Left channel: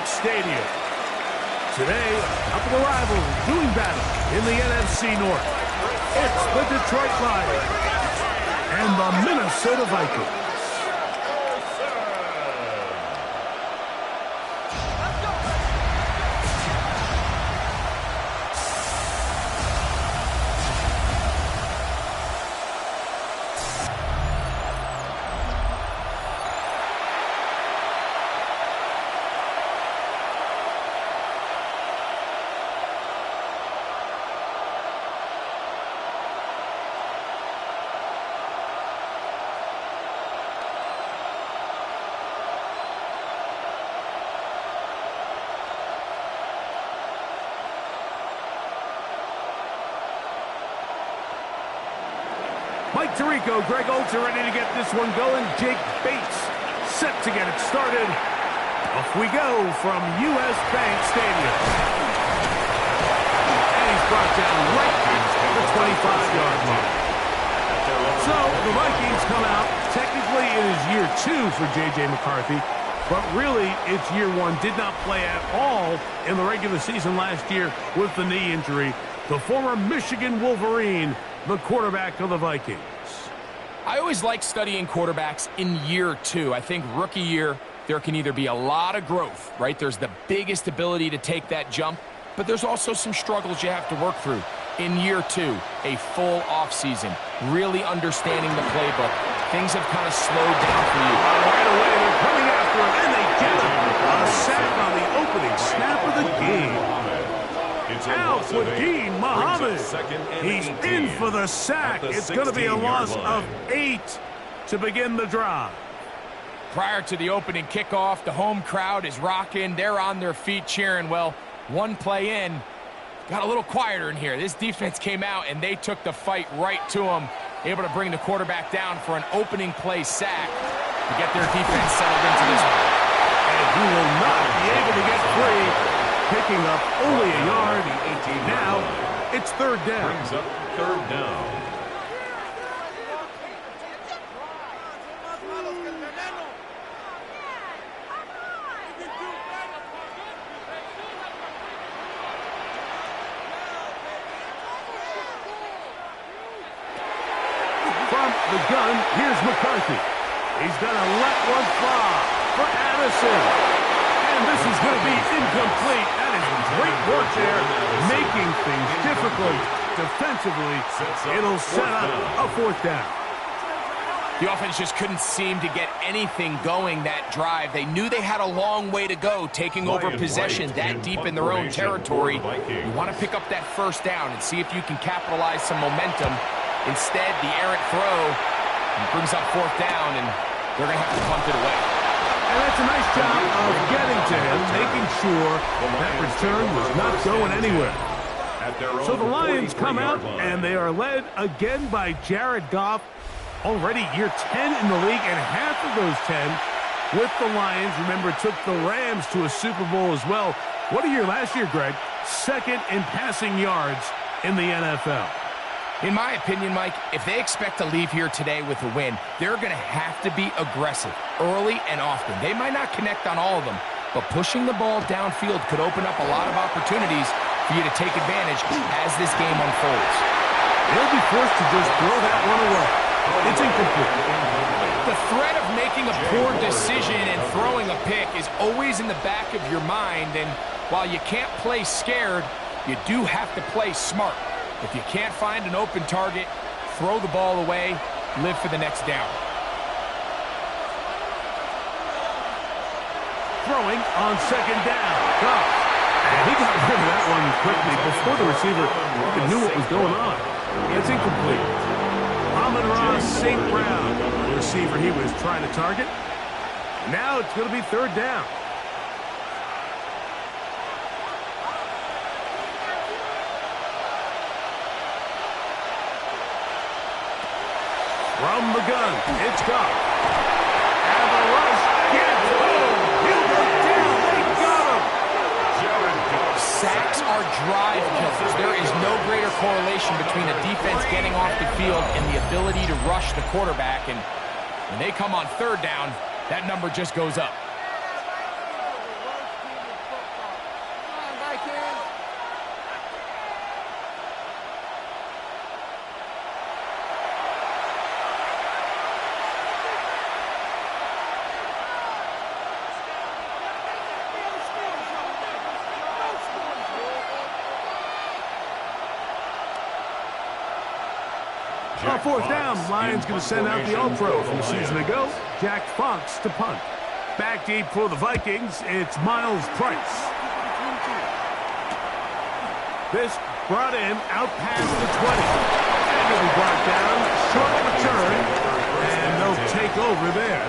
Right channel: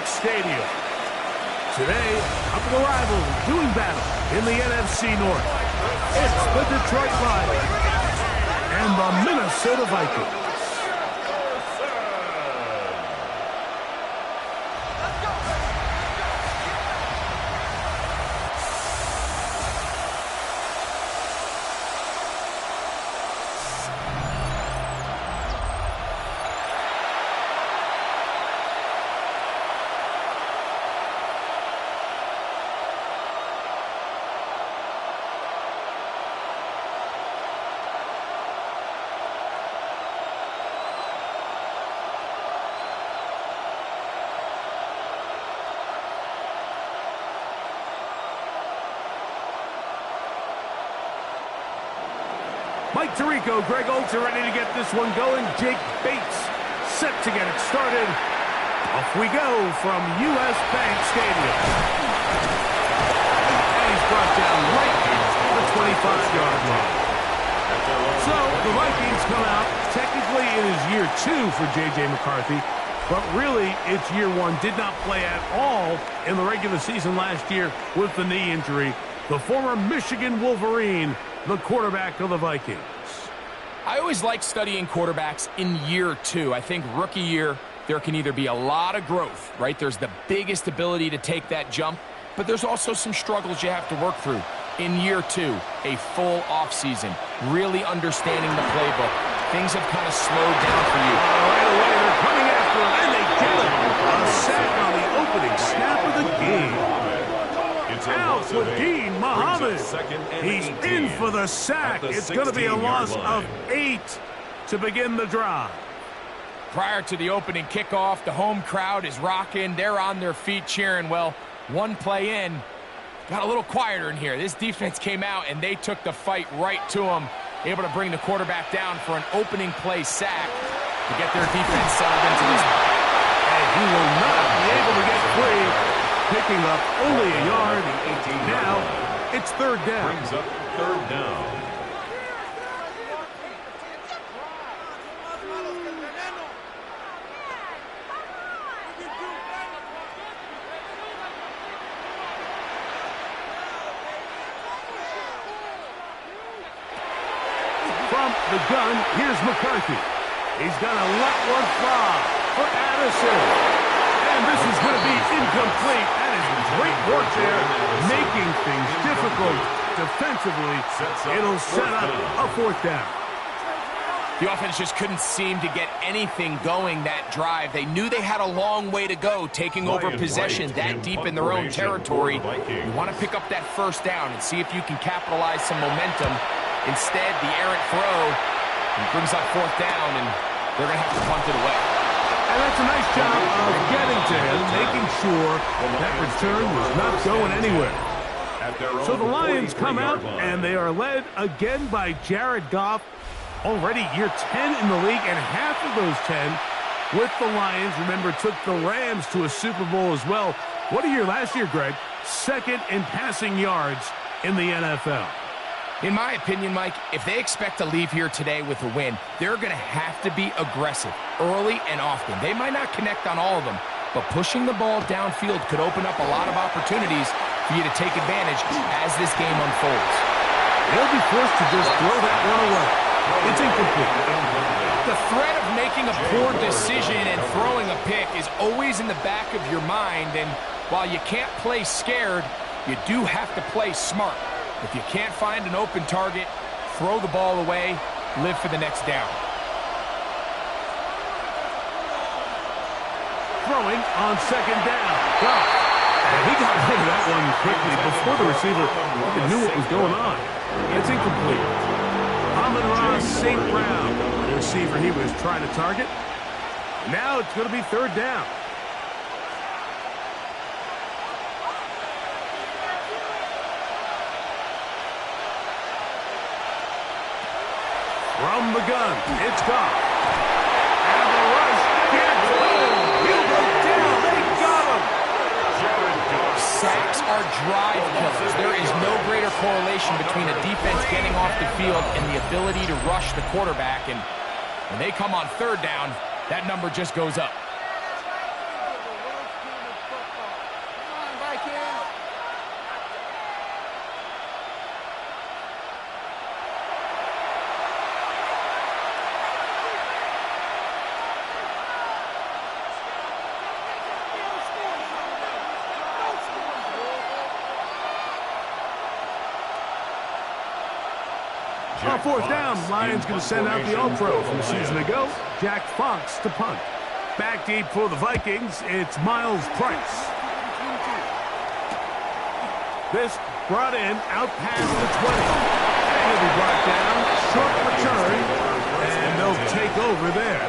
Bank Stadium. Today, a couple of rivals doing battle in the NFC North. It's the Detroit Lions and the Minnesota Vikings. Mike Tirico, Greg Olds are ready to get this one going. Jake Bates set to get it started. Off we go from U.S. Bank Stadium. And he's brought down right at the 25-yard line. So the Vikings come out. Technically, it is year 2 for J.J. McCarthy, but really it's year 1. Did not play at all in the regular season last year with the knee injury. The former Michigan Wolverine, the quarterback of the Vikings. I always like studying quarterbacks in year 2. I think rookie year, there can either be a lot of growth, right? There's the biggest ability to take that jump, but there's also some struggles you have to work through. In year 2, a full offseason, really understanding the playbook. Things have kind of slowed down for you. Right away, they're coming after him, and they get him. A sack on the opening snap of the game. Out with Dean Muhammad. He's in for the sack. It's going to be a loss of 8 to begin the drive. Prior to the opening kickoff, the home crowd is rocking. They're on their feet cheering. Well, one play in, got a little quieter in here. This defense came out, and they took the fight right to him, able to bring the quarterback down for an opening play sack to get their defense settled into this one. And he will not be able to get free. Picking up only a yard. Now it's third down. Brings up third down. From the gun, here's McCarthy. He's going to let one fly for Addison. And this is going to be incomplete. That is great work there, making things difficult defensively. It'll set up a fourth down. The offense just couldn't seem to get anything going that drive. They knew they had a long way to go, taking over possession that deep in their own territory. You want to pick up that first down and see if you can capitalize some momentum. Instead, the errant throw brings up fourth down, and they're going to have to punt it away. And that's a nice job of getting to him, making sure that return was not going anywhere. So the Lions come out, and they are led again by Jared Goff. Already year 10 in the league, and half of those 10 with the Lions. Remember, took the Rams to a Super Bowl as well. What a year last year, Greg. Second in passing yards in the NFL. In my opinion, Mike, if they expect to leave here today with a win, they're going to have to be aggressive early and often. They might not connect on all of them, but pushing the ball downfield could open up a lot of opportunities for you to take advantage as this game unfolds. They'll be forced to just throw that one away. It's incomplete. The threat of making a poor decision and throwing a pick is always in the back of your mind, and while you can't play scared, you do have to play smart. If you can't find an open target, throw the ball away, live for the next down. Throwing on second down. Goff. And he got rid of that one quickly before the receiver even knew what was going on. It's incomplete. Amon-Ra St. Brown, the receiver he was trying to target. Now it's going to be third down. From the gun, it's Goff. And the rush gets home. He'll go down. They got him. Sacks are drive killers. There is no greater correlation between a defense getting off the field and the ability to rush the quarterback. And when they come on third down, that number just goes up. On fourth down, Lions going to send out the All-Pro from a season ago, Jack Fox, to punt. Back deep for the Vikings, it's Miles Price. This brought in out past the 20. And he'll be brought down, short return, and they'll take over there.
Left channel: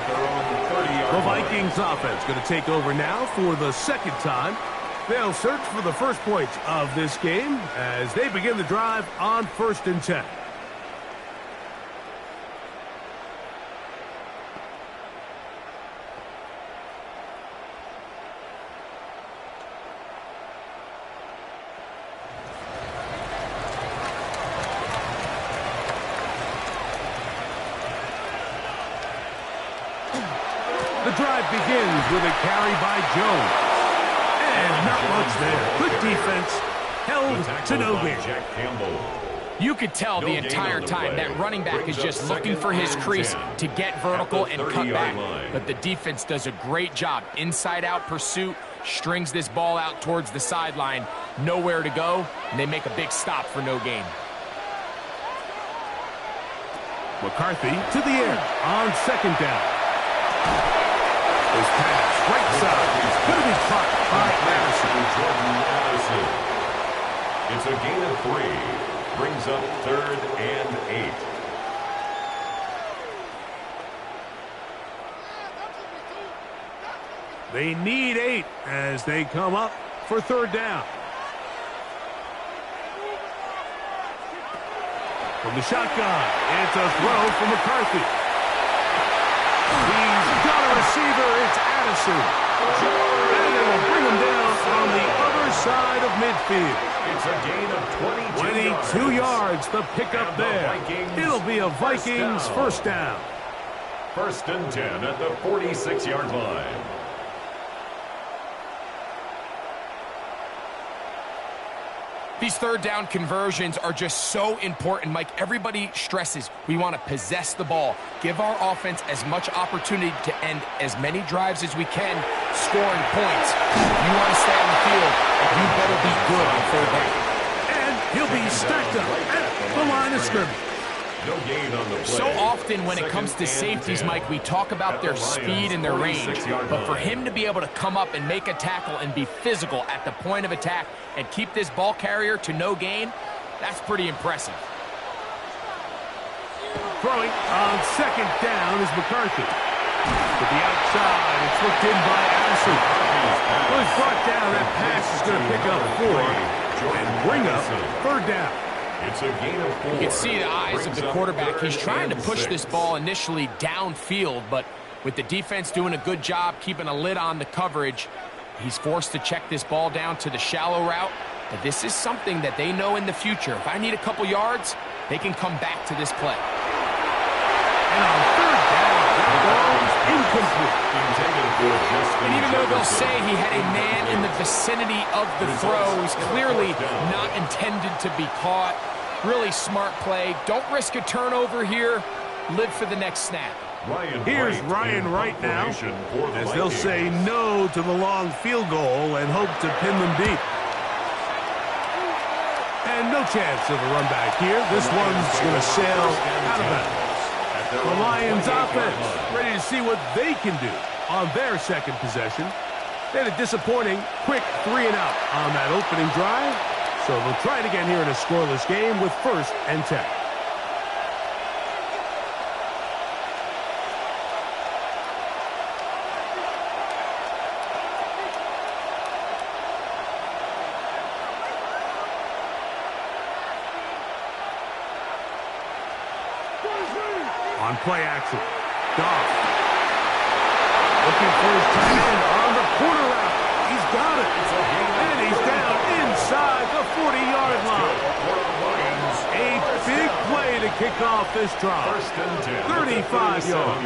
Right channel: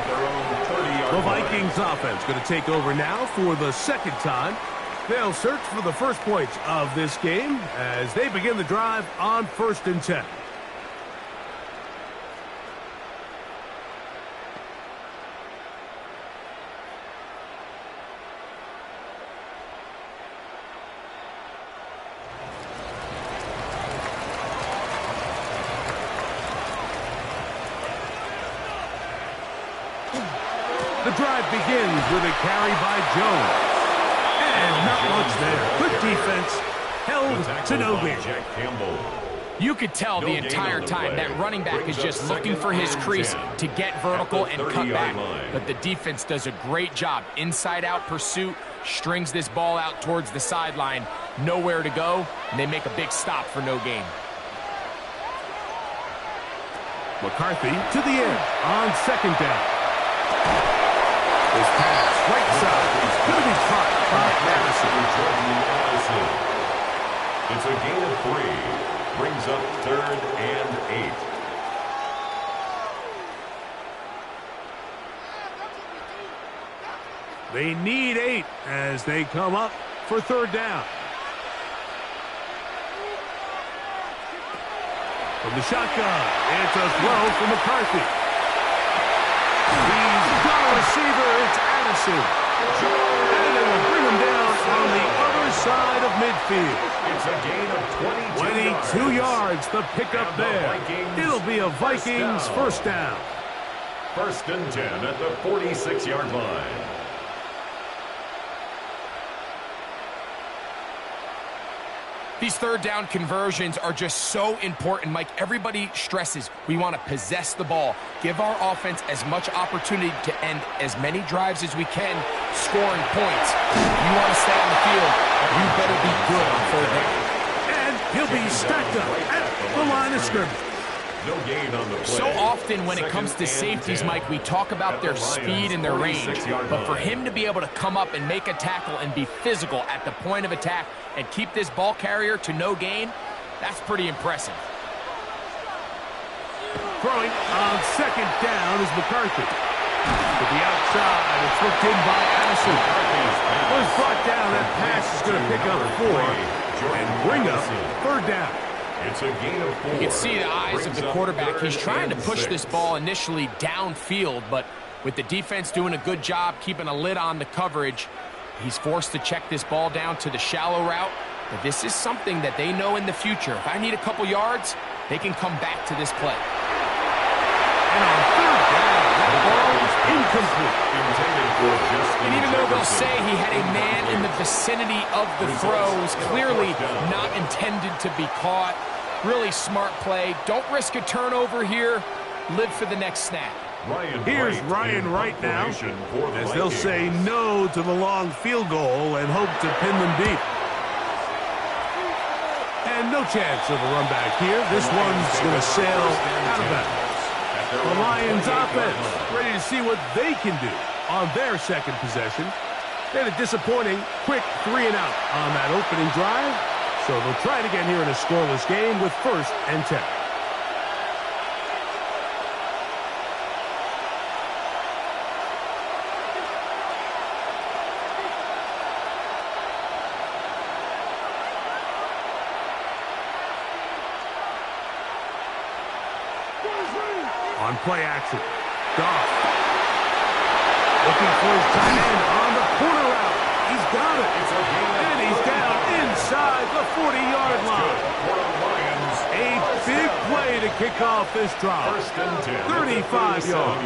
The Vikings offense going to take over now for the second time. They'll search for the first points of this game as they begin the drive on 1st and 10. The drive begins with a carry by Jones. And not much there. Good defense. Held to no gain. You could tell the entire time that running back is just looking for his crease to get vertical and cut back. But the defense does a great job. Inside-out pursuit, strings this ball out towards the sideline. Nowhere to go, and they make a big stop for no gain. McCarthy to the air on 2nd down. This pass, right side, is going to be caught by Addison. It's a gain of 3. Brings up 3rd and 8. They need 8 as they come up for 3rd down. From the shotgun, it's a throw from McCarthy. He's got a receiver, it's Addison. And it will bring him down on the other side of midfield. It's a gain of 22 yards, the pickup there. It'll be a Vikings first down. 1st and 10 at the 46-yard line. These 3rd down conversions are just so important, Mike. Everybody stresses we want to possess the ball, give our offense as much opportunity to end as many drives as we can, scoring points. If you want to stay on the field, you better be good on 3rd down. And he'll be stacked up at the line of scrimmage. No gain on the play. So often when it comes to safeties, Mike, we talk about their speed and their range. But for him to be able to come up and make a tackle and be physical at the point of attack and keep this ball carrier to no gain, that's pretty impressive. Throwing on 2nd down is McCarthy. To the outside, it's looked in by Addison. Well, he's brought down. That pass is going to pick up 4 and bring up 3rd down. It's a gain of 4. You can see the eyes of the quarterback. He's trying to push this ball initially downfield, but with the defense doing a good job keeping a lid on the coverage, he's forced to check this ball down to the shallow route. But this is something that they know in the future. If I need a couple yards, they can come back to this play. And on 3rd down, that ball is incomplete. And even though they'll say he had a man in the vicinity of the throw, he's clearly not intended to be caught. Really smart play. Don't risk a turnover here. Live for the next snap. Here's Ryan Wright now, as they'll say no to the long field goal and hope to pin them deep. And no chance of a run back here. This one's going to sail out of bounds. The Lions offense ready to see what they can do on their 2nd possession. They had a disappointing quick 3-and-out on that opening drive, so they'll try it again here in a scoreless game with 1st and 10. On play action, Goff looking for his tight end on the corner route. He's got it. And he's down inside the 40-yard line. A big play to kick off this drive. 35 yards.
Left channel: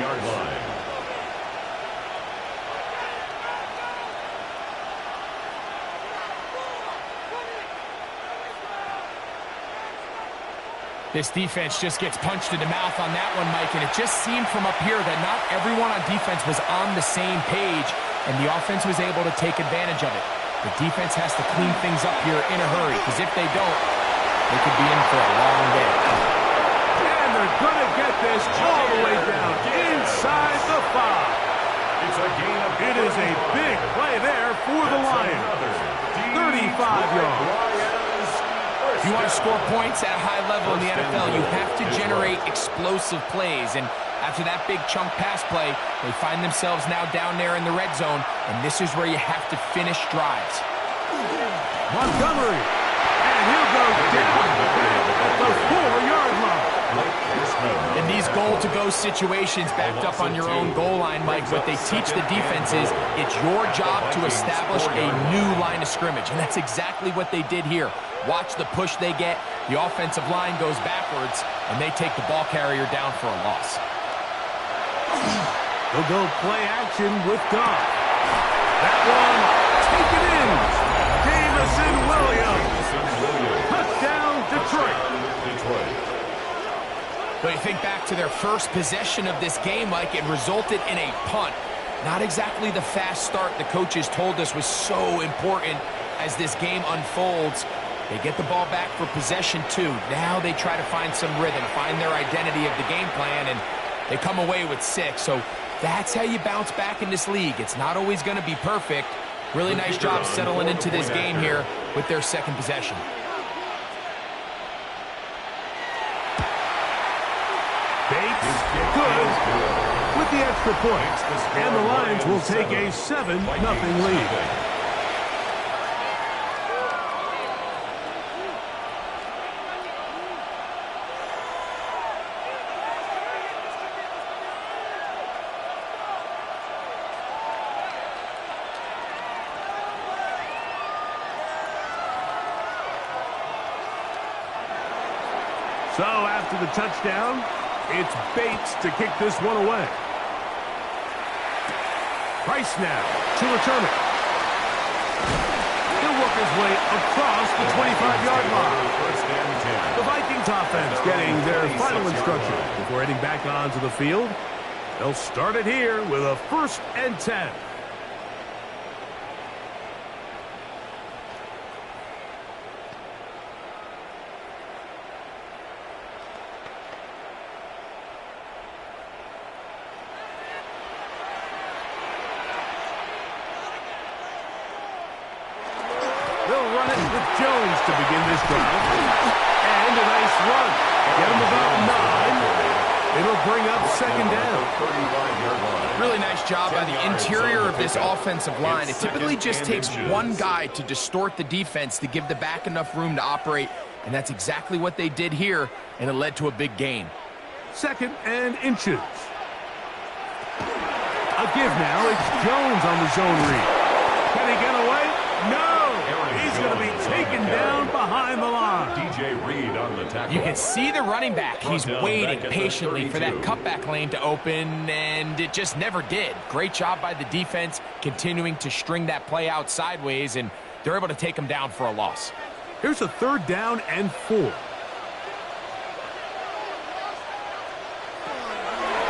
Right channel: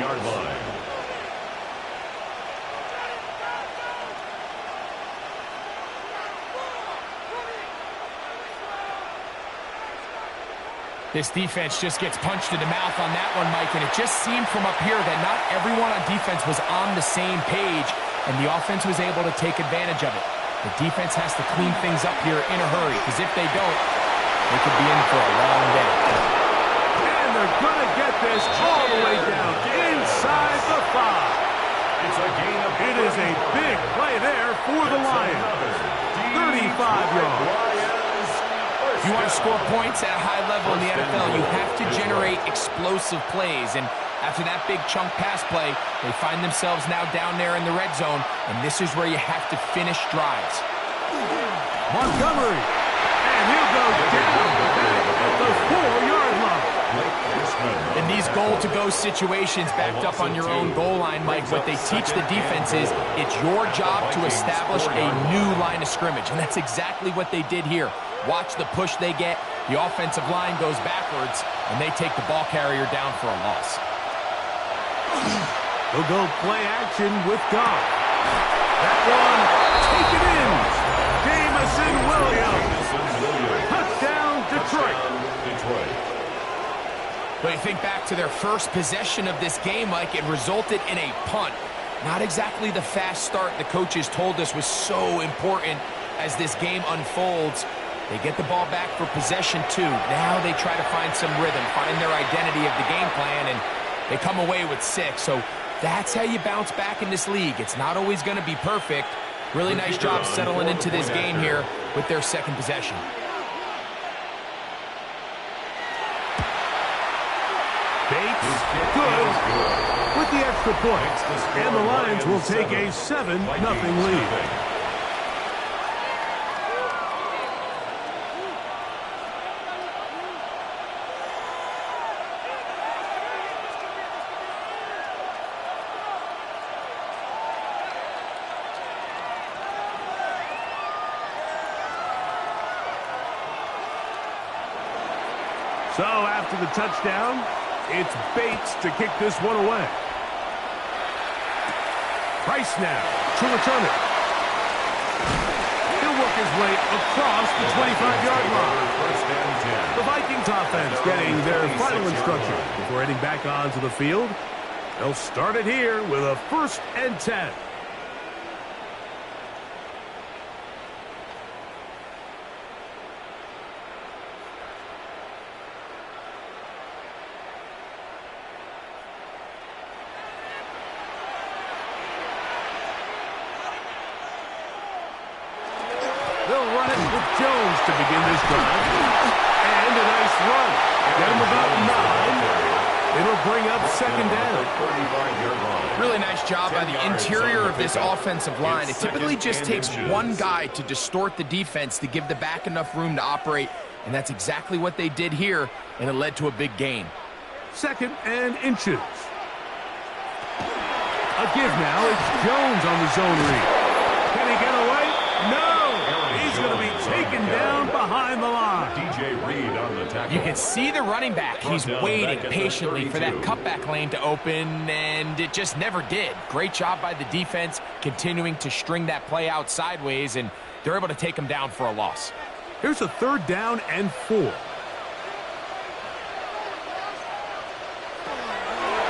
This defense just gets punched in the mouth on that one, Mike, and it just seemed from up here that not everyone on defense was on the same page, and the offense was able to take advantage of it. The defense has to clean things up here in a hurry, because if they don't, they could be in for a long day. And they're going to get this all the way down inside the 5. It's a gain of It is a big play there for the Lions. 35 yards. You want to score points at a high level in the NFL, you have to generate explosive plays. And after that big chunk pass play, they find themselves now down there in the red zone, and this is where you have to finish drives. Montgomery, and he'll go down at the 4-yard line. In these goal-to-go situations backed up on your own goal line, Mike, what they teach the defense is it's your job to establish a new line of scrimmage, and that's exactly what they did here. Watch the push they get. The offensive line goes backwards, and they take the ball carrier down for a loss. They'll go play action with Goff. That one, take it in. Jamison Williams. Touchdown, Detroit. But you think back to their first possession of this game, Mike, it resulted in a punt. Not exactly the fast start the coaches told us was so important as this game unfolds. They get the ball back for possession 2. Now they try to find some rhythm, find their identity of the game plan, and they come away with 6. So that's how you bounce back in this league. It's not always going to be perfect. Really nice job settling into this game here with their second possession. Bates, good with the extra point. And the Lions will take a 7-0 lead. So after the touchdown, it's Bates to kick this one away. Price now to return it. He'll work his way across the 25-yard line. The Vikings offense getting their final instruction before heading back onto the field. They'll start it here with a 1st and 10. They'll run it with Jones to begin this drive. And a nice run. Get him about 9. It'll bring up 2nd down. Really nice job by the interior of this offensive line. It typically just takes one guy to distort the defense to give the back enough room to operate. And that's exactly what they did here, and it led to a big gain. 2nd and inches. A give now. It's Jones on the zone read. Can he get away? No! He's going to be taken down behind the line. DJ Reed on the tackle. You can see the running back. He's waiting patiently for that cutback lane to open, and it just never did. Great job by the defense continuing to string that play out sideways, and they're able to take him down for a loss. Here's a 3rd down and 4.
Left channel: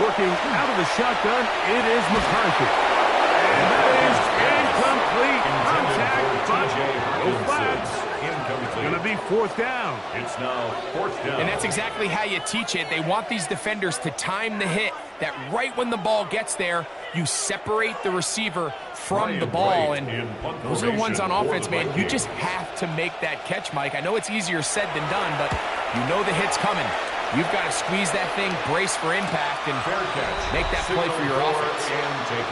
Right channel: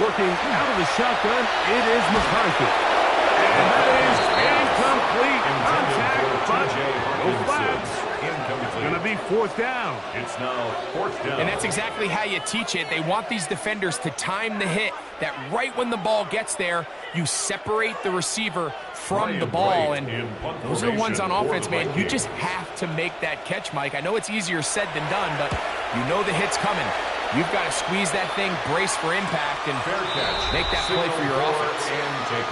Working out of the shotgun, it is McCarthy. And that is incomplete. Contact, but no flags. It's going to be 4th down. It's now 4th down. And that's exactly how you teach it. They want these defenders to time the hit, that right when the ball gets there, you separate the receiver from the ball. And those are the ones on offense, man. You just have to make that catch, Mike. I know it's easier said than done, but you know the hit's coming. You've got to squeeze that thing, brace for impact, and make that play for your offense.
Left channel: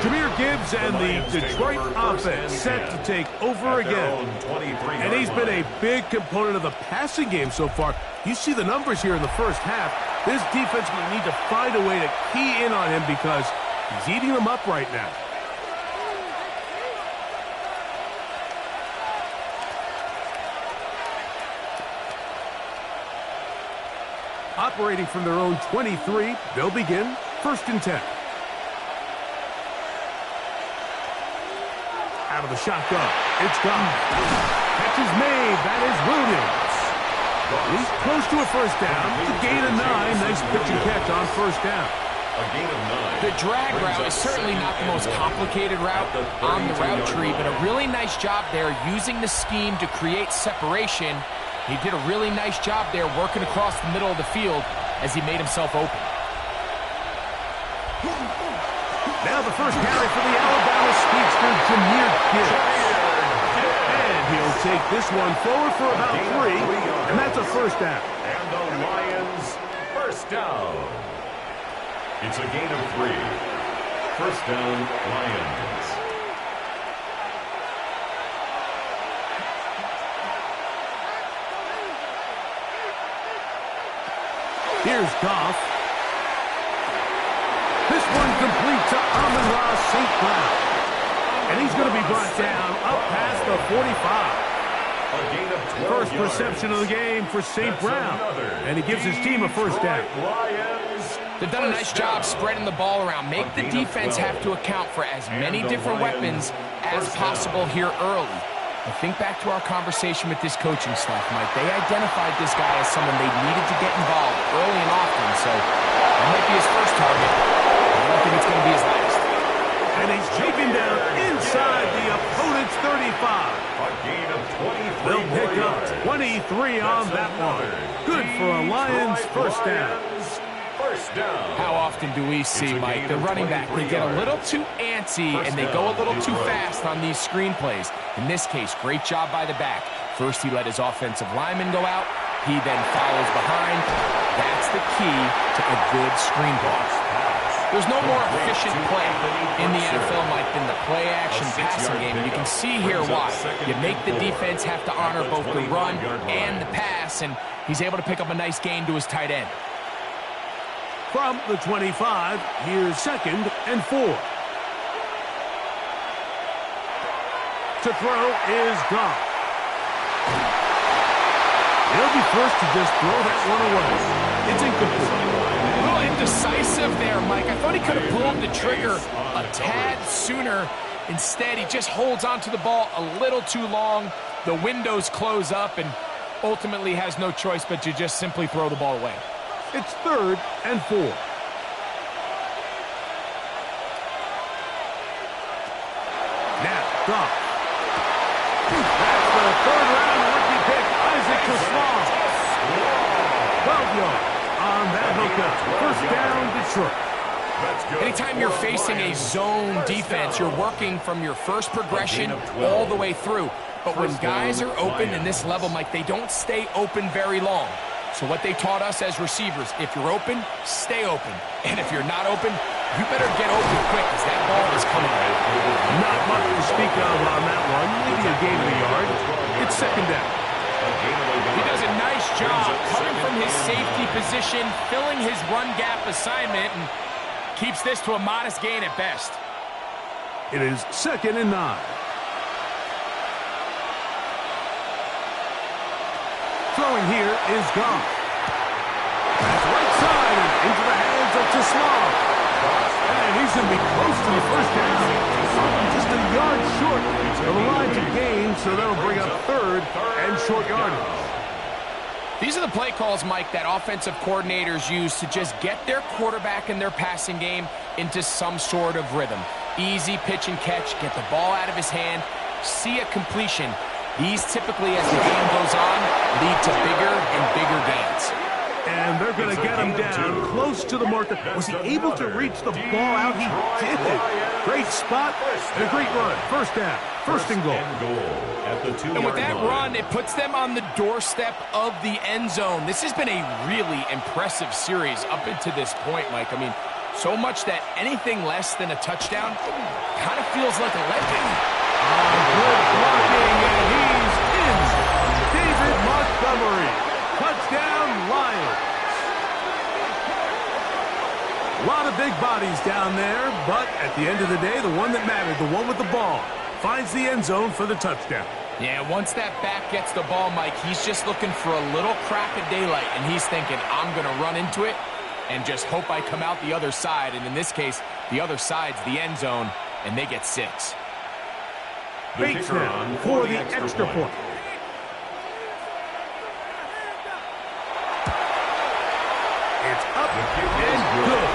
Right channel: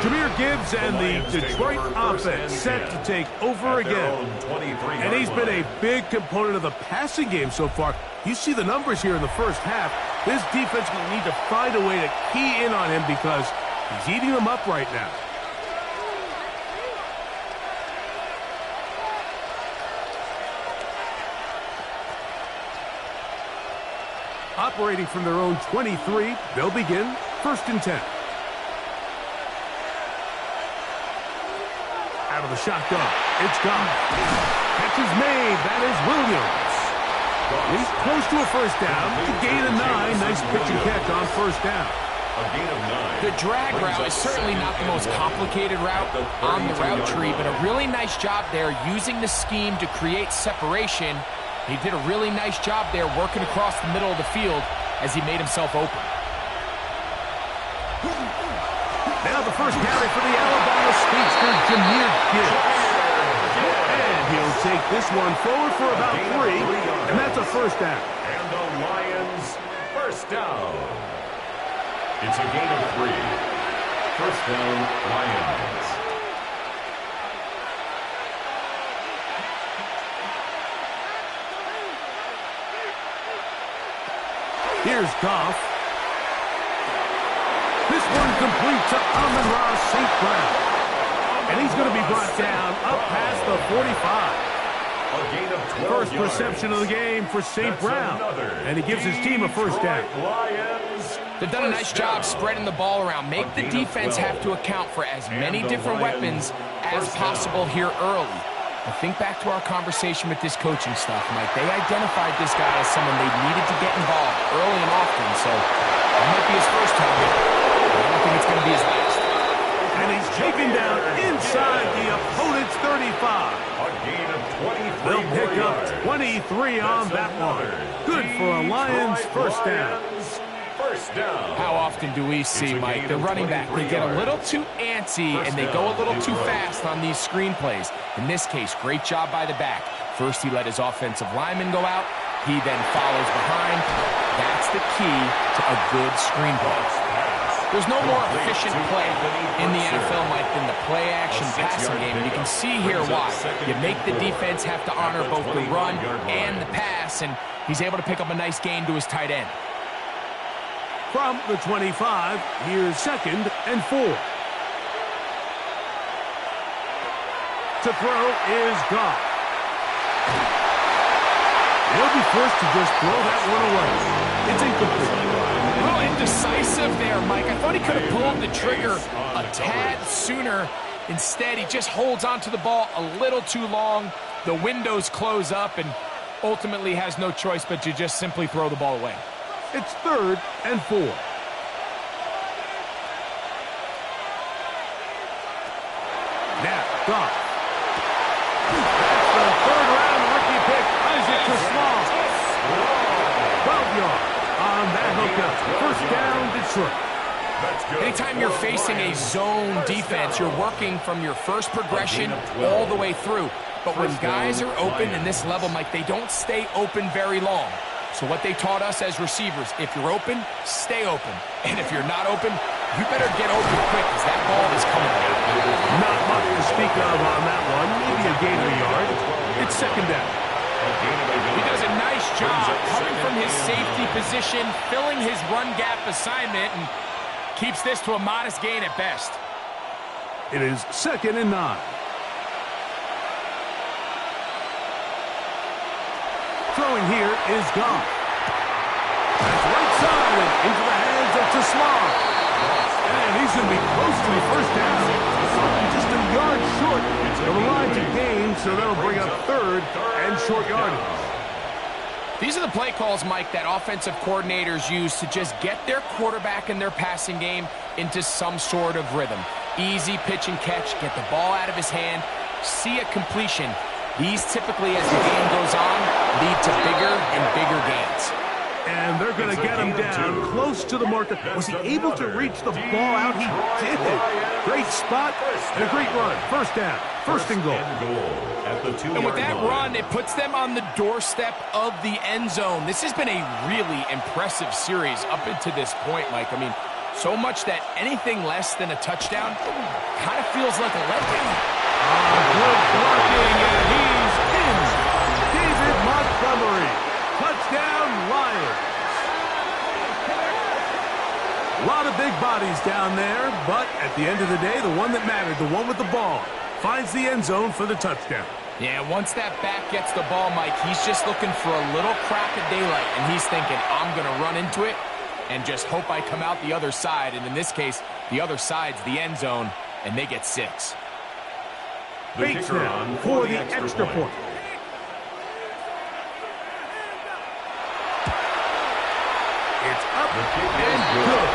Jahmyr Gibbs and the Detroit offense set to take over again. And he's been a big component of the passing game so far. You see the numbers here in the first half. This defense will need to find a way to key in on him because he's eating them up right now. Operating from their own 23, they'll begin 1st and 10. Out of the shotgun, it's gone. Catch is made, that is Williams. He's close to a 1st down to gain a 9. Nice pitch and catch on 1st down. A gain of 9. The drag route is certainly not the most complicated route on the route tree, but a really nice job there using the scheme to create separation. He did a really nice job there working across the middle of the field, as he made himself open. Now the first carry for the Alabama speedster, Jahmyr Gibbs. And he'll take this one forward for about 3, and that's a first down. And the Lions, first down. It's a gain of 3. First down, Lions. Here's Goff. This one complete to Amon-Ra St. Brown. And he's going to be brought down up past the 45. A gain of 12 First yards. reception of the game for St. Brown. And he gives his team a first down. Lions, They've done a nice job spreading the ball around. Make the defense have to account for as many different weapons as possible here early. But think back to our conversation with this coaching staff, Mike. They identified this guy as someone they needed to get involved early and often. So that might be his first target. I don't think it's going to be his last. And he's taken down inside the opponent's 35. a gain of 23 They'll pick more up yards. 23 on that one. Good for a Lions first down. First down. How often do we see, Mike, the running back, they get a little too antsy and they go a little too fast on these screen plays. In this case, great job by the back. First, he let his offensive lineman go out. He then follows behind. That's the key to a good screen pass. There's no more efficient play in the NFL, Mike, than the play-action passing game. And you can see here why. You make the defense have to honor both the run and the pass, and he's able to pick up a nice gain to his tight end. From the 25, here's 2nd and 4. To throw is Goff. He'll be forced to just throw that one away. It's incomplete. A little indecisive there, Mike. I thought he could have pulled the trigger a tad sooner. Instead, he just holds onto the ball a little too long. The windows close up and ultimately has no choice but to just simply throw the ball away. It's 3rd and 4. Now, Goff. That's the 3rd-round rookie pick, Isaac Truslow. 12 yards on that hookup. First down, Detroit. Anytime you're facing a zone defense, you're working from your first progression all the way through. But when guys are open in this level, Mike, they don't stay open very long. So what they taught us as receivers, if you're open, stay open. And if you're not open, you better get open quick because that ball is coming. Not much to speak of on that one. Maybe a gain of a yard. It's 2nd down. He does a nice job coming from his safety position, filling his run gap assignment, and keeps this to a modest gain at best. It is 2nd and 9. Throwing here is Goff. That's right side and into the hands of Truslow. And he's going to be close to the first down. Just a yard short of the line to gain, so that'll bring up 3rd and short yardage. These are the play calls, Mike, that offensive coordinators use to just get their quarterback and their passing game into some sort of rhythm. Easy pitch and catch, get the ball out of his hand, see a completion. These typically, as the game goes on, lead to bigger and bigger gains. And they're going to get him down close to the marker. Was he able to reach the ball out? He did. Great spot and a great run. First down. First and goal. At the 2-yard And with that line. run, it puts them on the doorstep of the end zone. This has been a really impressive series up until this point, Mike. I mean, so much that anything less than a touchdown kind of feels like a letdown. Good blocking, and he's in. David Montgomery. Touchdown, Lions. A lot of big bodies down there, but at the end of the day, the one that mattered, the one with the ball, finds the end zone for the touchdown. Yeah, once that back gets the ball, Mike, he's just looking for a little crack of daylight, and he's thinking, I'm going to run into it and just hope I come out the other side. And in this case, the other side's the end zone, and they get 6. Bates now for the extra point. It's up and good.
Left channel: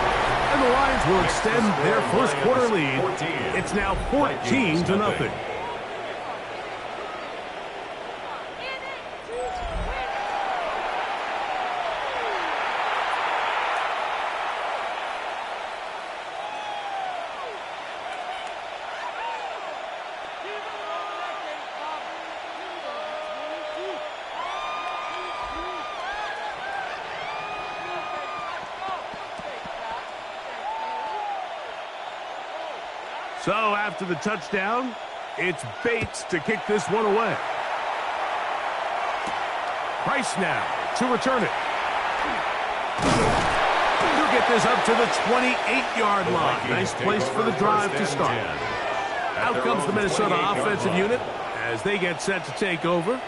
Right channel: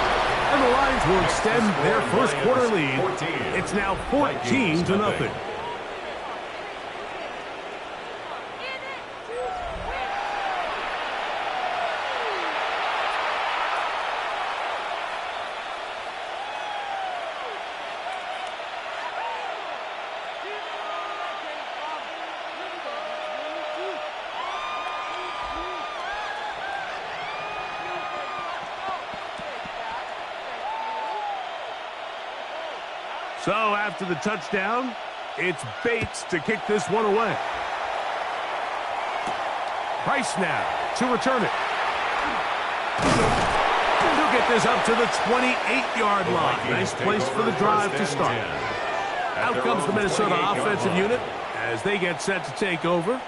And the Lions will extend their first quarter lead. It's now 14-0. So after the touchdown, it's Bates to kick this one away. Price now to return it. He'll get this up to the 28-yard line. Nice place for the drive to start. Out comes the Minnesota offensive unit as they get set to take over.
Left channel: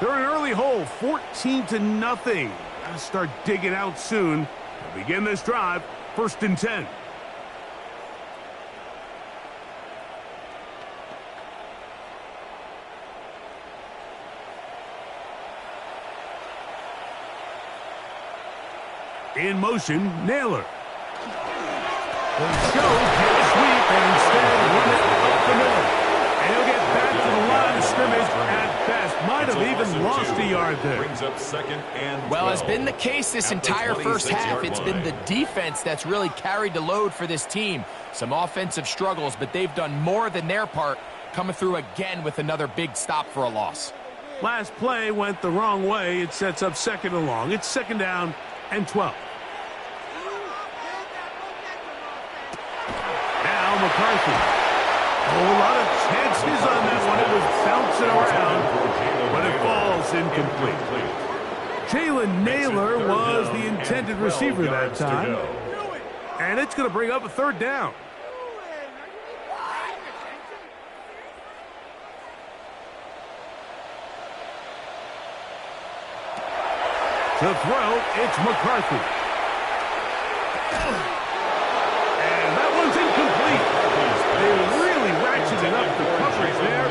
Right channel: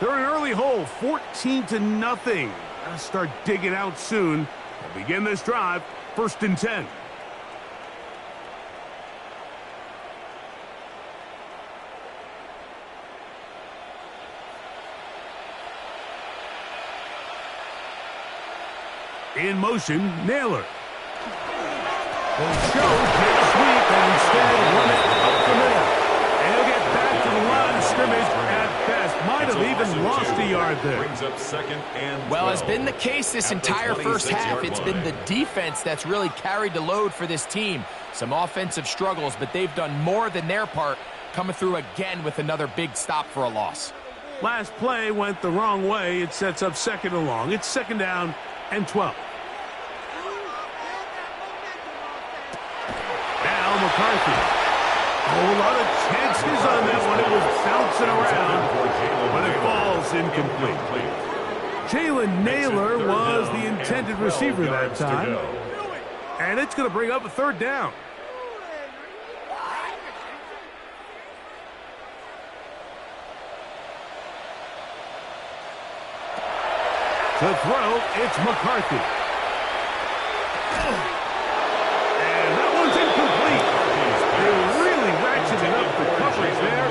They're in an early hole, 14-0. Gotta start digging out soon. They'll begin this drive, 1st and 10. In motion, Naylor. The show jet sweep and instead run it up the middle. And he'll get back to the line of scrimmage at best. Might have even lost a yard there. Brings up 2nd and 12. Well, it's been the case this entire first half. It's been the defense that's really carried the load for this team. Some offensive struggles, but they've done more than their part, coming through again with another big stop for a loss. Last play went the wrong way. It sets up 2nd and long. It's 2nd down and 12. Now McCarthy. Oh, a lot of chances on that one. It was bouncing around, but it falls incomplete. Jalen Naylor was the intended receiver that time. And it's going to bring up a 3rd down. To throw, it's McCarthy. And that one's incomplete. They really ratcheted up the coverage there.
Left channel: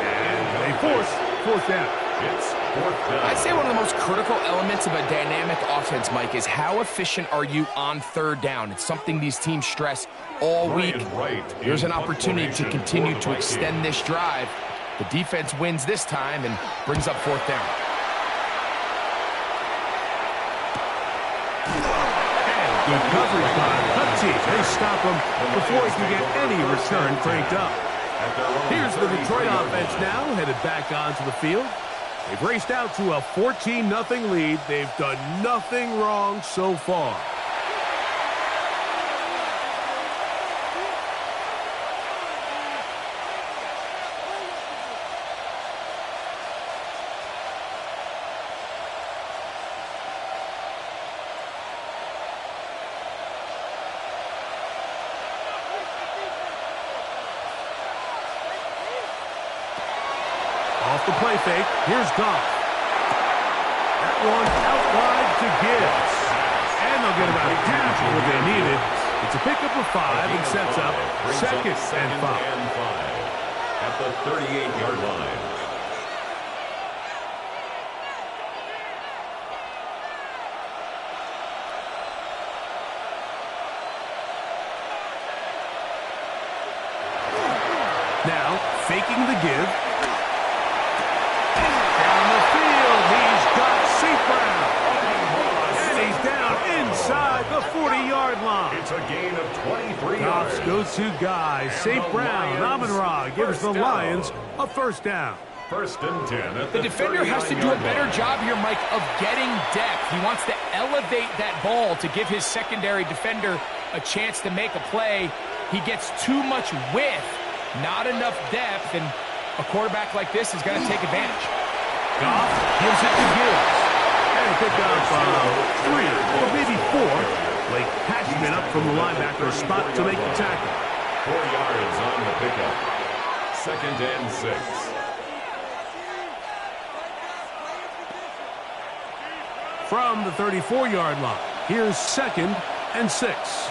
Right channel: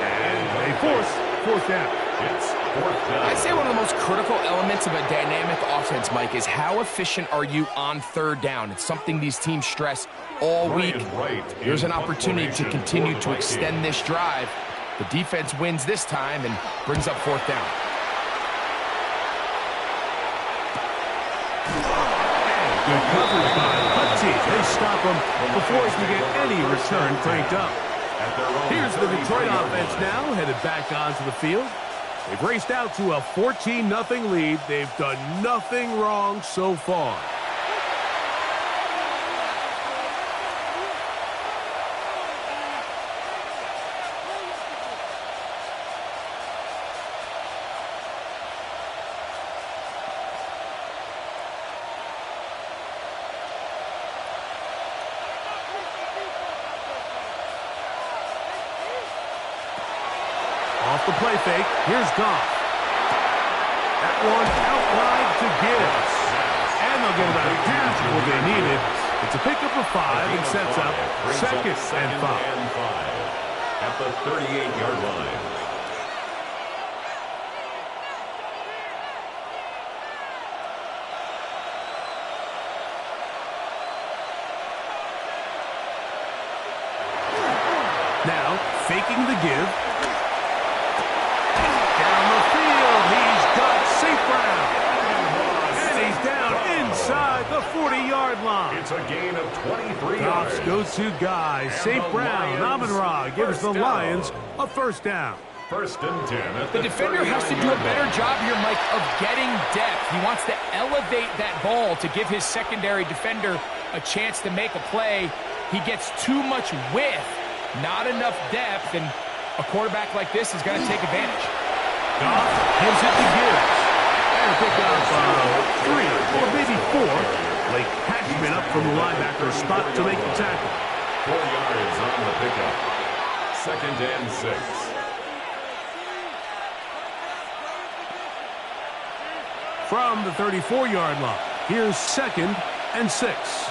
And they force 4th down. It's 4th down. I'd say one of the most critical elements of a dynamic offense, Mike, is how efficient are you on 3rd down. It's something these teams stress all week. There's an opportunity to continue to extend this drive. The defense wins this time and brings up 4th down. Good coverage by Hutchie. They stop him before he can get any return cranked up. Here's the Detroit offense now, headed back onto the field. They've raced out to a 14-0 lead. They've done nothing wrong so far. Off the play fake, here's Goff. That one out wide to Gibbs. And they'll get about half of what they needed. It's a pickup of 5 and sets up 2nd and 5. At the 38-yard line. Now, faking the give. He's got St. Brown. And he's down inside the 40-yard line. It's a gain of 23 Goff's yards. go-to guy, St. Brown, Amon-Ra, gives the Lions a 1st down. 1st and 10 at The defender has to do a better job here, Mike, of getting depth. He wants to elevate that ball to give his secondary defender a chance to make a play. He gets too much width, not enough depth, and a quarterback like this is going to take advantage. Goff gives it to Gibbs. And a pickup of 3 or maybe 4. Late Hatchman up from the linebacker spot to make the tackle. 4 yards on the pickup. 2nd and 6. From the 34-yard line, here's 2nd and 6.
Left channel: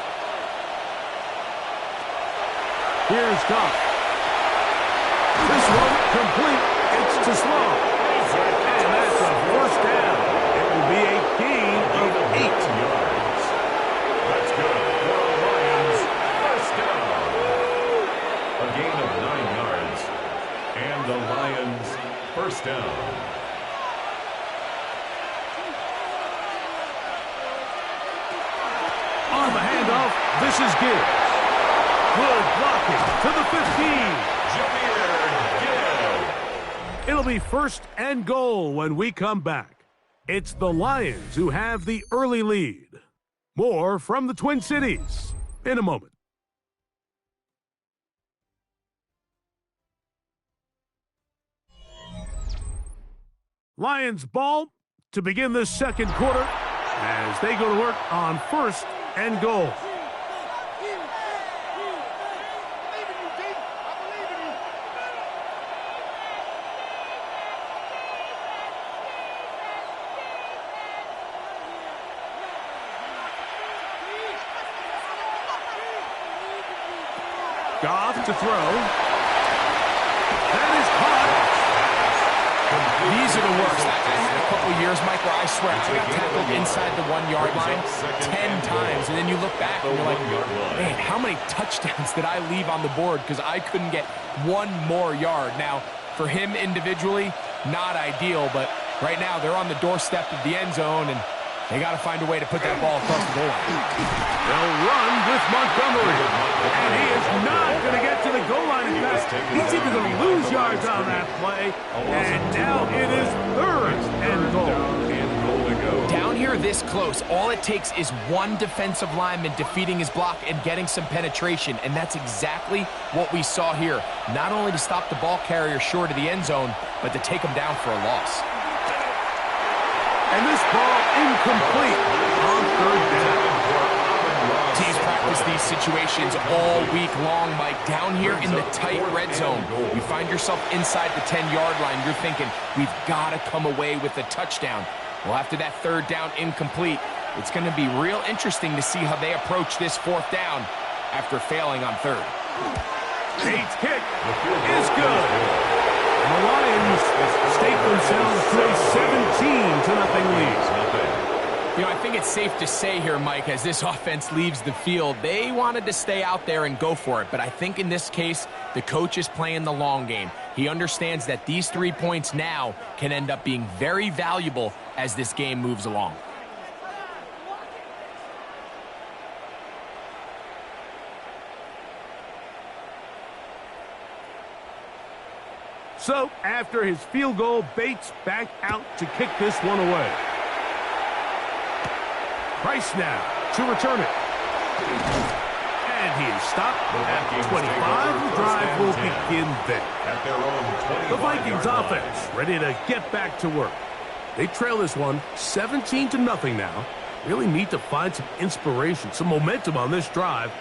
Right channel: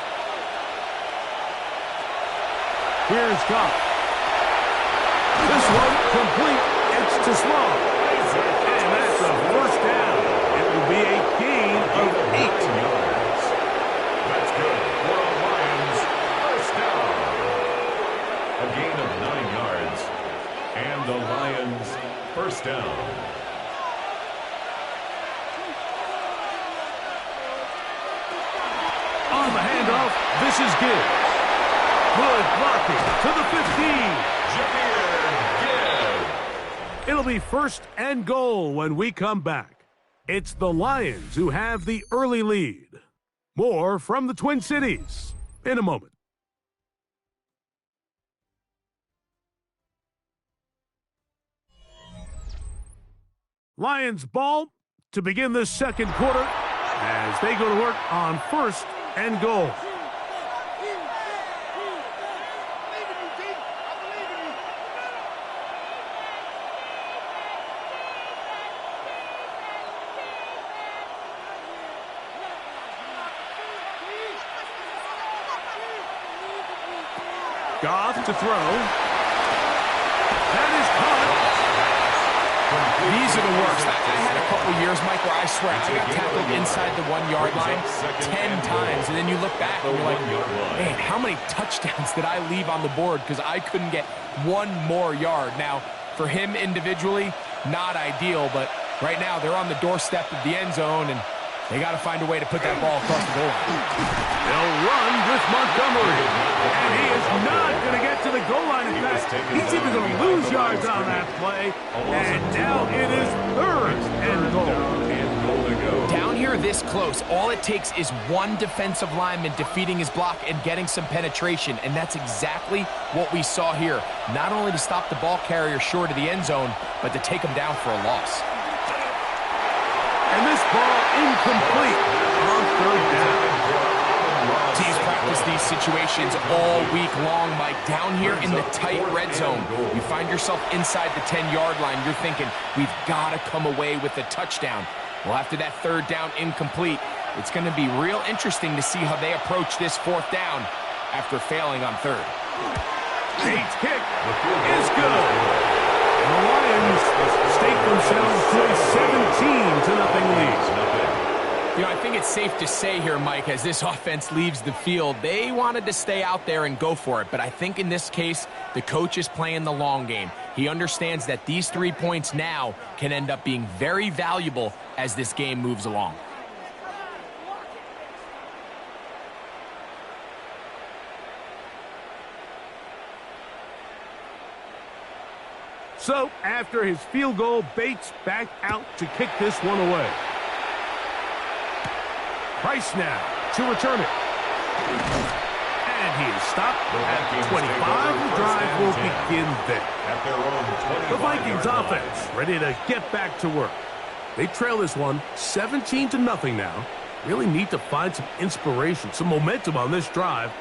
Here's Goff. This one complete. It's to Sloan. And that's a 1st down. It will be a gain of 8 yards. That's good for the Lions. 1st down. A gain of 9 yards. And the Lions 1st down. On the handoff, this is Gibbs. Good blocking to the 15. Jahmyr Gibbs. It'll be 1st and goal when we come back. It's the Lions who have the early lead. More from the Twin Cities in a moment. Lions ball to begin this second quarter as they go to work on 1st and goal. Goff to throw. That is caught. These are the worst. I had a couple years, Mike, where I swear I got tackled inside the 1-yard line 10 times, and then you look back and you're like, man, how many touchdowns did I leave on the board because I couldn't get one more yard? Now, for him individually, not ideal, but right now they're on the doorstep of the end zone, and they got to find a way to put that ball across the goal line. They'll run with Montgomery, and he is not going to get to the goal line. In fact, he's even going to lose yards on that play, and now it is 3rd and goal. Down here this close, all it takes is one defensive lineman defeating his block and getting some penetration, and that's exactly what we saw here. Not only to stop the ball carrier short of the end zone, but to take him down for a loss. And this ball incomplete on 3rd down. Teams practice these situations all week long, Mike. Down here in the tight red zone, you find yourself inside the 10-yard line. You're thinking, we've got to come away with a touchdown. Well, after that 3rd down incomplete, it's going to be real interesting to see how they approach this 4th down after failing on 3rd. Bates' kick is good. And the Lions stake themselves to a 17-0 lead. You know, I think it's safe to say here, Mike, as this offense leaves the field, they wanted to stay out there and go for it. But I think in this case, the coach is playing the long game. He understands that these 3 points now can end up being very valuable as this game moves along. So, after his field goal, Bates back out to kick this one away. Price now to return it. And he is stopped at 25. The drive will begin there. The Vikings offense ready to get back to work. They trail this one 17-0 now. Really need to find some inspiration, some momentum on this drive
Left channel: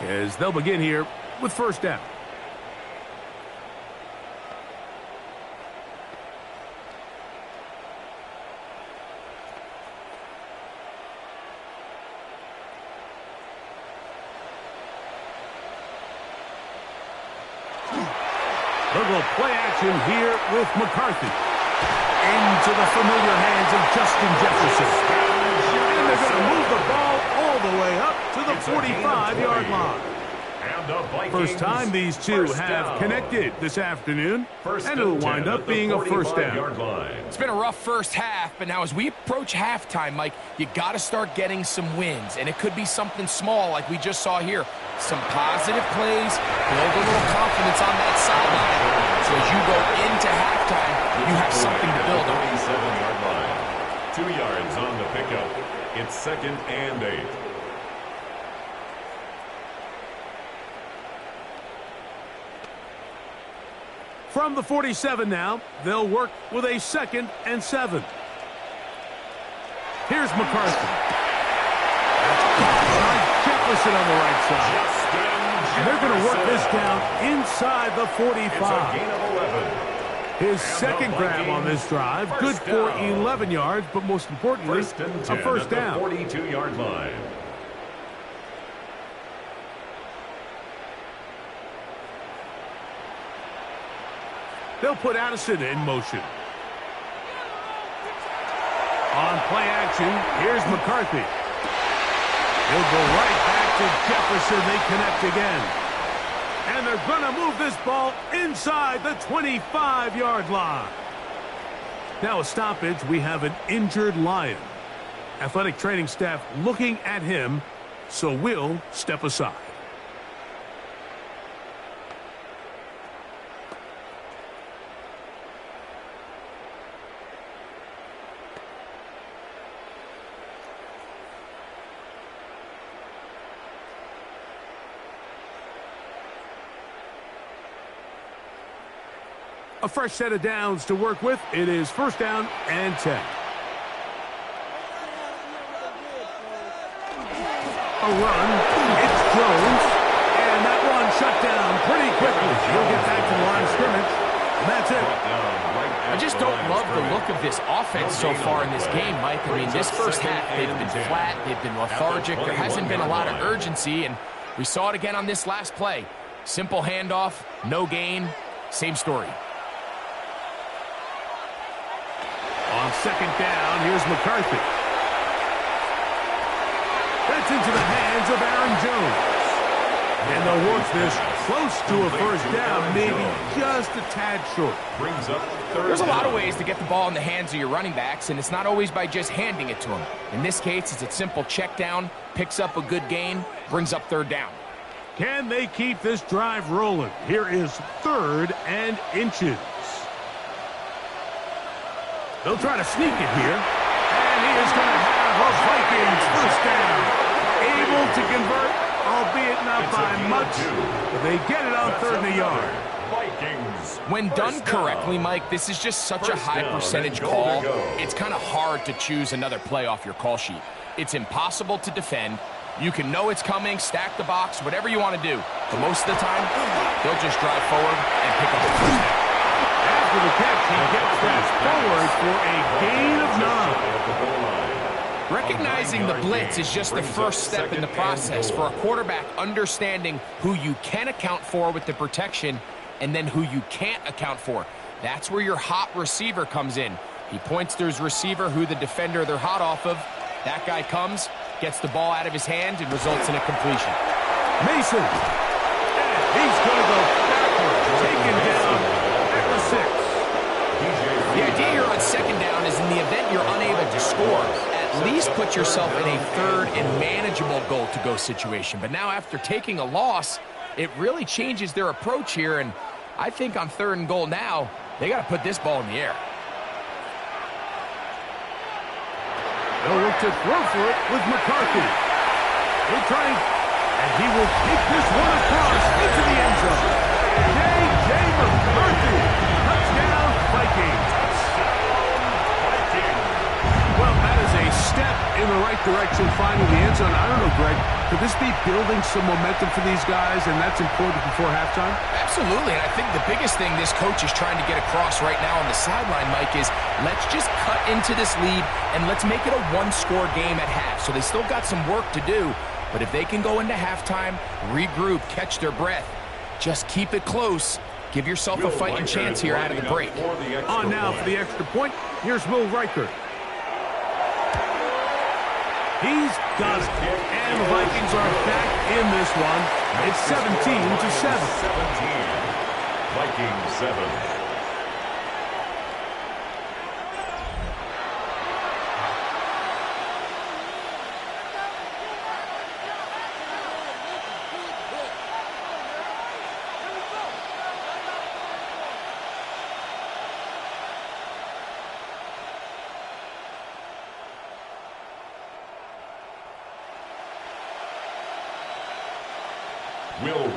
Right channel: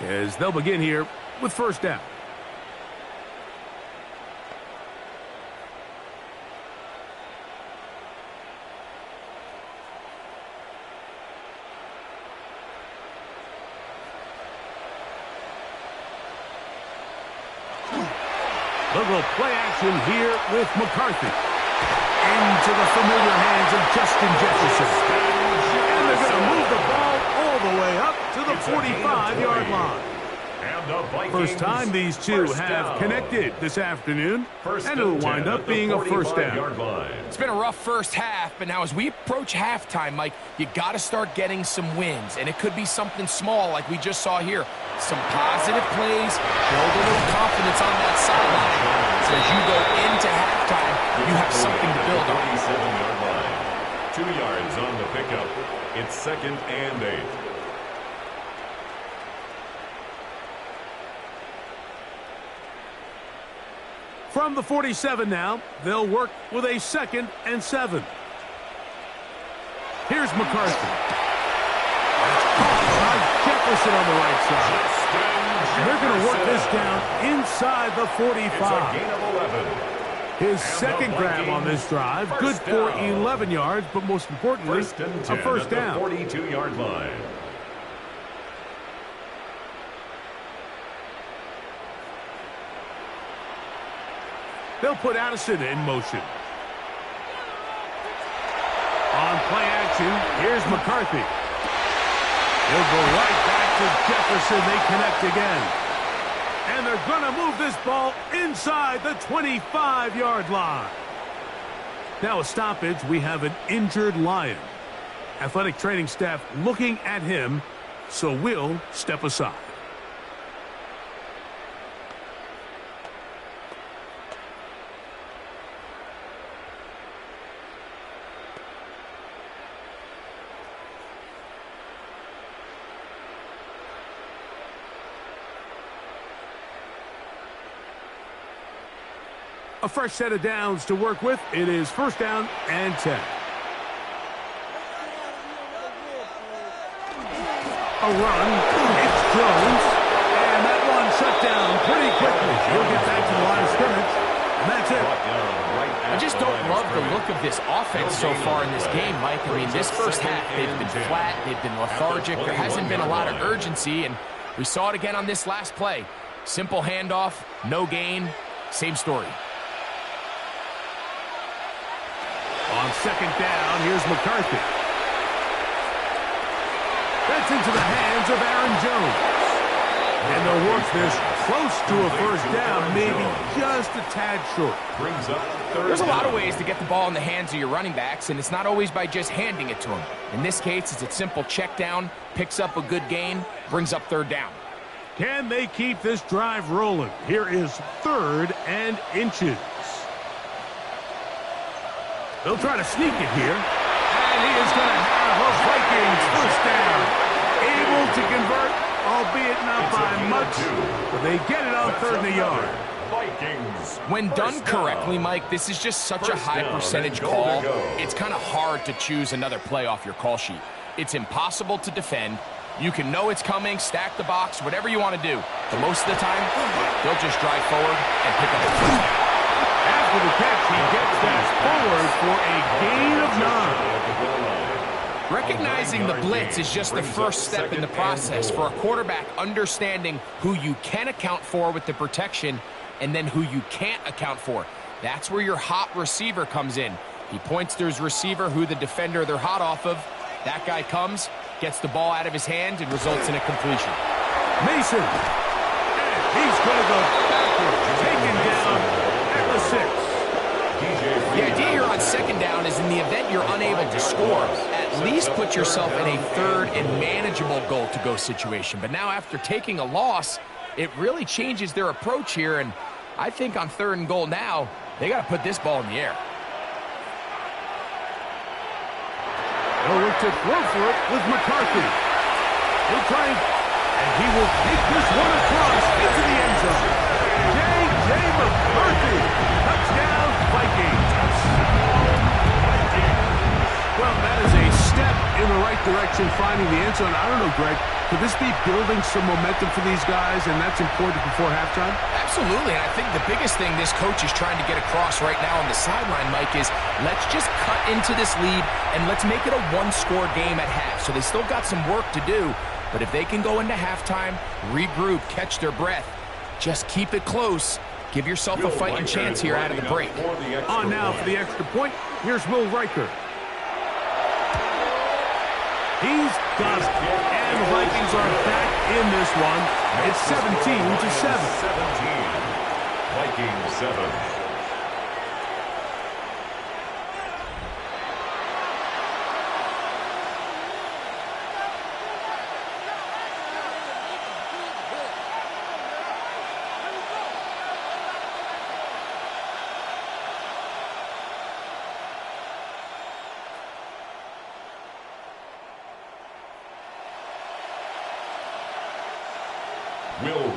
as they'll begin here with 1st down. They'll go play action here with McCarthy. Into the familiar hands of Justin Jefferson. And they're going to move the ball all the way up to the 45-yard line. First time these two have connected this afternoon, and it'll wind up being a 1st down. It's been a rough first half, but now as we approach halftime, Mike, you got to start getting some wins, and it could be something small like we just saw here. Some positive plays, build a little confidence on that sideline. So as you go into halftime, you have something to build on. 47-yard line. 2 yards on the pickup. It's 2nd and 8. From the 47 now, they'll work with a 2nd and 7. Here's McCarthy. That's caught by Jefferson on the right side. And they're going to work this down inside the 45. It's a gain of 11. His 2nd grab on this drive, good for 11 yards, but most importantly, a 1st down. 42-yard line. They'll put Addison in motion. On play action, here's McCarthy. He'll go right back to Jefferson. They connect again. And they're going to move this ball inside the 25-yard line. Now a stoppage. We have an injured Lion. Athletic training staff looking at him, so we'll step aside. A fresh set of downs to work with. It is first down and 10. A run. It's Jones. And that one shut down pretty quickly. He'll get back to the line of scrimmage. And that's it. I just don't love the look of this offense so far in this game, Mike. I mean, this first half, they've been flat. They've been lethargic. There hasn't been a lot of urgency, and we saw it again on this last play. Simple handoff, no gain, same story. On second down, here's McCarthy. That's into the hands of Aaron Jones. And they'll work this close to a first down, maybe just a tad short. There's a lot of ways to get the ball in the hands of your running backs, and it's not always by just handing it to them. In this case, it's a simple check down, picks up a good gain, brings up third down. Can they keep this drive rolling? Here is 3rd and inches. They'll try to sneak it here. And he is going to have a Vikings first down. Able to convert, albeit not by much, but they get it on 3rd and a yard. When done correctly, Mike, this is just such a high percentage call. It's kind of hard to choose another play off your call sheet. It's impossible to defend. You can know it's coming, stack the box, whatever you want to do. But most of the time, they'll just drive forward and pick up a first down. After the catch, he gets that forward for a gain of 9. Recognizing the blitz is just the first step in the process for a quarterback understanding who you can account for with the protection and then who you can't account for. That's where your hot receiver comes in. He points to his receiver who the defender they're hot off of. That guy comes, gets the ball out of his hand, and results in a completion. Mason. And he's going to go backwards. Taken down at the 6. The idea here on second down is in the event you're unable to score, at least put yourself in a 3rd and manageable goal-to-go situation. But now after taking a loss, it really changes their approach here, and I think on 3rd and goal now, they got to put this ball in the air. They'll look to throw for it with McCarthy. He'll try, and he will take this one across into the end zone. J.J. McCarthy, touchdown Vikings. Well, that is a step in the right direction, finding the end zone. I don't know, Greg, could this be building some momentum for these guys, and that's important before halftime? Absolutely, and I think the biggest thing this coach is trying to get across right now on the sideline, Mike, is let's just cut into this lead, and let's make it a one-score game at half. So they still got some work to do, but if they can go into halftime, regroup, catch their breath, just keep it close. Give yourself a fighting chance here out of the break. On now for the extra point, here's Will Riker. He's got it. And the Vikings are back in this one. It's 17-7. 17. Vikings 7.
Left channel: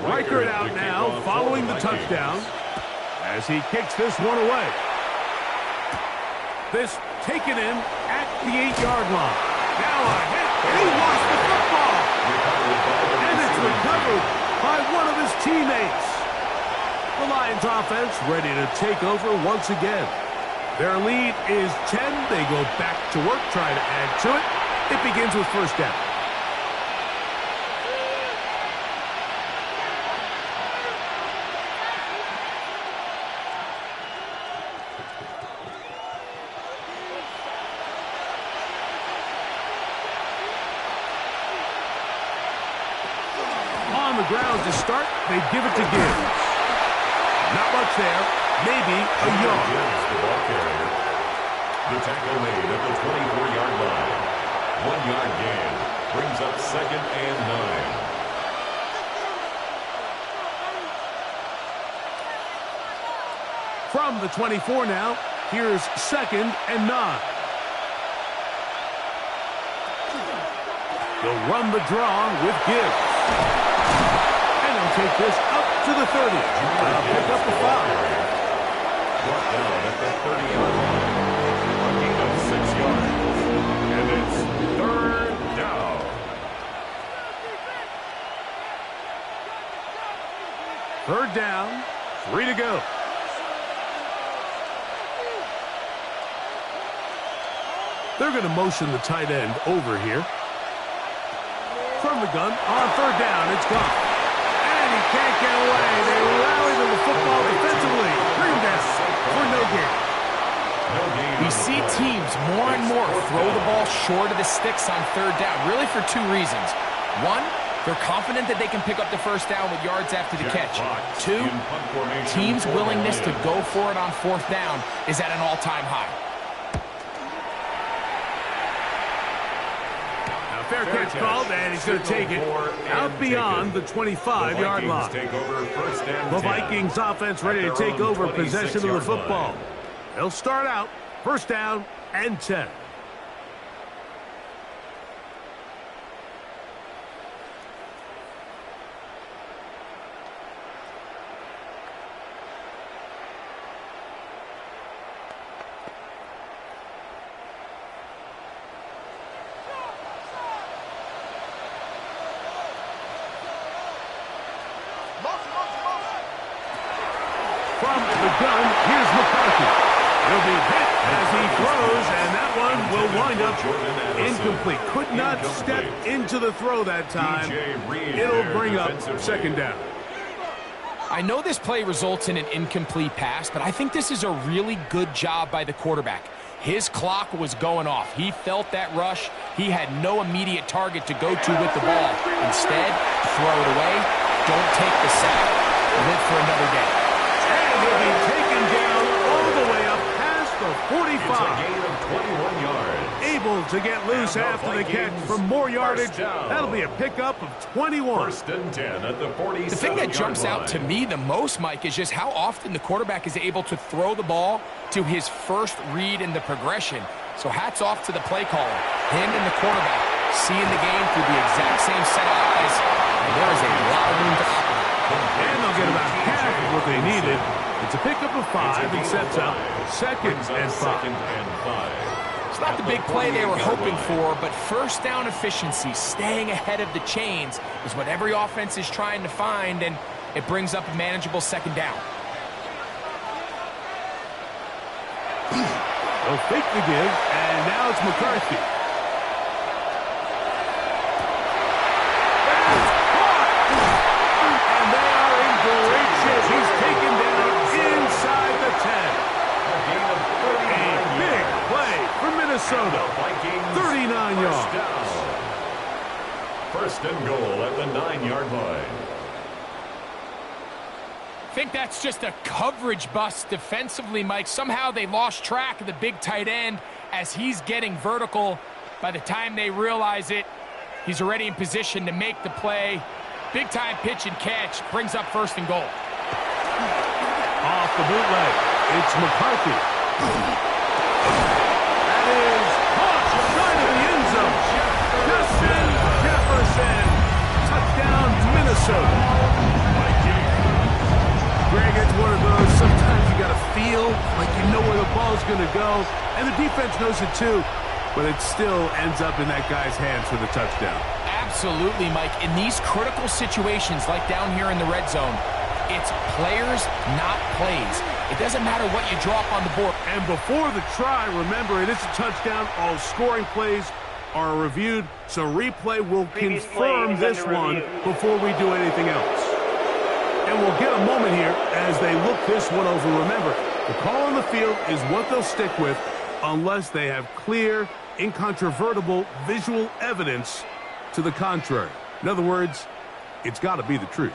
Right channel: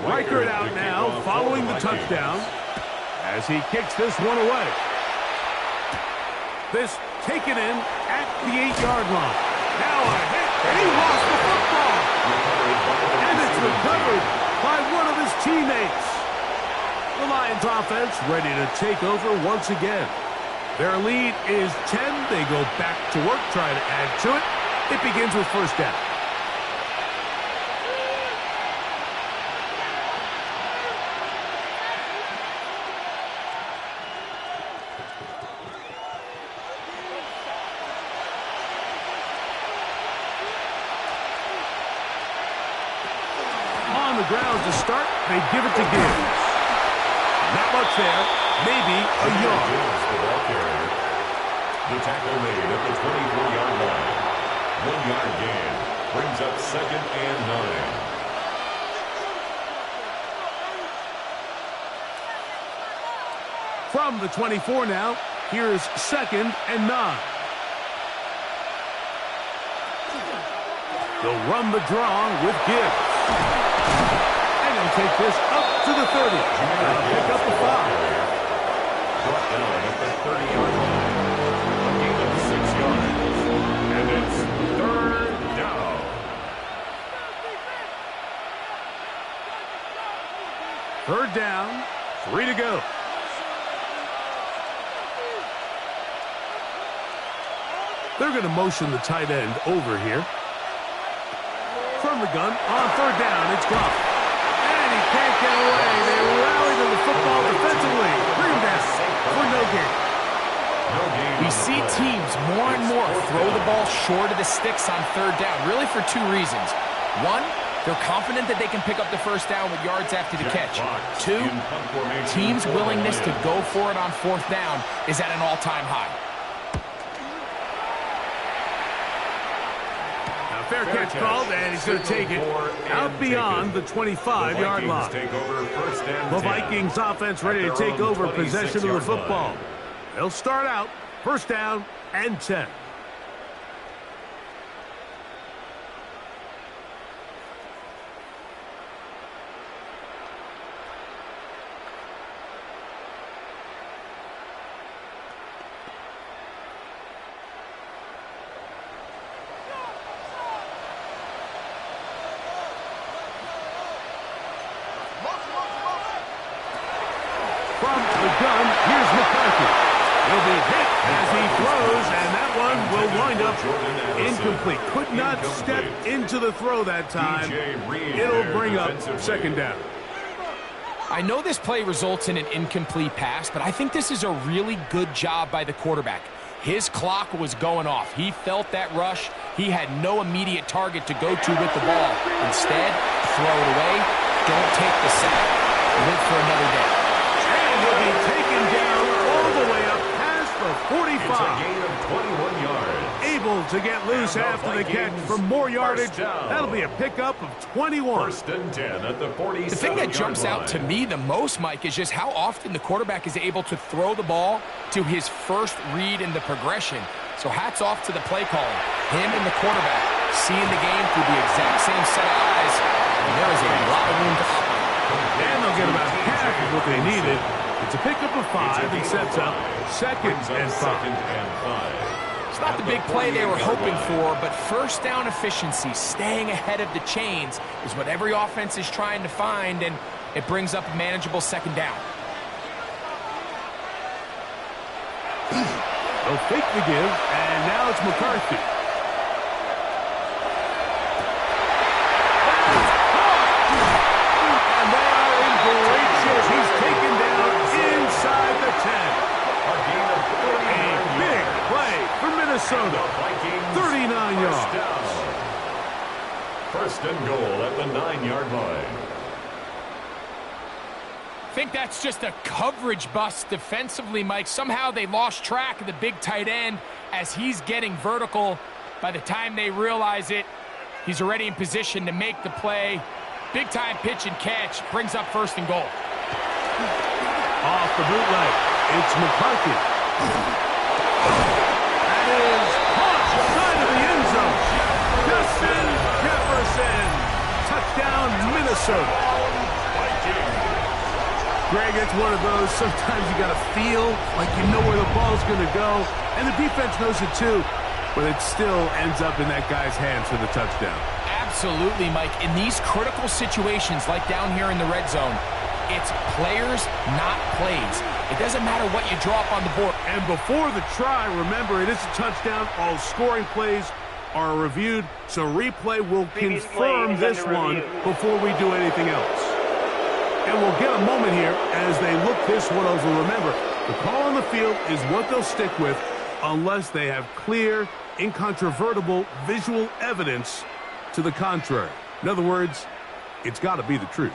Riker out now, following the touchdown, as he kicks this one away. This taken in at the 8-yard line. Now a hit, and he lost the football. And it's recovered by one of his teammates. The Lions offense ready to take over once again. Their lead is 10. They go back to work, trying to add to it. It begins with first down. On the ground to start, they give it to Gibbs. Not much there, maybe a yard. Gibbs, the ball carrier. The tackle made at the 24-yard line. 1-yard gain brings up 2nd and 9. From the 24 now, here's 2nd and 9. They'll run the draw with Gibbs. And he'll take this up to the 30. Pick up the foul. brought down at the 30-yard line. A gain of 6 yards. And it's third down. Third down, 3 to go. They're going to motion the tight end over here. From the gun, on third down, it's gone. And he can't get away. They rally to the football defensively. Bring him down for no gain. We see teams more and more throw the ball short of the sticks on third down, really for two reasons. One, they're confident that they can pick up the first down with yards after the catch. Two, teams' willingness to go for it on fourth down is at an all-time high. Now, fair catch called, and he's going to take it out beyond the 25-yard line. The Vikings offense ready to take over possession of the football. They'll start out first down and 10. From the gun, here's McCarthy. He'll be hit as he throws, and that one will wind up incomplete. Could not step into the throw that time. It'll bring up second down. I know this play results in an incomplete pass, but I think this is a really good job by the quarterback. His clock was going off. He felt that rush. He had no immediate target to go to with the ball. Instead, throw it away. Don't take the sack. Live for another day. And he'll be taken down all the way up past the 45. It's a gain of 21 yards. Able to get loose after the catch for more yardage. That'll be a pickup of 21. First and 10 at the 47-yard The thing that jumps out to me the most, Mike, is just how often the quarterback is able to throw the ball to his first read in the progression. So hats off to the play caller. Him and the quarterback seeing the game through the exact same set of eyes. And there is a lot of room to operate. And they'll get about half of what they needed. It's a pickup of 5 and sets up second and 5. It's not the big play they were hoping for, but first down efficiency, staying ahead of the chains, is what every offense is trying to find, and it brings up a manageable second down. They'll fake the give, and now it's McCarthy. Great shit. He's taken down inside the 10. A big play for Minnesota. 39 yards. First and goal at the 9-yard line. I think that's just a coverage bust defensively, Mike. Somehow they lost track of the big tight end as he's getting vertical. By the time they realize it, he's already in position to make the play. Big-time pitch and catch brings up first and goal. Off the bootleg, it's McCarthy. That is caught side of the end zone. Justin Jefferson. Touchdown, Minnesota. Greg, it's one of those, sometimes you got to feel like you know where the ball's going to go, and the defense knows it too, but it still ends up in that guy's hands for the touchdown. Absolutely, Mike. In these critical situations, like down here in the red zone, it's players, not plays. It doesn't matter what you drop on the board. And before the try, remember, it is a touchdown. All scoring plays are reviewed, so replay will confirm this one before we do anything else. And we'll get a moment here as they look this one over. Remember, the call on the field is what they'll stick with unless they have clear, incontrovertible visual evidence to the contrary. In other words, it's got to be the truth.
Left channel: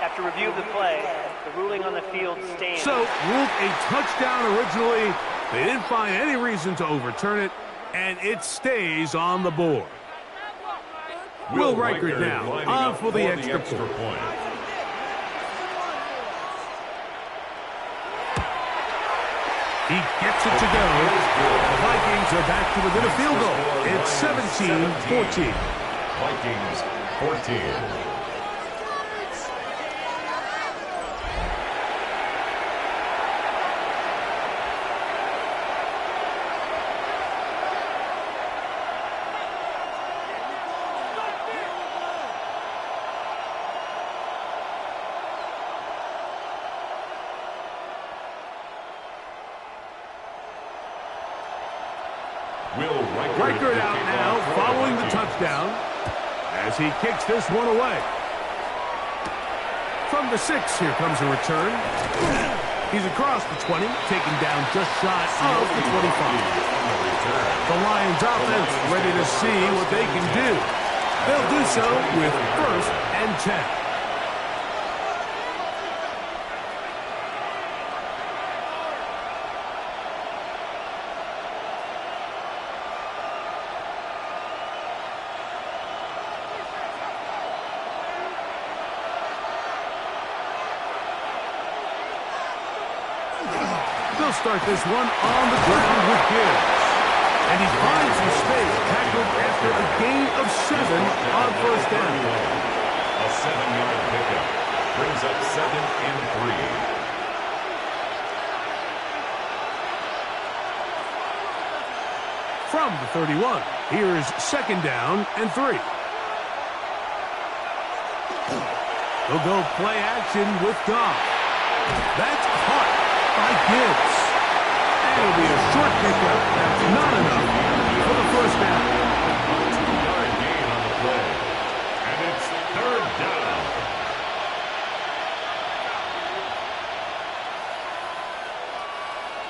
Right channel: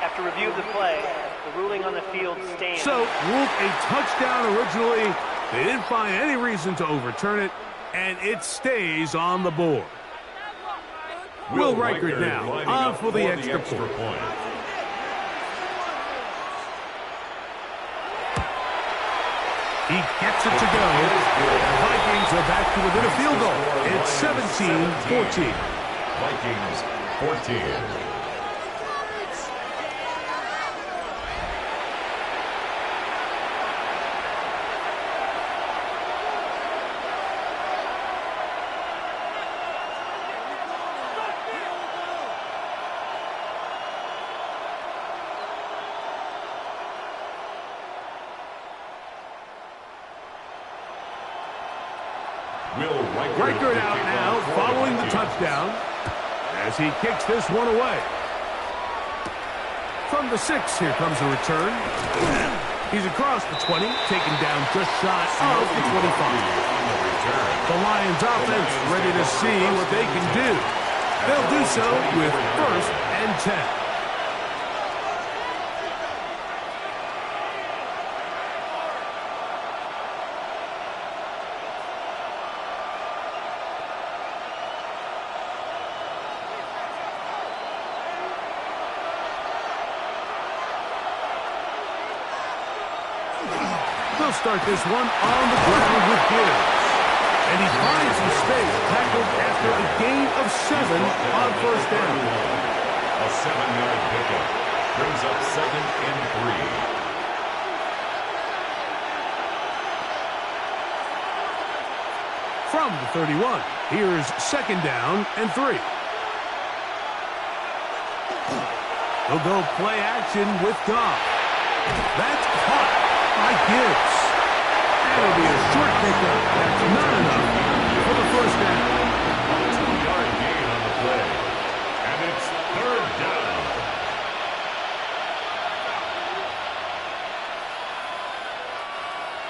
After review of the play, the ruling on the field stands. So, ruled a touchdown originally. They didn't find any reason to overturn it, and it stays on the board. Will Reichert now on for the extra point. He gets it to go. The Vikings are back to within a field goal. It's 17-14. Vikings 14. Reichert out now, following the touchdown, as he kicks this one away. From the 6, here comes a return. He's across the 20, taken down just shy of the 25. The Lions offense ready to see what they can do. They'll do so with 1st and 10. They'll start this one on the ground with Gibbs. And he finds some space, tackled after a gain of 7 on 1st down. A 7-yard pickup brings up 2nd and 3. From the 31, here's 2nd down and 3. They'll go play action with Goff. That's caught by Gibbs. And it'll be a short pickup. That's not enough for the 1st down. A 2-yard gain on the play. And it's 3rd down.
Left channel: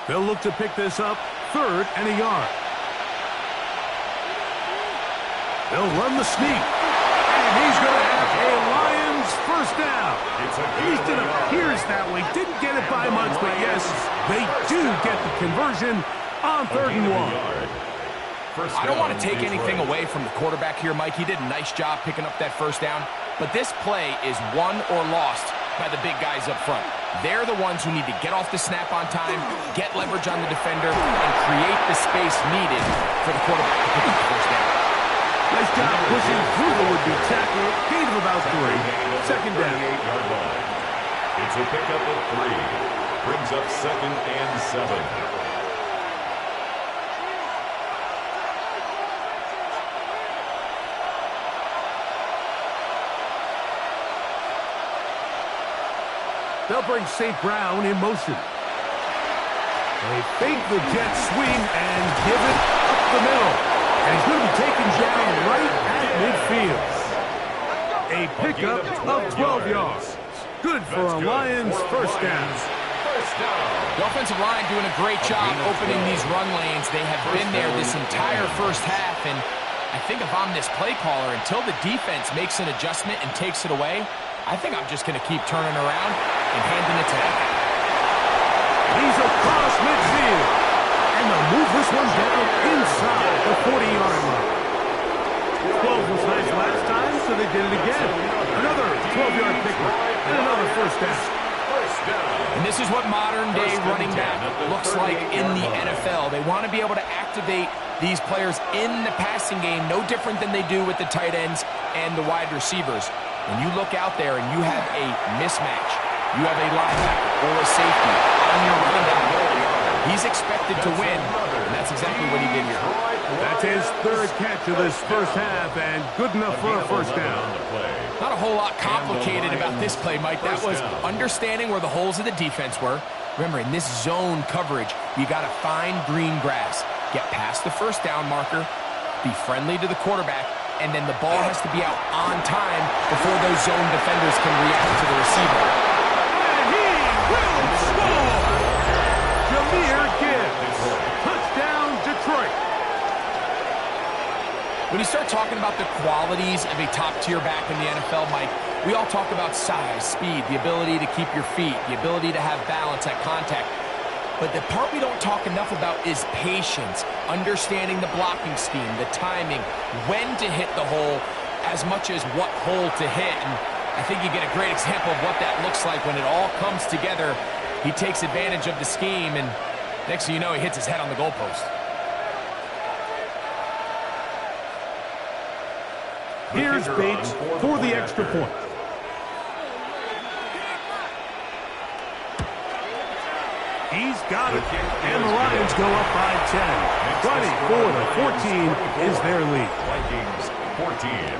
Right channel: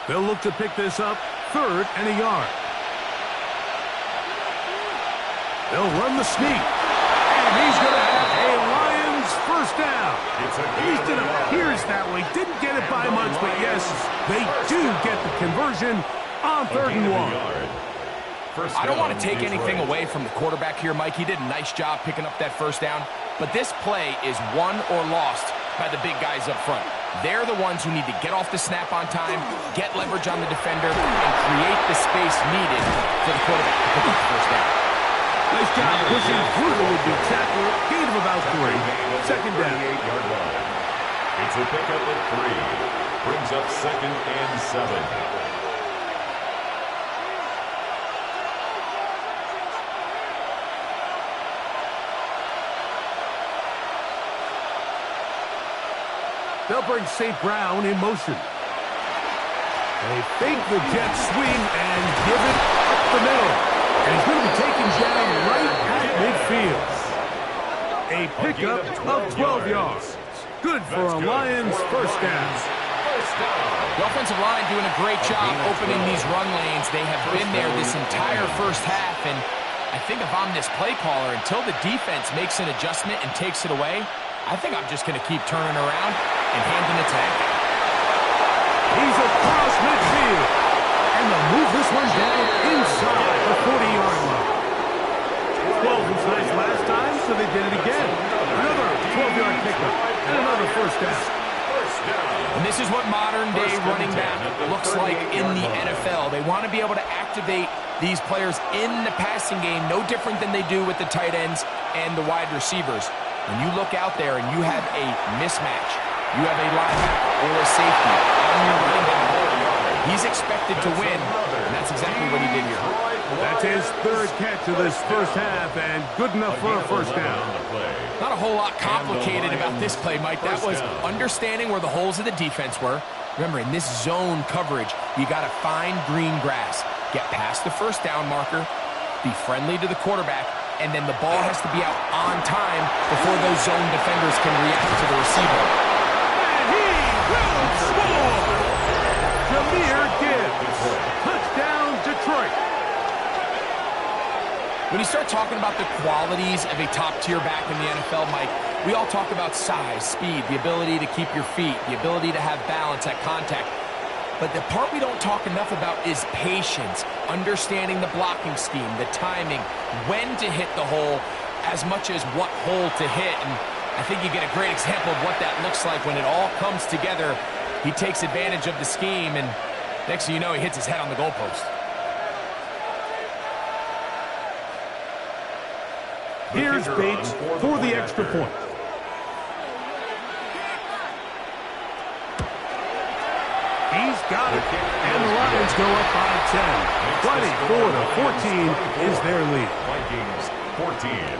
They'll look to pick this up 3rd and a yard. They'll run the sneak. And he's going to have a Lions 1st down. At least it appears that way. Didn't get it by much, but yes, they do get the conversion on 3rd and 1. I don't want to take anything away from the quarterback here, Mike. He did a nice job picking up that 1st down. But this play is won or lost by the big guys up front. They're the ones who need to get off the snap on time, get leverage on the defender, and create the space needed for the quarterback to pick up the 1st down. Nice job pushing through the would-be tackler. Gain of about 3. 2nd down. It's a pickup of 3. Brings up 2nd and 7. They'll bring St. Brown in motion. They fake the jet swing and give it up the middle. And he's going to be taken down right at midfield. A pickup of 12 yards. Good for a Lions 1st down. The offensive line doing a great job opening these run lanes. They have been there this entire 1st half. And I think if I'm this play caller, until the defense makes an adjustment and takes it away, I think I'm just going to keep turning around and handing it to that guy. He's across midfield. And they'll move this one down inside the 40-yard line. 12 was nice last time, so they did it again. Another 12-yard pickup and another 1st down. And this is what modern-day running back looks like in the NFL. They want to be able to activate these players in the passing game, no different than they do with the tight ends and the wide receivers. When you look out there and you have a mismatch, you have a linebacker or a safety on your running back, he's expected to win, and that's exactly what he did here. That's his 3rd catch of this 1st half, and good enough for a 1st down. Not a whole lot complicated about this play, Mike. That was understanding where the holes of the defense were. Remember, in this zone coverage, you got to find green grass, get past the 1st down marker, be friendly to the quarterback, and then the ball has to be out on time before those zone defenders can react to the receiver. And he will score! Jahmyr Gibbs. Touchdown, Detroit. When you start talking about the qualities of a top-tier back in the NFL, Mike, we all talk about size, speed, the ability to keep your feet, the ability to have balance at contact. But the part we don't talk enough about is patience, understanding the blocking scheme, the timing, when to hit the hole, as much as what hole to hit. And I think you get a great example of what that looks like when it all comes together. He takes advantage of the scheme, and next thing you know, he hits his head on the goalpost. Here's Bates for the extra point. He's got it, and the Lions go up by 10. 24-14 is their lead. Vikings 14.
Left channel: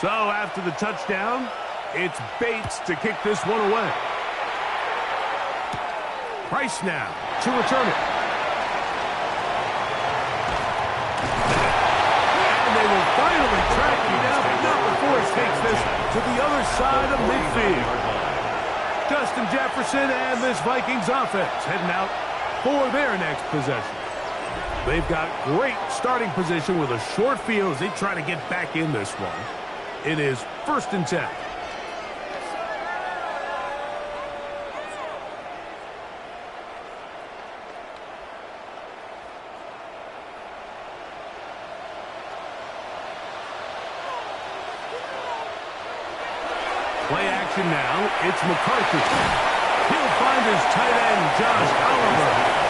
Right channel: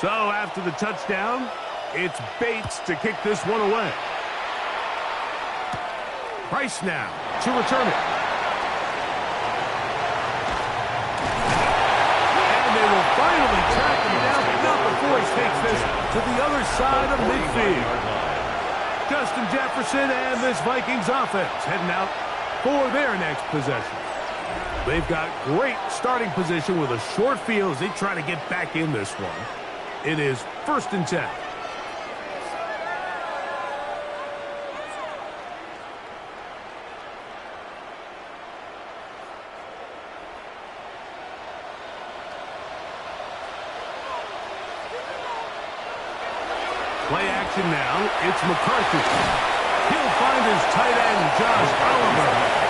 So after the touchdown, it's Bates to kick this one away. Price now to return it. And they will finally track him down, but not before he takes this to the other side of midfield. Justin Jefferson and this Vikings offense heading out for their next possession. They've got great starting position with a short field as they try to get back in this one. It is 1st and 10. Play action now. It's McCarthy. He'll find his tight end, Josh Oliver.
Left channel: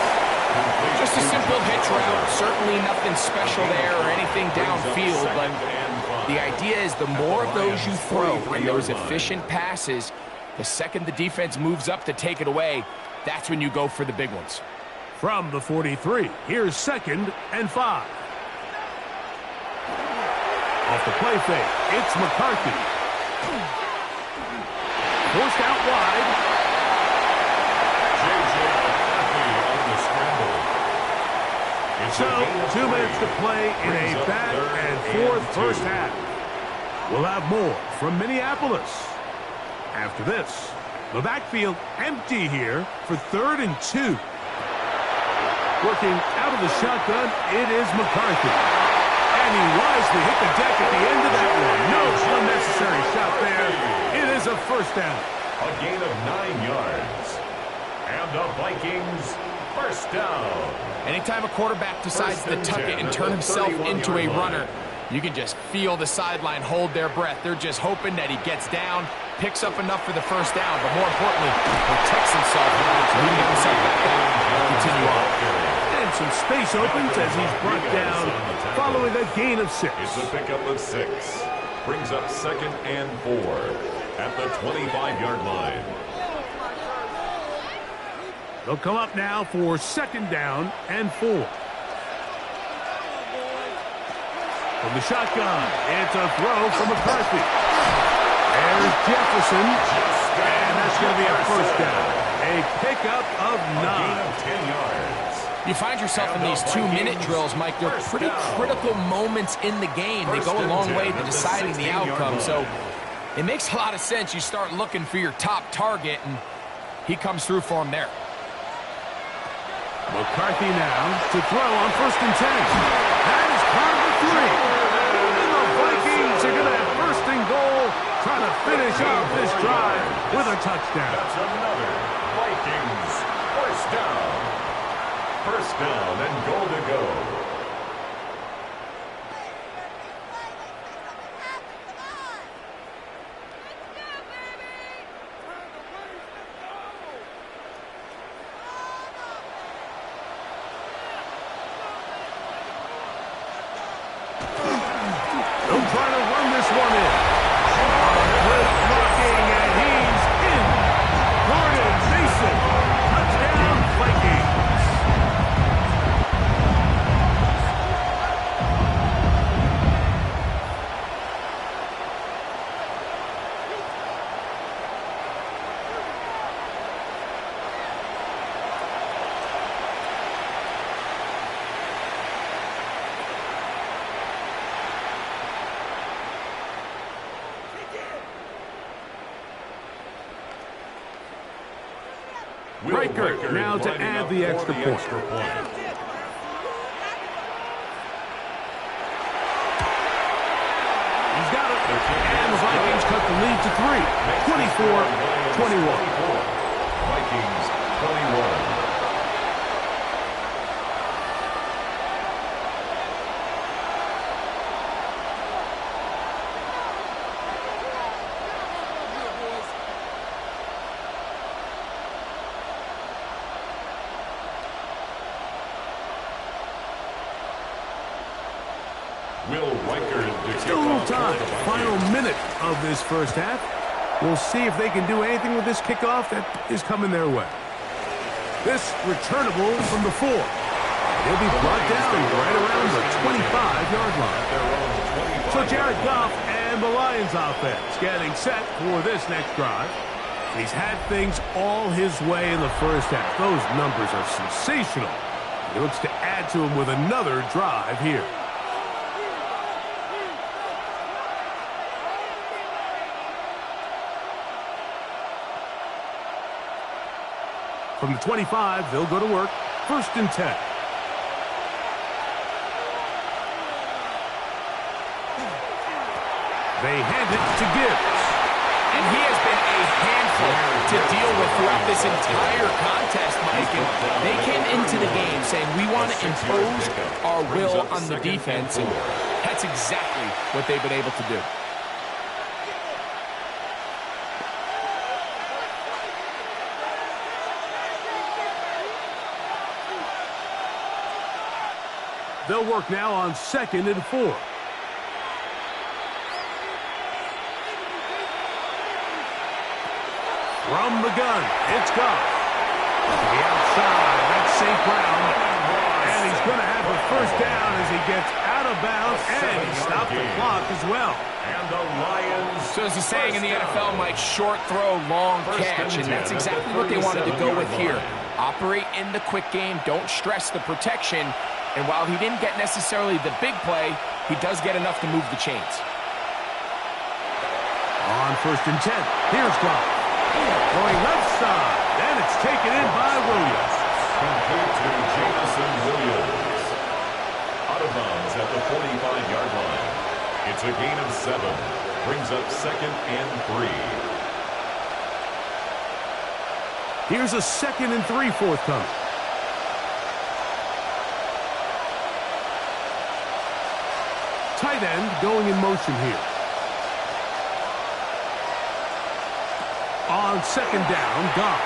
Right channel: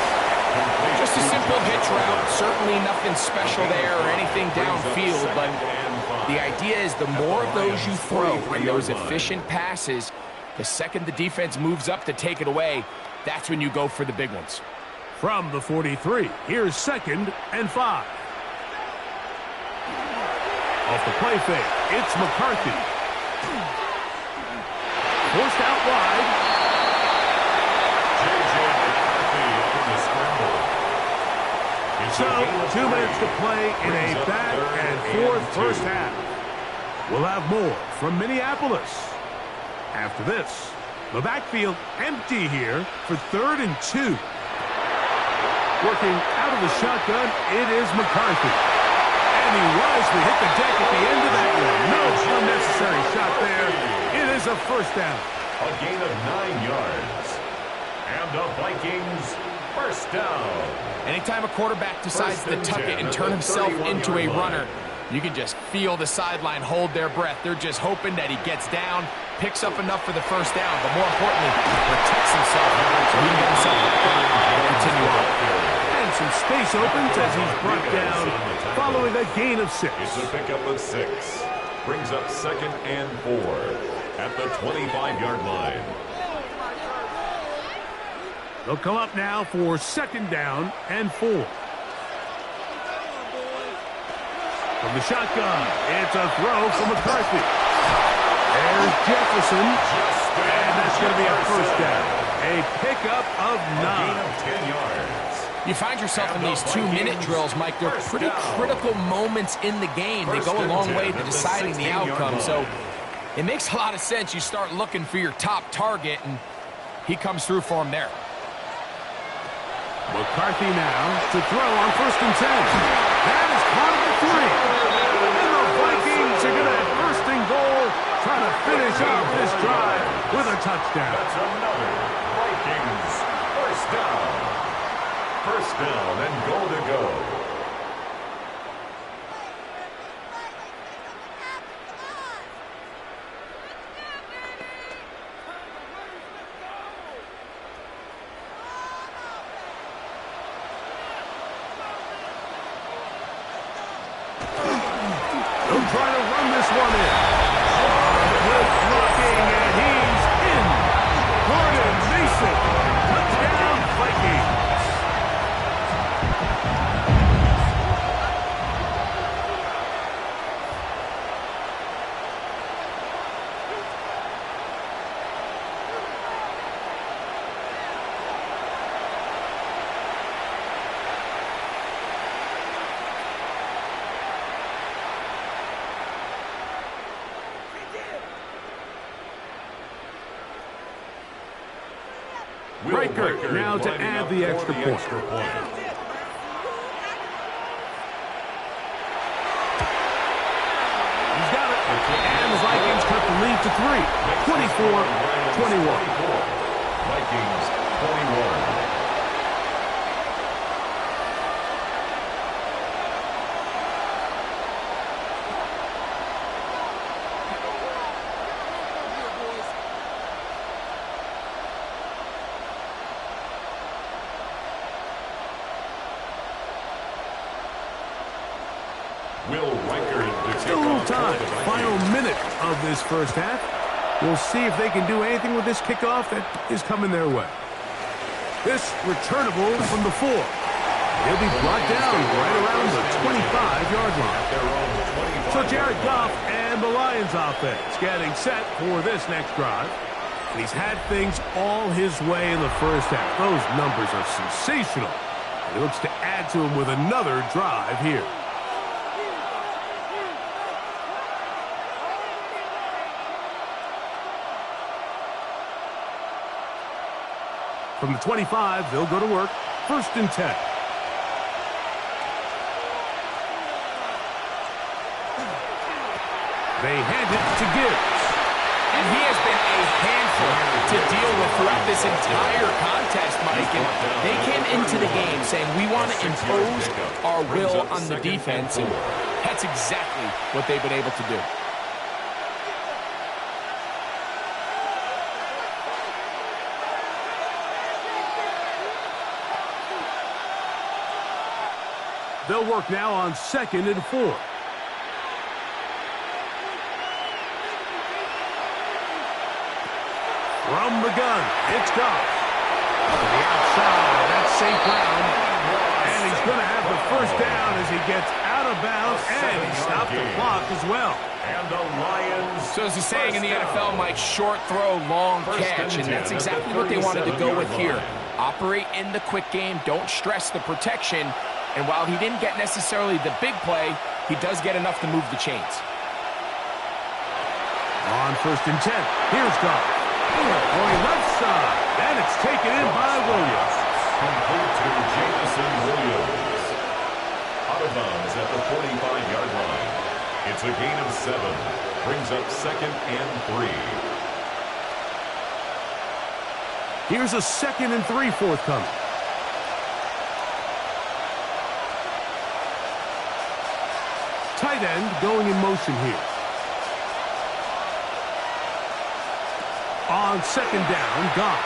Just a simple hitch route. Certainly nothing special there or anything downfield, but the idea is the more of those you throw and those efficient passes, the second the defense moves up to take it away, that's when you go for the big ones. From the 43, here's 2nd and 5. Off the play fake, it's McCarthy. Forced out wide. So, 2 minutes to play in a back and forth first half. We'll have more from Minneapolis. After this, the backfield empty here for 3rd and 2. Working out of the shotgun, it is McCarthy. And he wisely hit the deck at the end of that one. No unnecessary shot there. It is a first down. A gain of 9 yards. And the Vikings first down. Anytime a quarterback decides to tuck it and turn himself into a runner, you can just feel the sideline hold their breath. They're just hoping that he gets down, picks up enough for the first down, but more importantly, protects himself so he can get himself back up and continue on. And some space opens as he's brought down following a gain of 6. It's a pickup of 6. Brings up 2nd and 4 at the 25-yard line. They'll come up now for 2nd down and 4. From the shotgun, it's a throw from McCarthy. There's Jefferson, and that's going to be a first down. A pickup of 9. A gain of 10 yards. You find yourself in these 2-minute drills, Mike. They're pretty critical moments in the game. They go a long way to deciding the outcome, so it makes a lot of sense. You start looking for your top target, and he comes through for him there. McCarthy now to throw on 1st and 10. That is caught at the 3. And the Vikings are going to have 1st and goal, trying to finish off this drive with a touchdown. That's another Vikings first down. First down and goal to go. They'll try to run this one in. Good blocking, and he's in. Gordon Mason, touchdown Vikings. Breaker now to add the extra point. He's got it. And the Vikings cut the lead to 3, 24-21. Vikings 21. Still a little time. Final minute of this first half. We'll see if they can do anything with this kickoff that is coming their way. This returnable from the 4. He'll be brought down right around the 25-yard line. So Jared Goff and the Lions offense getting set for this next drive. And he's had things all his way in the first half. Those numbers are sensational. And he looks to add to them with another drive here. From the 25, they'll go to work. 1st and 10. They hand it to Gibbs. And he has been a handful to deal with throughout this entire contest, Mike. And they came into the game saying, we want to impose our will on the defense. And that's exactly what they've been able to do. They'll work now on 2nd and 4. From the gun, it's Goff. To the outside, that's St. Brown. And he's going to have the first down as he gets out of bounds, and he stopped the clock as well. And the Lions. So as the saying in the NFL, Mike, short throw, long catch, and that's exactly what they wanted to go with here. Operate in the quick game, don't stress the protection. And while he didn't get necessarily the big play, he does get enough to move the chains. On 1st and 10, here's Goff. Going left side, and it's taken in by Williams. Complete to Jameson Williams. Out of bounds at the 45-yard line. It's a gain of 7. Brings up 2nd and 3. Here's a 2nd and 3 forthcoming. Tight end going in motion here. On 2nd down, Goff.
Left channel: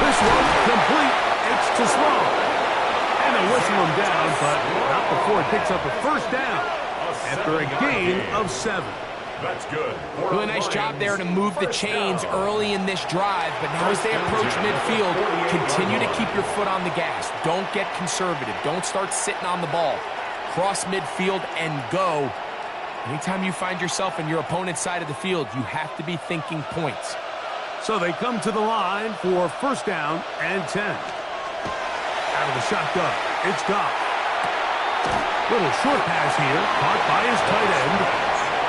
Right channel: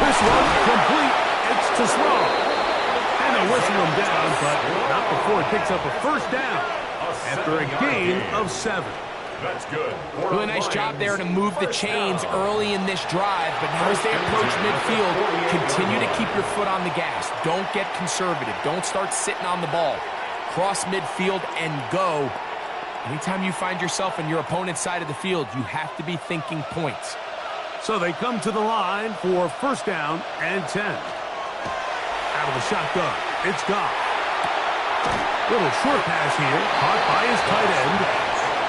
This one complete. It's to Sloan. And they'll whistle him down, but not before it picks up a first down after a gain of 7. That's good. Really nice job there to move the chains early in this drive, but now as they approach midfield, continue to keep your foot on the gas. Don't get conservative. Don't start sitting on the ball. Cross midfield and go. Anytime you find yourself in your opponent's side of the field, you have to be thinking points. So they come to the line for 1st down and 10. Out of the shotgun, it's Goff. Little short pass here, caught by his tight end.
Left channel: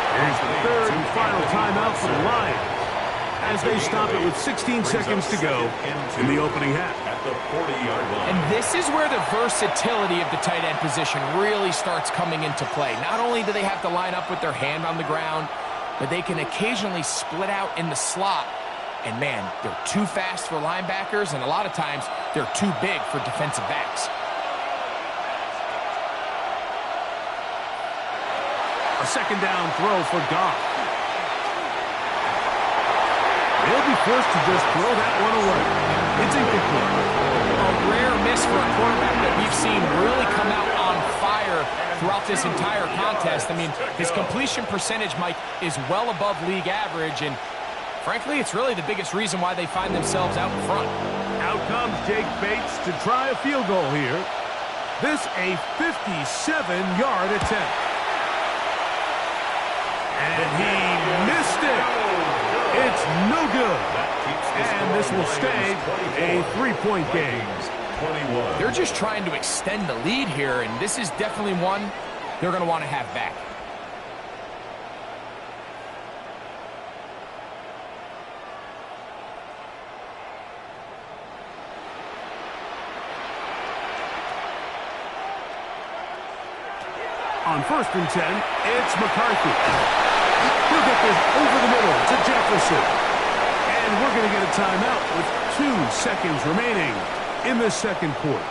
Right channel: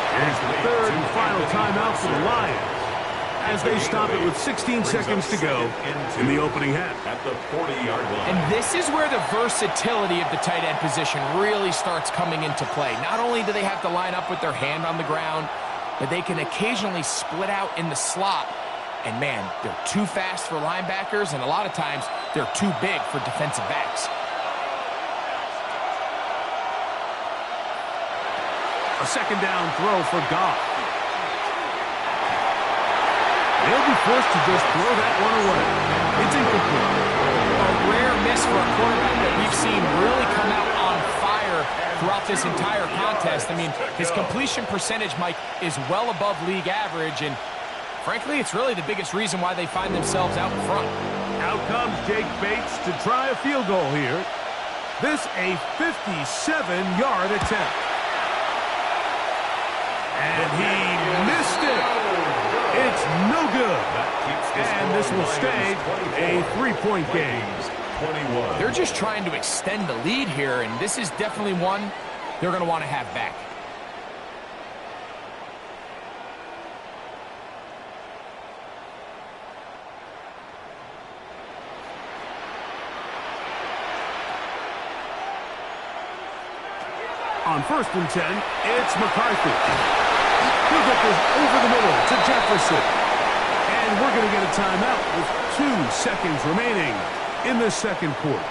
Here's the 3rd and final timeout for the Lions, as they stop it with 16 seconds to go in the opening half. At the 40-yard line. And this is where the versatility of the tight end position really starts coming into play. Not only do they have to line up with their hand on the ground, but they can occasionally split out in the slot. And man, they're too fast for linebackers, and a lot of times they're too big for defensive backs. A 2nd down throw for Goff. They'll be forced to just throw that one away. It's incomplete. A rare miss for a quarterback that we've seen really come out on fire throughout this entire contest. I mean, his completion percentage, Mike, is well above league average, and frankly, it's really the biggest reason why they find themselves out in front. Out comes Jake Bates to try a field goal here. This a 57-yard attempt. And he missed it. It's no good. And this will stay a 3-point game. They're just trying to extend the lead here, and this is definitely one they're going to want to have back. On 1st and 10, it's McCarthy. He'll get this over the middle to Jefferson. And we're going to get a timeout with 2 seconds remaining in the second quarter.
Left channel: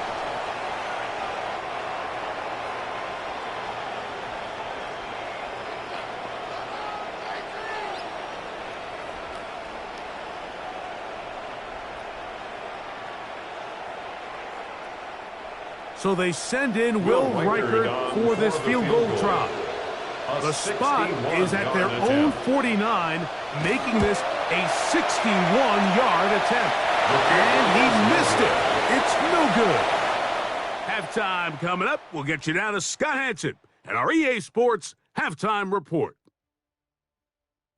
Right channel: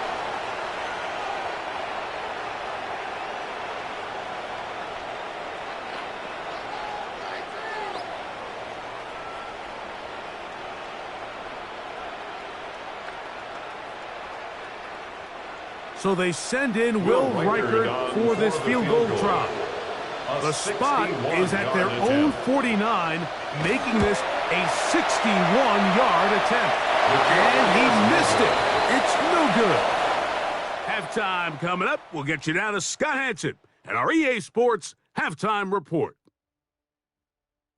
So they send in Will Reichert for this field goal try. The spot is at their own 49, making this a 61-yard attempt. And he missed it. It's no good. Halftime coming up. We'll get you down to Scott Hansen and our EA Sports Halftime Report.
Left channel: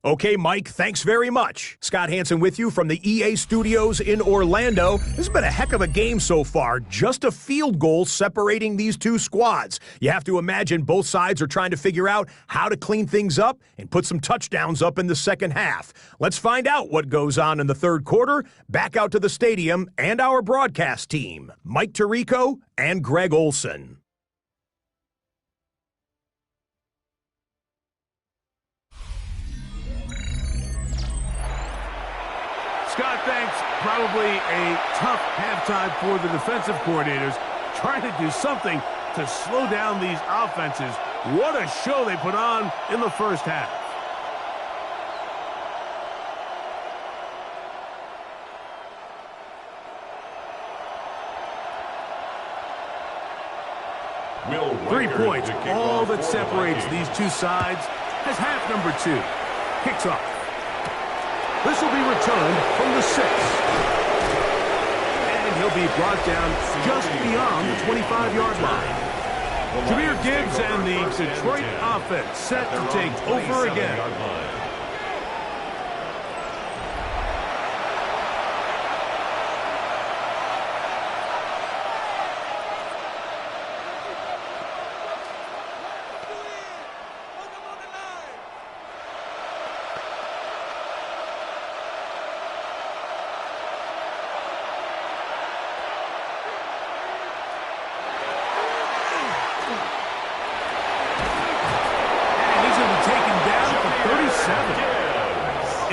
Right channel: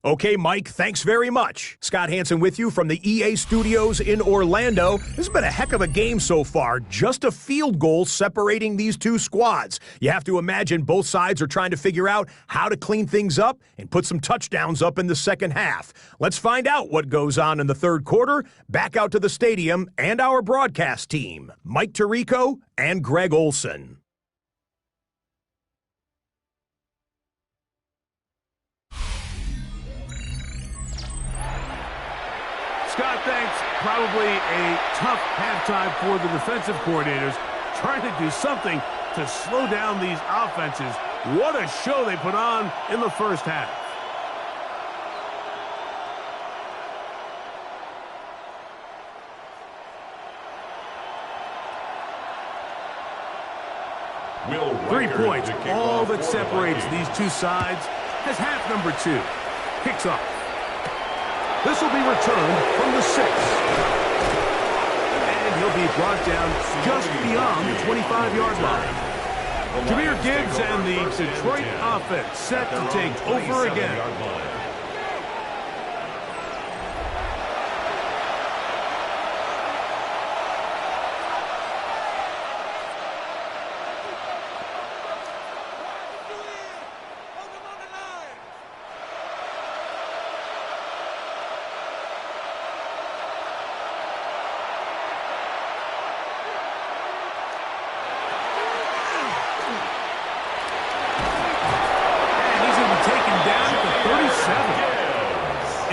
Okay, Mike, thanks very much. Scott Hansen with you from the EA Studios in Orlando. This has been a heck of a game so far. Just a field goal separating these two squads. You have to imagine both sides are trying to figure out how to clean things up and put some touchdowns up in the second half. Let's find out what goes on in the third quarter. Back out to the stadium and our broadcast team, Mike Tirico and Greg Olson. Scott, thanks. Probably a tough halftime for the defensive coordinators, trying to do something to slow down these offenses. What a show they put on in the first half. Will 3 Reichert points, to kick all off that for the separates Vikings. these two sides, as half number 2 kicks off. This will be returned from the 6. And he'll be brought down just beyond the 25-yard line. Jahmyr Gibbs and the Detroit offense set to take over again.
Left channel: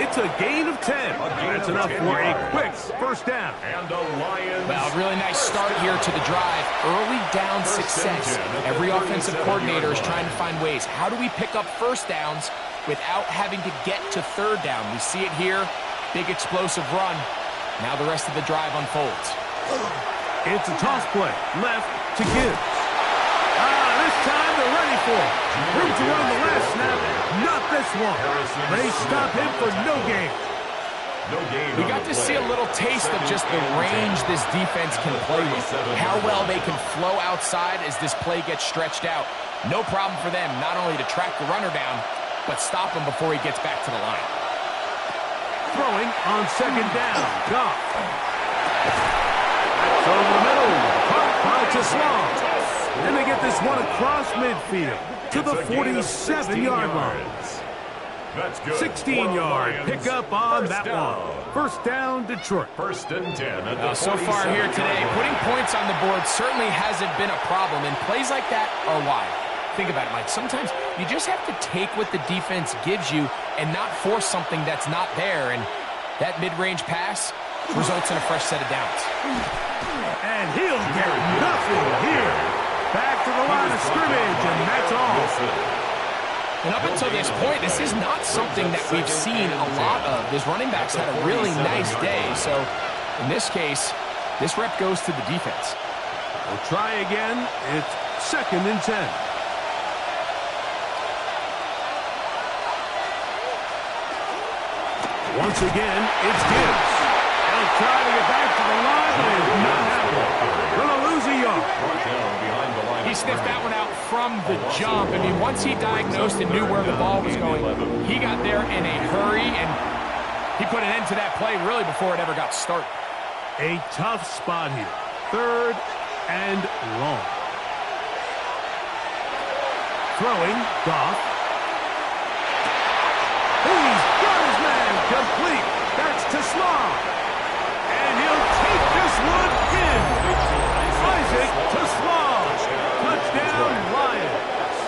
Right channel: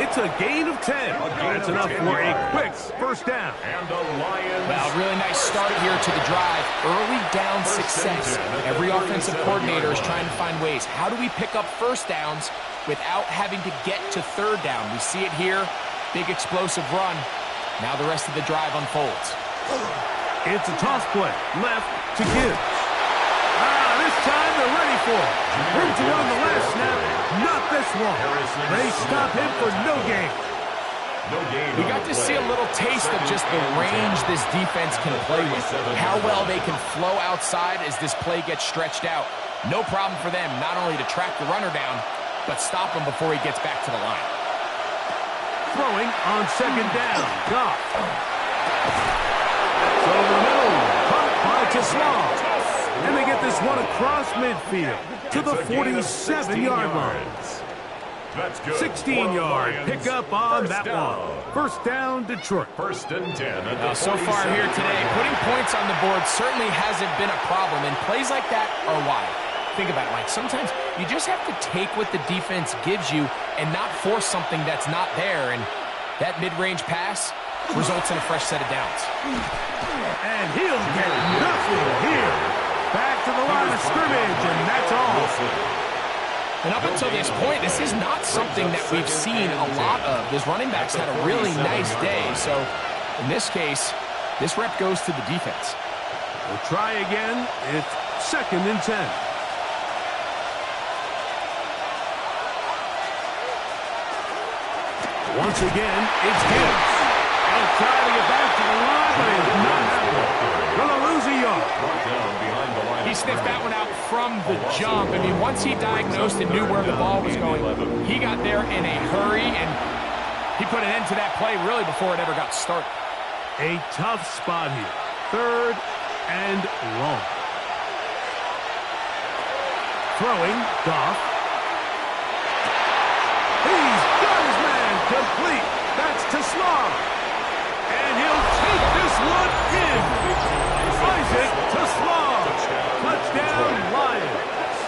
It's a gain of 10. That's enough for a quick first down. And the Lions. Well, really nice start here to the drive. Early down success. Every offensive coordinator is trying to find ways. How do we pick up first downs without having to get to third down? We see it here. Big explosive run. Now the rest of the drive unfolds. It's a toss play. Left to Gibbs. This time they're ready for it. Room to run the last snap. Not this one. They stop him for no gain. We got to see a little taste of just the range this defense can play with. How well they can flow outside as this play gets stretched out. No problem for them not only to track the runner down, but stop him before he gets back to the line. Throwing on second down. Goff. That's over the middle. Caught by Teslam. And they get this one across midfield to the 47-yard line. 16-yard pickup on that one. First down, Detroit. First and 10 at the So far here today, putting points on the board certainly hasn't been a problem, and plays like that are why. Think about it, Mike. Sometimes you just have to take what the defense gives you and not force something that's not there, and that mid-range pass results in a fresh set of downs. And he'll get nothing here. Back to the line of scrimmage, and that's all. And up until this point, this is not something that we've seen a lot of. His running backs had a really nice day. So in this case, this rep goes to the defense. We'll try again. It's second and 10. Once again, it's Gibbs. He'll try to get back to the line, but it's not happening. Gonna lose a yard. He sniffed that one out from the jump. I mean, once he diagnosed and knew where the ball was going, he got there in a hurry, and he put an end to that play really before it ever got started. A tough spot here. Third and long. Throwing, Goff. He's got his man complete. That's Teslam. And he'll take this one in. Isaac Teslam. Touchdown, Lions.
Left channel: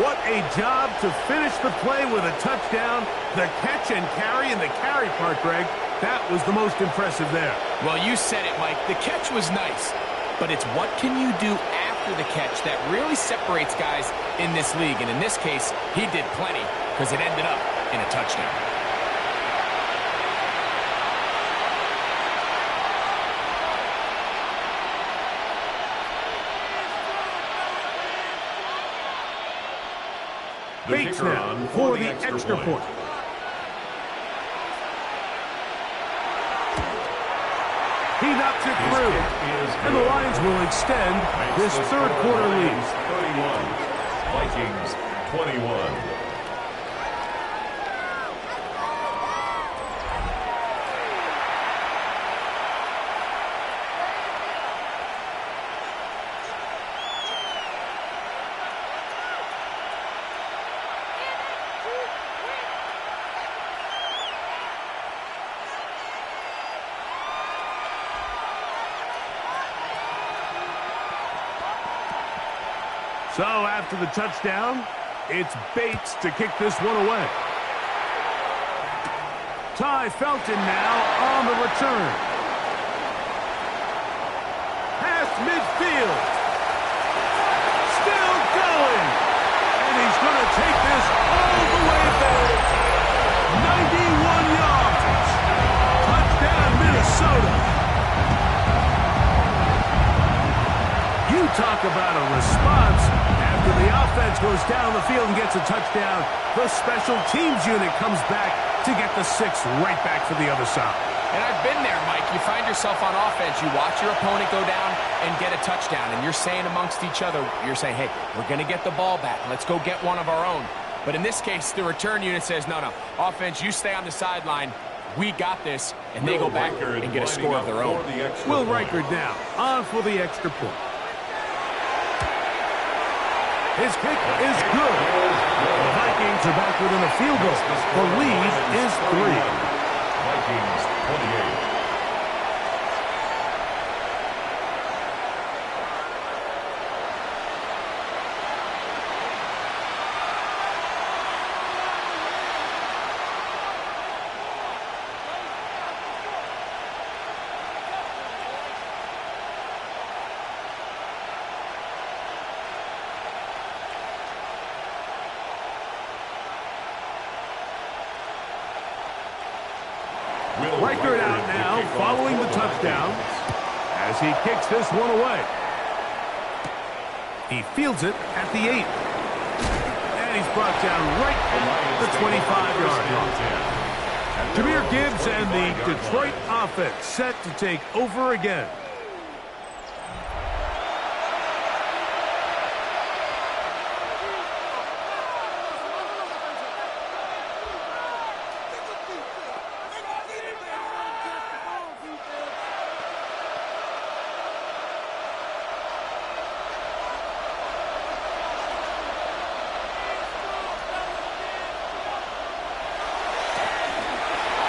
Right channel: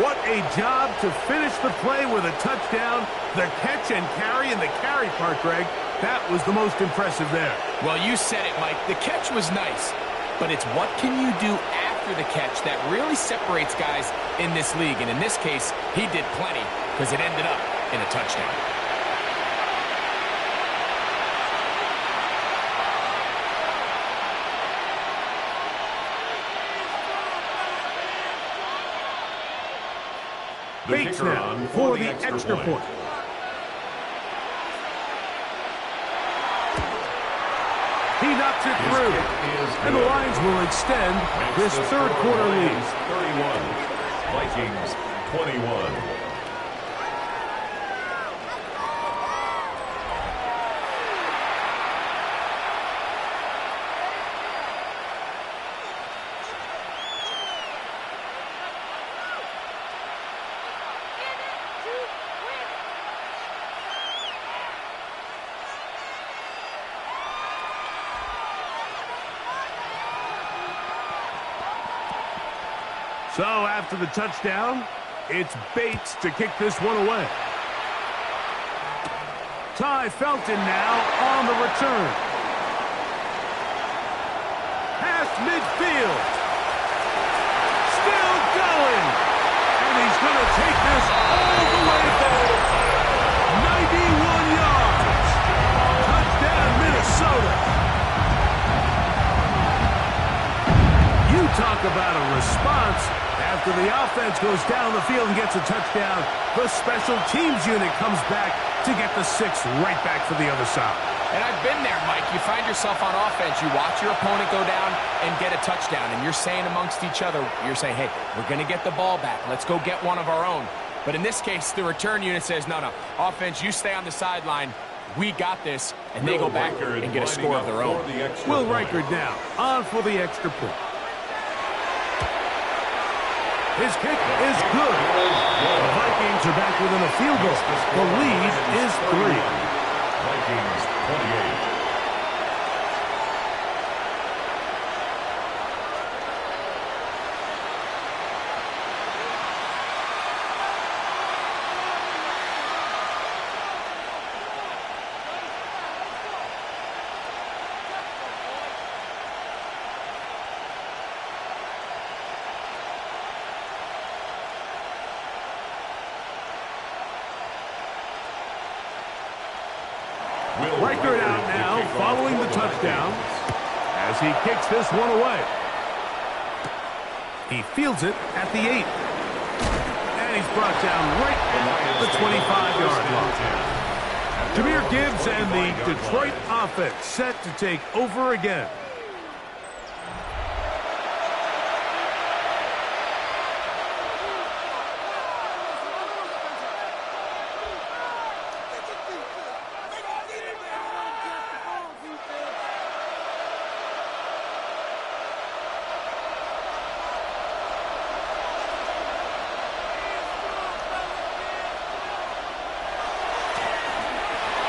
What a job to finish the play with a touchdown. The catch and carry in the carry part, Greg, that was the most impressive there. Well, you said it, Mike. The catch was nice, but it's what can you do after the catch that really separates guys in this league. And in this case, he did plenty because it ended up in a touchdown. Bates now for the extra point. He knocks it through, and the Lions will extend this third quarter lead. 31, Vikings 21. So after the touchdown, it's Bates to kick this one away. Ty Felton now on the return. Past midfield. Still going. And he's going to take this all the way back. 91 yards. Touchdown, Minnesota. You talk about a response. After the offense goes down the field and gets a touchdown, the special teams unit comes back to get the 6 right back for the other side. And I've been there, Mike. You find yourself on offense. You watch your opponent go down and get a touchdown, and you're saying amongst each other, you're saying, hey, we're going to get the ball back. Let's go get one of our own. But in this case, the return unit says, no, offense, you stay on the sideline. We got this, and they go back and get a score of their own. Will Reichard now on for the extra point. His kick is good. The Vikings are back within a field goal. The lead is 3. Vikings 28. Reichard out now following the touchdown as he kicks this one away. He fields it at the 8. And he's brought down right at the 25-yard line. Jahmyr Gibbs and the Detroit offense set to take over again.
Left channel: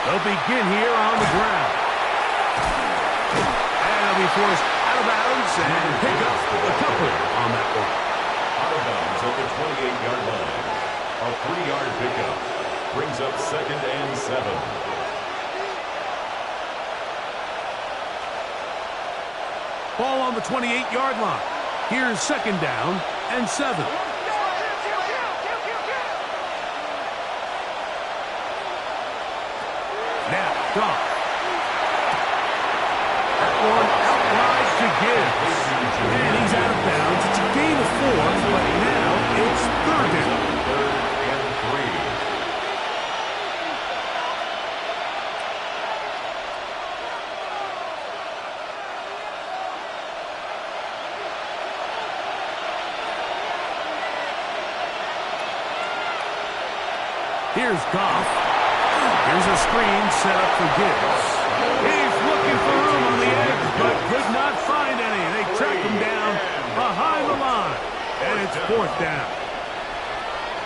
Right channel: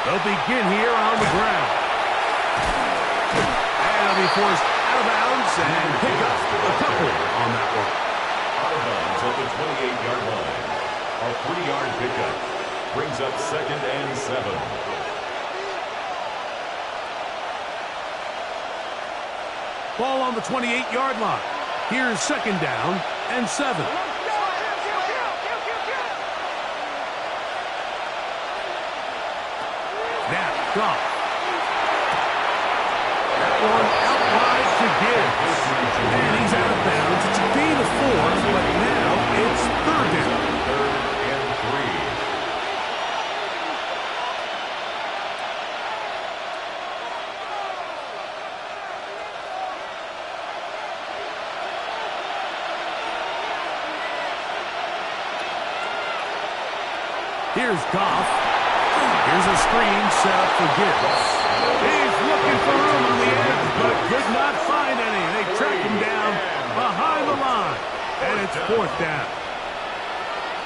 They'll begin here on the ground. And they'll be forced out of bounds and pick up a couple on that one. Out of bounds at the 28-yard line. A 3-yard pickup brings up 2nd and 7. Ball on the 28-yard line. Here's 2nd down and 7. Now, Goff. That one out wide to Gibbs. And he's out of bounds. It's a gain of 4, but now it's 3rd down. 3rd and 3. Here's Goff. Here's a screen set up for Gibbs. He's looking for room on the edge, but could not find any. They track him down behind the line, and it's 4th down.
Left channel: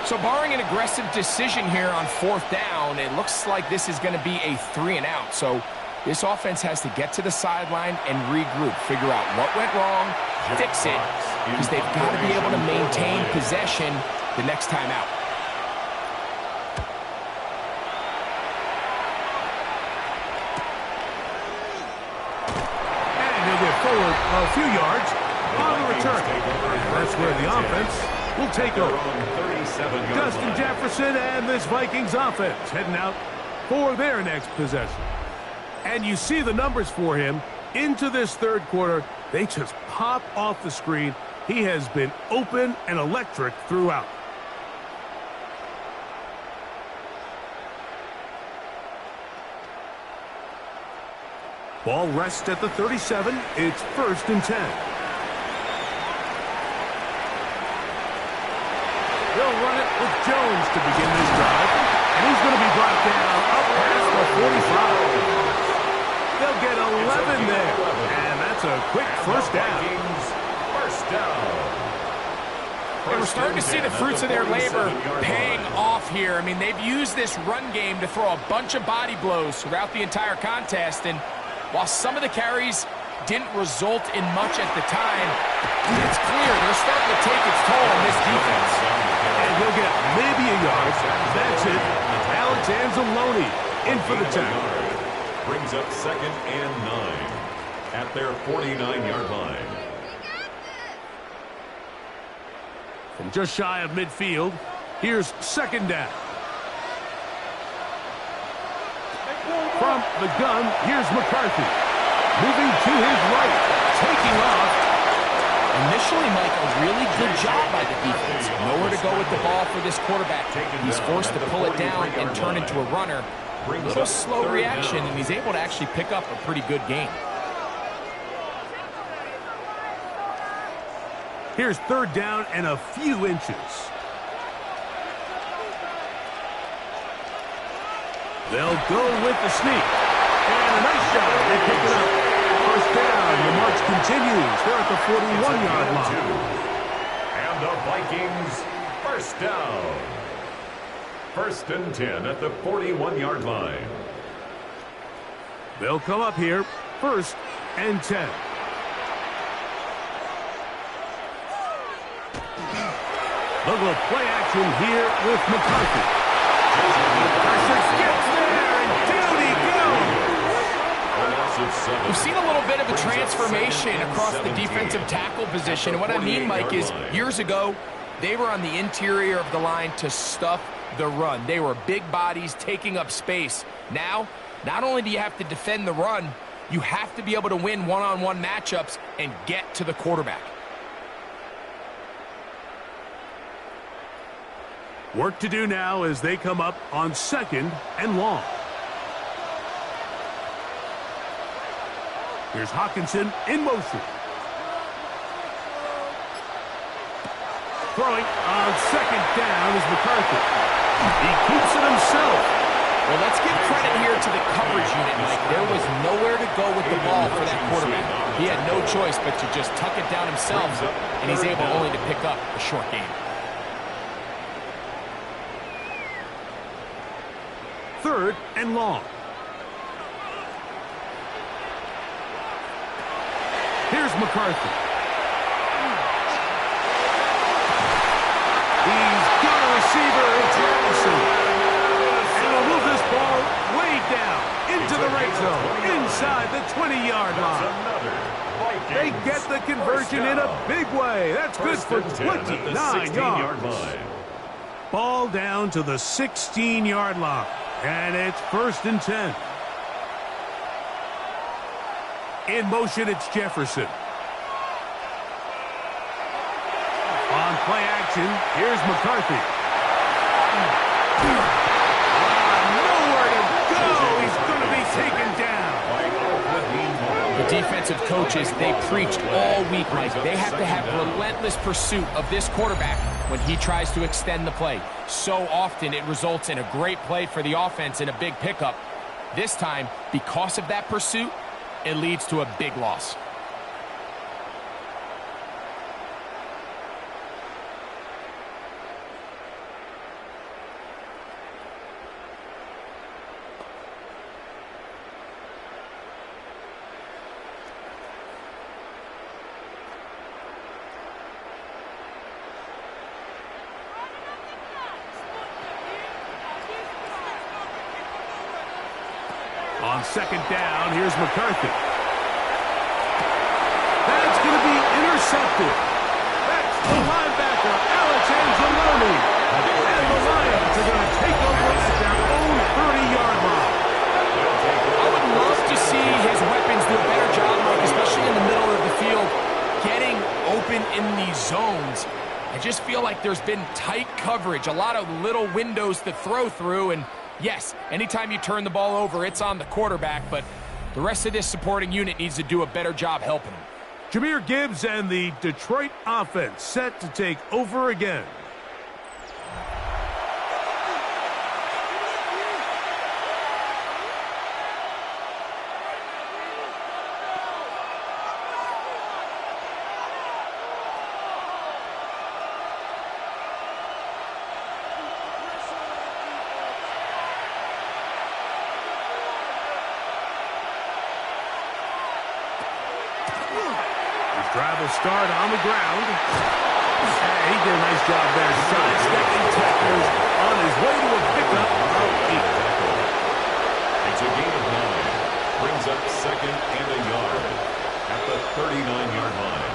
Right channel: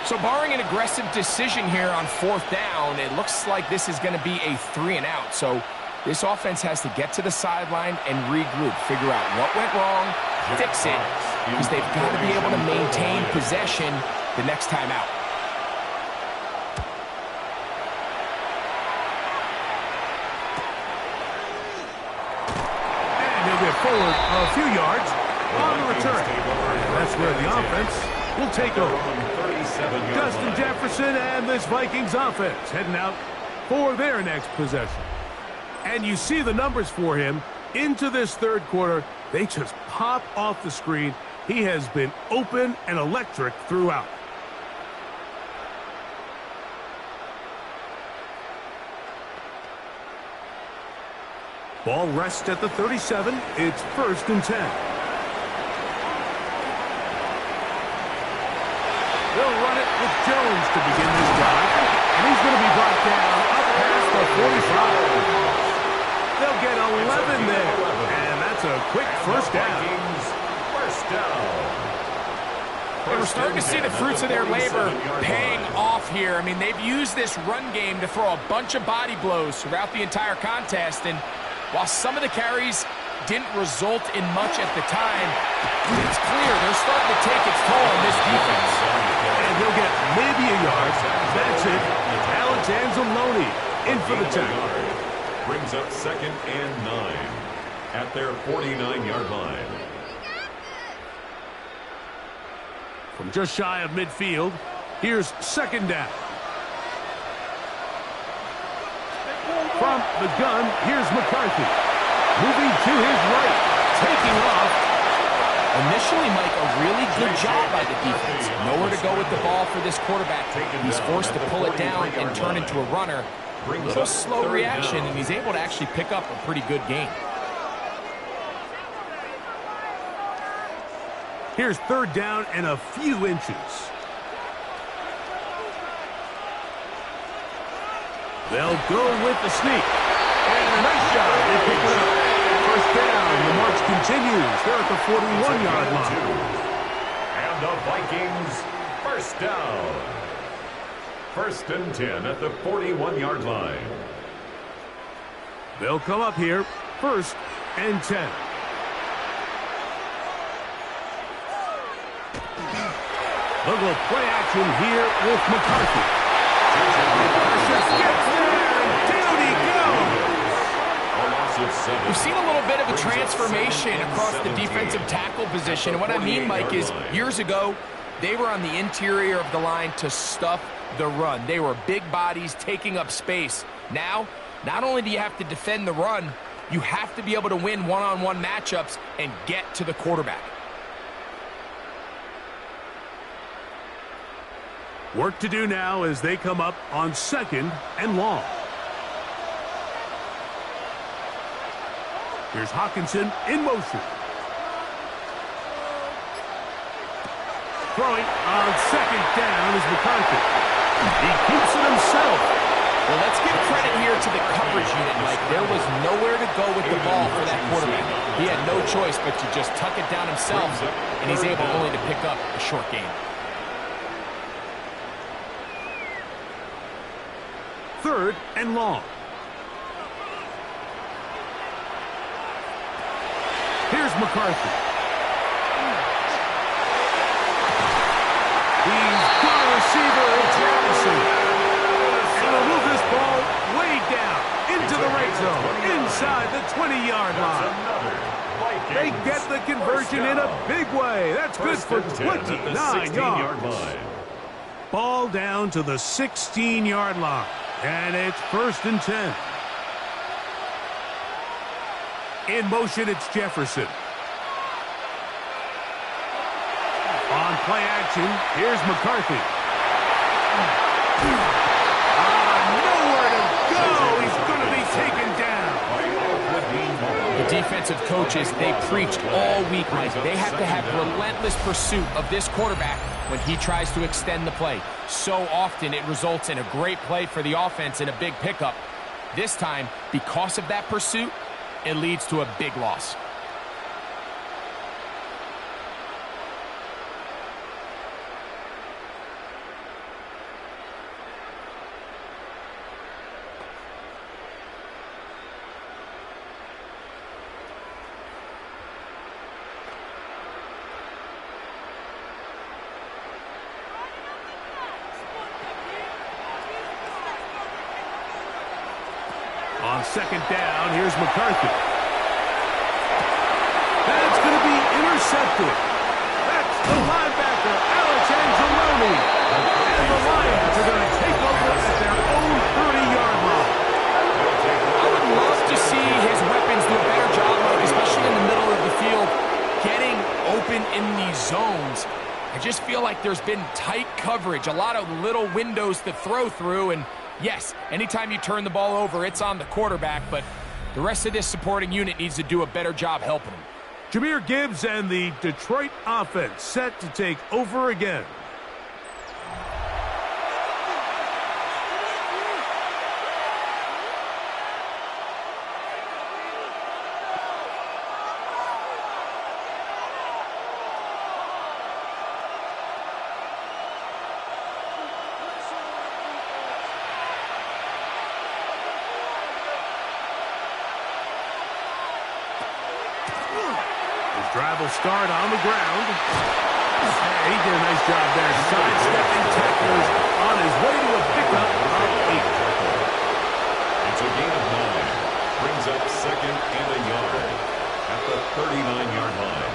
So barring an aggressive decision here on 4th down, it looks like this is going to be a 3 and out. So this offense has to get to the sideline and regroup, figure out what went wrong, fix it, because they've got to be able to maintain possession. the next time out. And he'll get forward a few yards on the return. And that's where the offense will take over. Justin Jefferson and this Vikings offense heading out for their next possession. And you see the numbers for him into this third quarter. They just pop off the screen. He has been open and electric throughout. Ball rests at the 37. It's 1st and 10. They'll run it with Jones to begin this drive. And he's going to be brought down up past the 45. They'll get 11 there. And that's a quick first down. And we're starting to see the fruits of their labor paying off here. I mean, they've used this run game to throw a bunch of body blows throughout the entire contest. And while some of the carries didn't result in much at the time, it's clear they're starting to take its toll on this defense. And he'll get maybe a yard. That's it. Alex Anzalone in for the tackle. Brings up 2nd and 9 at their 49-yard line. From just shy of midfield, here's 2nd down. From the gun, here's McCarthy. Moving to his right, taking off. Initially, Mike, a really good job by the defense. Nowhere to go with the ball for this quarterback. He's forced to pull it down and turn into a runner. A little slow reaction, and he's able to actually pick up a pretty good gain. Here's 3rd down and a few inches. They'll go with the sneak. And a nice job. They pick it up. 1st down. The march continues. They're at the 41-yard line. And the Vikings, 1st down. 1st and 10 at the 41-yard line. They'll come up here. 1st and 10. Look at the play action here with McCarthy. Pressure gets there, and down he goes. We've seen a little bit of a transformation across the defensive tackle position. And what I mean, Mike, is years ago, they were on the interior of the line to stuff the run. They were big bodies taking up space. Now, not only do you have to defend the run, you have to be able to win one-on-one matchups and get to the quarterback. Work to do now as they come up on 2nd and long. Here's Hawkinson in motion. Throwing on 2nd down is McCarthy. He keeps it himself. Well, let's give credit here to the coverage unit, Mike. There was nowhere to go with the ball for that quarterback. He had no choice but to just tuck it down himself, and he's able only to pick up a short gain. 3rd and long. Here's McCarthy. He's got a receiver in Travis. And he'll move this ball way down into the red zone, inside the 20-yard line. They get the conversion in a big way. That's good for 29 yards. Ball down to the 16-yard line. And it's 1st and 10. In motion, it's Jefferson. On play action, here's McCarthy. Nowhere to go. He's going to be taken down. The defensive coaches, they preached all week, Mike. They have to have relentless pursuit of this quarterback when he tries to extend the play. So often it results in a great play for the offense and a big pickup. This time, because of that pursuit, it leads to a big loss. On second down, here's McCarthy. That's going to be intercepted. That's the linebacker, Alex Anzalone. And the Lions are going to take over at their own 30-yard line. I would love to see his weapons do a better job, Mike, especially in the middle of the field, getting open in these zones. I just feel like there's been tight coverage, a lot of little windows to throw through, and yes, anytime you turn the ball over, it's on the quarterback, but the rest of this supporting unit needs to do a better job helping him. Jahmyr Gibbs and the Detroit offense set to take over again. Drive will start on the ground. Hey, he did a nice job there, sidestepping tacklers on his way to a pickup of 8. It's a gain of 9. Brings up second and a yard at the 39-yard line.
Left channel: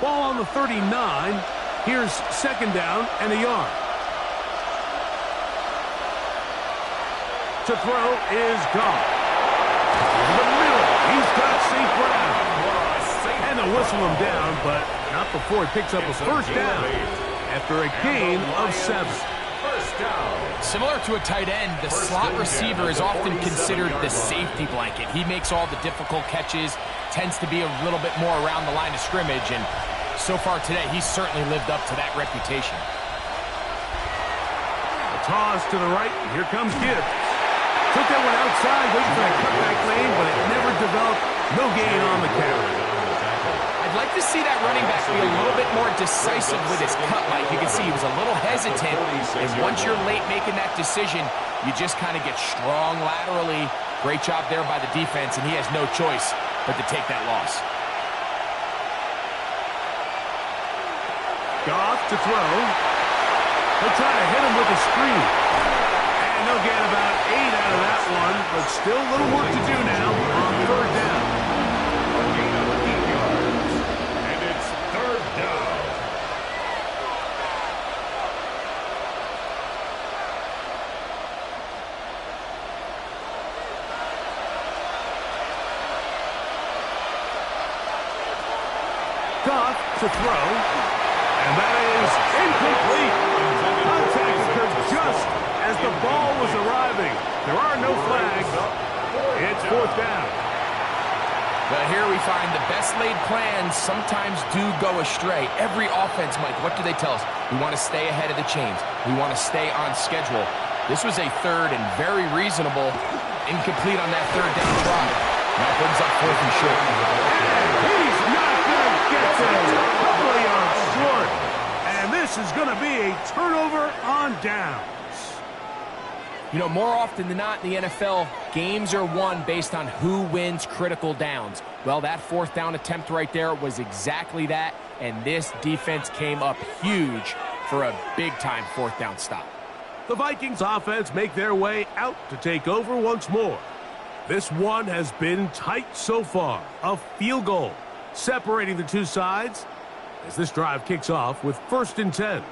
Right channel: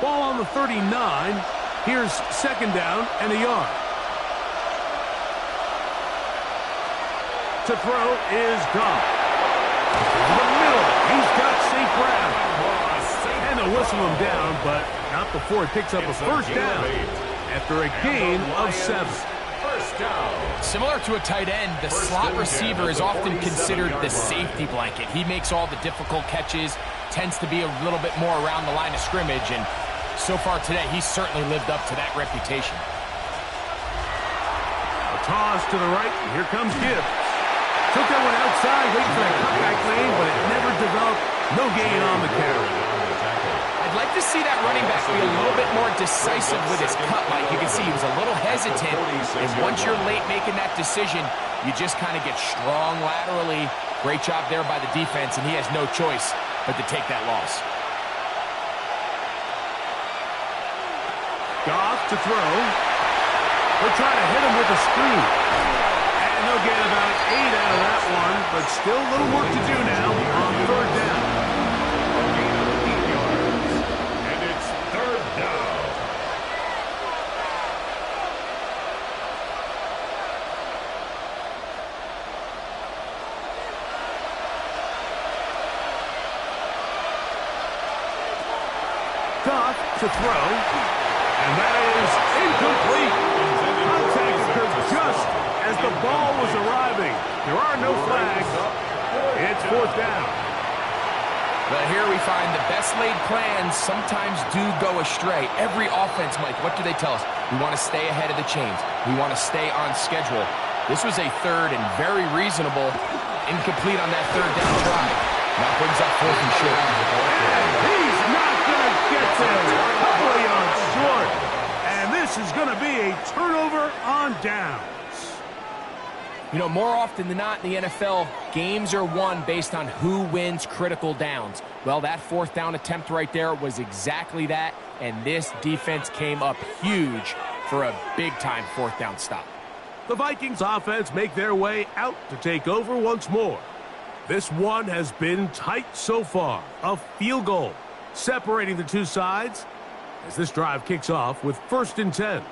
Ball on the 39. Here's second down and a yard. To throw is gone. In the middle, he's got St. Brown. And they'll whistle him down, but not before he picks up a first down after a gain of 7. First down. Similar to a tight end, the slot receiver is often considered the safety blanket. He makes all the difficult catches, tends to be a little bit more around the line of scrimmage, and so far today, he's certainly lived up to that reputation. A toss to the right, and here comes Gibbs. Took that one outside, waiting for that cutback lane, but it never developed. No gain on the carry. I'd like to see that running back be a little bit more decisive with his cut, Mike. You can see he was a little hesitant, and once you're late making that decision, you just kind of get strong laterally. Great job there by the defense, and he has no choice but to take that loss. Goff to throw. He'll try to hit him with a screen. And they'll get about 8 out of that one, but still a little work to do now on third down. A gain of 8 yards, and it's third down. Goff to throw, and that is incomplete. Contact occurred just as the ball was arriving. There are no flags. It's fourth down. But here we find the best laid plans sometimes do go astray. Every offense, Mike, what do they tell us? We want to stay ahead of the chains. We want to stay on schedule. This was a third and very reasonable incomplete on that third down drive. Now brings up fourth and short. And he's not going to get there. A couple of yards short. And this is going to be a turnover on downs. You know, more often than not in the NFL, games are won based on who wins critical downs. Well, that fourth down attempt right there was exactly that, and this defense came up huge for a big-time fourth down stop. The Vikings offense make their way out to take over once more. This one has been tight so far. A field goal separating the two sides as this drive kicks off with 1st and 10.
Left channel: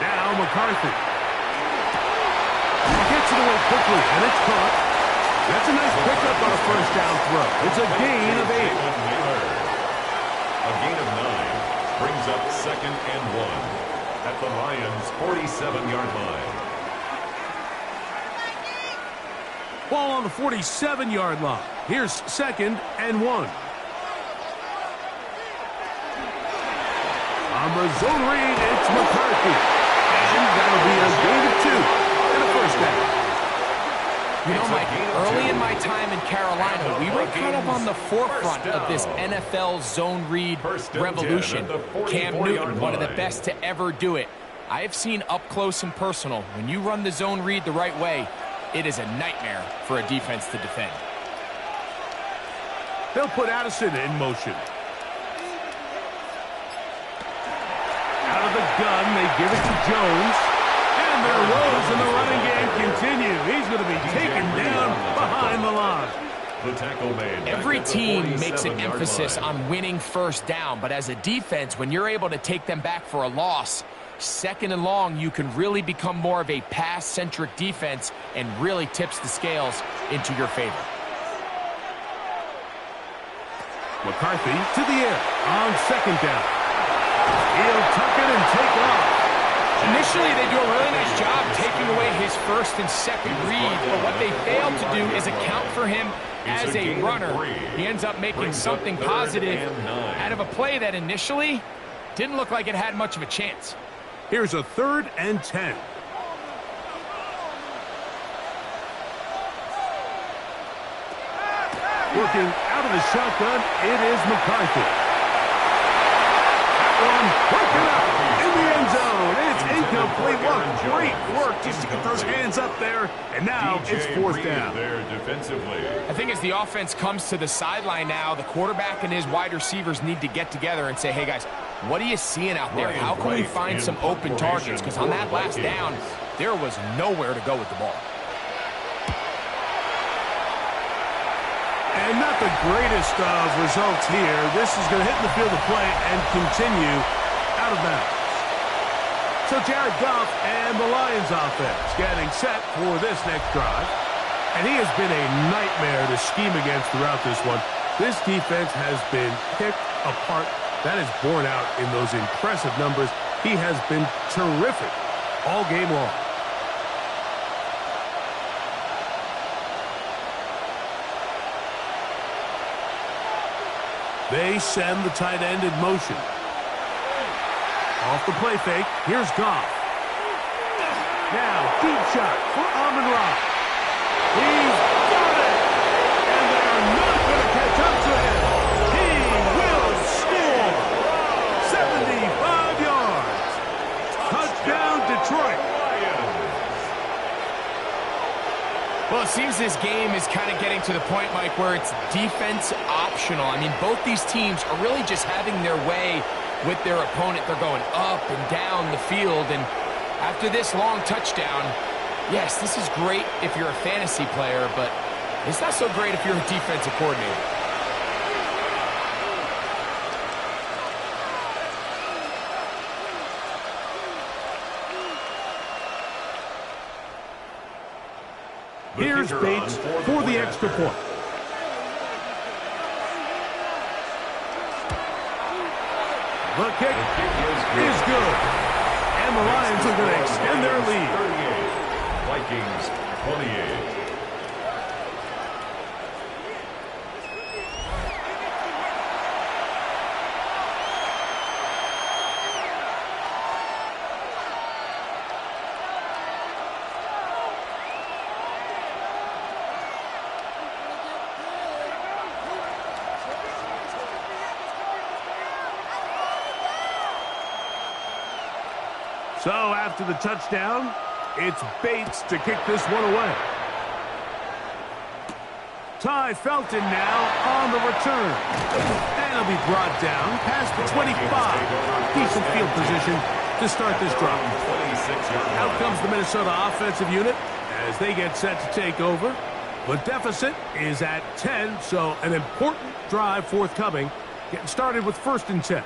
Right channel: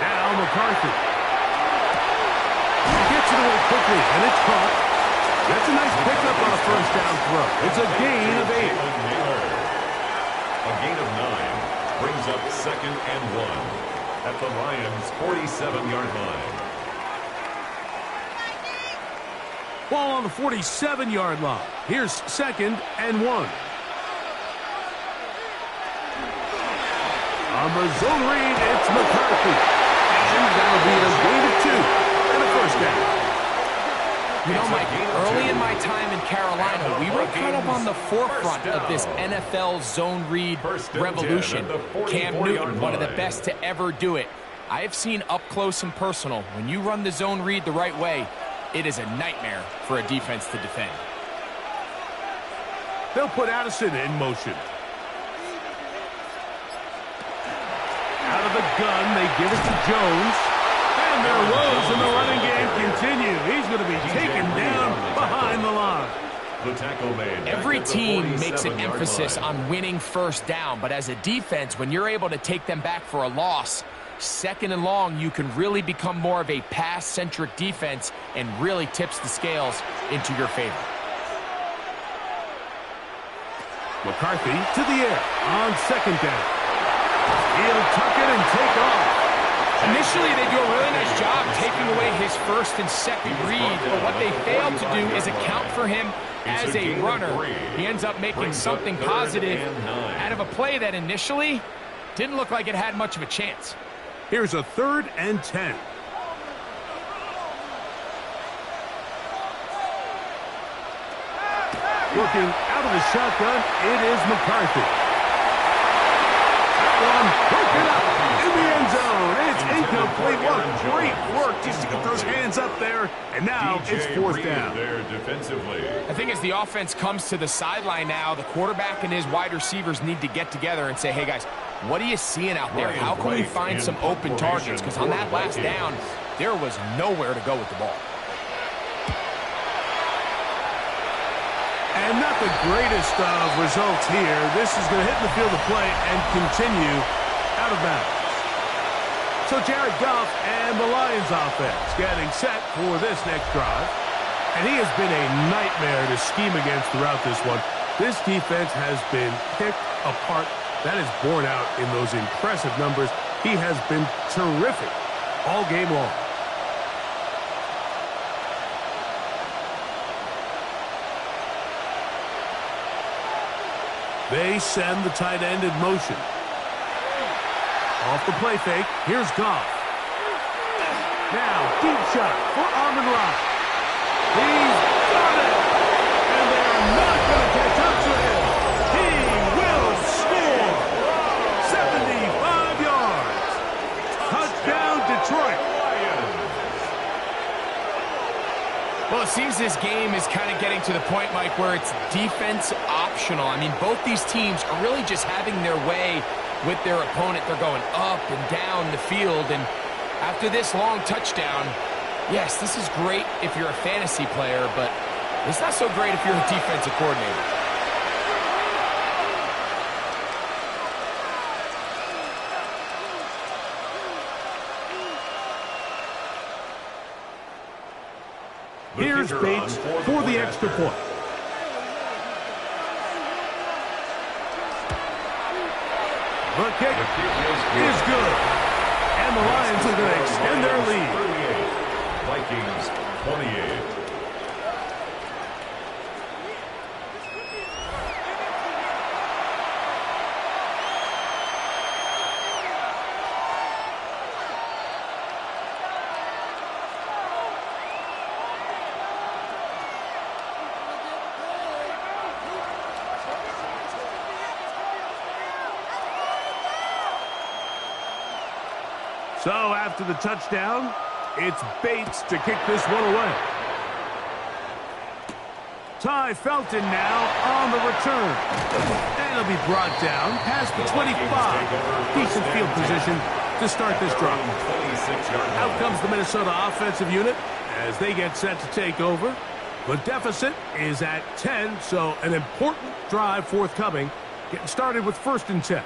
Now McCarthy. He gets it away quickly, and it's caught. That's a nice pickup on a first down throw. It's a gain of 8. A gain of 9 brings up second and 1 at the Lions' 47-yard line. Ball on the 47-yard line. Here's second and 1. On the zone read, it's McCarthy. And that'll be a gain of 2 and a first down. You know, Mike, early in my time in Carolina, we were kind of on the forefront of this NFL zone read revolution. Cam Newton, one of the best to ever do it. I have seen up close and personal, when you run the zone read the right way, it is a nightmare for a defense to defend. They'll put Addison in motion. Out of the gun, they give it to Jones. And their woes in the running game continue. He's going to be taken down behind the line. The tackle made. Every team makes an emphasis on winning first down, but as a defense, when you're able to take them back for a loss, second and long, you can really become more of a pass-centric defense and really tips the scales into your favor. McCarthy to the air on second down. He'll tuck it and take off. Initially, they do a really nice job taking away his first and second read, but what they fail to do is account for him as a runner. He ends up making something positive out of a play that initially didn't look like it had much of a chance. Here's a 3rd and 10. Working out of the shotgun, it is McCarthy. That one broken up in the end zone. It's incomplete. What great work just to get those hands up there. And now it's 4th down. There defensively. I think as the offense comes to the sideline now, the quarterback and his wide receivers need to get together and say, hey guys, what are you seeing out there? How can we find some open targets? Because on that last down, there was nowhere to go with the ball. And not the greatest of results here. This is going to hit in the field of play and continue out of bounds. So Jared Goff and the Lions offense getting set for this next drive. And he has been a nightmare to scheme against throughout this one. This defense has been picked apart. That is borne out in those impressive numbers. He has been terrific all game long. They send the tight end in motion. Off the play fake, here's Goff. Now, deep shot for Amon-Ra. He's got it! And they're not going to catch up to him. He will score! 75 yards. Touchdown, Detroit. Well, it seems this game is kind of getting to the point, Mike, where it's defense optional. I mean, both these teams are really just having their way with their opponent. They're going up and down the field, and after this long touchdown, yes, this is great if you're a fantasy player, but it's not so great if you're a defensive coordinator. Here's Bates for the extra point. The kick is good. And the Lions are going to extend their lead. 38, Vikings 28. So after the touchdown, it's Bates to kick this one away. Ty Felton now on the return. And he'll be brought down past the 25. Decent field position to start this drive. Out comes the Minnesota offensive unit as they get set to take over. The deficit is at 10, so an important drive forthcoming. Getting started with 1st and 10.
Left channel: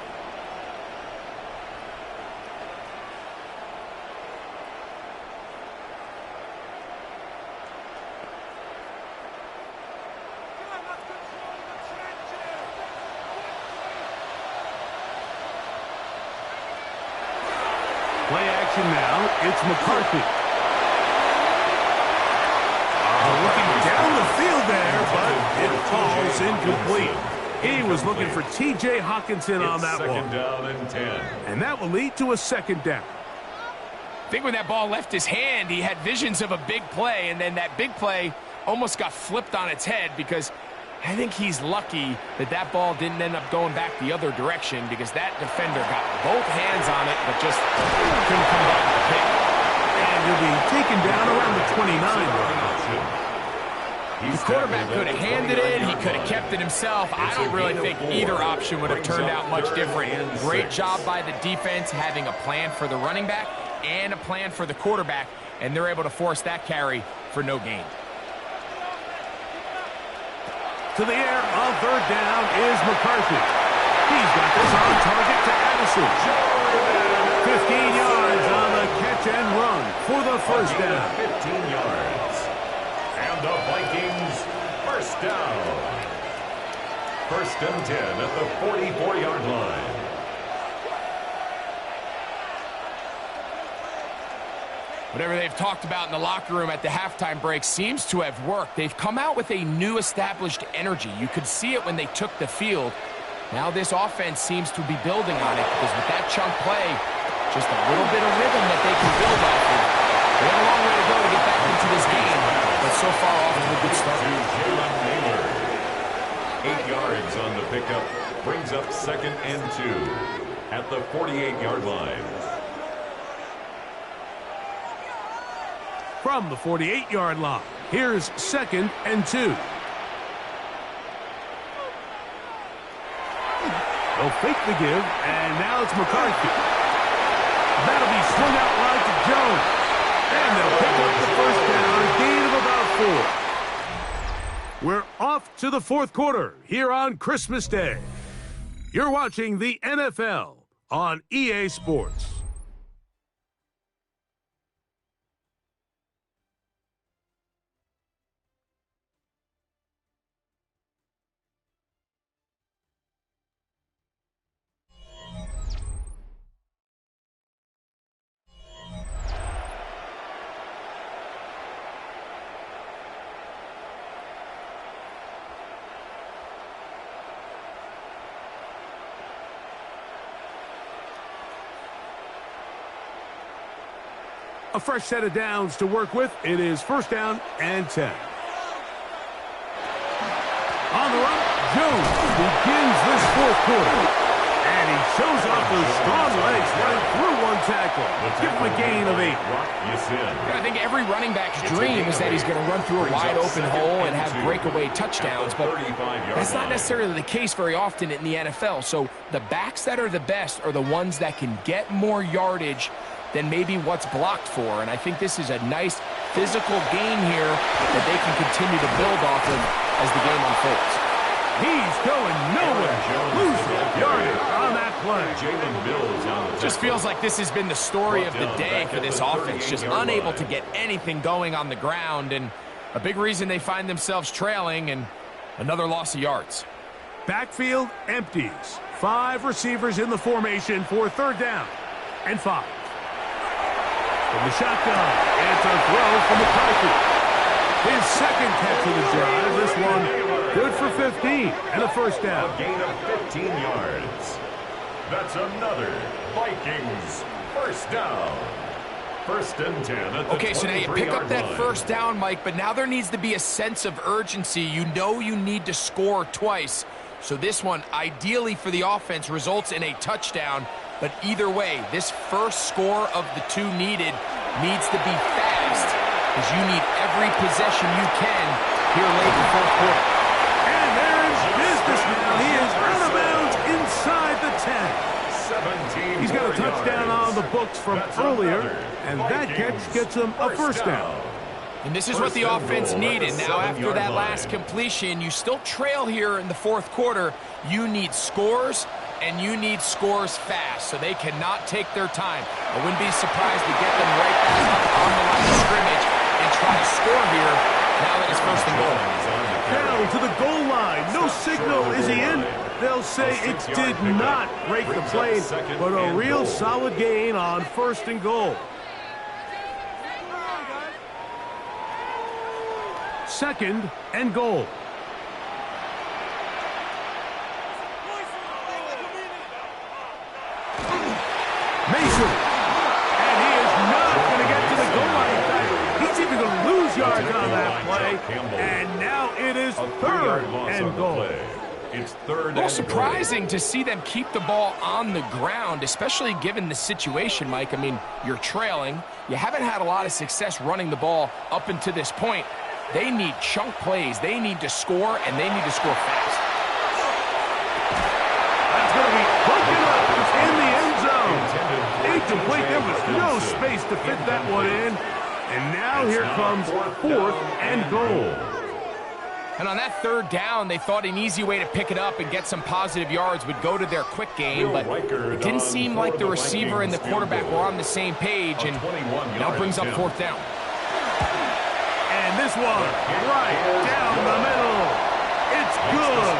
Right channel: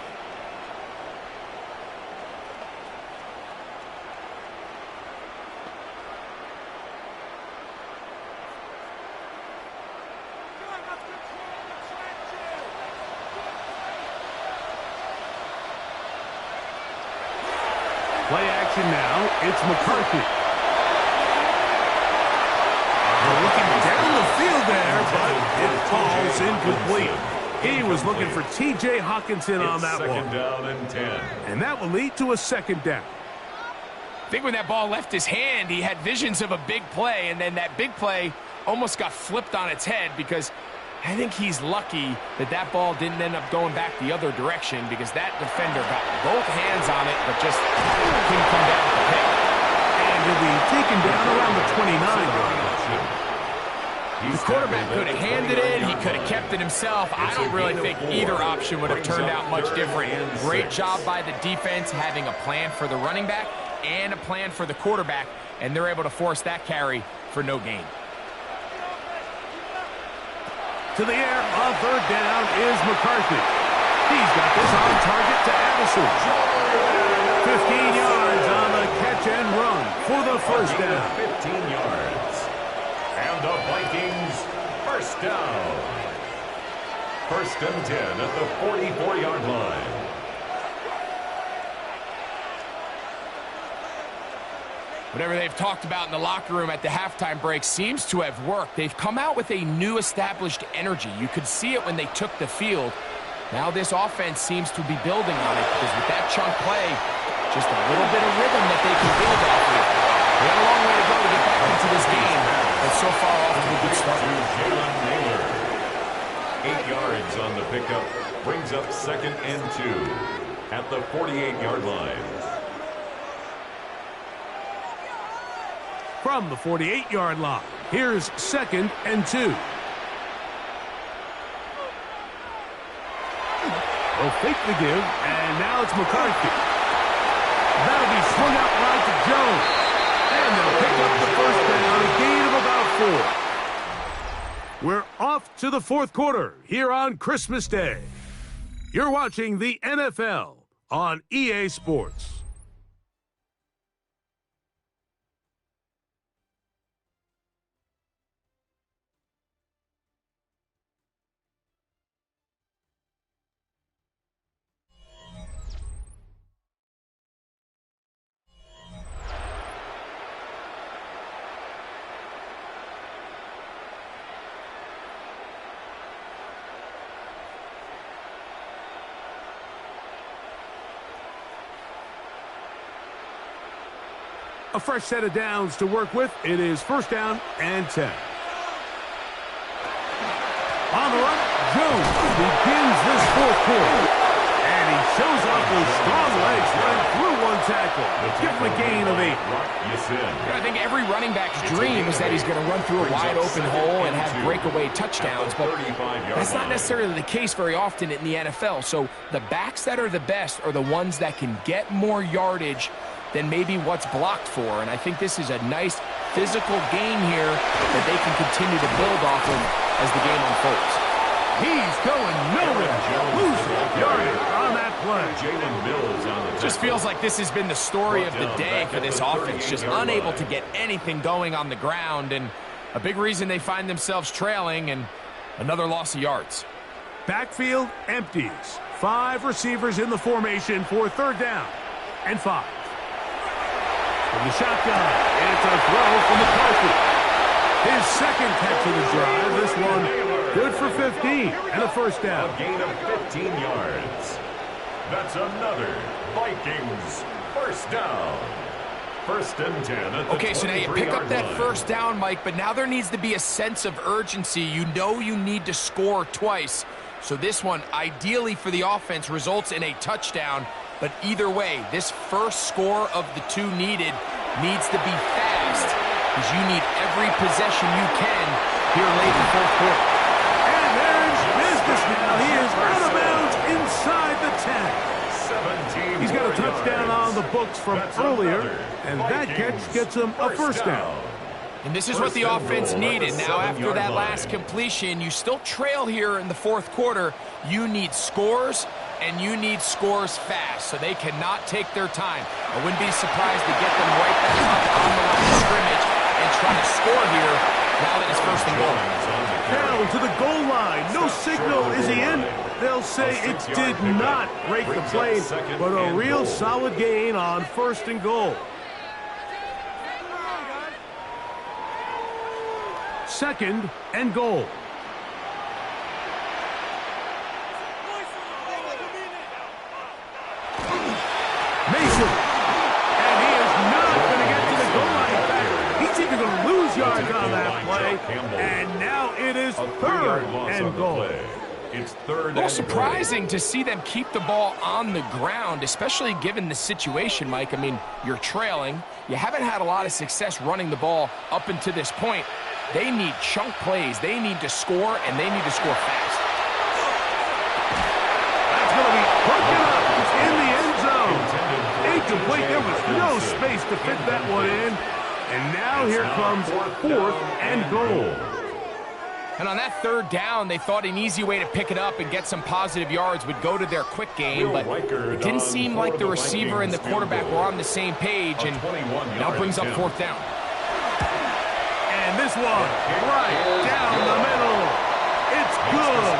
Play action now. It's McCarthy. Looking down the field there, but it falls incomplete. He was looking for T.J. Hawkinson on that one. 2nd down and 10. And that will lead to a 2nd down. I think when that ball left his hand, he had visions of a big play, and then that big play almost got flipped on its head because I think he's lucky that that ball didn't end up going back the other direction because that defender got both hands on it but just couldn't come down with the pick. And He'll be taken down around the 29-yard line. The quarterback could have handed it. He could have kept it himself. I don't really think either option would have turned out much different. Great job by the defense having a plan for the running back and a plan for the quarterback, and they're able to force that carry for no gain. To the air on third down is McCarthy. He's got this on target to Addison. 15 yards on the catch and run for the first down. 15 yards. And the Vikings first down. First and 10 at the 44-yard line. Whatever they've talked about in the locker room at the halftime break seems to have worked. They've come out with a new established energy. You could see it when they took the field. Now this offense seems to be building on it because with that chunk play, just a little bit of rhythm that they can build off of. They got a long way to go to get back into this game, but so far off to a good start. Jalen Naylor. 8 yards on the pickup. Brings up second and 2 at the 48-yard line. From the 48-yard line, here's second and 2. They'll fake the give, and now it's McCarthy. That'll be swung out wide to Jones. And they'll pick up the first down, a gain of about 4. We're off to the fourth quarter here on Christmas Day. You're watching the NFL on EA Sports. A fresh set of downs to work with. It is first down and 10. On the run, Jones begins this fourth quarter. And he shows off those strong legs running through one tackle. Give him a gain of 8. I think every running back's dream is that he's going to run through a wide open hole and have breakaway touchdowns, but that's not necessarily the case very often in the NFL. So the backs that are the best are the ones that can get more yardage than maybe what's blocked for. And I think this is a nice physical gain here that they can continue to build off of as the game unfolds. He's going nowhere. Losing yardage on that play. Jalen Mills on the just feels like this has been the story of the day for this offense. Just unable to get anything going on the ground. And a big reason they find themselves trailing and another loss of yards. Backfield empties. 5 receivers in the formation for third down and 5. From the shotgun, it's a throw from McCarthy. His second catch of the drive. This one good for 15 and a first down. A gain of 15 yards. That's another Vikings first down. First and 10 at the okay, so now you pick up that line. first down, Mike, but now there needs to be a sense of urgency. You know you need to score twice. So this one, ideally for the offense, results in a touchdown. But either way, this first score of the 2 needed needs to be fast because you need every possession you can here late in the fourth quarter. And they're in business now. He is out of bounds inside the 10. He's got a touchdown on the books from earlier, and that catch gets him a first down. And this is what the offense needed. Now, after that last completion, you still trail here in the fourth quarter. You need scores, and you need scores fast, so they cannot take their time. I wouldn't be surprised to get them right back up on the line of scrimmage and try to score here now that it's first and goal. Down to the goal line. No signal. Is he in? They'll say it did not break the plane, but a real solid gain on first and goal. Second and goal. Mason. And he is not going to get to the goal line. In fact, he's even going to lose yards on that play. And now it is third and goal. It's third Well, and surprising to see them keep the ball on the ground, especially given the situation, Mike. I mean, you're trailing. You haven't had a lot of success running the ball up until this point. They need chunk plays. They need to score, and they need to score fast. That's going to be broken up in the end zone. Incomplete. There was no space to fit that one in. And now here comes fourth and goal. And on that third down, they thought an easy way to pick it up and get some positive yards would go to their quick game, but it didn't seem like the receiver and the quarterback were on the same page, and now brings up fourth down. And this one right down the middle. It's good.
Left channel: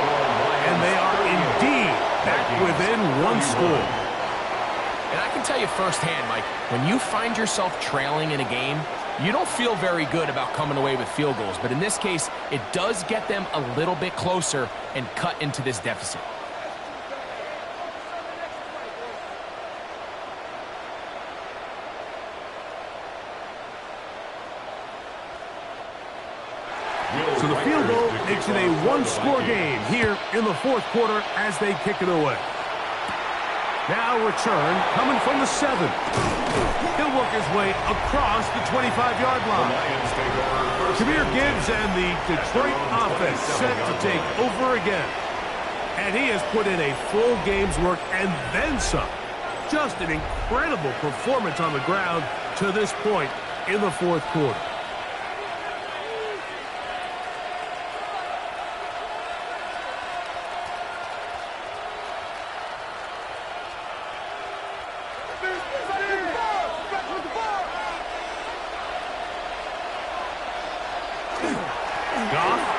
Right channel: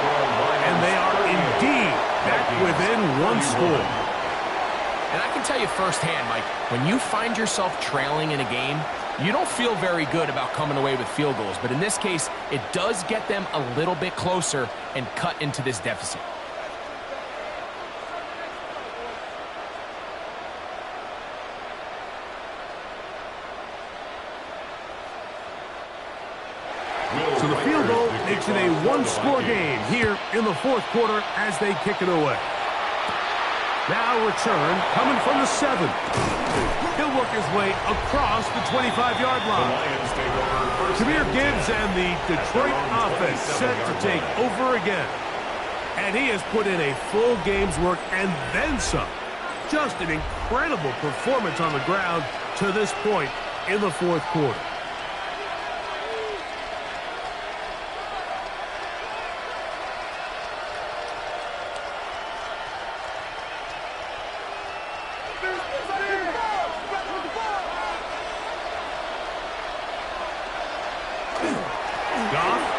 And they are indeed back within one score. And I can tell you firsthand, Mike, when you find yourself trailing in a game, you don't feel very good about coming away with field goals. But in this case, it does get them a little bit closer and cut into this deficit. So the field goal makes it a one-score game here in the fourth quarter as they kick it away. Now return coming from the 7. He'll work his way across the 25-yard line. Jahmyr Gibbs and the Detroit offense set to take over again. And he has put in a full game's work and then some. Just an incredible performance on the ground to this point in the fourth quarter.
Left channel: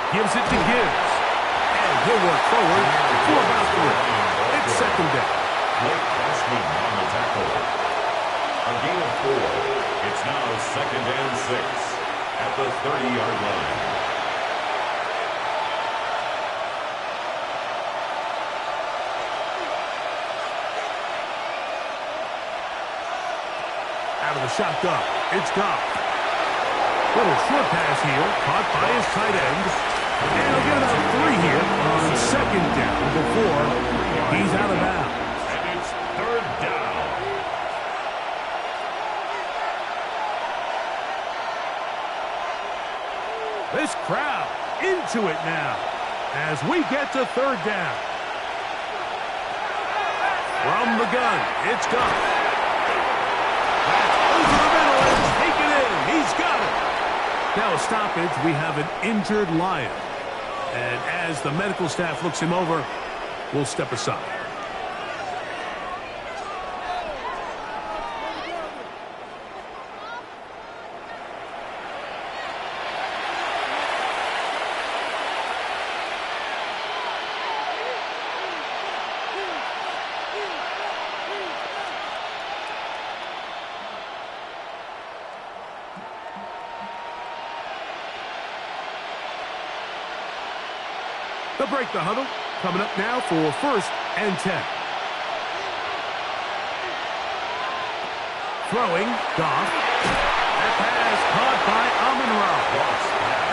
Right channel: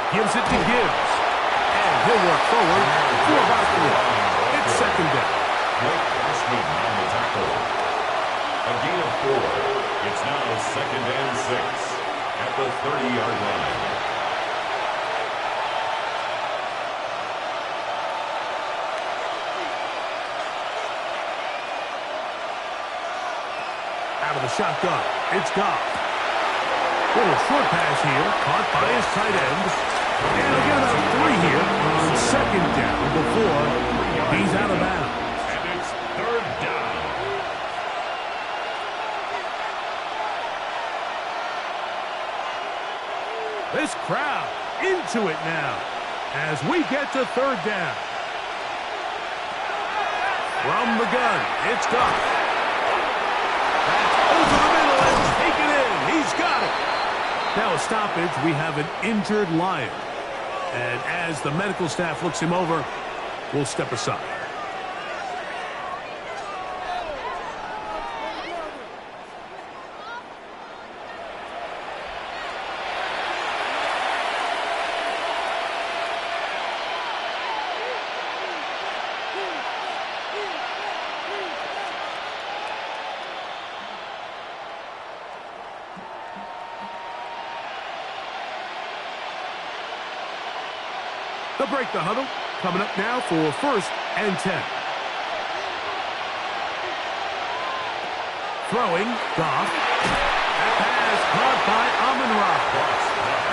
Gives it to Gibbs. And he'll work forward for about 3. It's second down. Blake Cashman on the tackle. A gain of 4. It's now second and 6 at the 30-yard line. Out of the shotgun. It's Goff. Little short pass here. Caught by his tight end. And he'll get about 3 here on second down before he's out of bounds. And it's third down. This crowd into it now as we get to third down. From the gun, it's Goff. That's over the middle and taken in. He's got it. Now a stoppage, we have an injured Lion. And as the medical staff looks him over, we'll step aside. They'll break the huddle. Coming up now for first and 10. Throwing, Goff. That pass caught by Amon-Ra.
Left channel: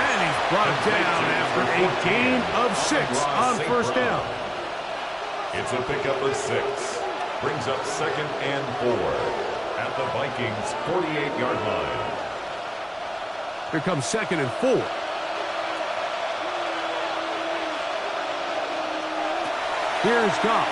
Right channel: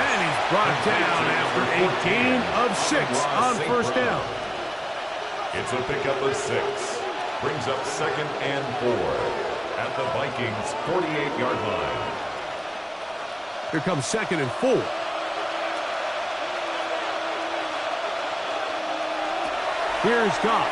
And he's brought down after a gain of 6 on first down. It's a pickup of 6. Brings up second and 4 at the Vikings' 48-yard line. Here comes second and 4. Here's Goff.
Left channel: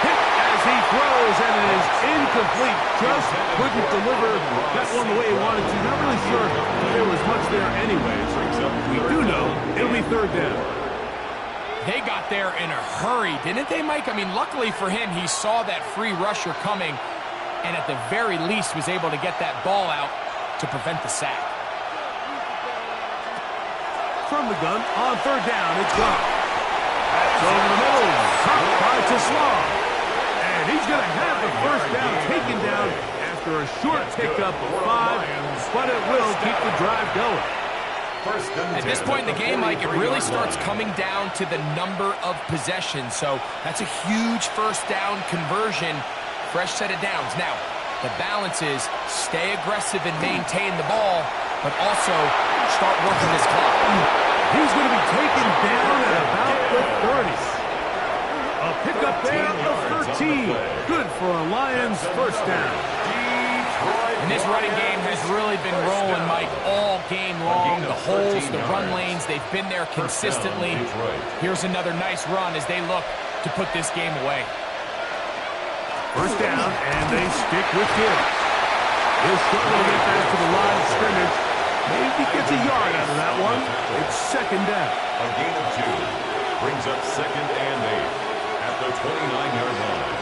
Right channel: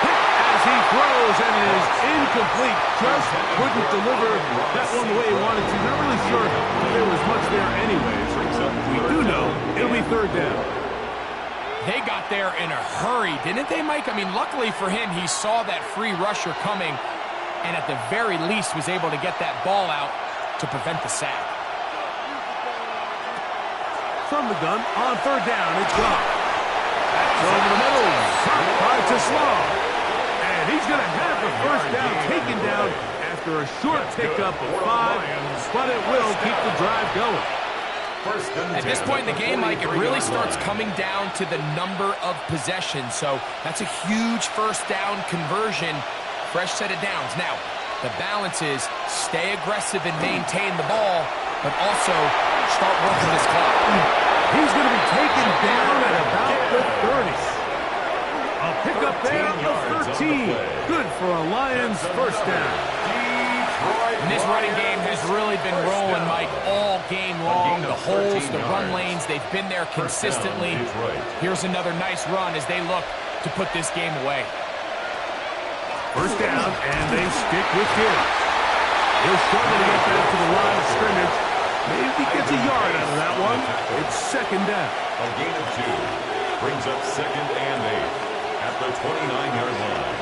Hit as he throws, and it is incomplete. Just couldn't deliver that one the way he wanted to. Not really sure if there was much there anyways. We do know it'll be third down. They got there in a hurry, didn't they, Mike? I mean, luckily for him, he saw that free rusher coming, and at the very least was able to get that ball out to prevent the sack. From the gun, on third down, it's Goff. That's over the middle, caught by Tesla. And he's going to have the first down taken down after a short pickup of 5, but it will keep the drive going. At this point in the game, Mike, it really starts coming down to the number of possessions. So that's a huge first down conversion, fresh set of downs. Now, the balance is stay aggressive and maintain the ball, but also start working this clock. He's going to be taken down at about the 30. A pickup there of 13. Good for a Lions first down. And this running game has really been rolling, Mike, all game long. The holes, the run lanes, they've been there consistently. Here's another nice run as they look to put this game away. First down, and they stick with Gibbs. He'll struggle to get back to the line of scrimmage. Maybe gets a yard out of that one. It's second down. A gain of 2 brings up 2nd and 8 at the 29-yard line.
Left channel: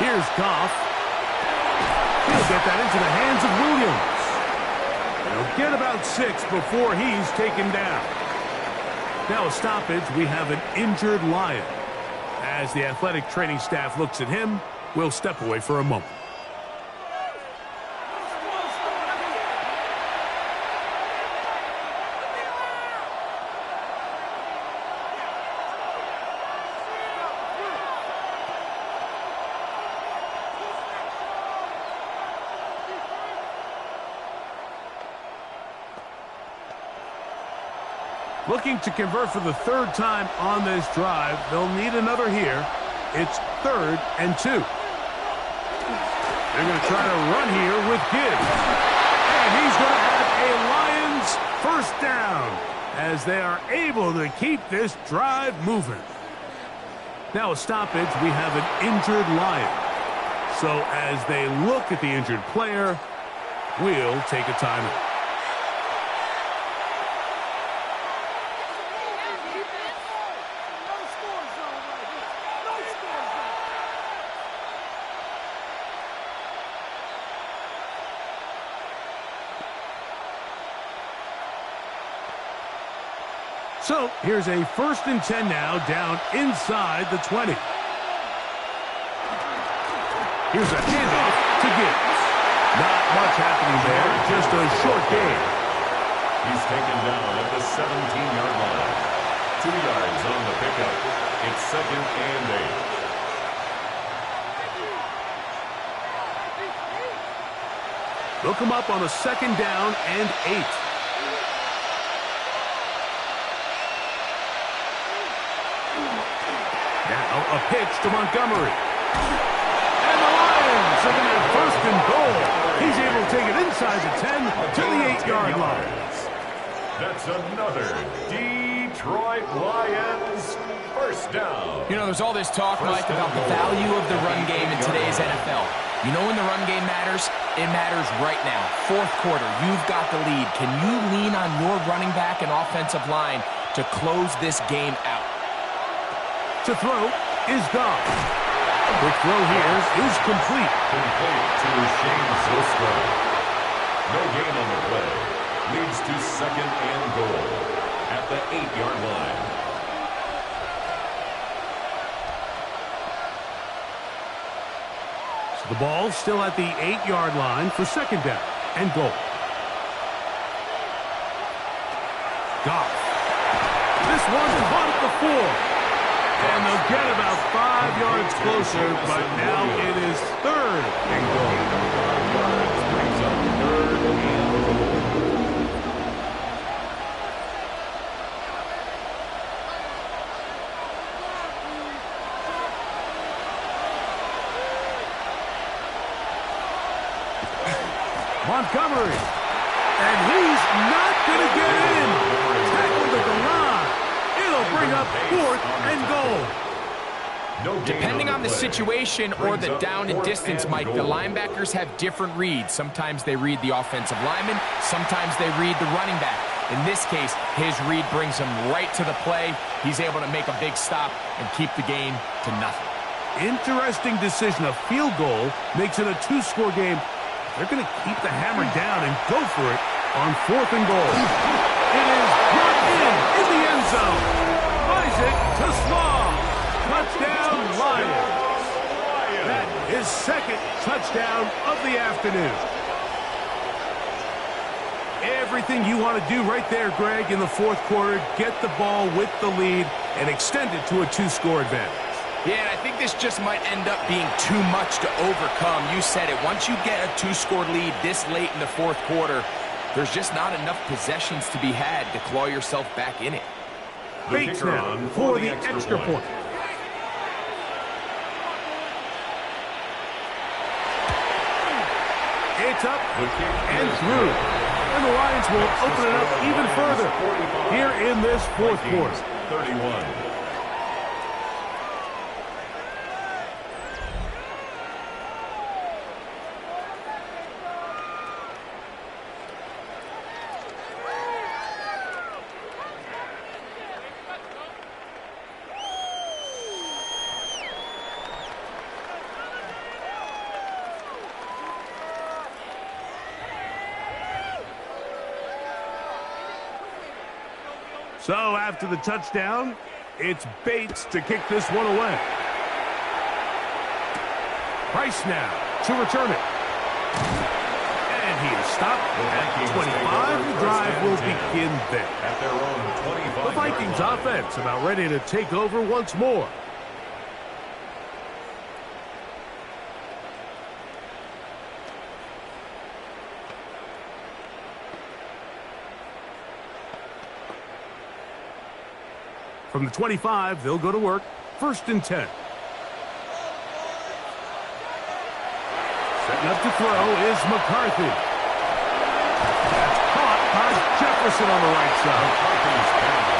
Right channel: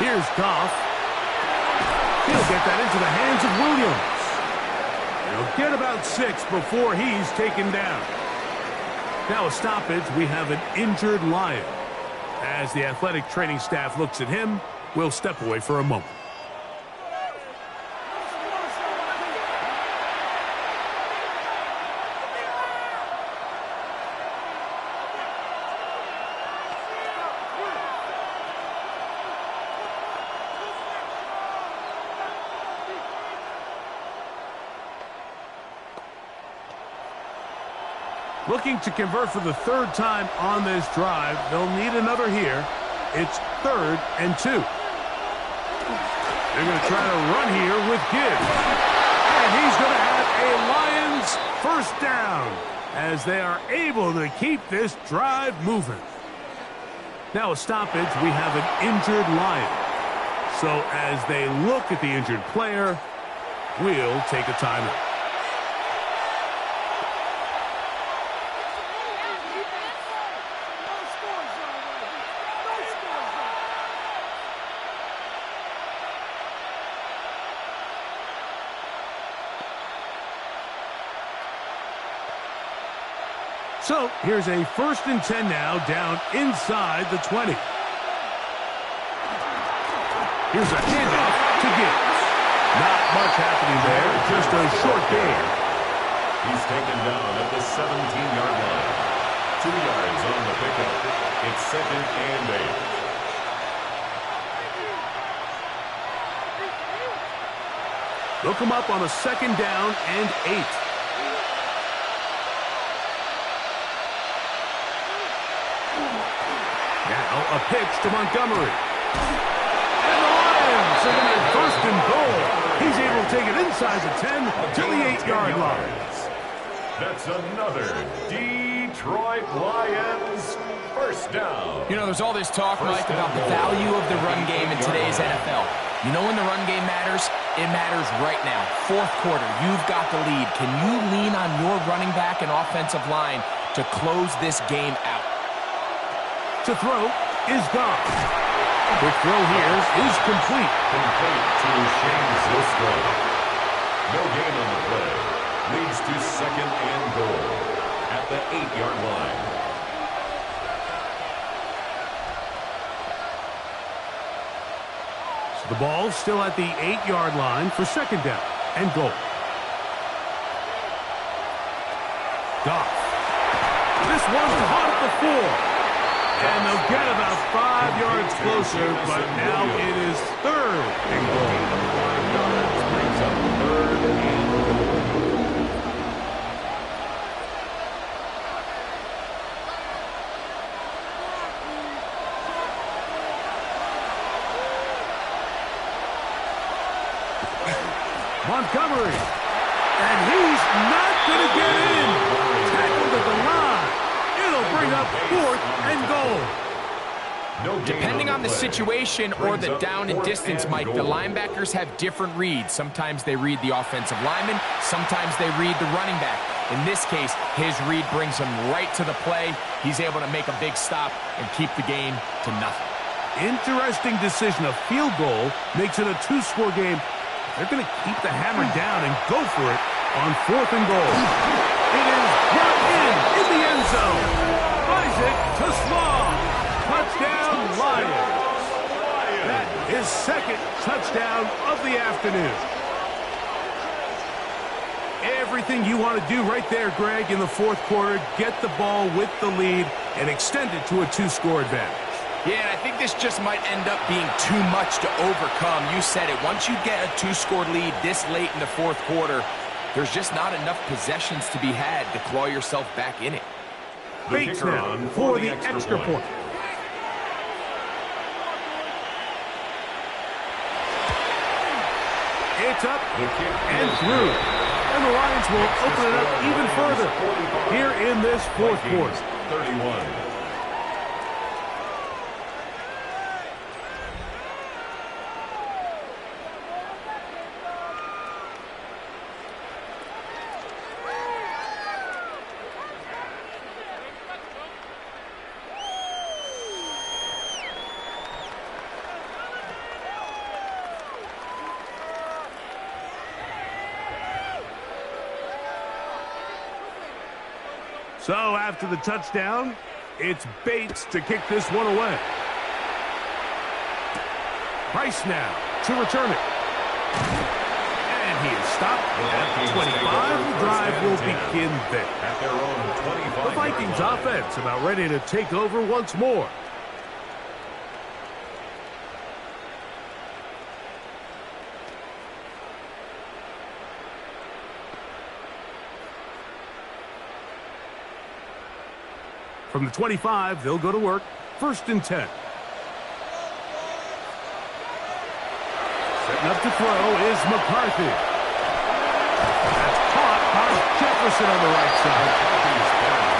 Here's Goff. He'll get that into the hands of Williams. He'll get about 6 before he's taken down. Now a stoppage, we have an injured Lion. As the athletic training staff looks at him, we'll step away for a moment. Looking to convert for the 3rd time on this drive. They'll need another here. It's 3rd and 2. They're going to try to run here with Gibbs. And he's going to have a Lions first down as they are able to keep this drive moving. Now a stoppage, we have an injured Lion. So as they look at the injured player, we'll take a timeout. So here's a 1st and 10 now, down inside the 20. Here's a handoff to Gibbs. Not much happening there, just a short gain. He's taken down at the 17-yard line. 2 yards on the pickup. It's 2nd and 8. Look him up on a 2nd down and 8. Now a pitch to Montgomery. And the Lions are going to have 1st and goal. He's able to take it inside the 10 to the 8-yard line. That's another Detroit Lions first down. You know, there's all this talk, Mike, about the value of the run game in today's NFL. You know when the run game matters? It matters right now. 4th quarter, you've got the lead. Can you lean on your running back and offensive line to close this game out? To throw is Goff. Quick throw here is complete. Complete to Shane Zylstra. No gain on the play. Leads to 2nd and goal at the 8-yard line. So the ball still at the 8-yard line for 2nd down and goal. Goff. This one caught at the 4. And they'll get about 5 yards closer, but now it is 3rd and goal. Gain of 5 yards brings up 3rd and goal. Montgomery. And he's not going to get in. Tackled at the line. It'll bring up 4th and goal. Depending on the situation or the down and distance, Mike, the linebackers have different reads. Sometimes they read the offensive lineman. Sometimes they read the running back. In this case, his read brings him right to the play. He's able to make a big stop and keep the game to nothing. Interesting decision. A field goal makes it a 2-score game. They're going to keep the hammer down and go for it on 4th and goal. It is brought in the end zone. Isaac to Slaw. Touchdown, Lions. That is 2nd touchdown of the afternoon. Everything you want to do right there, Greg, in the 4th quarter. Get the ball with the lead and extend it to a 2-score advantage. Yeah, and I think this just might end up being too much to overcome. You said it. Once you get a 2-score lead this late in the fourth quarter, there's just not enough possessions to be had to claw yourself back in it. Bates now for the extra point. It's up and through. And the Lions will open it up even further here in this fourth quarter. 31. So after the touchdown, it's Bates to kick this one away. Price now to return it. And he is stopped at 25. The drive will begin there. At their own 25. The Vikings offense about ready to take over once more. From the 25, they'll go to work. 1st and 10. Setting up to throw is McCarthy. That's caught by Jefferson on the right side.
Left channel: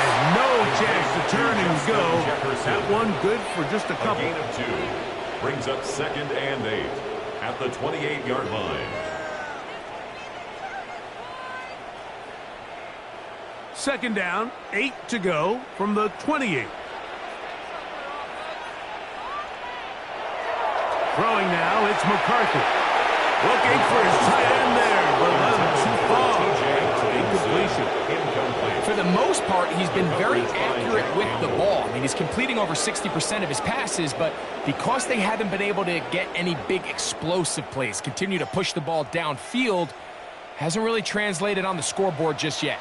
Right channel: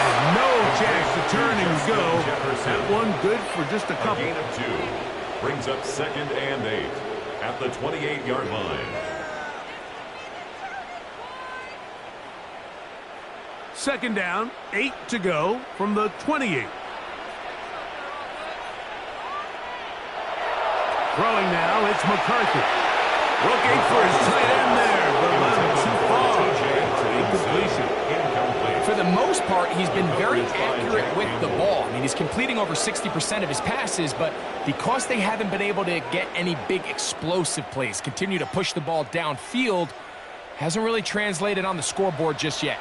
And no chance to turn and go. That one good for just a couple. A gain of 2. Brings up 2nd and 8 at the 28-yard line. 2nd down, 8 to go from the 28. Throwing now, it's McCarthy. Looking for his tight end there, but led him too far. It's an incompletion. Incomplete. For the most part, he's been very accurate with the ball. I mean, he's completing over 60% of his passes, but because they haven't been able to get any big explosive plays, continue to push the ball downfield, hasn't really translated on the scoreboard just yet.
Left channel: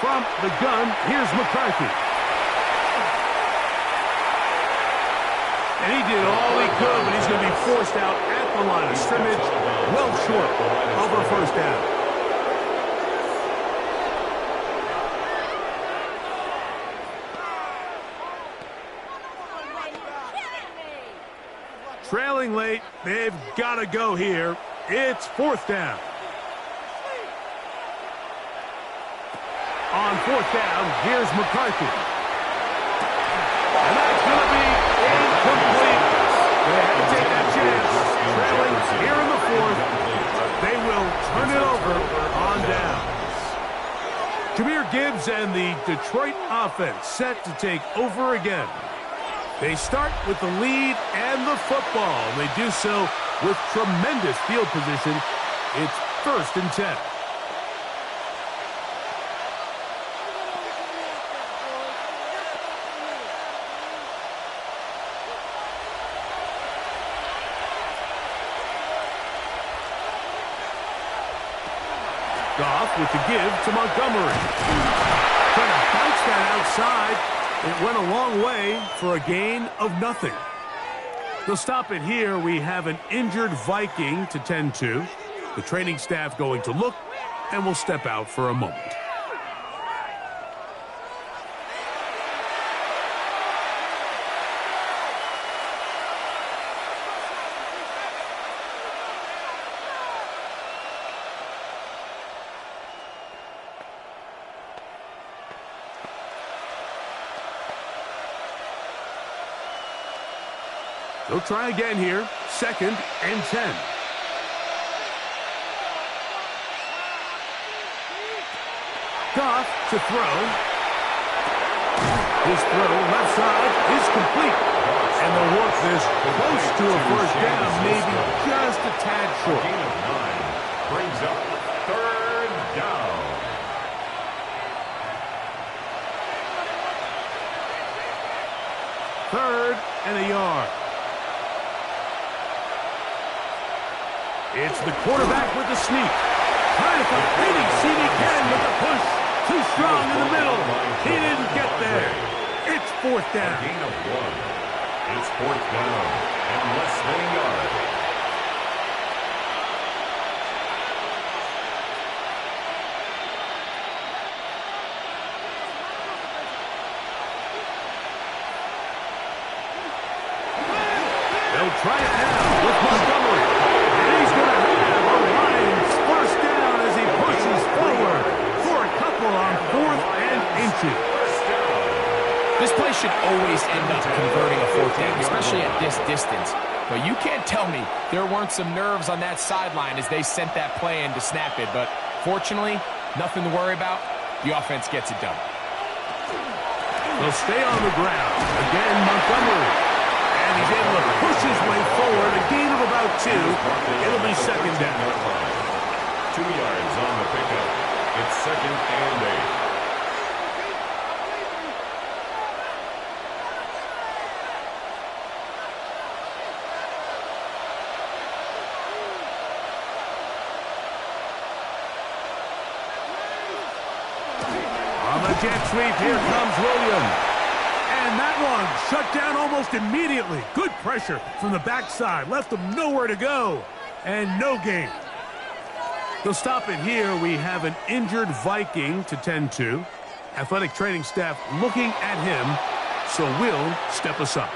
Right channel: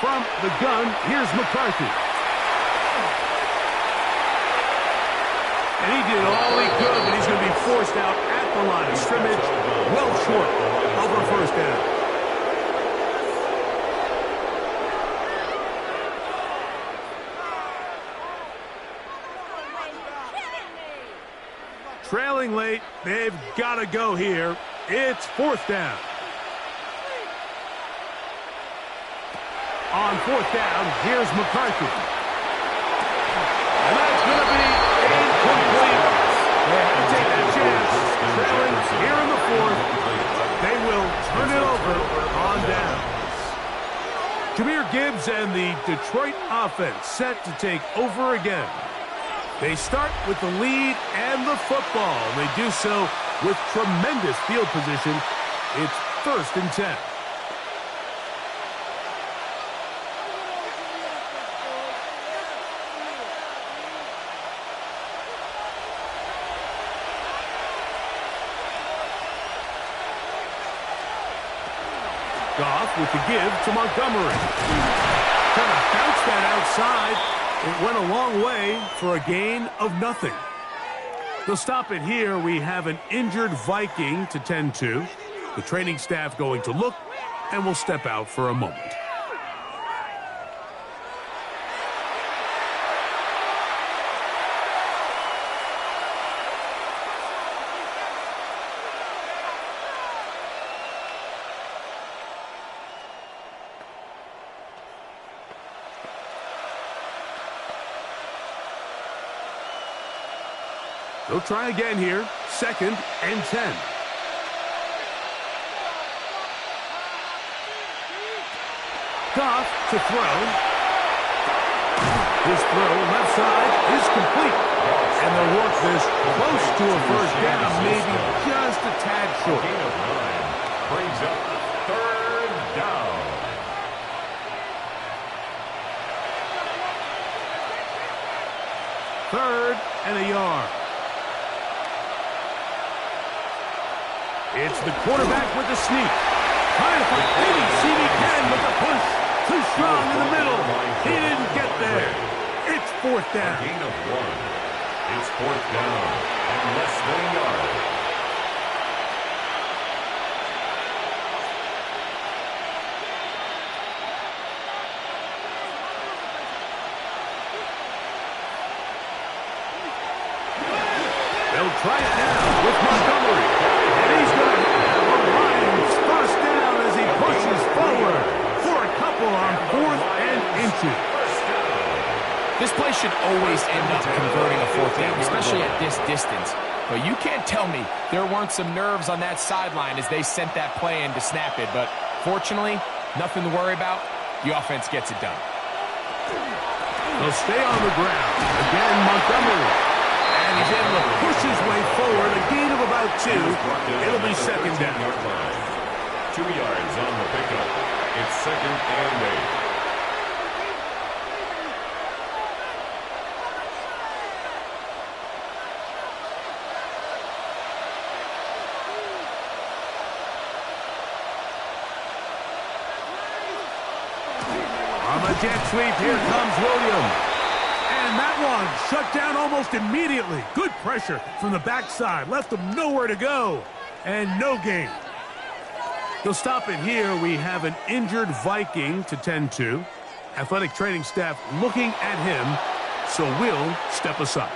From the gun, here's McCarthy. And he did all he could, but he's going to be forced out at the line of scrimmage, well short of a 1st down. Trailing late, they've got to go here. It's 4th down. On 4th down, here's McCarthy. And that's going to be incomplete. They had to take that chance. Trailing here in the 4th. They will turn it over on down. Jahmyr Gibbs and the Detroit offense set to take over again. They start with the lead and the football. And they do so with tremendous field position. It's 1st and 10. Goff with the give to Montgomery. Trying to bounce that outside. It went a long way for a gain of nothing. They'll stop it here. We have an injured Viking to tend to. The training staff going to look, and will step out for a moment. They'll try again here. 2nd and 10. Goff to throw. His throw left side is complete. And they'll work this close to a 1st down, maybe just a tad short. Gain of 9 brings up 3rd down. Third and a yard. It's the quarterback with the sneak. Trying to find any seam he can with the push. Too strong in the middle. He didn't get there. fourth A down. gain of 1. It's fourth down and less than a yard. They'll try it now with Montgomery. And he's going to have a Lions first down as he pushes forward for a couple on fourth and inches. This play should always end up converting a fourth down, especially at this distance. But you can't tell me there weren't some nerves on that sideline as they sent that play in to snap it. But fortunately, nothing to worry about. The offense gets it done. They'll stay on the ground. Again, Montgomery. And he's able to push his way forward. A gain of about 2. It'll be second down. 2 yards on the pickup. It's second and 8. On the jet sweep, here comes Williams. And that one shut down almost immediately. Good pressure from the backside. Left them nowhere to go. And no gain. They'll stop it here. We have an injured Viking to tend to. Athletic training staff looking at him, so we'll step aside.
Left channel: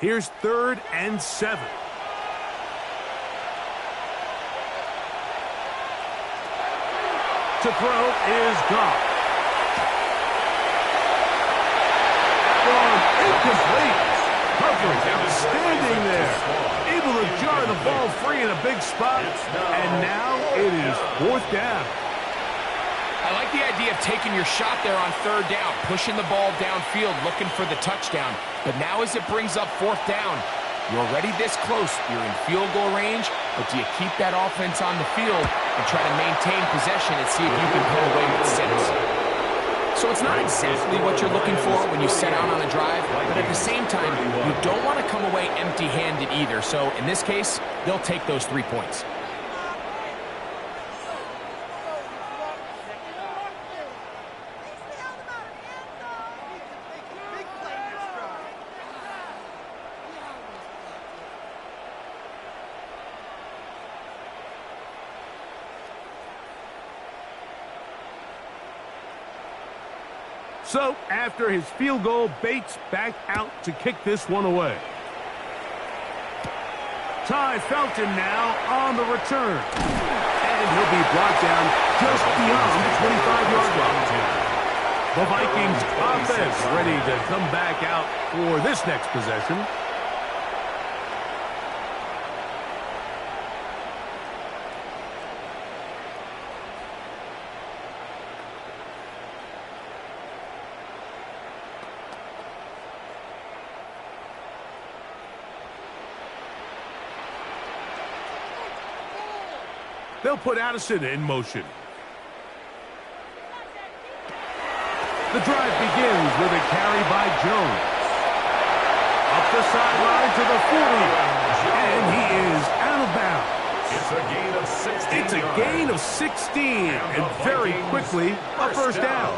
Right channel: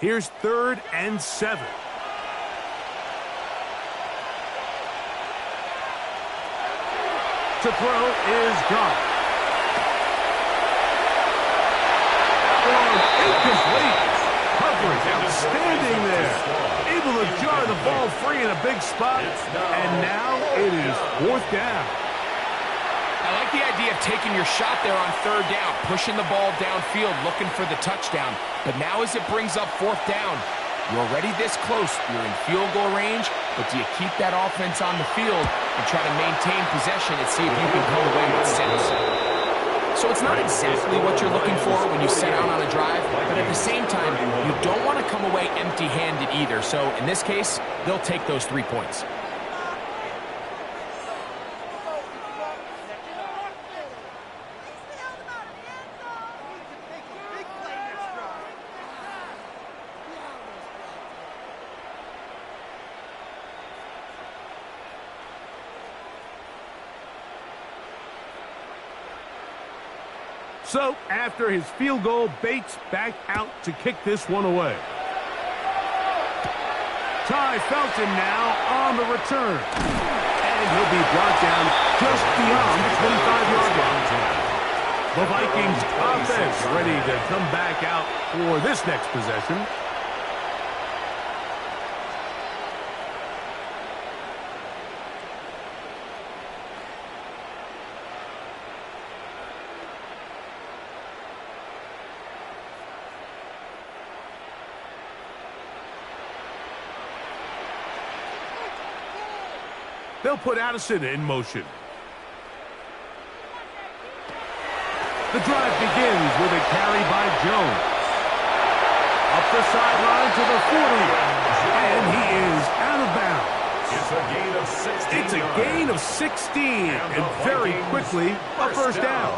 Here's 3rd and 7. To throw is gone. Incomplete. Coverage outstanding there. Able to jar the ball free in a big spot. And now it is 4th down. I like the idea of taking your shot there on 3rd down, pushing the ball downfield, looking for the touchdown. But now as it brings up 4th down, you're already this close. You're in field goal range, but do you keep that offense on the field and try to maintain possession and see if you can come away with sense? So it's not exactly what you're looking for when you set out on a drive, but at the same time, you don't want to come away empty-handed either. So in this case, they'll take those 3 points. So, after his field goal, Bates back out to kick this one away. Ty Felton now on the return. And he'll be brought down just beyond the 25-yard line. The Vikings offense ready to come back out for this next possession. They'll put Addison in motion. The drive begins with a carry by Jones. Up the sideline to the 40. And he is out of bounds. It's a gain of 16. It's a gain of 16. And very quickly, a first down.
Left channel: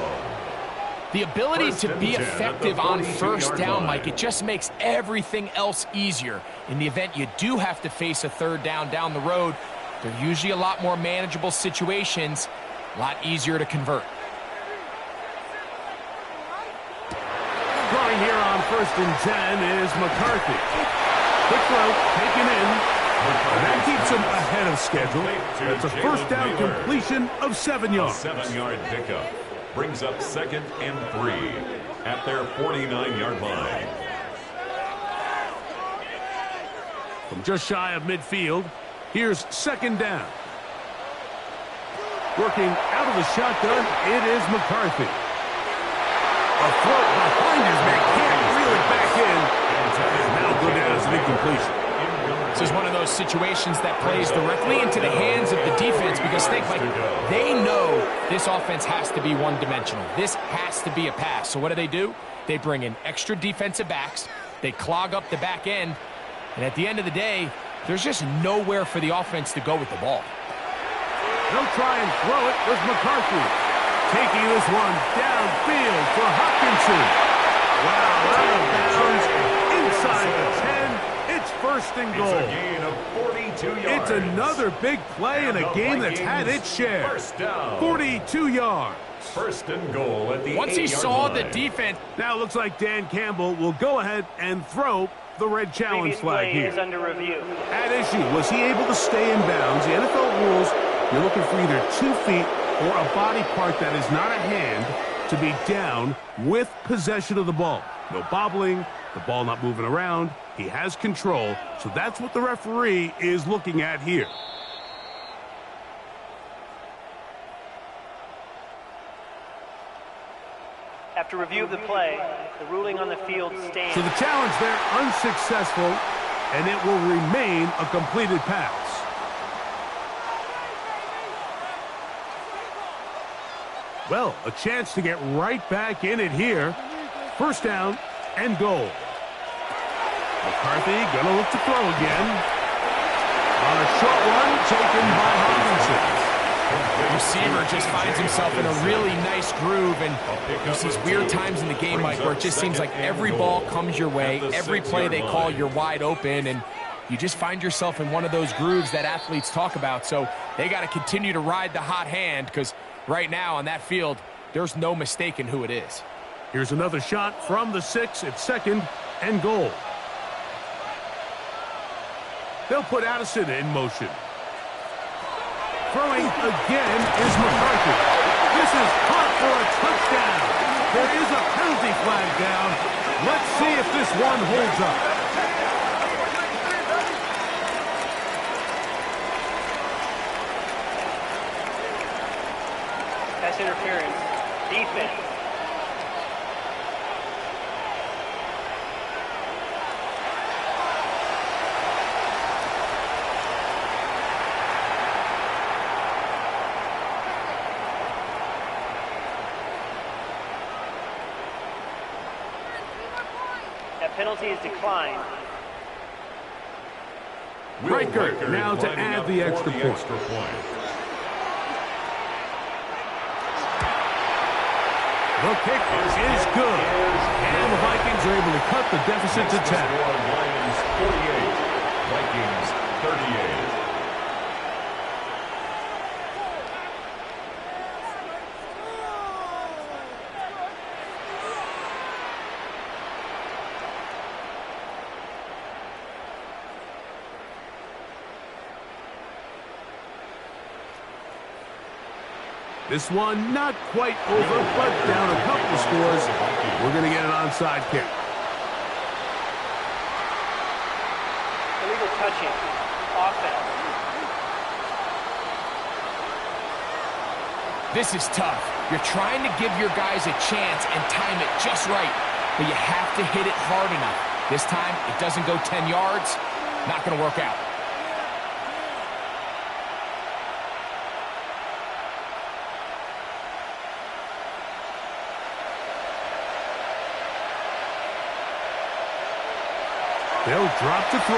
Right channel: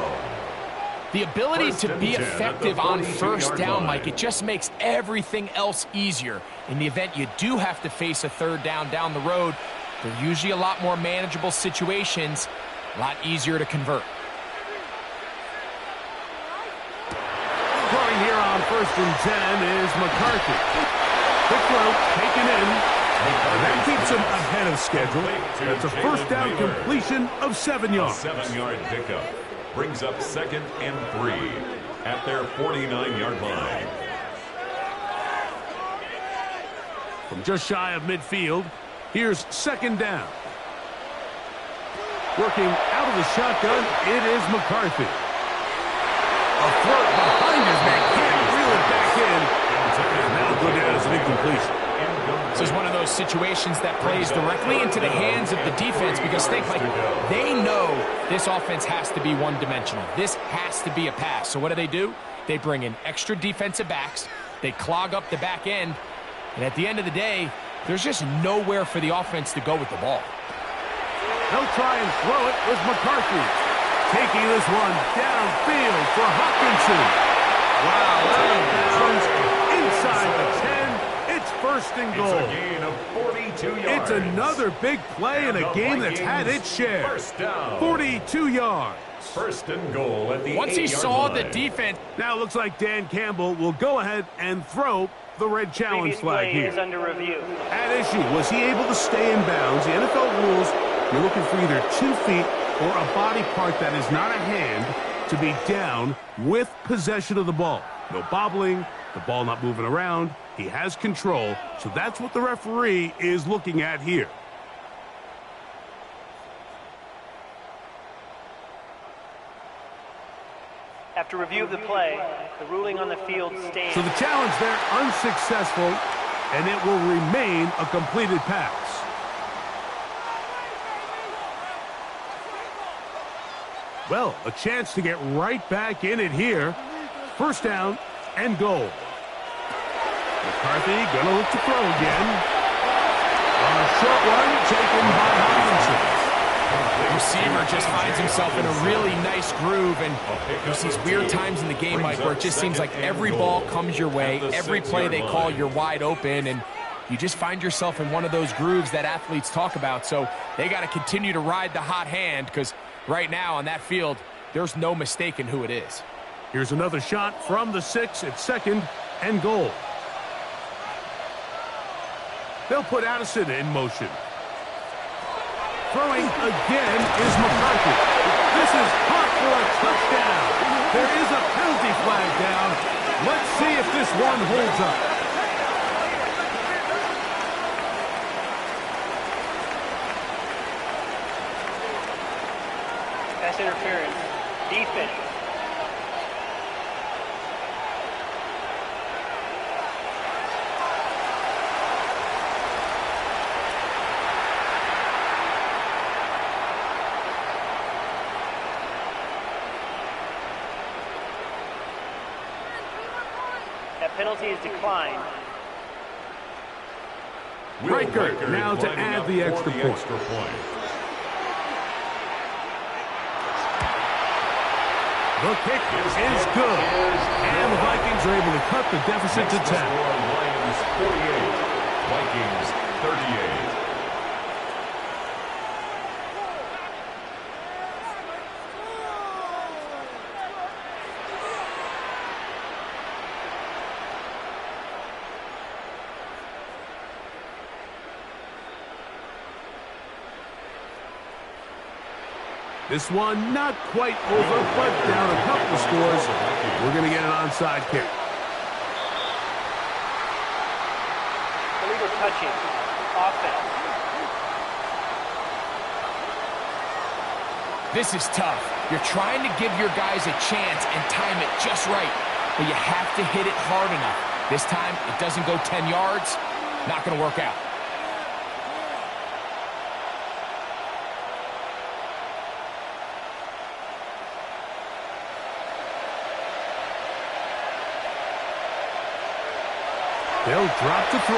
The ability to be effective on first down, Mike, it just makes everything else easier. In the event you do have to face a 3rd down the road, they're usually a lot more manageable situations, a lot easier to convert. Throwing here on 1st and 10 is McCarthy. Quick throw, taken in. And that keeps him ahead of schedule. That's a first down completion of 7 yards. A 7-yard pickup brings up 2nd and 3 at their 49-yard line. From just shy of midfield, here's 2nd down. Working out of the shotgun, it is McCarthy. A throw behind his man, can't reel it back in. And now go down as an incompletion. This is one of those situations that plays directly into the hands of the defense because think, like, they know this offense has to be one-dimensional. This has to be a pass. So what do? They bring in extra defensive backs. They clog up the back end. And at the end of the day, there's just nowhere for the offense to go with the ball. They'll try and throw it with McCarthy. Taking this one downfield for Hawkinson. Wow, out of bounds inside the 10. It's first and goal. It's a gain of 42 yards. It's another big play in a game that's had its share. First down. 42 yards. First and goal at the 8-yard line. Once he saw the defense. Now it looks like Dan Campbell will go ahead and throw the red challenge flag play here. is under review. At issue, was he able to stay in bounds? The NFL rules, you're looking for either 2 feet or a body part that is not a hand to be down with possession of the ball. No bobbling, the ball not moving around. He has control, so that's what the referee is looking at here. After review of the play, the ruling on the field stands. So the challenge there unsuccessful, and it will remain a completed pass. Well, a chance to get right back in it here. First down and goal. McCarthy gonna look to throw again. A short one taken by Hawkinson. The receiver just finds himself in a really nice groove, and there's these weird times in the game, Mike, where it just seems like every ball comes your way, every play they call, you're wide open, and you just find yourself in one of those grooves that athletes talk about. So they got to continue to ride the hot hand, because right now on that field, there's no mistaking who it is. Here's another shot from the 6 at second and goal. They'll put Addison in motion. Throwing again is McCarthy. This is caught for a touchdown. There is a penalty flag down. Let's see if this one holds up. Pass interference. Defense. That penalty is declined. Riker now to add the extra point. The kick is good. And the Vikings are able to cut the deficit to 10. Lions 48, Vikings 38. This one not quite over, but down a couple of scores. We're going to get an onside kick. Illegal touching. Offense. This is tough. You're trying to give your guys a chance and time it just right, but you have to hit it hard enough. This time, it doesn't go 10 yards. Not going to work out. They'll drop to throw.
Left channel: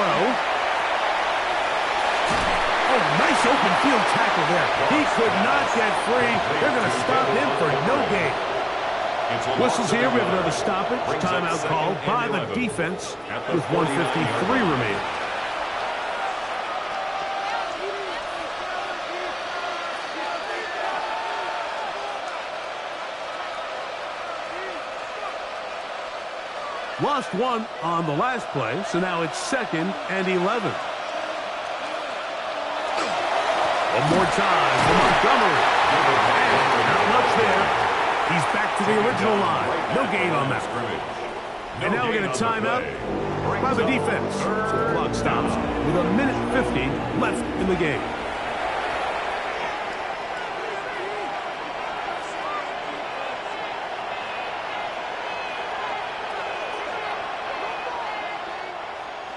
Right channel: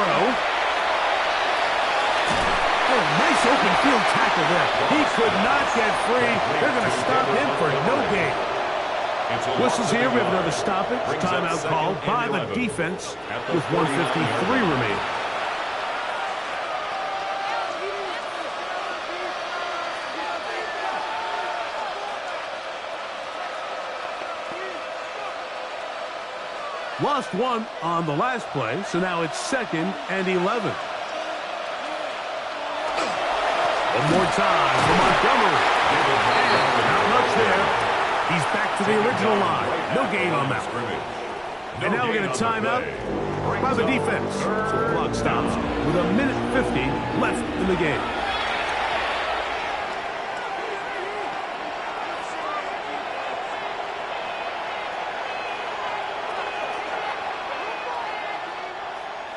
Oh, nice open field tackle there. He could not get free. They're going to stop him for no gain. Whistles here. We have another stoppage. Timeout called by the defense with 1:53 remaining. Lost one on the last play, so now it's 2nd and 11. One more time for Montgomery. And not much there. He's back to the original line. No gain on that. And now we're going to timeout by the defense. So the clock stops with 1:50 left in the game.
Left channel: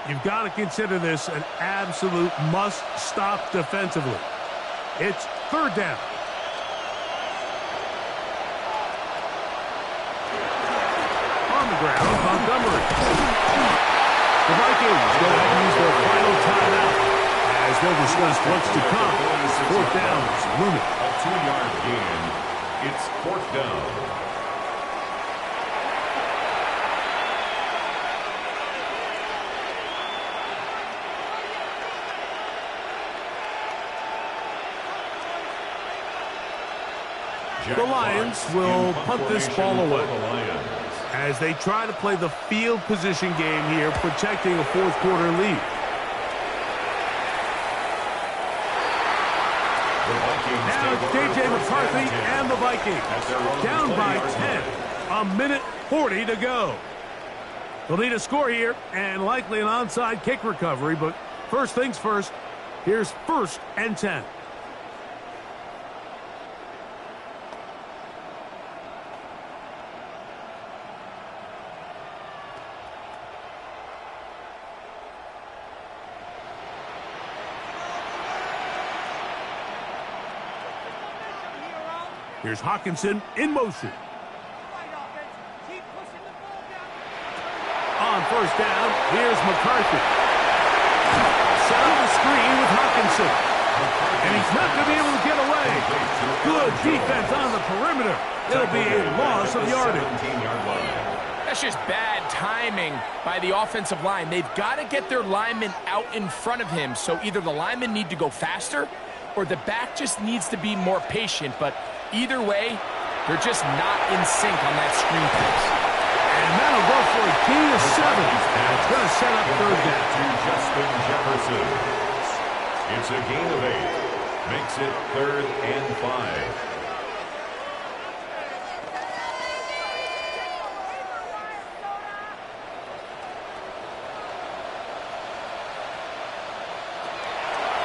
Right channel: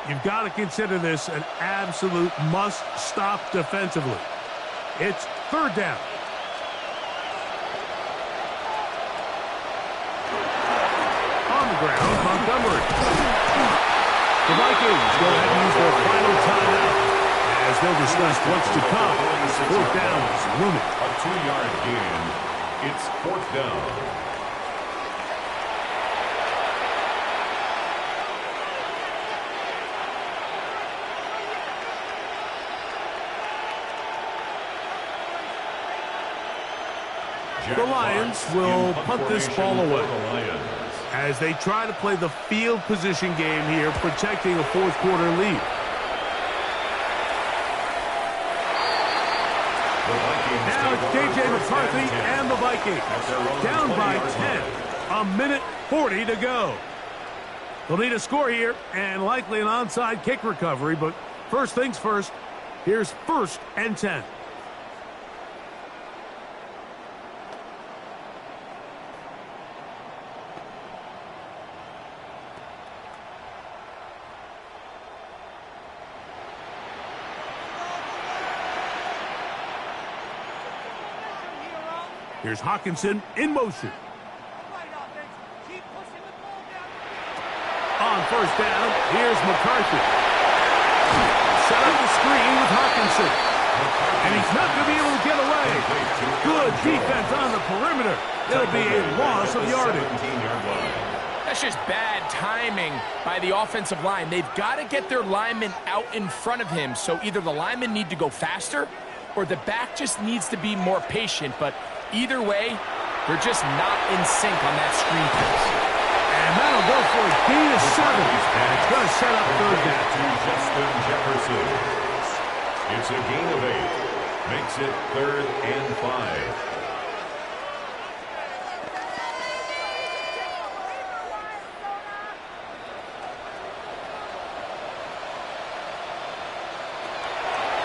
You've got to consider this an absolute must-stop defensively. It's third down. On the ground, Montgomery. The Vikings go ahead and use their final timeout as they'll discuss what's to come. Fourth down is looming. A 2-yard gain. It's fourth down. The Lions will punt this ball away as they try to play the field position game here, protecting a fourth-quarter lead. Now it's J.J. McCarthy and the Vikings down by 10. A minute 40 to go. They'll need a score here and likely an onside kick recovery, but first things first, here's 1st and 10. Here's Hawkinson in motion. On first down, here's McCarthy. Set up the screen with Hawkinson. And he's not going to be able to get away. Good defense on the perimeter. It'll be a loss of yardage. That's just bad timing by the offensive line. They've got to get their linemen out in front of him, so either the linemen need to go faster or the back just needs to be more patient, but either way, they're just not in sync on that screen pass. And that'll go for a gain of 7. And it's going to set up third down. To Justin Jefferson. It's a gain of 8. Makes it 3rd and 5.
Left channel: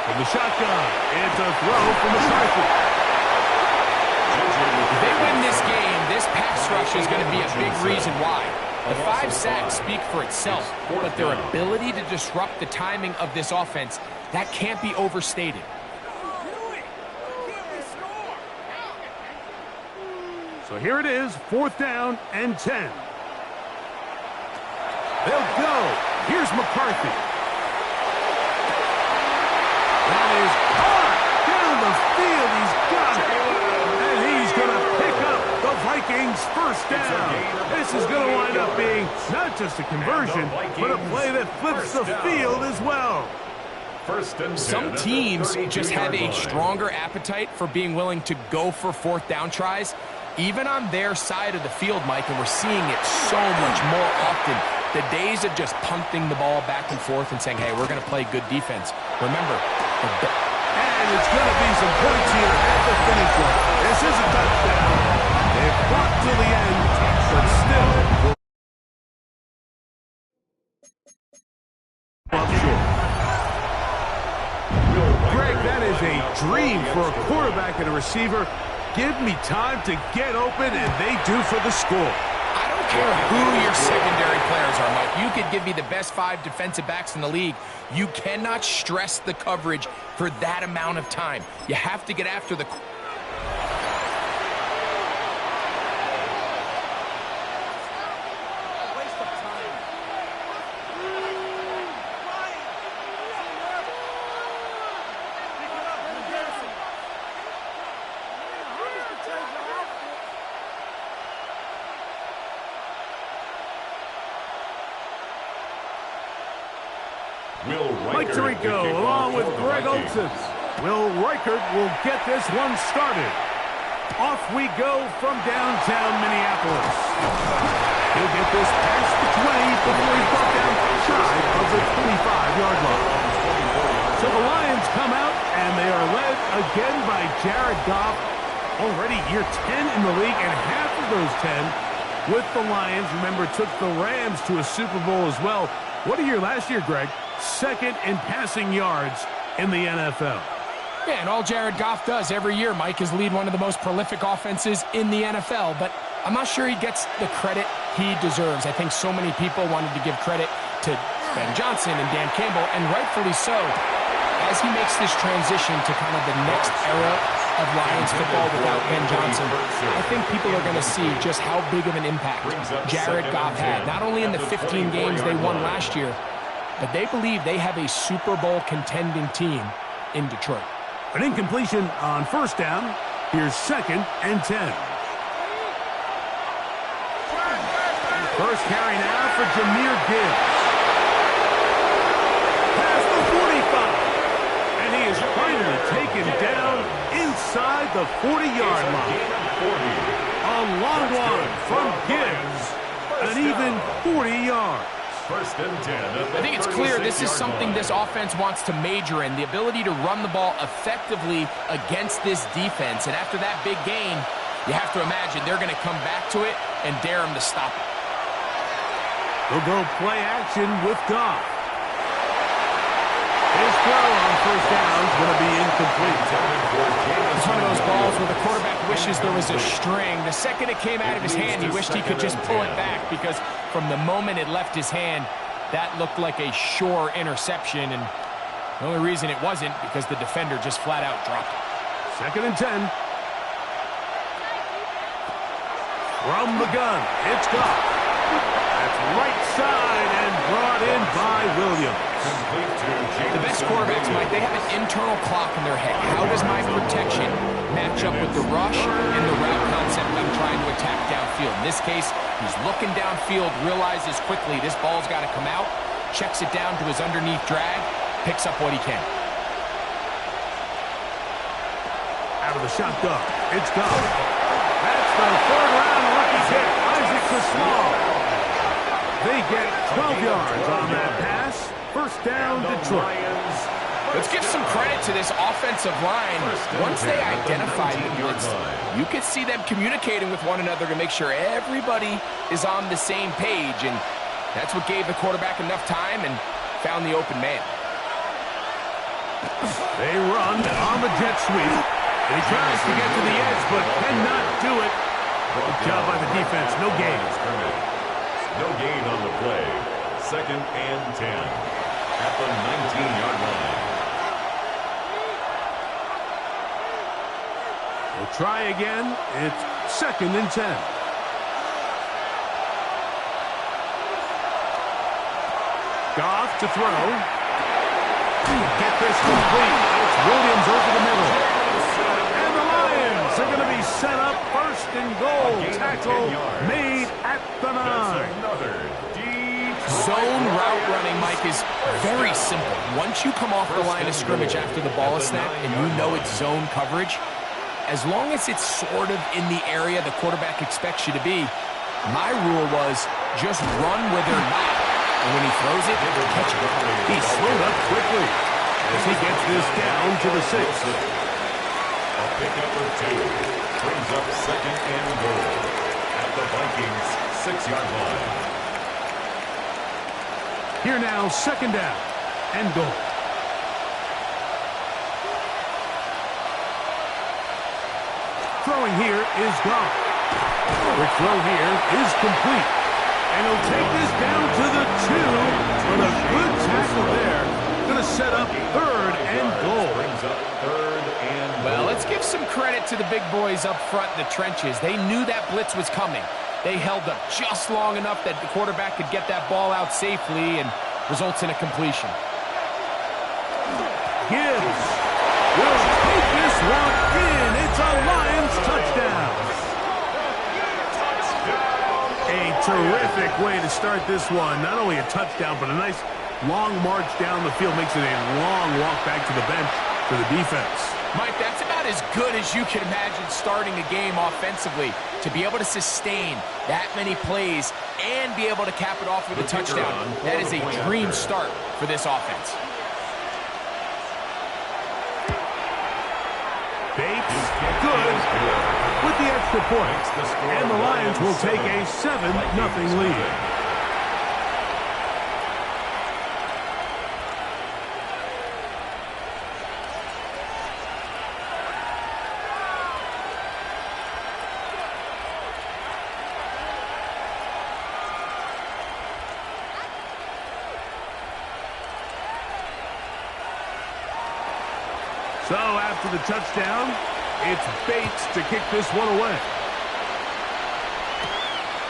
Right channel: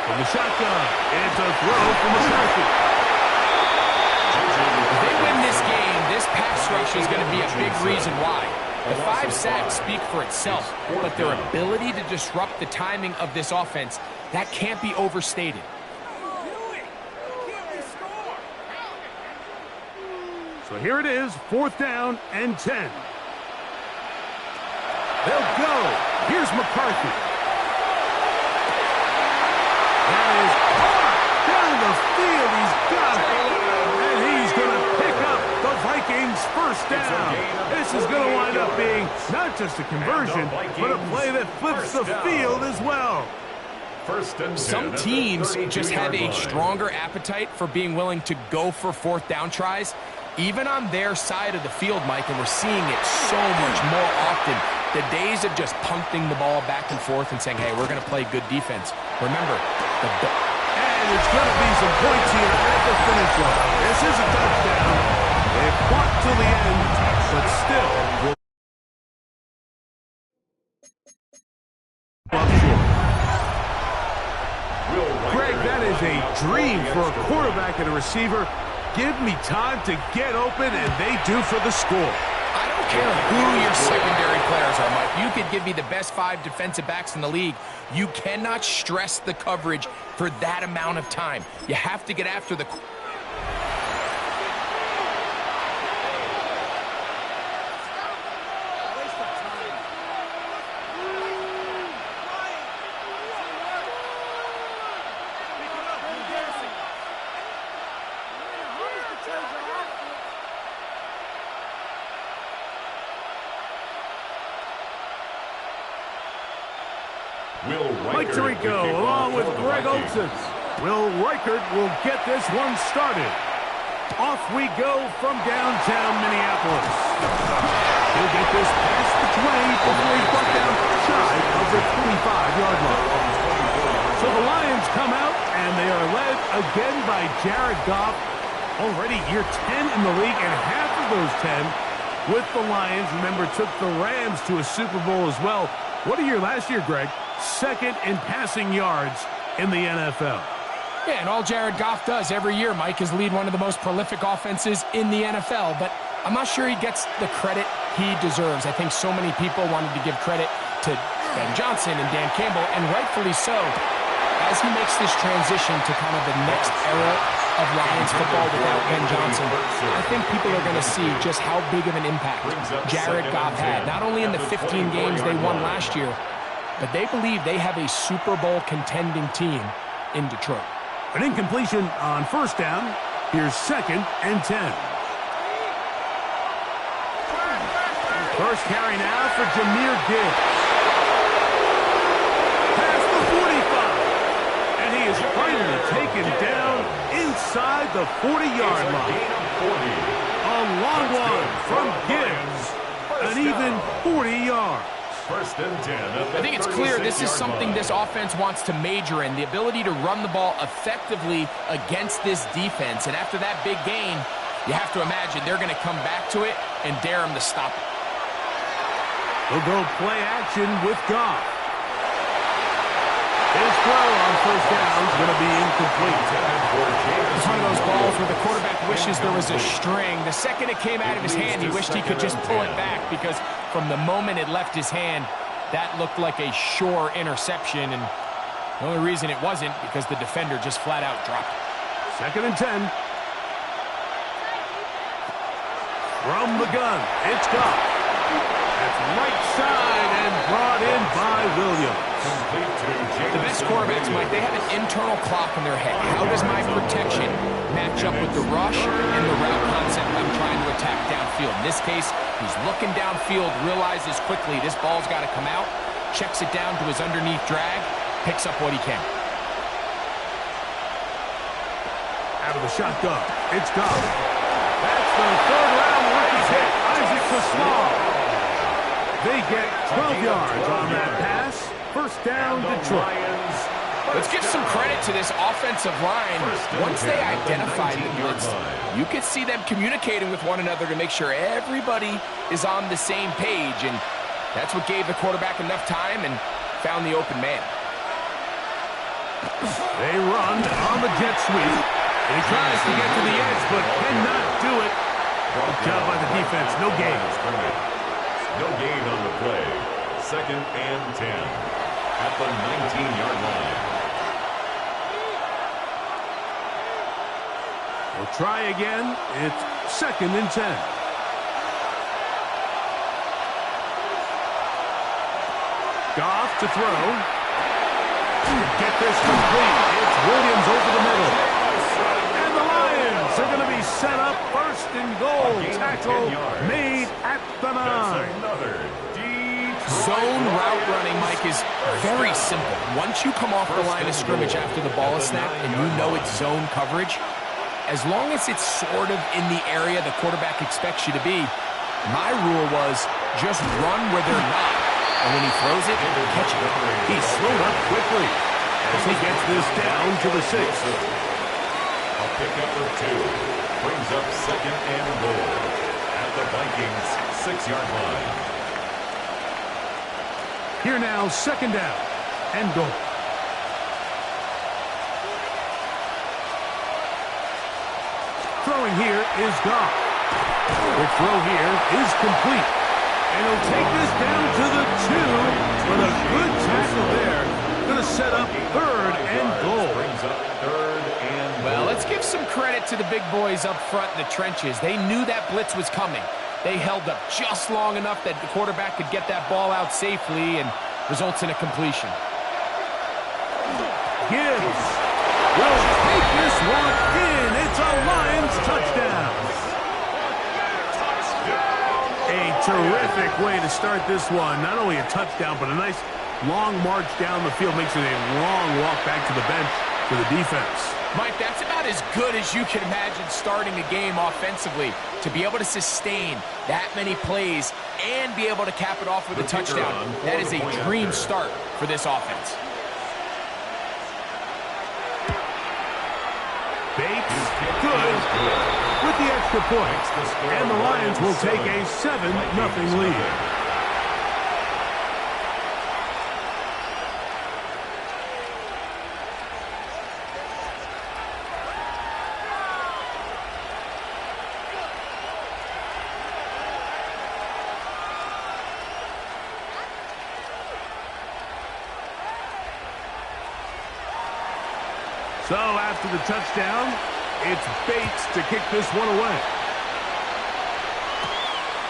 From the shotgun, it's a throw from McCarthy. If they win this game, this pass rush is going to be a big reason why. The 5 sacks speak for itself, but their ability to disrupt the timing of this offense, that can't be overstated. So here it is, 4th down and 10. They'll go. Here's McCarthy. That is caught down the field. He's got it. And he's going to pick up the Vikings' first down. This is going to wind up being not just a conversion, but a play that flips the field as well. Some teams just have a stronger appetite for being willing to go for 4th down tries, even on their side of the field, Mike, and we're seeing it so much more often. The days of just punting the ball back and forth and saying, hey, we're going to play good defense. Remember, and it's going to be some points here at the finish line. This is a touchdown. They fought till the end, but still up short. Greg, that is a dream for a quarterback and a receiver. Give me time to get open, and they do for the score. I don't care who your secondary players are, Mike. You could give me the best 5 defensive backs in the league. You cannot stress the coverage for that amount of time. You have to get after the... Mike Tirico along with Greg Olsen. Will Reichert will get this one started. Off we go from downtown Minneapolis. He'll get this past the 20 before he's brought down shy of the 25-yard line. So the Lions come out, and they are led again by Jared Goff. Already year 10 in the league, and half of those 10 with the Lions. Remember, took the Rams to a Super Bowl as well. What a year last year, Greg. 2nd in passing yards in the NFL. Yeah, and all Jared Goff does every year, Mike, is lead one of the most prolific offenses in the NFL. But I'm not sure he gets the credit he deserves. I think so many people wanted to give credit to Ben Johnson and Dan Campbell, and rightfully so, as he makes this transition to kind of the next era of Lions football without Ben Johnson. I think people are going to see just how big of an impact Jared Goff had, not only in the 15 games they won last year, but they believe they have a Super Bowl contending team in Detroit. An incompletion on first down. Here's 2nd and 10. First carry now for Jahmyr Gibbs. Past the 45. And he is finally taken down inside the 40-yard line. A long one from Gibbs. An even 40 yards. First and 10. I think it's clear this is something this offense wants to major in, the ability to run the ball effectively against this defense. And after that big gain, you have to imagine they're going to come back to it and dare him to stop it. They'll go play action with Goff. His throw on first down is going to be incomplete. It's one of those balls where the quarterback wishes there was a string. The second it came out of his hand, he wished he could just pull it back, because from the moment it left his hand, that looked like a sure interception, and the only reason it wasn't because the defender just flat out dropped it. 2nd and 10. From the gun, it's Goff. That's right side and brought in by Williams. The best quarterbacks, Mike, they have an internal clock in their head. How does my protection match up with the rush and the route concept I'm trying to attack downfield? In this case, he's looking downfield, realizes quickly this ball's got to come out, checks it down to his underneath drag, picks up what he can. Out of the shotgun, it's Goff. That's the 3rd-round rookie pick, Isaac Pascal. They get 12 yards on that pass. First down, Detroit. Let's give some credit to this offensive line. Once they identified the blitz, you could see them communicating with one another to make sure everybody is on the same page, and that's what gave the quarterback enough time and found the open man. They run on the jet sweep, and he tries to get to the edge, but cannot do it. Good job by the defense. No gain. No gain on the play. 2nd and 10 at the 19-yard line. We'll try again. It's 2nd and 10. Goff to throw. Get this complete. It's Williams over the middle. And the Lions are going to be set up 1st and goal. Tackle made at the 9. Zone route running, Mike, is very simple. Once you come off the line of scrimmage after the ball is snapped and you know it's zone coverage, as long as it's sort of in the area the quarterback expects you to be, my rule was just run where they're not. And when he throws it, catch it. He's slowed up quickly as he gets this down to the 6. A pickup of 2 brings up 2nd and goal at the Vikings 6-yard line. Here now, 2nd down and goal. Throwing here is Goff. Quick throw here is complete. And he'll take this down to the 2. But a good tackle there. Going to set up 3rd and goal. Well, let's give some credit to the big boys up front in the trenches. They knew that blitz was coming. They held up just long enough that the quarterback could get that ball out safely, and results in a completion. Gibbs will take this one in. It's a Lions touchdown. A terrific way to start this one. Not only a touchdown, but a nice long march down the field. Makes it a long walk back to the bench for the defense. Mike, that's about as good as you can imagine starting a game offensively. To be able to sustain that many plays and be able to cap it off with a touchdown, that is a dream start for this offense. Bates, good with the extra point. And the Lions will take a 7-0 lead. So after the touchdown, it's Bates to kick this one away.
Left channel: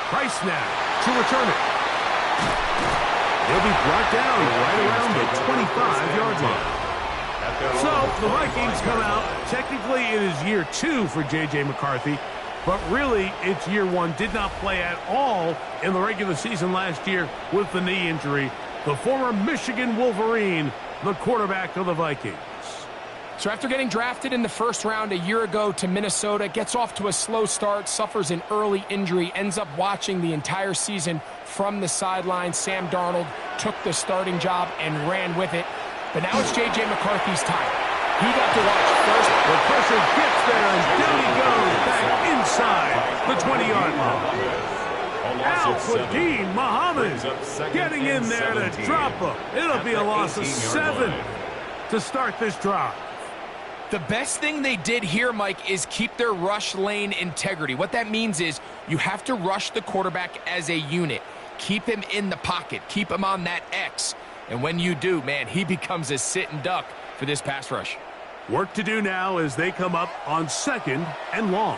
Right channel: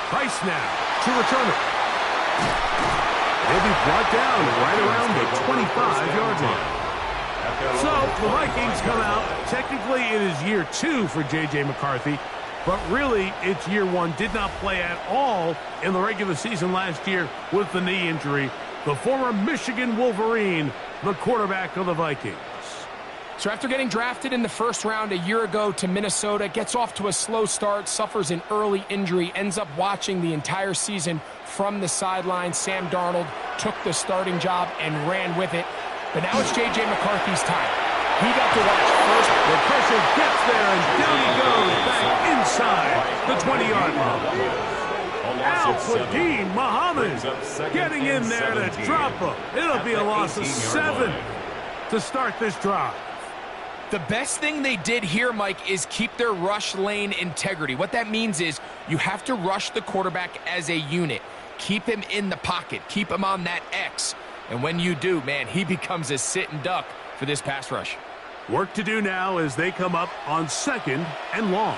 Price now to return it. He'll be brought down right around the 25-yard line. So the Vikings come out. Technically, it is year 2 for J.J. McCarthy, but really it's year 1. Did not play at all in the regular season last year with the knee injury. The former Michigan Wolverine, the quarterback of the Vikings. So after getting drafted in the first round a year ago to Minnesota, gets off to a slow start, suffers an early injury, ends up watching the entire season from the sideline. Sam Darnold took the starting job and ran with it. But now it's J.J. McCarthy's time. He got to watch first. The pressure gets there, and down he goes back inside the 20-yard line. Al-Quadin Muhammad getting in there to drop him. It'll be a loss of 7 to start this drive. The best thing they did here, Mike, is keep their rush lane integrity. What that means is you have to rush the quarterback as a unit. Keep him in the pocket. Keep him on that X. And when you do, man, he becomes a sit and duck for this pass rush. Work to do now as they come up on 2nd and long.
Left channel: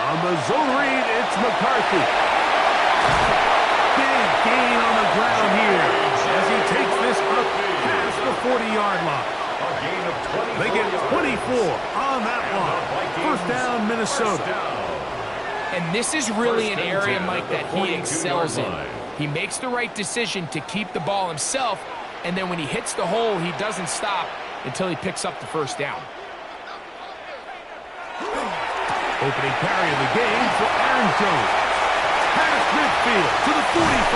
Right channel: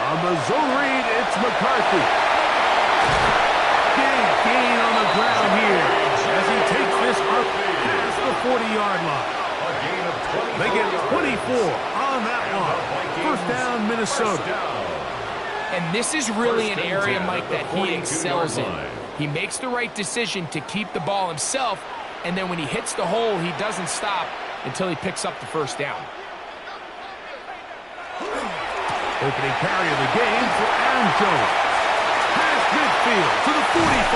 On the zone read, it's McCarthy. Big gain on the ground here as he takes this up past the 40-yard line. They get 24 on that one. First down, Minnesota. And this is really an area, Mike, that he excels in. He makes the right decision to keep the ball himself, and then when he hits the hole, he doesn't stop until he picks up the first down. Opening carry of the game for Aaron Jones. Past midfield to the 45.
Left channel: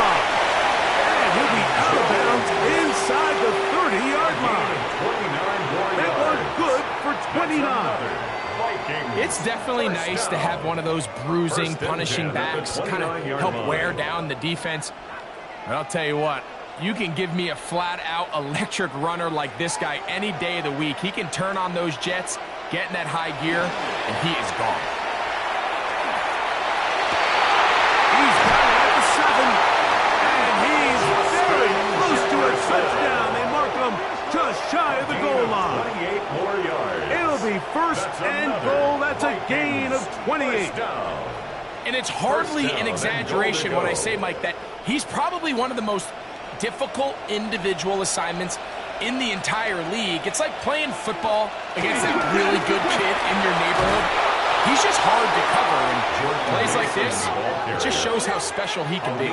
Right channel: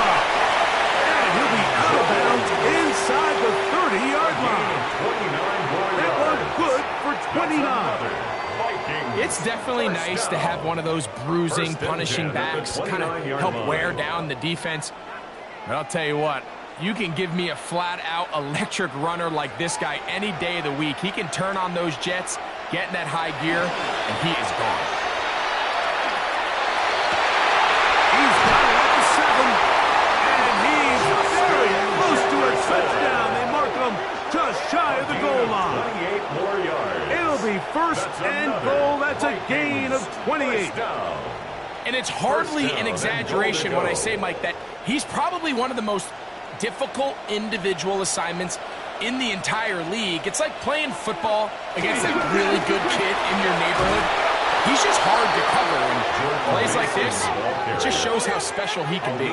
And he'll be out of bounds inside the 30-yard line. That one good for 29. It's definitely nice to have one of those bruising, punishing backs kind of help wear down the defense. But I'll tell you what, you can give me a flat-out electric runner like this guy any day of the week. He can turn on those jets, get in that high gear, and he is gone. He's got it at the 7, and he's very close to a touchdown. They mark him just shy of the goal line. 28 more yards. It'll be first and goal. That's a gain of 28. And it's hardly an exaggeration when I say, Mike, that he's probably one of the most difficult individual assignments in the entire league. It's like playing football against that really good kid in your neighborhood. He's just hard to cover, and plays like this, it just shows how special he can be.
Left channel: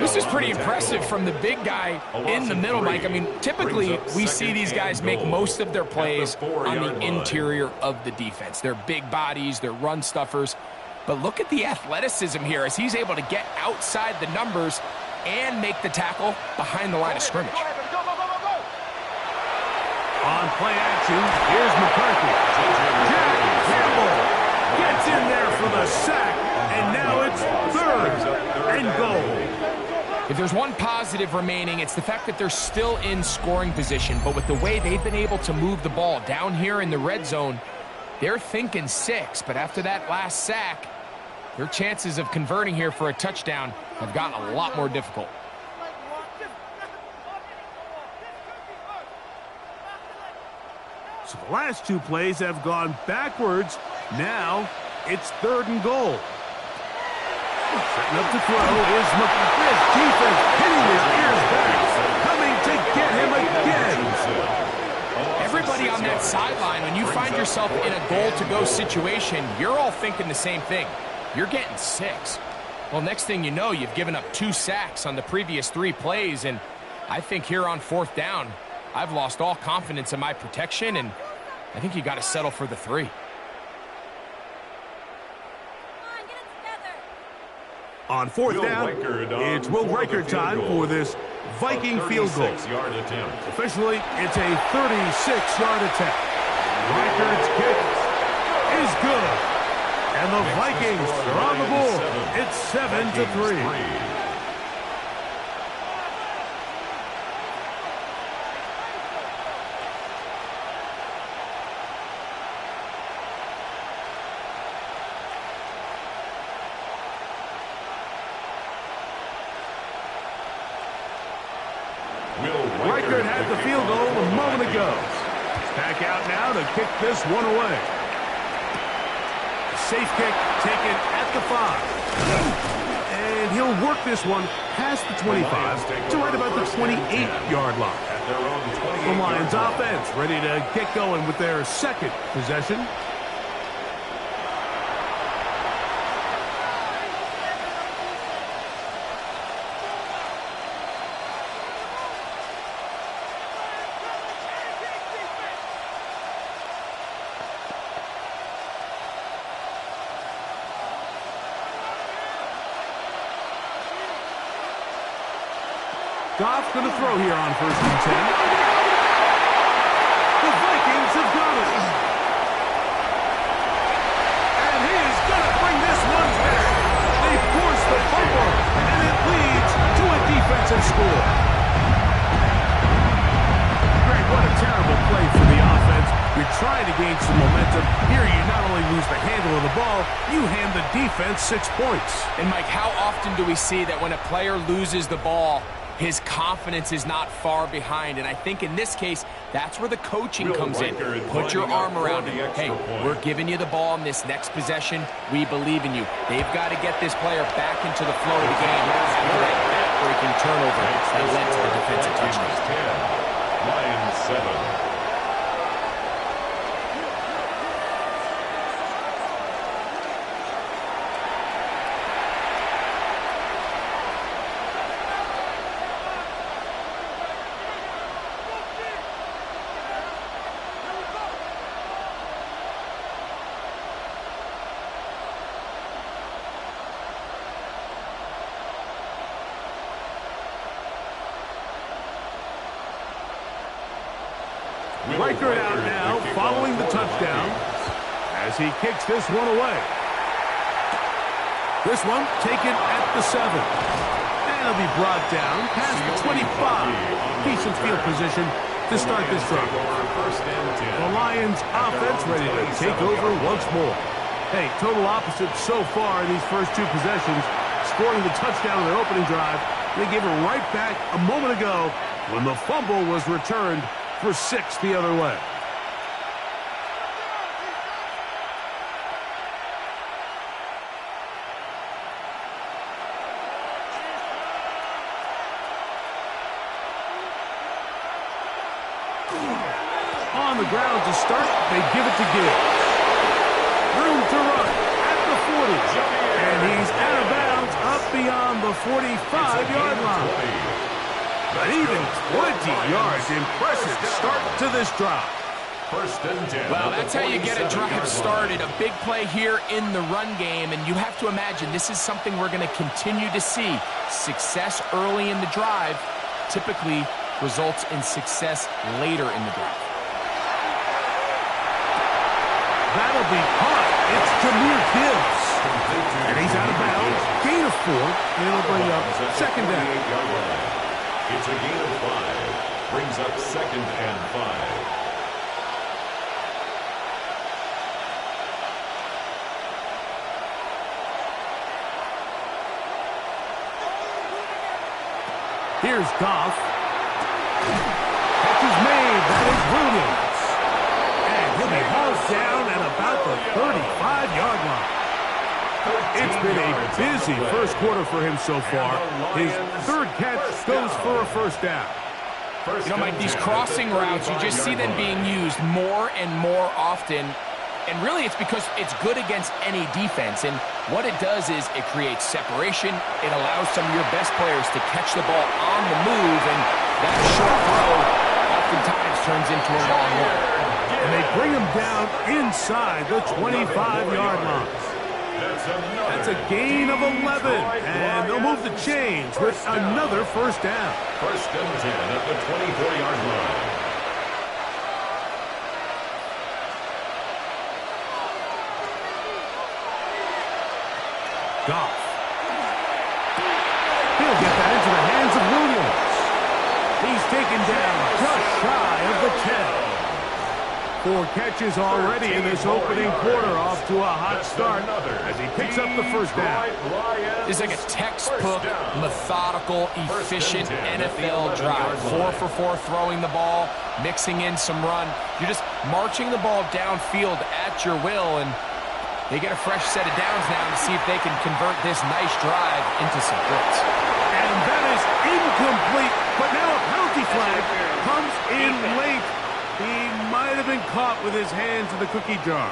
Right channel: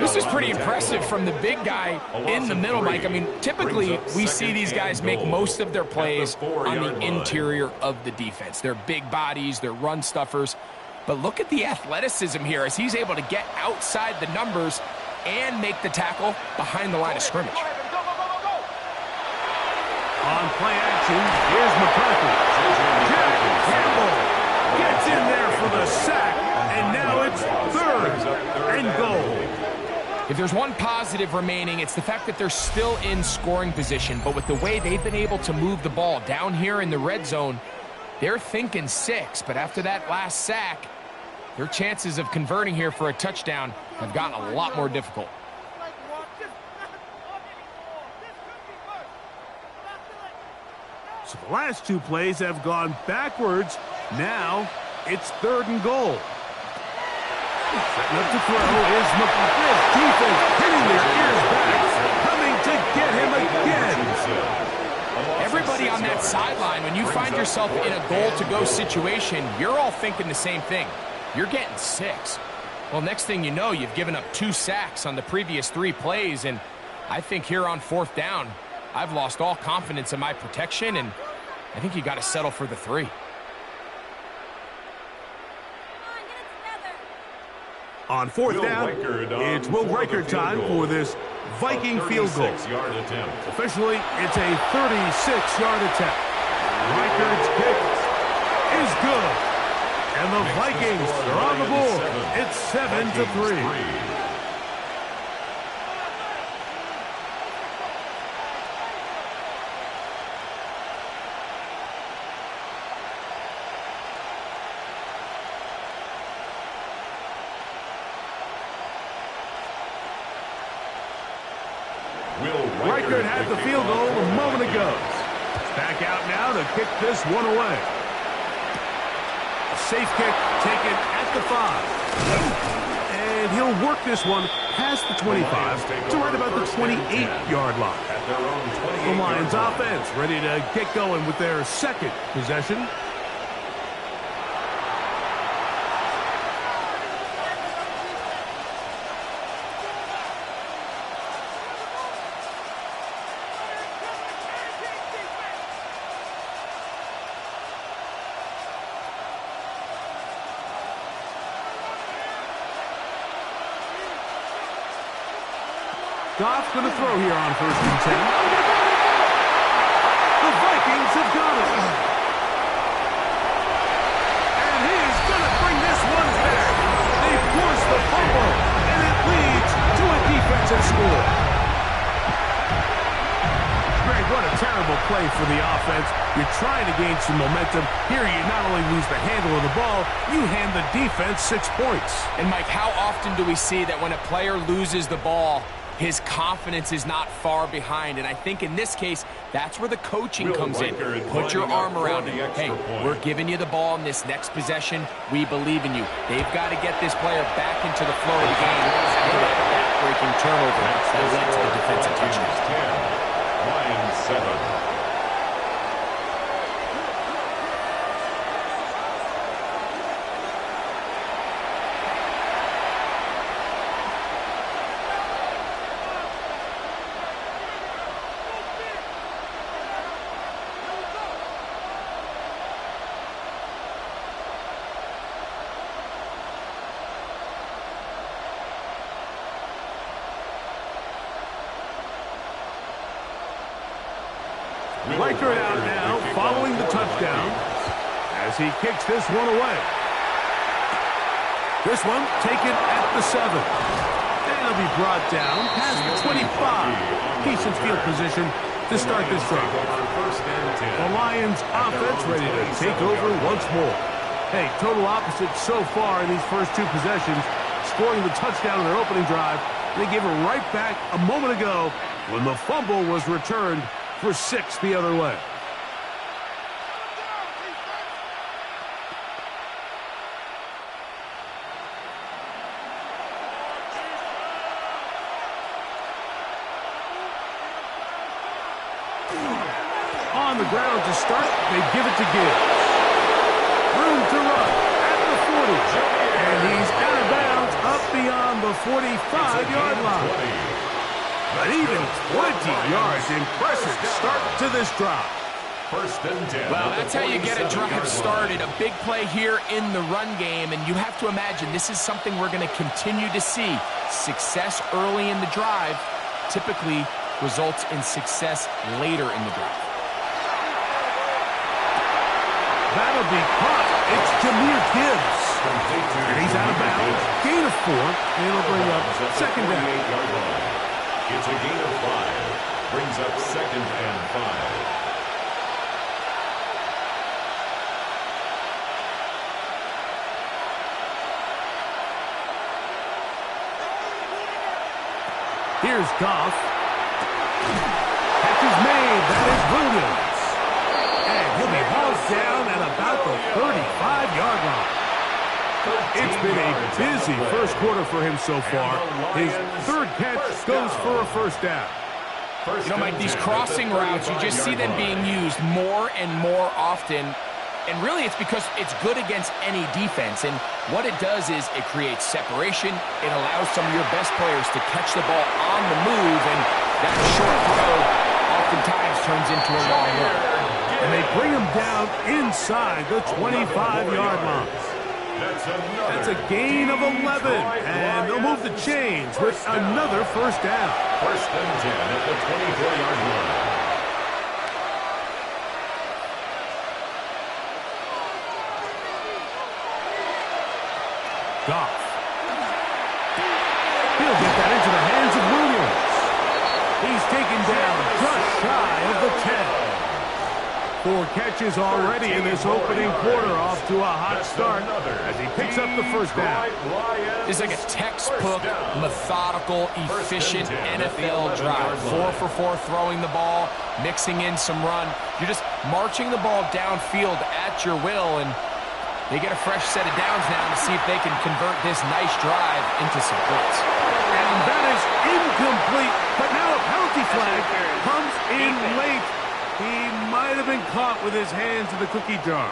This is pretty impressive from the big guy in the middle, Mike. I mean, typically we see these guys make most of their plays on the interior of the defense. They're big bodies, they're run stuffers. But look at the athleticism here as he's able to get outside the numbers and make the tackle behind the line of scrimmage. On play action, here's McCarthy. Jack Campbell gets in there for the sack, and now it's 3rd and goal. If there's one positive remaining, it's the fact that they're still in scoring position. But with the way they've been able to move the ball down here in the red zone, they're thinking 6. But after that last sack, their chances of converting here for a touchdown have gotten a lot more difficult. So the last 2 plays have gone backwards. Now it's 3rd and goal. Setting up to throw is McCarthy's defense hitting their ears back, coming to get him again. Everybody on that sideline, when you find yourself in a goal-to-go situation, you're all thinking the same thing. You're getting 6. Well, next thing you know, you've given up 2 sacks on the previous 3 plays, and I think here on 4th down, I've lost all confidence in my protection, and I think you got to settle for the 3. On 4th down, it's Will Reichard time for this Viking field goal. Officially, it's a 36-yard attempt. Reichard's kick is good. And the Vikings are on the board. It's 7-3. Reichert had the field goal a moment ago. Back out now to kick this one away. A safe kick taken at the 5. And he'll work this one past the 25 to right about the 28-yard line. The Lions offense ready to get going with their second possession. Goff's going to throw here on 1st and 10. The Vikings have got it. And he is going to bring this one back. They force the fumble, and it leads to a defensive score. Greg, what a terrible play for the offense. You're trying to gain some momentum. Here you not only lose the handle of the ball, you hand the defense 6 points. And Mike, how often do we see that when a player loses the ball, his confidence is not far behind? And I think in this case, that's where the coaching comes in. Put your arm around him. Hey, we're giving you the ball in this next possession. We believe in you. They've got to get this player back into the flow of the game after that back-breaking turnover that led to the defensive touchdown. Lions 7. Reichert out now, following the touchdown, as he kicks this one away. This one taken at the 7. And it'll be brought down past the 25. Decent field position to start this drive. The Lions offense ready to take over once more. Hey, total opposite so far in these first 2 possessions, scoring the touchdown in their opening drive. They gave it right back a moment ago when the fumble was returned for 6 the other way. On the ground to start, they give it to Gibbs. Room to run at the 40. And he's out of bounds up beyond the 45-yard line. But even 20 yards, impressive start to this drive. 1st and 10. Well, that's how you get a drive started. A big play here in the run game, and you have to imagine this is something we're going to continue to see. Success early in the drive typically results in success later in the drive. That'll be caught. It's Jahmyr Gibbs. And he's out of bounds. Gain of 4, and it'll bring up 2nd down. It's a gain of 5. Brings up 2nd and 5. Here's Goff. Catch is made. That is Williams. And he'll be hauled down at about the 35-yard line. It's been a busy first quarter for him so far. His 3rd catch goes for a 1st down. You know, Mike, these crossing routes, you just see them being used more and more often. And really, it's because it's good against any defense. And what it does is it creates separation. It allows some of your best players to catch the ball on the move. And that short throw oftentimes turns into a long one. And they bring him down inside the 25-yard line. That's a gain of 11, and they'll move the chains with another 1st down. 1st and 10 at the 24-yard line. Goff. He'll get that into the hands of Williams. He's taken down just shy of the 10. 4 catches already in this opening quarter, off to a hot start as he picks up the first down. It's like a textbook, methodical, efficient NFL drive. 4 for 4 throwing the ball, mixing in some run. You're just marching the ball downfield at your will, and they get a fresh set of downs now to see if they can convert this nice drive into some points. And that is incomplete, but now a penalty flag comes in late. He might have been caught with his hands in the cookie jar.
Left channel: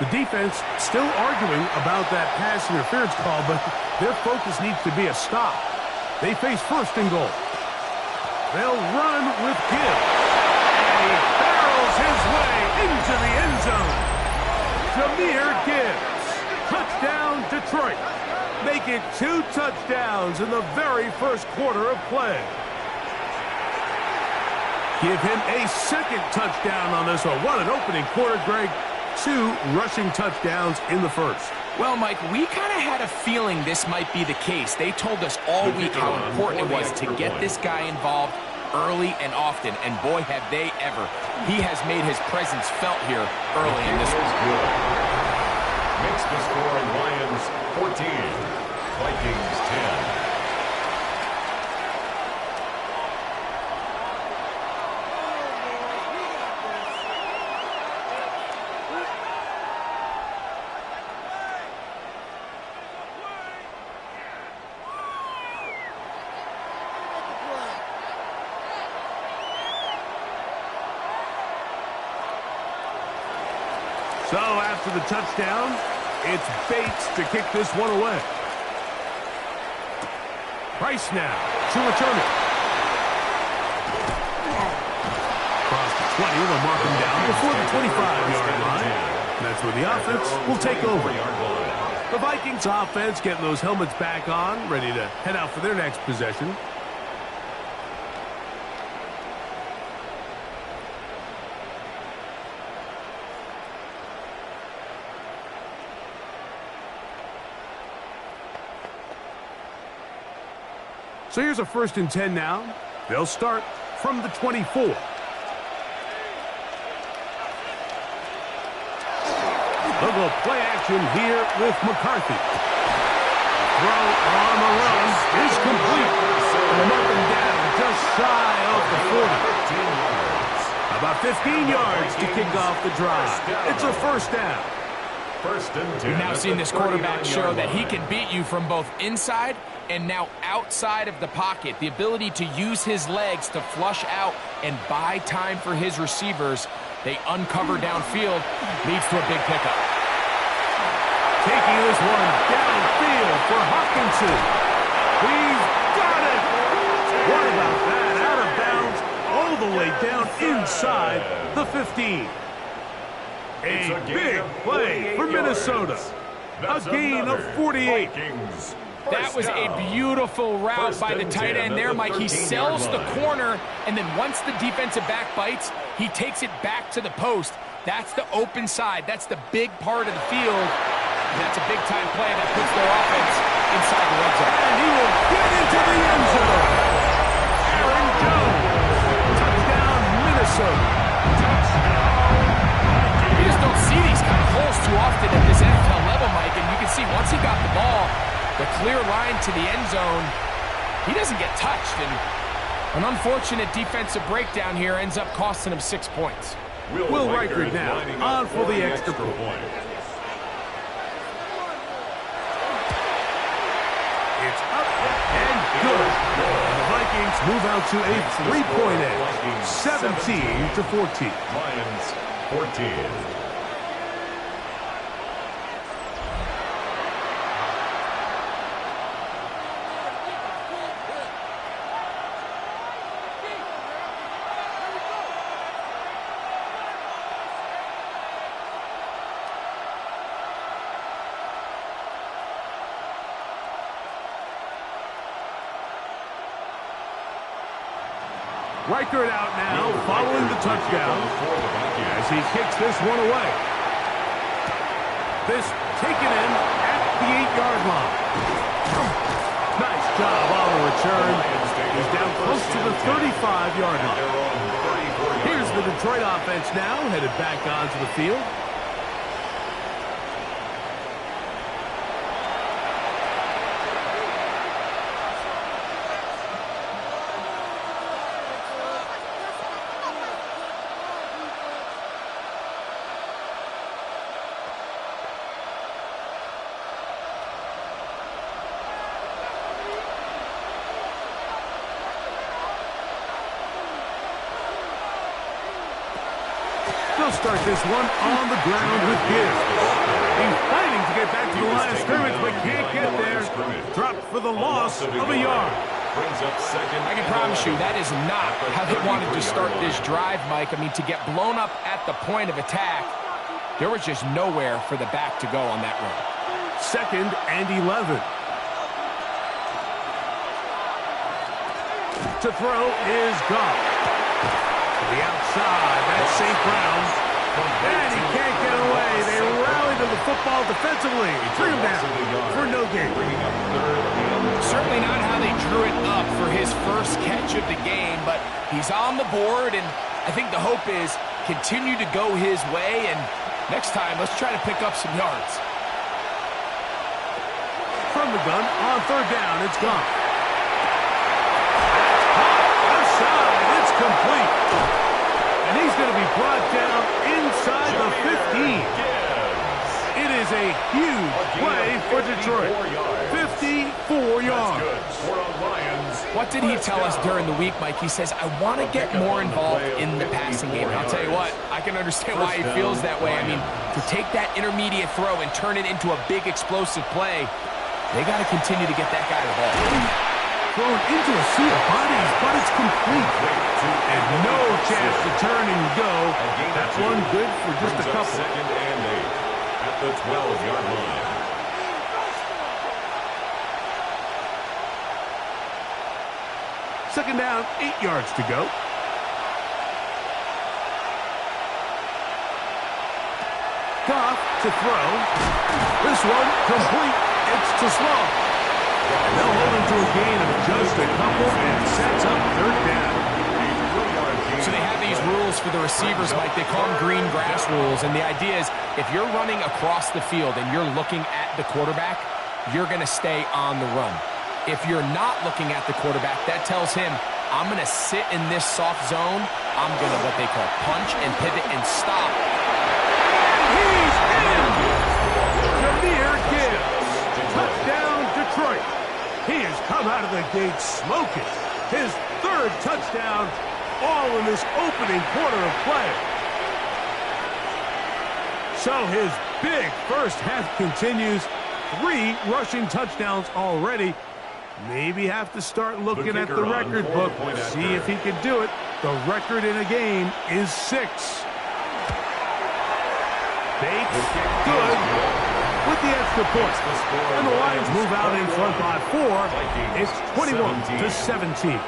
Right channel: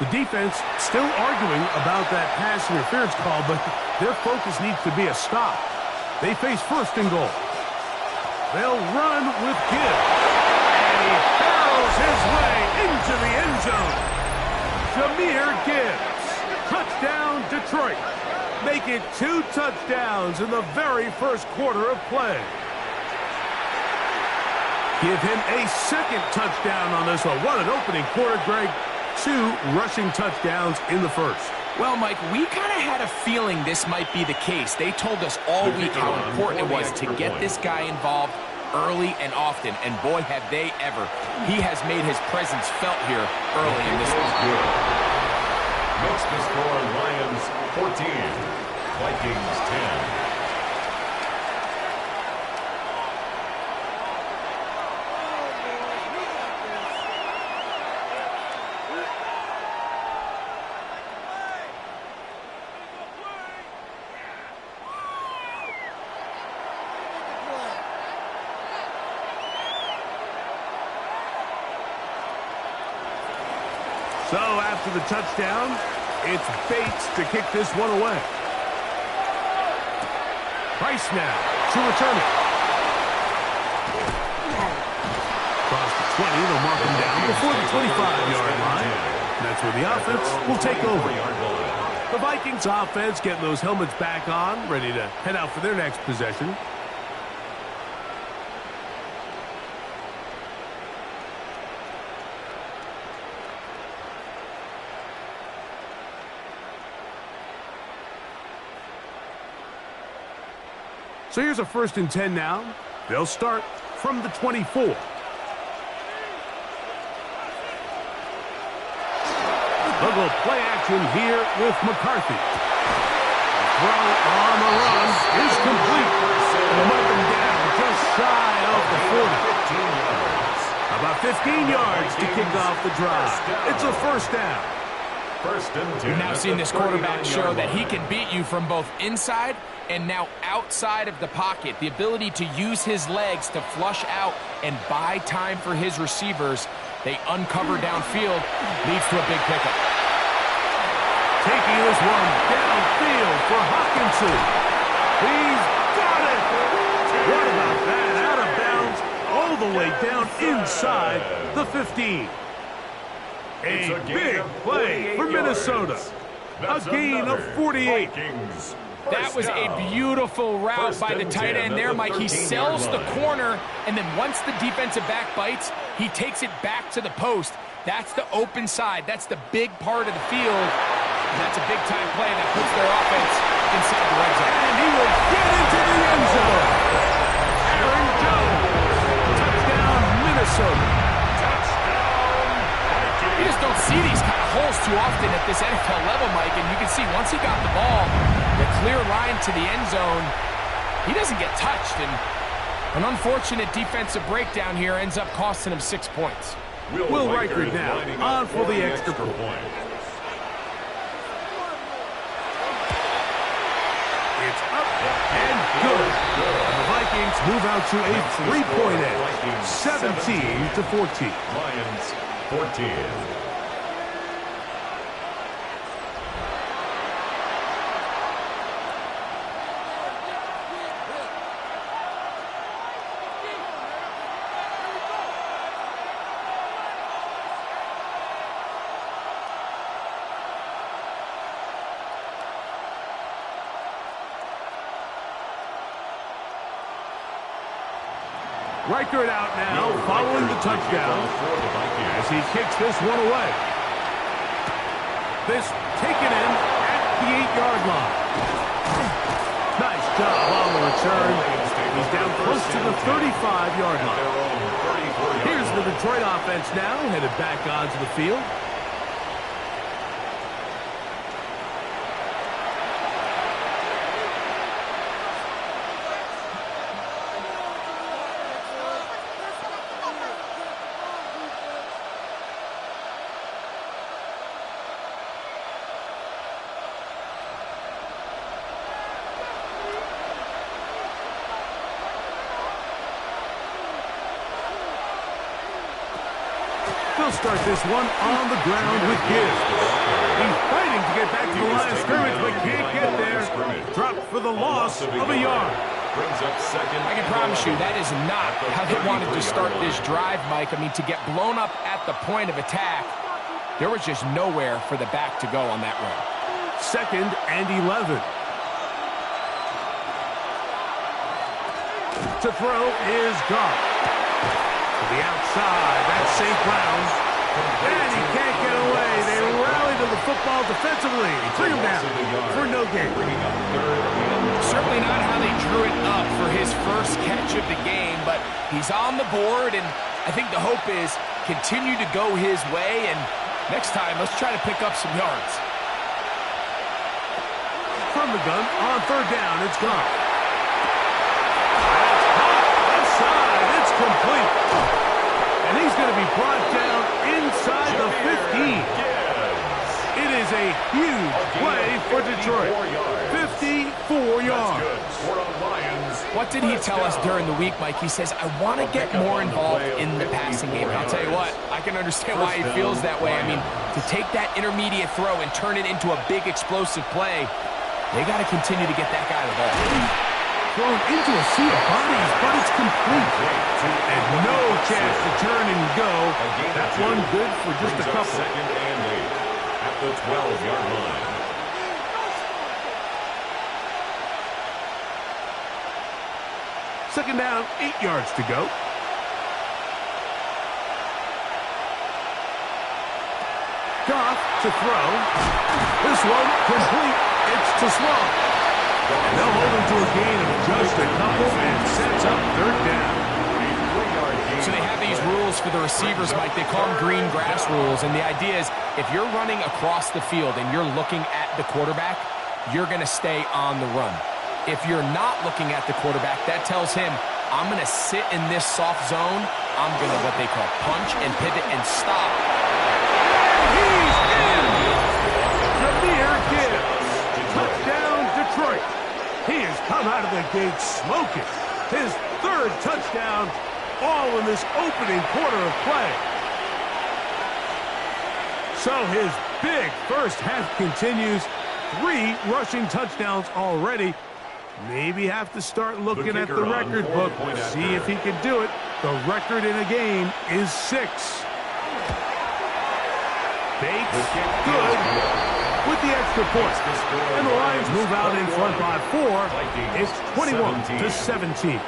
The defense still arguing about that pass interference call, but their focus needs to be a stop. They face first and goal. They'll run with Gibbs. And he barrels his way into the end zone. Jahmyr Gibbs. Touchdown, Detroit. Make it 2 touchdowns in the very first quarter of play. Give him a second touchdown on this one. What an opening quarter, Greg. 2 rushing touchdowns in the first. Well, Mike, we kind of had a feeling this might be the case. They told us all week how important it was to get this guy involved early and often, and boy, have they ever. He has made his presence felt here early in this one. Good. Makes the score Lions 14, Vikings 10. So after the touchdown, it's Bates to kick this one away. Price now to return it. Across the 20, they'll mark him down before the 25-yard line. And that's where the offense will take over. The Vikings offense getting those helmets back on, ready to head out for their next possession. So here's a 1st and 10 now. They'll start from the 24. They'll go play action here with McCarthy. The throw on the run is complete. And mark him down just shy of the 40. About 15 yards to kick off the drive. It's a first down. We've now seen this quarterback show that he can beat you from both inside and now outside of the pocket. The ability to use his legs to flush out and buy time for his receivers. They uncover downfield, leads to a big pickup. Taking this one downfield for Hawkinson. He's got it. What about that? Out of bounds, all the way down inside the 15. A big play for Minnesota. A gain of 48. That was a beautiful route by the tight end there, Mike. He sells the corner, and then once the defensive back bites, he takes it back to the post. That's the open side. That's the big part of the field. And that's a big-time play that puts their offense inside the red zone. And he will get into the end zone. Aaron Jones. Touchdown, Minnesota. You just don't see these kind of holes too often at this NFL level, Mike. And you can see once he got the ball, the clear line to the end zone, he doesn't get touched. And an unfortunate defensive breakdown here ends up costing him 6 points. Will Reichard now on for the extra point. It's up and good. And the Vikings move out to a 3-point edge, 17-14. Lions 14. Reichard out now, following the touchdown as he kicks this one away. This taken in at the 8-yard line. Nice job on the return. He's down close to the 35-yard line. Here's the Detroit offense now, headed back onto the field. They'll start this one on the ground with give. He's fighting to get back to the line of scrimmage, but can't get there. Dropped for the loss of a yard. I can promise you that is not how they wanted to start this drive, Mike. I mean, to get blown up at the point of attack, there was just nowhere for the back to go on that run. 2nd and 11. To throw is Goff. To the outside, that's St. Brown. And he can't get away. They rally to the football defensively. Bring him down for no gain. Certainly not how they drew it up for his first catch of the game, but he's on the board, and I think the hope is continue to go his way, and next time, let's try to pick up some yards. From the gun, on 3rd down, it's gone. That's caught. Left side, it's complete. And he's going to be brought down inside the 15. It is a huge play for Detroit. 54 yards. What did he tell us during the week, Mike? He says, I want to get more involved in the passing game. And I'll tell you what, I can understand why he feels that way. I mean, to take that intermediate throw and turn it into a big explosive play, they got to continue to get that guy the ball. Thrown into a sea of bodies, but it's complete. And no chance to turn and go. That's one good for just a couple. 2nd and 8 at the 12-yard line. Second down, 8 yards to go. Goff to throw. This one complete. It's to Sloan. And they'll hold him to a gain of just a couple and sets up 3rd down. So they have these rules for the receivers, Mike. They call them green grass rules. And the idea is if you're running across the field and you're looking at the quarterback, you're going to stay on the run. If you're not looking at the quarterback, that tells him, I'm going to sit in this soft zone. I'm going to what they call punch and pivot and stop. And he's in! Jahmyr Gibbs. Touchdown, Detroit. He has come out of the gate smoking. His 3rd touchdown, all in this opening quarter of play. So his big first half continues. 3 rushing touchdowns already. Maybe have to start looking at the record book, see if he can do it. The record in a game is 6. Bates, good, with the extra point. And the Lions move out in front by 4. It's 21-17.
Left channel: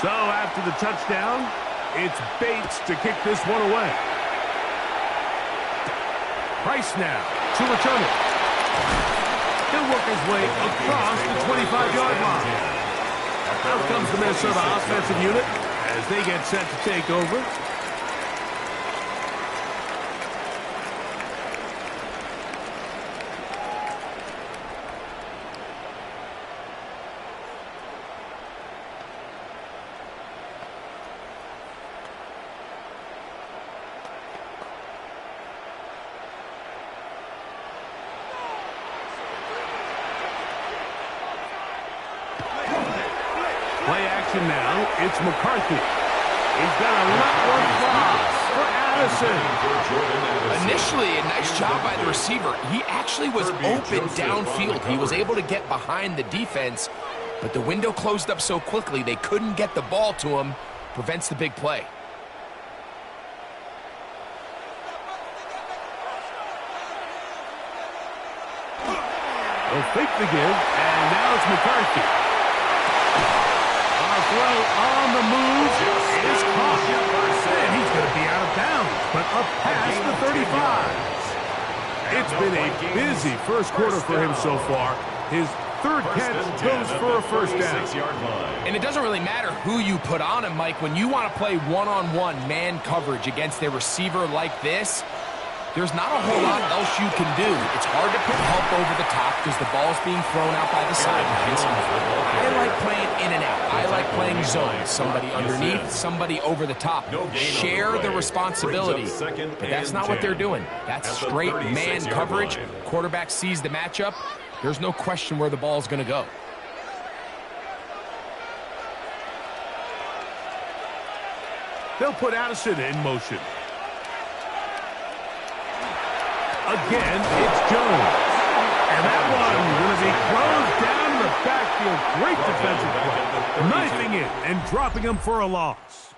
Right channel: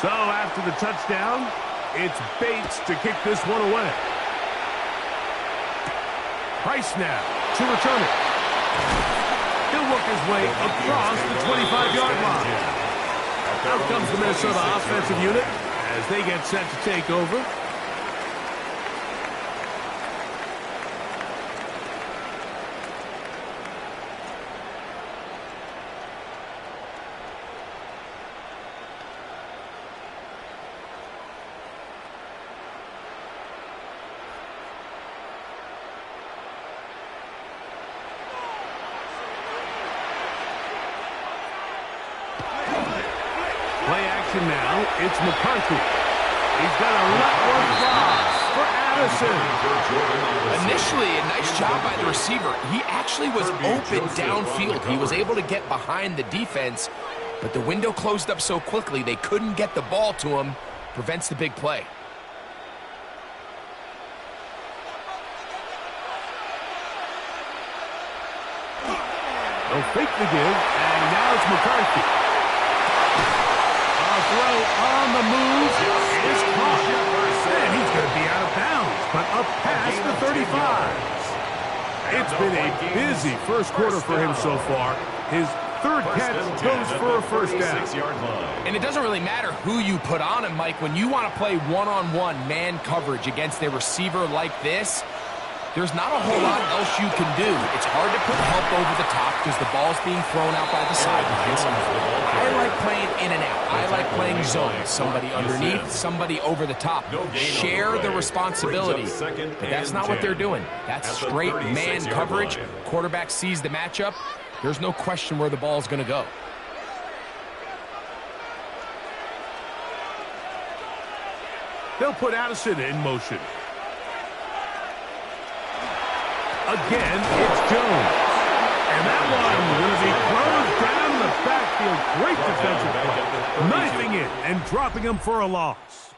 So after the touchdown, it's Bates to kick this one away. Price now to return it. He'll work his way across the 25-yard line. Out comes the Minnesota offensive unit as they get set to take over. Play action now. It's McCarthy. He's got to let one fly for Addison. Initially, a nice job by the receiver. He actually was open downfield. He was able to get behind the defense, but the window closed up so quickly they couldn't get the ball to him. prevents the big play. They'll fake the give, and now it's McCarthy. A throw on the move is caught. And he's going to be out of bounds, but up past the 35. It's been a busy first quarter for him so far. His third catch goes for a first down. And it doesn't really matter who you put on him, Mike. When you want to play one-on-one man coverage against a receiver like this, there's not a whole lot else you can do. It's hard to put help over the top because the ball's being thrown out by the sidelines. I like playing in and out. I like playing zone. Somebody underneath, somebody over the top. Share the responsibility. But that's not what they're doing. That's straight man coverage. Quarterback sees the matchup. There's no question where the ball's going to go. They'll put Addison in motion. Again, it's Jones. And that one going to be closed down in the backfield. Great defensive play. Knifing it and dropping him for a loss.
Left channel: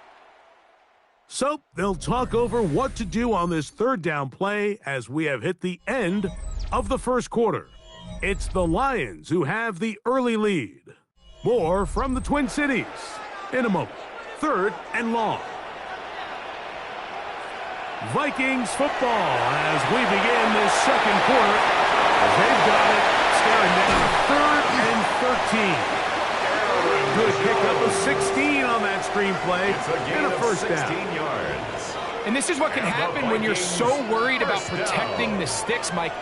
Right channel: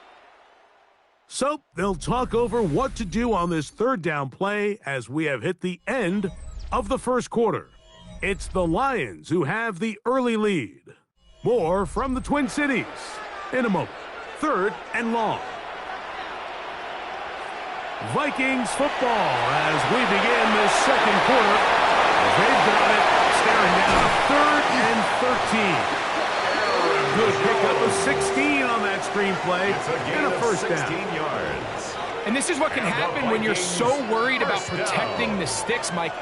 So they'll talk over what to do on this third down play as we have hit the end of the first quarter. It's the Lions who have the early lead. More from the Twin Cities in a moment. Third and long. Vikings football as we begin this second quarter. As they've got it, staring down a third and 13. Good pickup of 16 on that screenplay and a first down. And this is what can happen when you're so worried about protecting the sticks, Mike.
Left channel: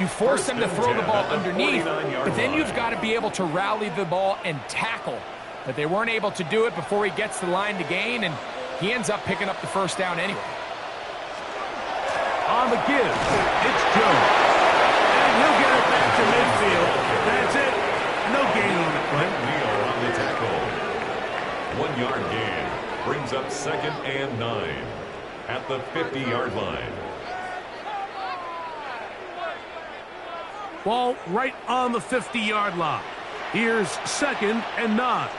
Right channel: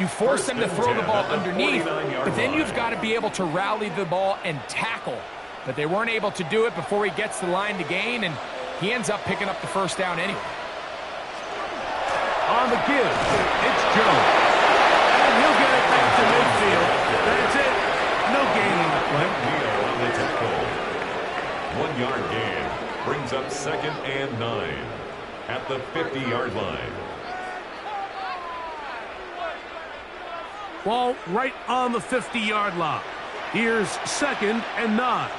You force them to throw the ball underneath, but then you've got to be able to rally the ball and tackle. But they weren't able to do it before he gets the line to gain, and he ends up picking up the first down anyway. On the give, it's Jones. And he'll get it back to midfield. That's it. No gain on the play. Neal on the tackle. 1 yard gain brings up 2nd and 9 at the 50-yard line. Ball right on the 50-yard line. Here's 2nd and 9.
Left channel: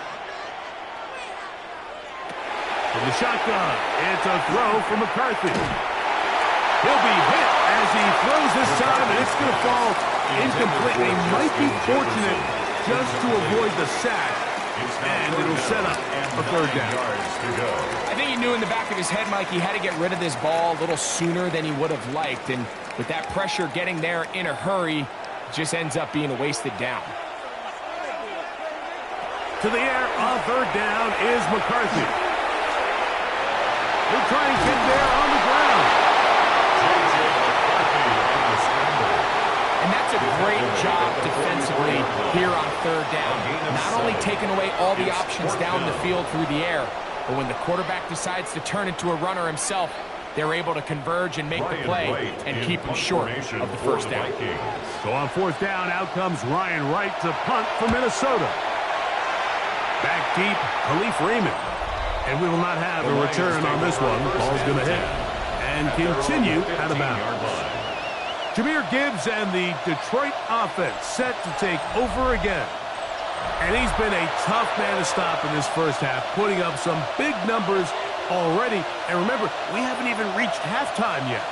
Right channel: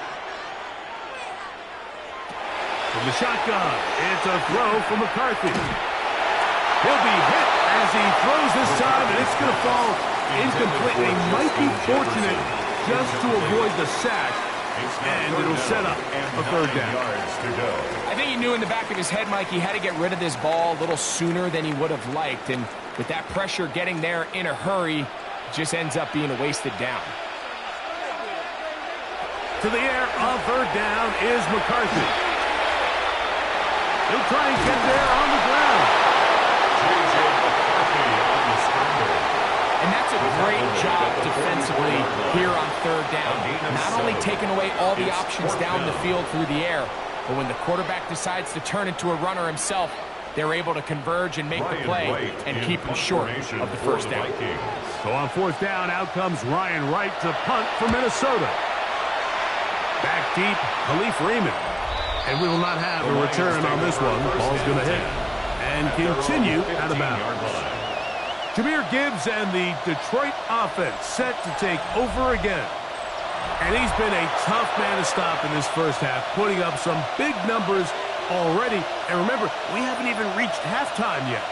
From the shotgun, it's a throw for McCarthy. He'll be hit as he throws this time, and it's going to fall incomplete. He might be fortunate just to avoid the sack, and it'll set up a third down. I think he knew in the back of his head, Mike, he had to get rid of this ball a little sooner than he would have liked, and with that pressure getting there in a hurry, it just ends up being a wasted down. To the air on third down is McCarthy. He'll try and get there on the ground. And that's a great job defensively here on third down. Not only taking away all the options down the field through the air, but when the quarterback decides to turn into a runner himself, they're able to converge and make the play and keep him short of the first down. So on fourth down, out comes Ryan Wright to punt for Minnesota. Back deep, Khalif Raymond. And we will not have a return on this one. Ball's going to hit and continue out of bounds. Jahmyr Gibbs and the Detroit offense set to take over again. And he's been a tough man to stop in this first half, putting up some big numbers already. And remember, we haven't even reached halftime yet.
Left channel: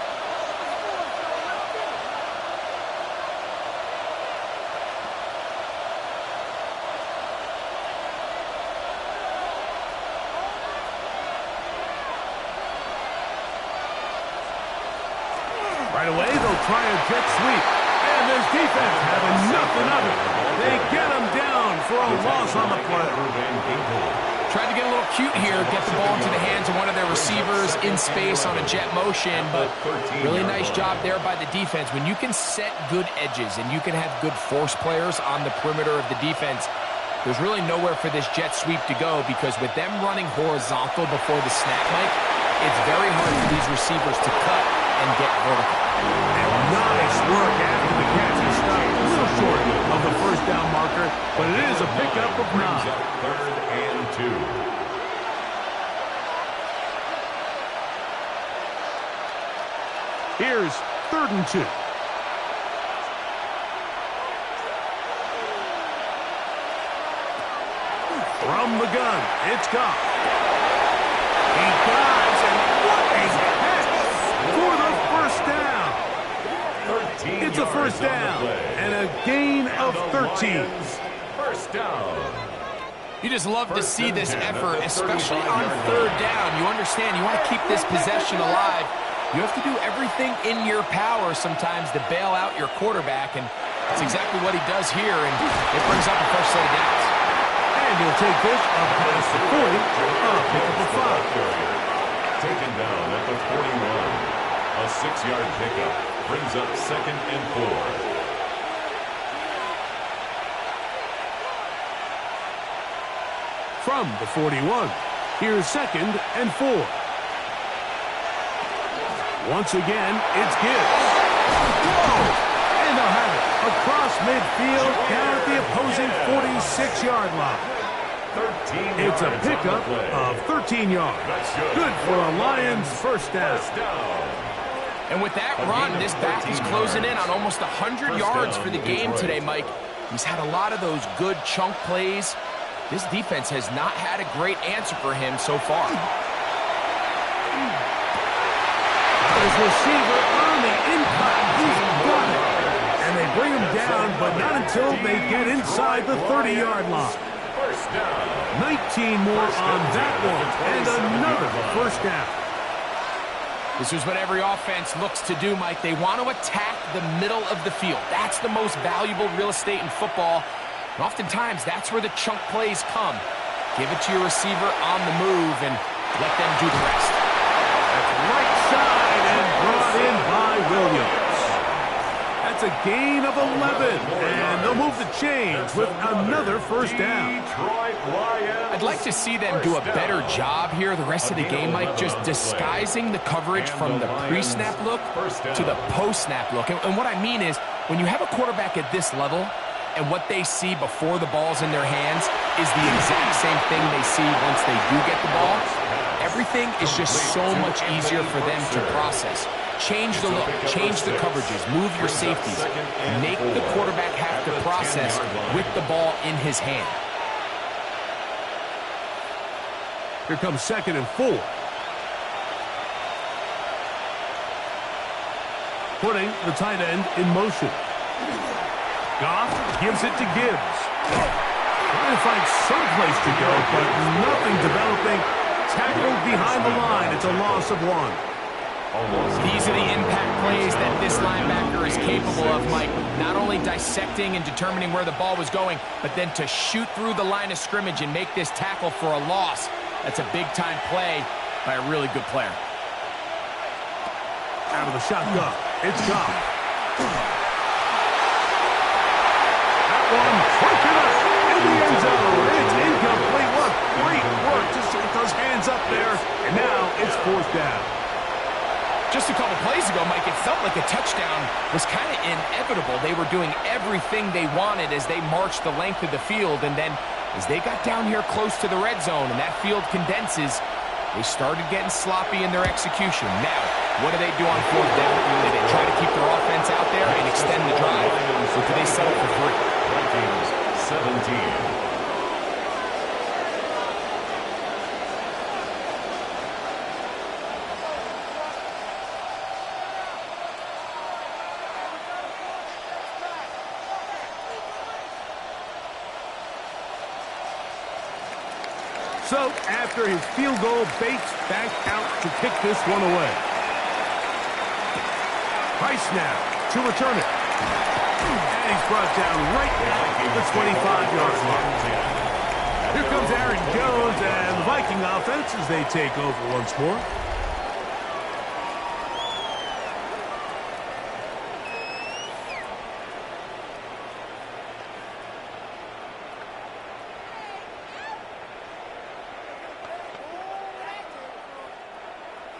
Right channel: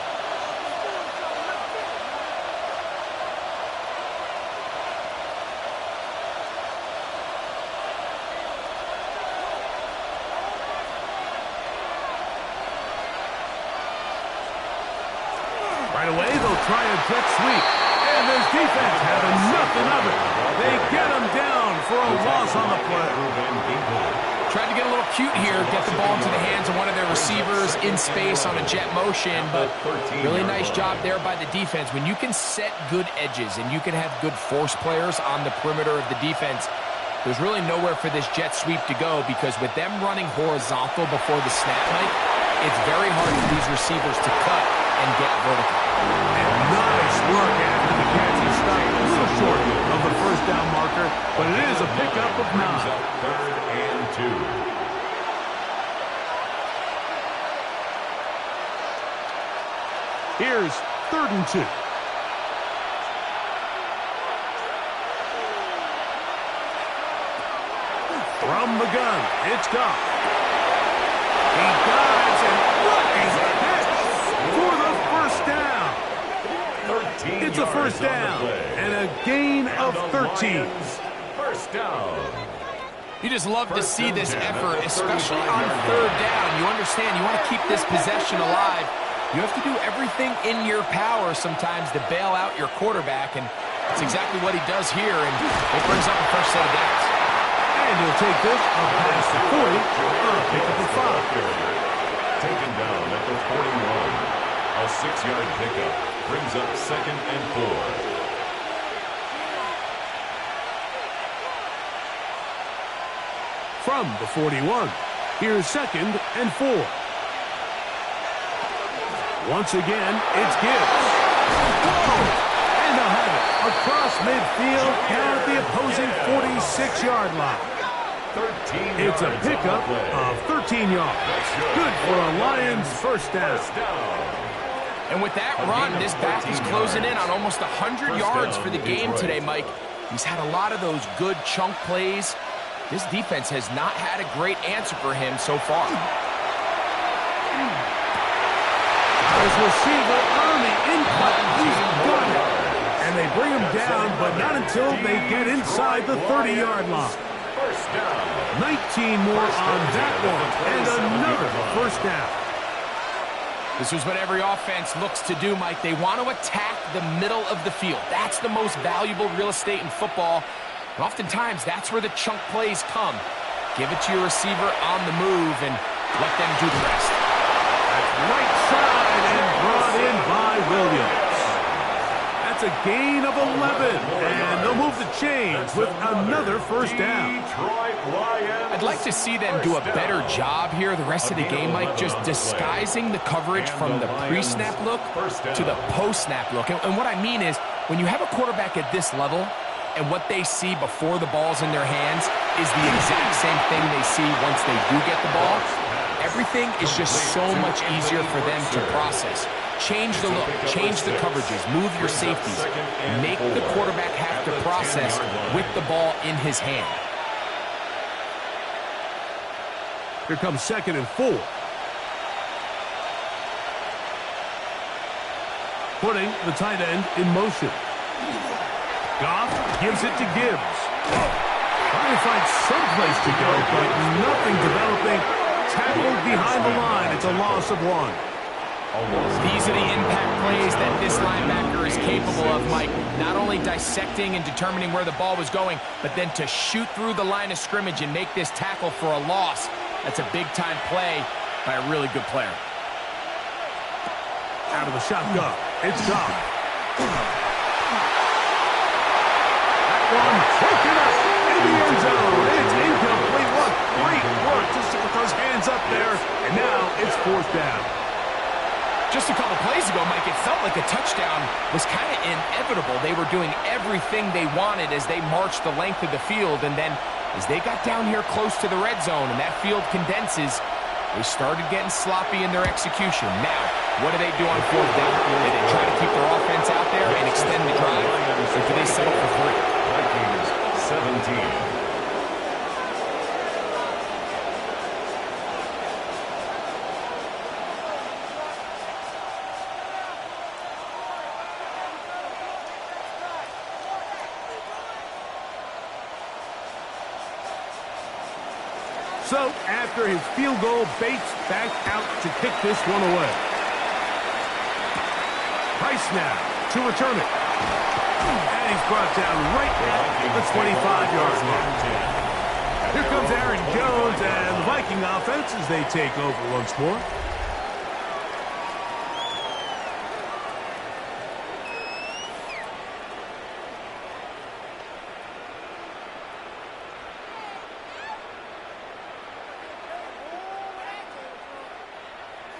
Right away, they'll try a jet sweep. And this defense having nothing of it. They get him down for a loss on the play. Tried to get a little cute here, get the ball into the hands of one of their receivers in space on a jet motion, but really nice job there by the defense. When you can set good edges and you can have good force players on the perimeter of the defense, there's really nowhere for this jet sweep to go, because with them running horizontal before the snap, Mike, it's very hard for these receivers to cut and get vertical. And nice work after the catch. He stopped a little short of the first down marker, but it is a pickup of 9. 3rd and 2. Here's 3rd and 2. From the gun, it's Goff. He dives, and what a catch for the first down. It's a first down and a gain of 13. First down. You just love to see this effort, especially on third down. You understand, you want to keep this possession alive. You have to do everything in your power sometimes to bail out your quarterback, and that's exactly what he does here, and it brings up a fresh set of downs. And he'll take this up past the 40, pick up a 5. Taken down at the 41. A 6-yard pickup brings up 2nd and 4. From the 41, here's 2nd and 4. Once again, it's Gibbs. Whoa! And they'll have it across midfield down at the opposing 46-yard line. 13 It's a yards pickup of 13 yards. Good for a Lions first down. And with that run, this back is closing in on almost 100 yards for the game today, Mike. He's had a lot of those good chunk plays. This defense has not had a great answer for him so far. His receiver on the in-cut. He's got it. And they bring him down, but not until they get inside the 30-yard line. First down. 19 more on that one, and another first down. This is what every offense looks to do, Mike. They want to attack the middle of the field. That's the most valuable real estate in football. And oftentimes, that's where the chunk plays come. Give it to your receiver on the move and let them do the rest. That's right side and brought in by Williams. That's a gain of 11, and they'll move the chains with another first down. I'd like to see them do a better job here the rest of the game, Mike, just disguising the coverage from the pre-snap look to the post-snap look. And what I mean is, when you have a quarterback at this level, and what they see before the ball's in their hands is the exact same thing they see once they do get the ball, everything is just so much easier for them to process. Change the look, change the coverages, move your safeties. Make the quarterback have to process with the ball in his hand. Here comes 2nd and 4. Putting the tight end in motion. Goff gives it to Gibbs. Trying to find some place to go, but nothing developing. Tackled behind the line. It's a loss of 1. These are the impact plays that this linebacker is capable of, Mike. Not only dissecting and determining where the ball was going, but then to shoot through the line of scrimmage and make this tackle for a loss. That's a big-time play by a really good player. Out of the shotgun. It's Goff. One broken up in the end zone. It's incomplete. What great work just to get those hands up there. And now it's 4th down. Just a couple plays ago, Mike, it felt like a touchdown was kind of inevitable. They were doing everything they wanted as they marched the length of the field. And then as they got down here close to the red zone and that field condenses, they started getting sloppy in their execution. Now, what do they do on 4th down? Do they try to keep their offense out there and extend the drive, or do they settle for 3? Vikings 17. So, after his field goal, Bates back out to kick this one away. Price now to return it. And he's brought down right at the 25-yard line. Here comes Aaron Jones and the Viking offense as they take over once more.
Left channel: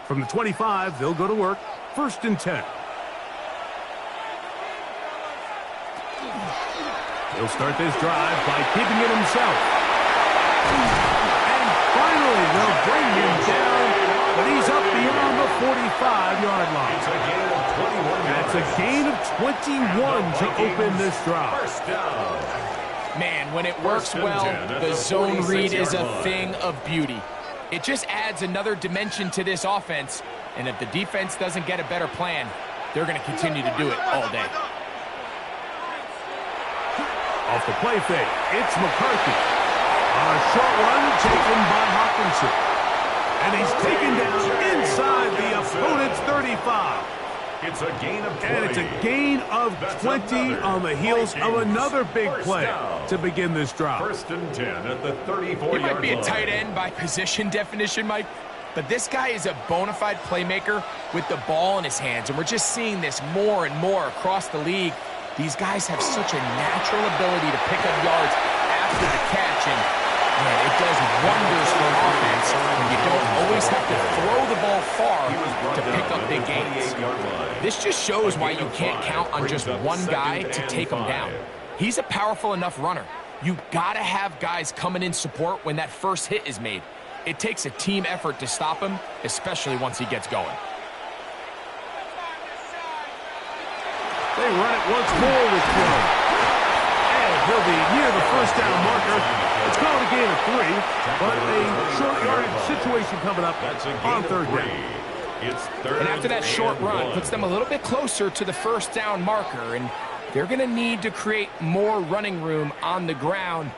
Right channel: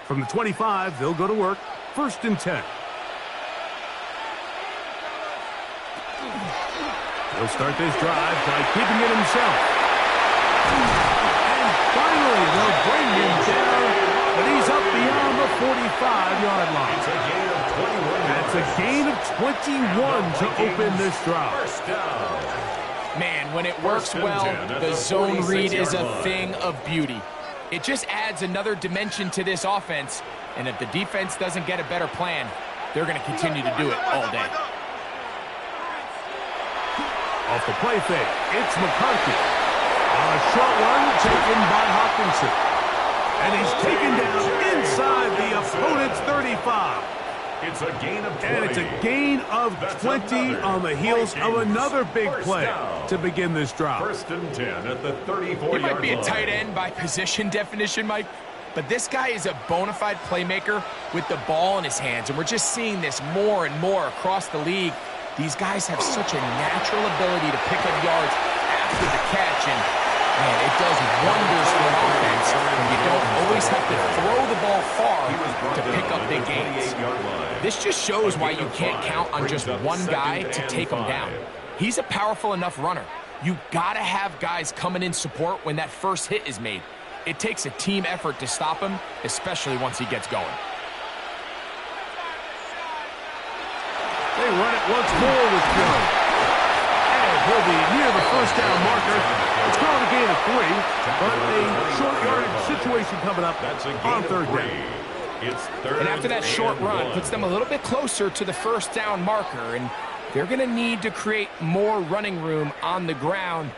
From the 25, they'll go to work. 1st and 10. He'll start this drive by keeping it himself. And finally, they'll bring him down, but he's up beyond the 45-yard line. It's a gain of 21 That's a gain of 21 to open this drive. First down. Man, when it works well, the zone read is a thing of beauty. It just adds another dimension to this offense, and if the defense doesn't get a better plan, they're going to continue to do it all day. Off the play fake, it's McCarthy. On a short one taken by Hawkinson. And he's taken down inside the opponent's 35. It's a gain of 20. And it's a gain of 20 on the heels of another big play to begin this drive. 1st and 10 at the 34-yard line. He might be a tight end by position definition, Mike, but this guy is a bona fide playmaker with the ball in his hands, and we're just seeing this more and more across the league. These guys have such a natural ability to pick up yards after the catch, and man, it does wonders for an offense when you don't always have to throw the ball far to pick up big gains. This just shows why you can't count on just one guy to take him down. He's a powerful enough runner. You gotta have guys coming in support when that first hit is made. It takes a team effort to stop him, especially once he gets going. They run it once more with Jones. And he'll be near the first down marker. It's going to gain of 3, but a short yardage situation coming up on 3rd down. It's 3rd and after that short run, puts them a little bit closer to the first down marker, and they're going to need to create more running room on the ground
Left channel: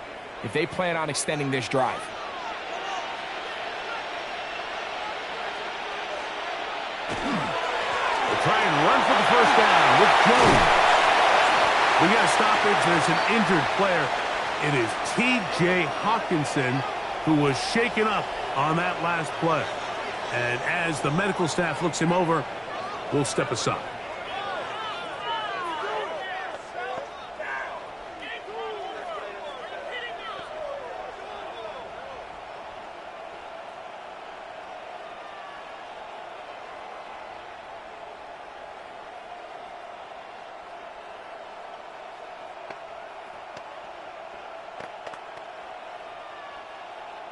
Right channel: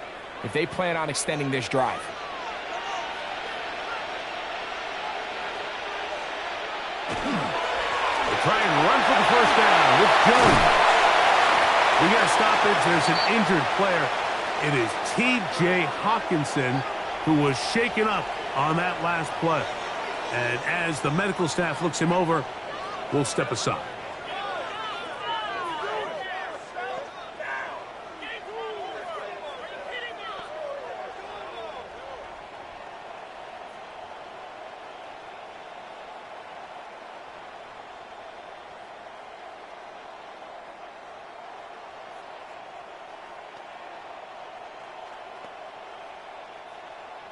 if they plan on extending this drive. They try and run for the first down with Jones. We got a stoppage. There's an injured player. It is T.J. Hawkinson who was shaken up on that last play. And as the medical staff looks him over, we'll step aside.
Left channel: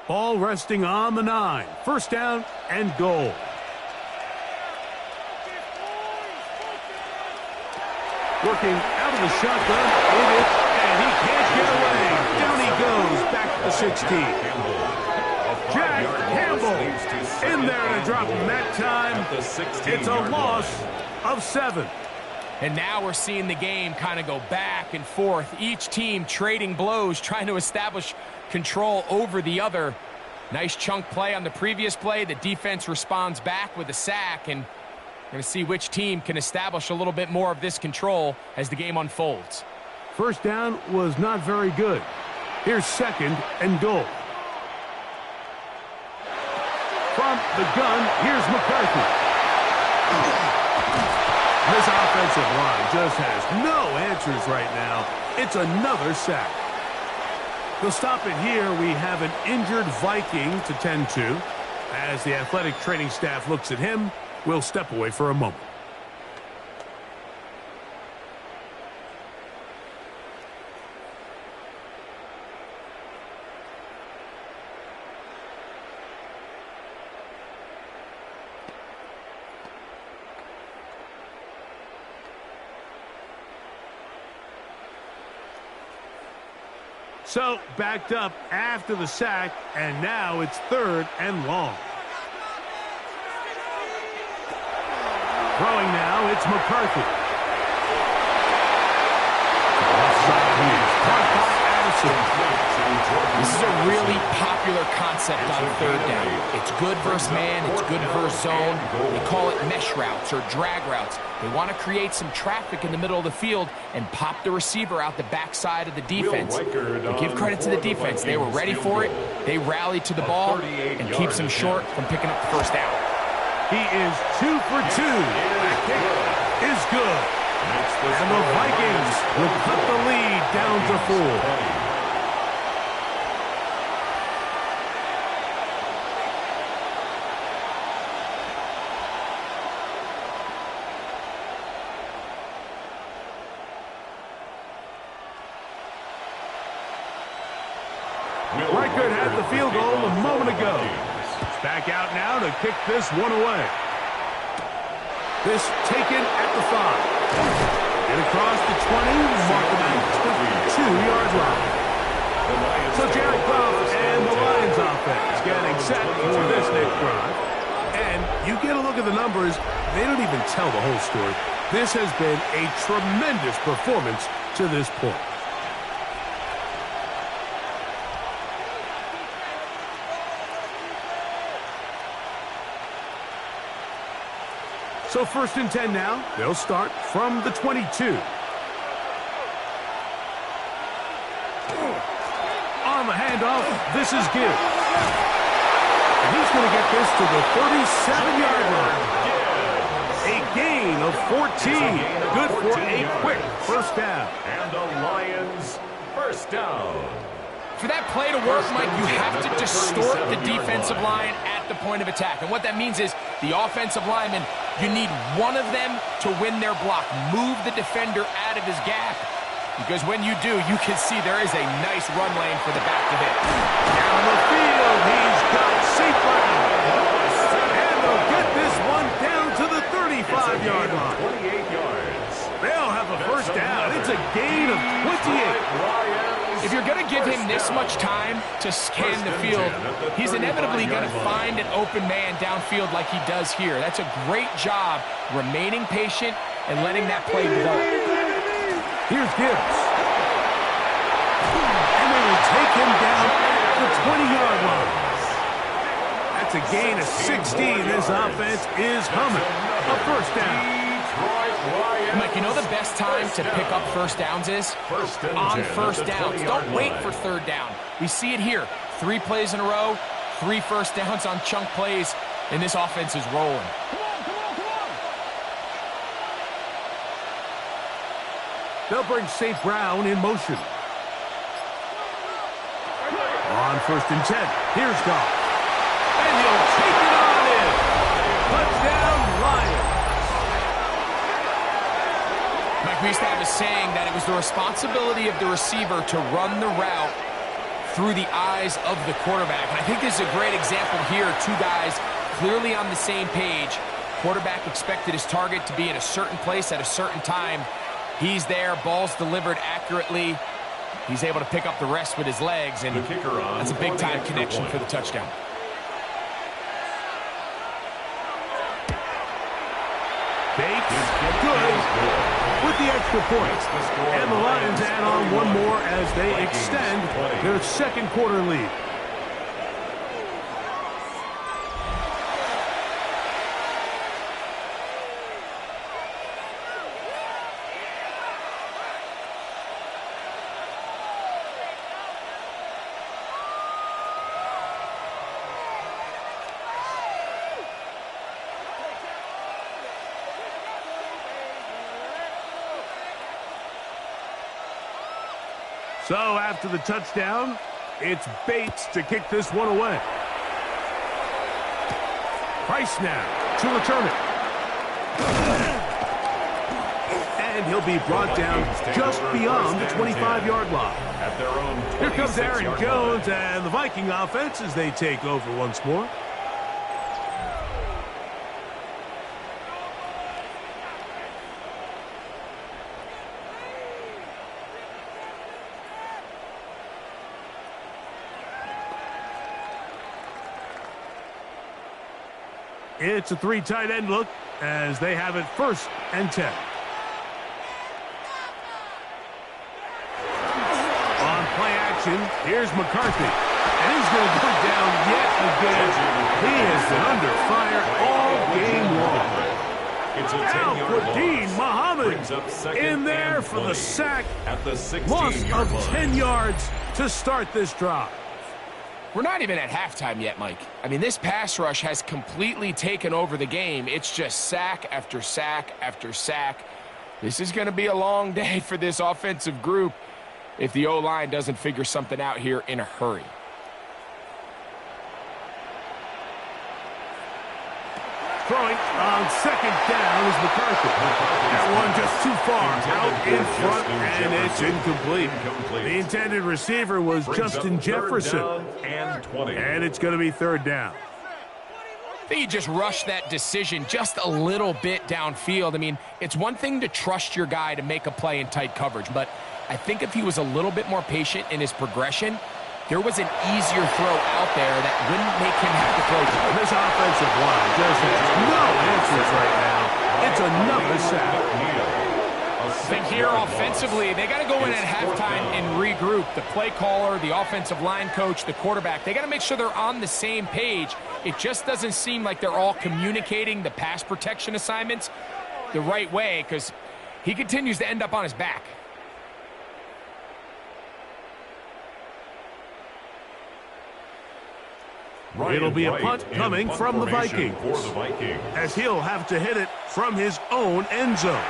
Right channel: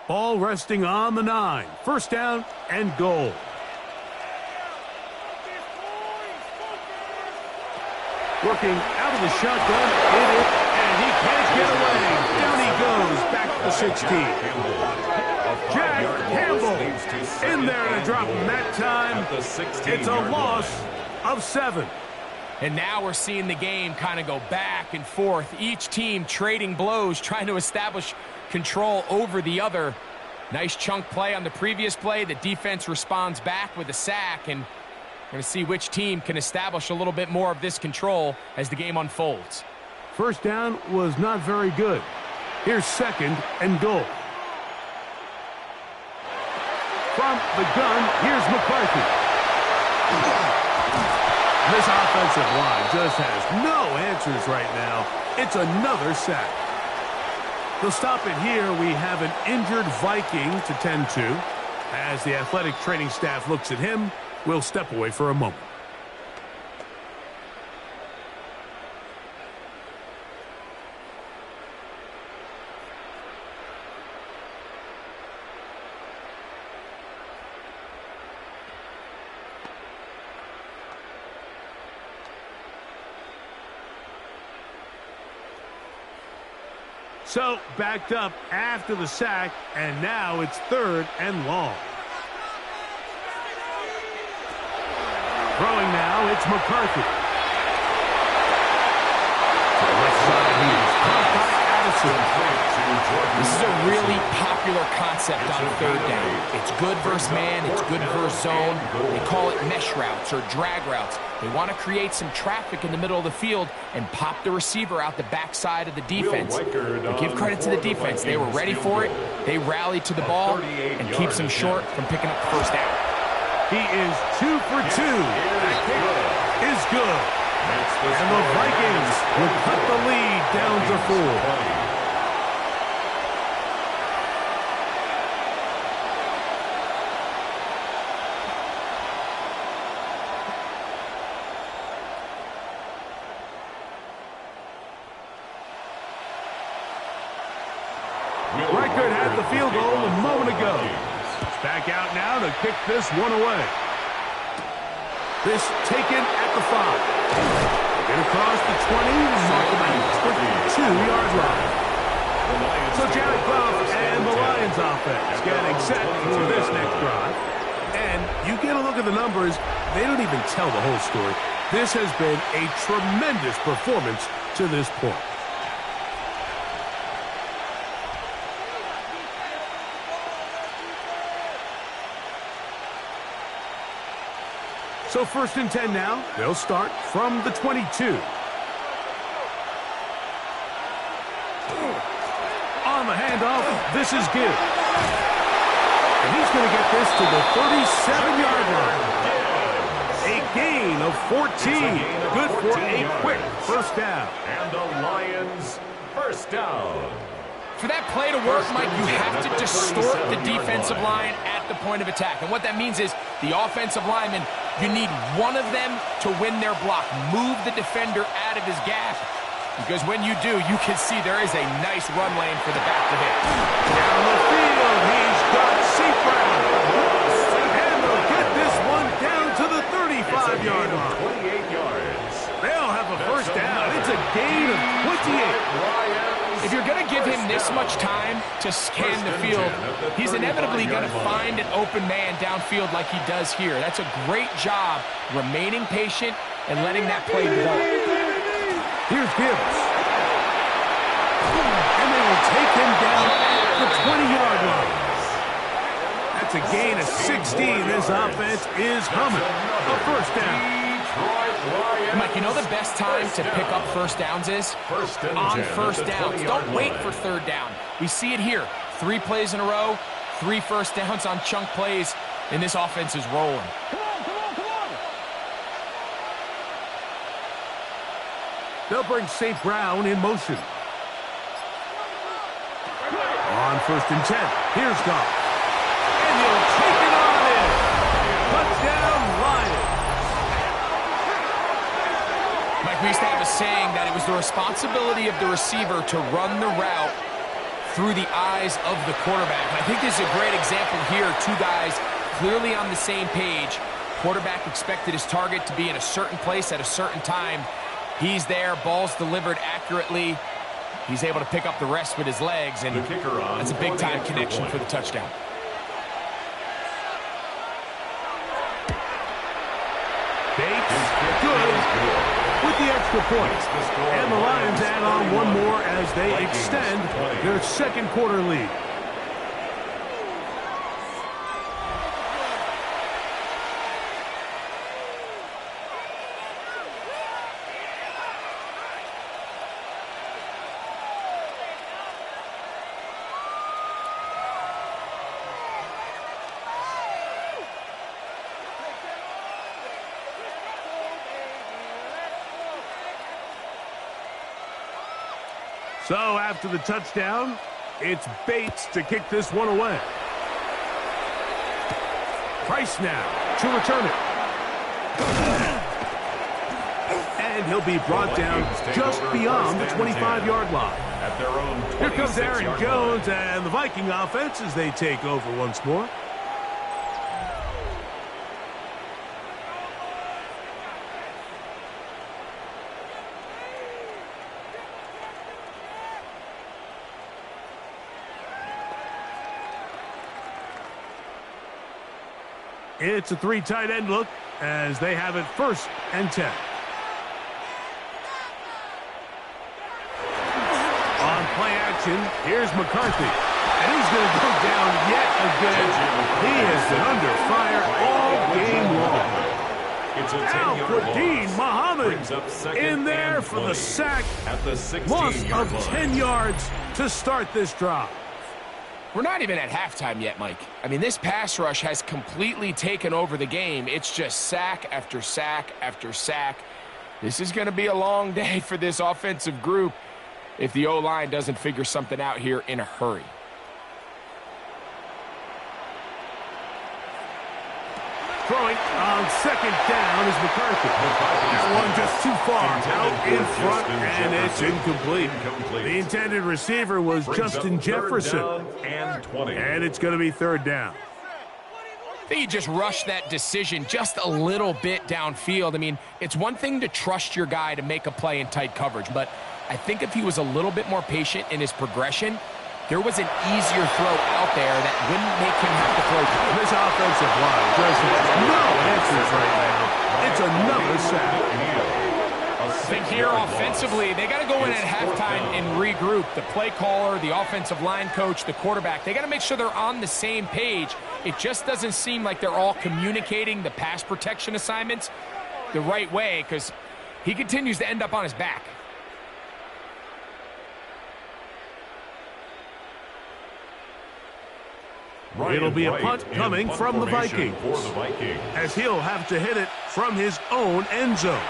Ball resting on the 9. First down and goal. Working out of the shotgun. It is, and he can't get away. Down he goes back to the 16. Jack Campbell in there to drop him that time. It's a loss of 7. And now we're seeing the game kind of go back and forth. Each team trading blows, trying to establish control over the other. Nice chunk play on the previous play. The defense responds back with a sack, and we're going to see which team can establish a little bit more of this control as the game unfolds. First down was not very good. Here's 2nd and goal. From the gun, here's McCarthy. This offensive line just has no answers right now. It's another sack. They'll stop it here. We have an injured Viking to tend to. As the athletic training staff looks at him, we'll step away for a moment. So, backed up after the sack, and now it's 3rd and long. Throwing now, it's McCarthy. To the left side, he is caught by Addison. This is a really popular concept on 3rd down. It's good versus man, it's good versus zone. They call it mesh routes or drag routes. They want to create some traffic in the middle of the field and pop the receiver out the backside of the defense. But give credit to the defense. They were ready for it. They rallied to the ball and keeps them short from picking up the first down. He is 2 for 2. That kick is good. And the Vikings will cut the lead down to 4. Reichert had the field goal a moment ago. It's back out now to kick this one away. This taken at the 5. Get across the 20, mark them at 22-yard line. So Jared Goff and the Lions Lions offense getting set for this next drive. And you get a look at the numbers, they don't even tell the whole story. This has been a tremendous performance to this point. So 1st and 10 now. They'll start from the 22. On the handoff, this is Gibbs. And he's going to get this to the 37-yard line. A gain of 14. Good for a quick first down. And the Lions first down. For that play to work, Mike, you have to distort the defensive line at the point of attack. And what that means is the offensive lineman, you need one of them to win their block. Move the defender out of his gap. Because when you do, you can see there is a nice run lane for the back to hit. Down the field, he's got St. Brown. And they'll get this one down to the 35-yard line. 28 yards. They'll have a first down. It's a gain of 28. If you're going to give him this much time to scan the field, he's inevitably going to find an open man downfield like he does here. That's a great job remaining patient and letting that play develop. Here's Gibbs. And they will take him down at the 20-yard line. That's a gain of 16. This offense is humming. A first down. Mike, you know the best time to pick up first downs is? On first downs. Don't wait for third down. We see it here. 3 plays in a row, 3 first downs on chunk plays, and this offense is rolling. They'll bring St. Brown in motion. On 1st and 10, here's Goff. And he'll take it on in. Touchdown, Lions. Mike, we used to have a saying that it was the responsibility of the receiver to run the route through the eyes of the quarterback. And I think this is a great example here. 2 guys clearly on the same page. Quarterback expected his target to be in a certain place at a certain time. He's there, ball's delivered accurately. He's able to pick up the rest with his legs, and that's a big-time connection for the touchdown. Bates, good with the extra point. And the Lions add on one more as they extend their second quarter lead. So after the touchdown, it's Bates to kick this one away. Price now to return it. And he'll be brought down just beyond the 25-yard line. At their own Here comes Aaron Jones and the Viking offense as they take over once more. It's a 3 tight end look as they have it 1st and 10. On play action, here's McCarthy. And he's going to go down yet again. He has been under fire all game long. It's a Al-Quadin Muhammad in there for the sack. At the 16-yard Loss of line. 10 yards to start this drive. We're not even at halftime yet, Mike. I mean, this pass rush has completely taken over the game. It's just sack after sack after sack. This is going to be a long day for this offensive group if the O-line doesn't figure something out here in a hurry. Throwing on 2nd down is McCarthy. That one just too far out in front, and it's incomplete. The intended receiver was Justin Jefferson. And it's going to be 3rd down. I think he just rushed that decision just a little bit downfield. I mean, it's one thing to trust your guy to make a play in tight coverage, but I think if he was a little bit more patient in his progression, there was an easier throw out there that wouldn't make him have to throw to. This offensive line just has no answers right now. It's another sack. I think here offensively, they got to go in at halftime and regroup. The play caller, the offensive line coach, the quarterback, they got to make sure they're on the same page. It just doesn't seem like they're all communicating the pass protection assignments the right way because he continues to end up on his back. It'll be a punt coming from the Vikings, as he'll have to hit it from his own end zone.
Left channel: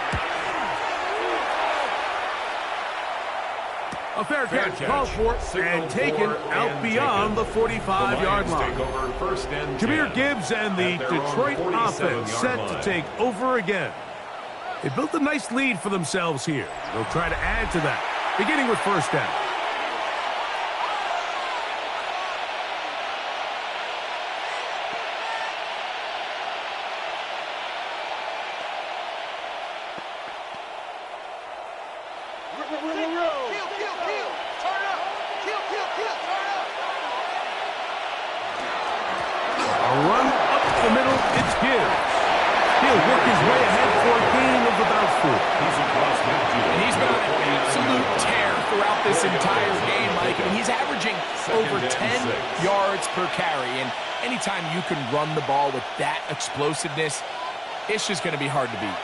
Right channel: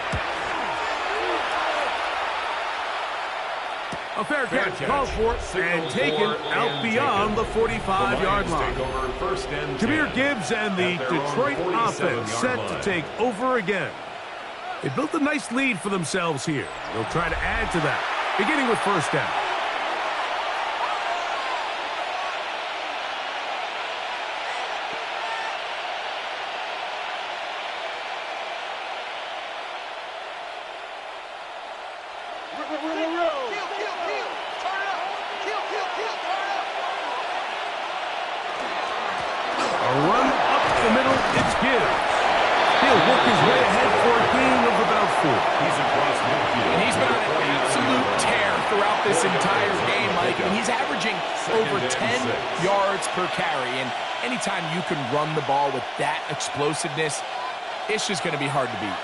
A fair catch called for and taken out beyond the 45-yard line. Jahmyr Gibbs and the Detroit offense set to take over again. They built a nice lead for themselves here. They'll try to add to that, beginning with first down. And he's been on an absolute tear throughout this entire game, Mike. I mean, he's averaging over 10 yards per carry. And anytime you can run the ball with that explosiveness, it's just going to be hard to beat.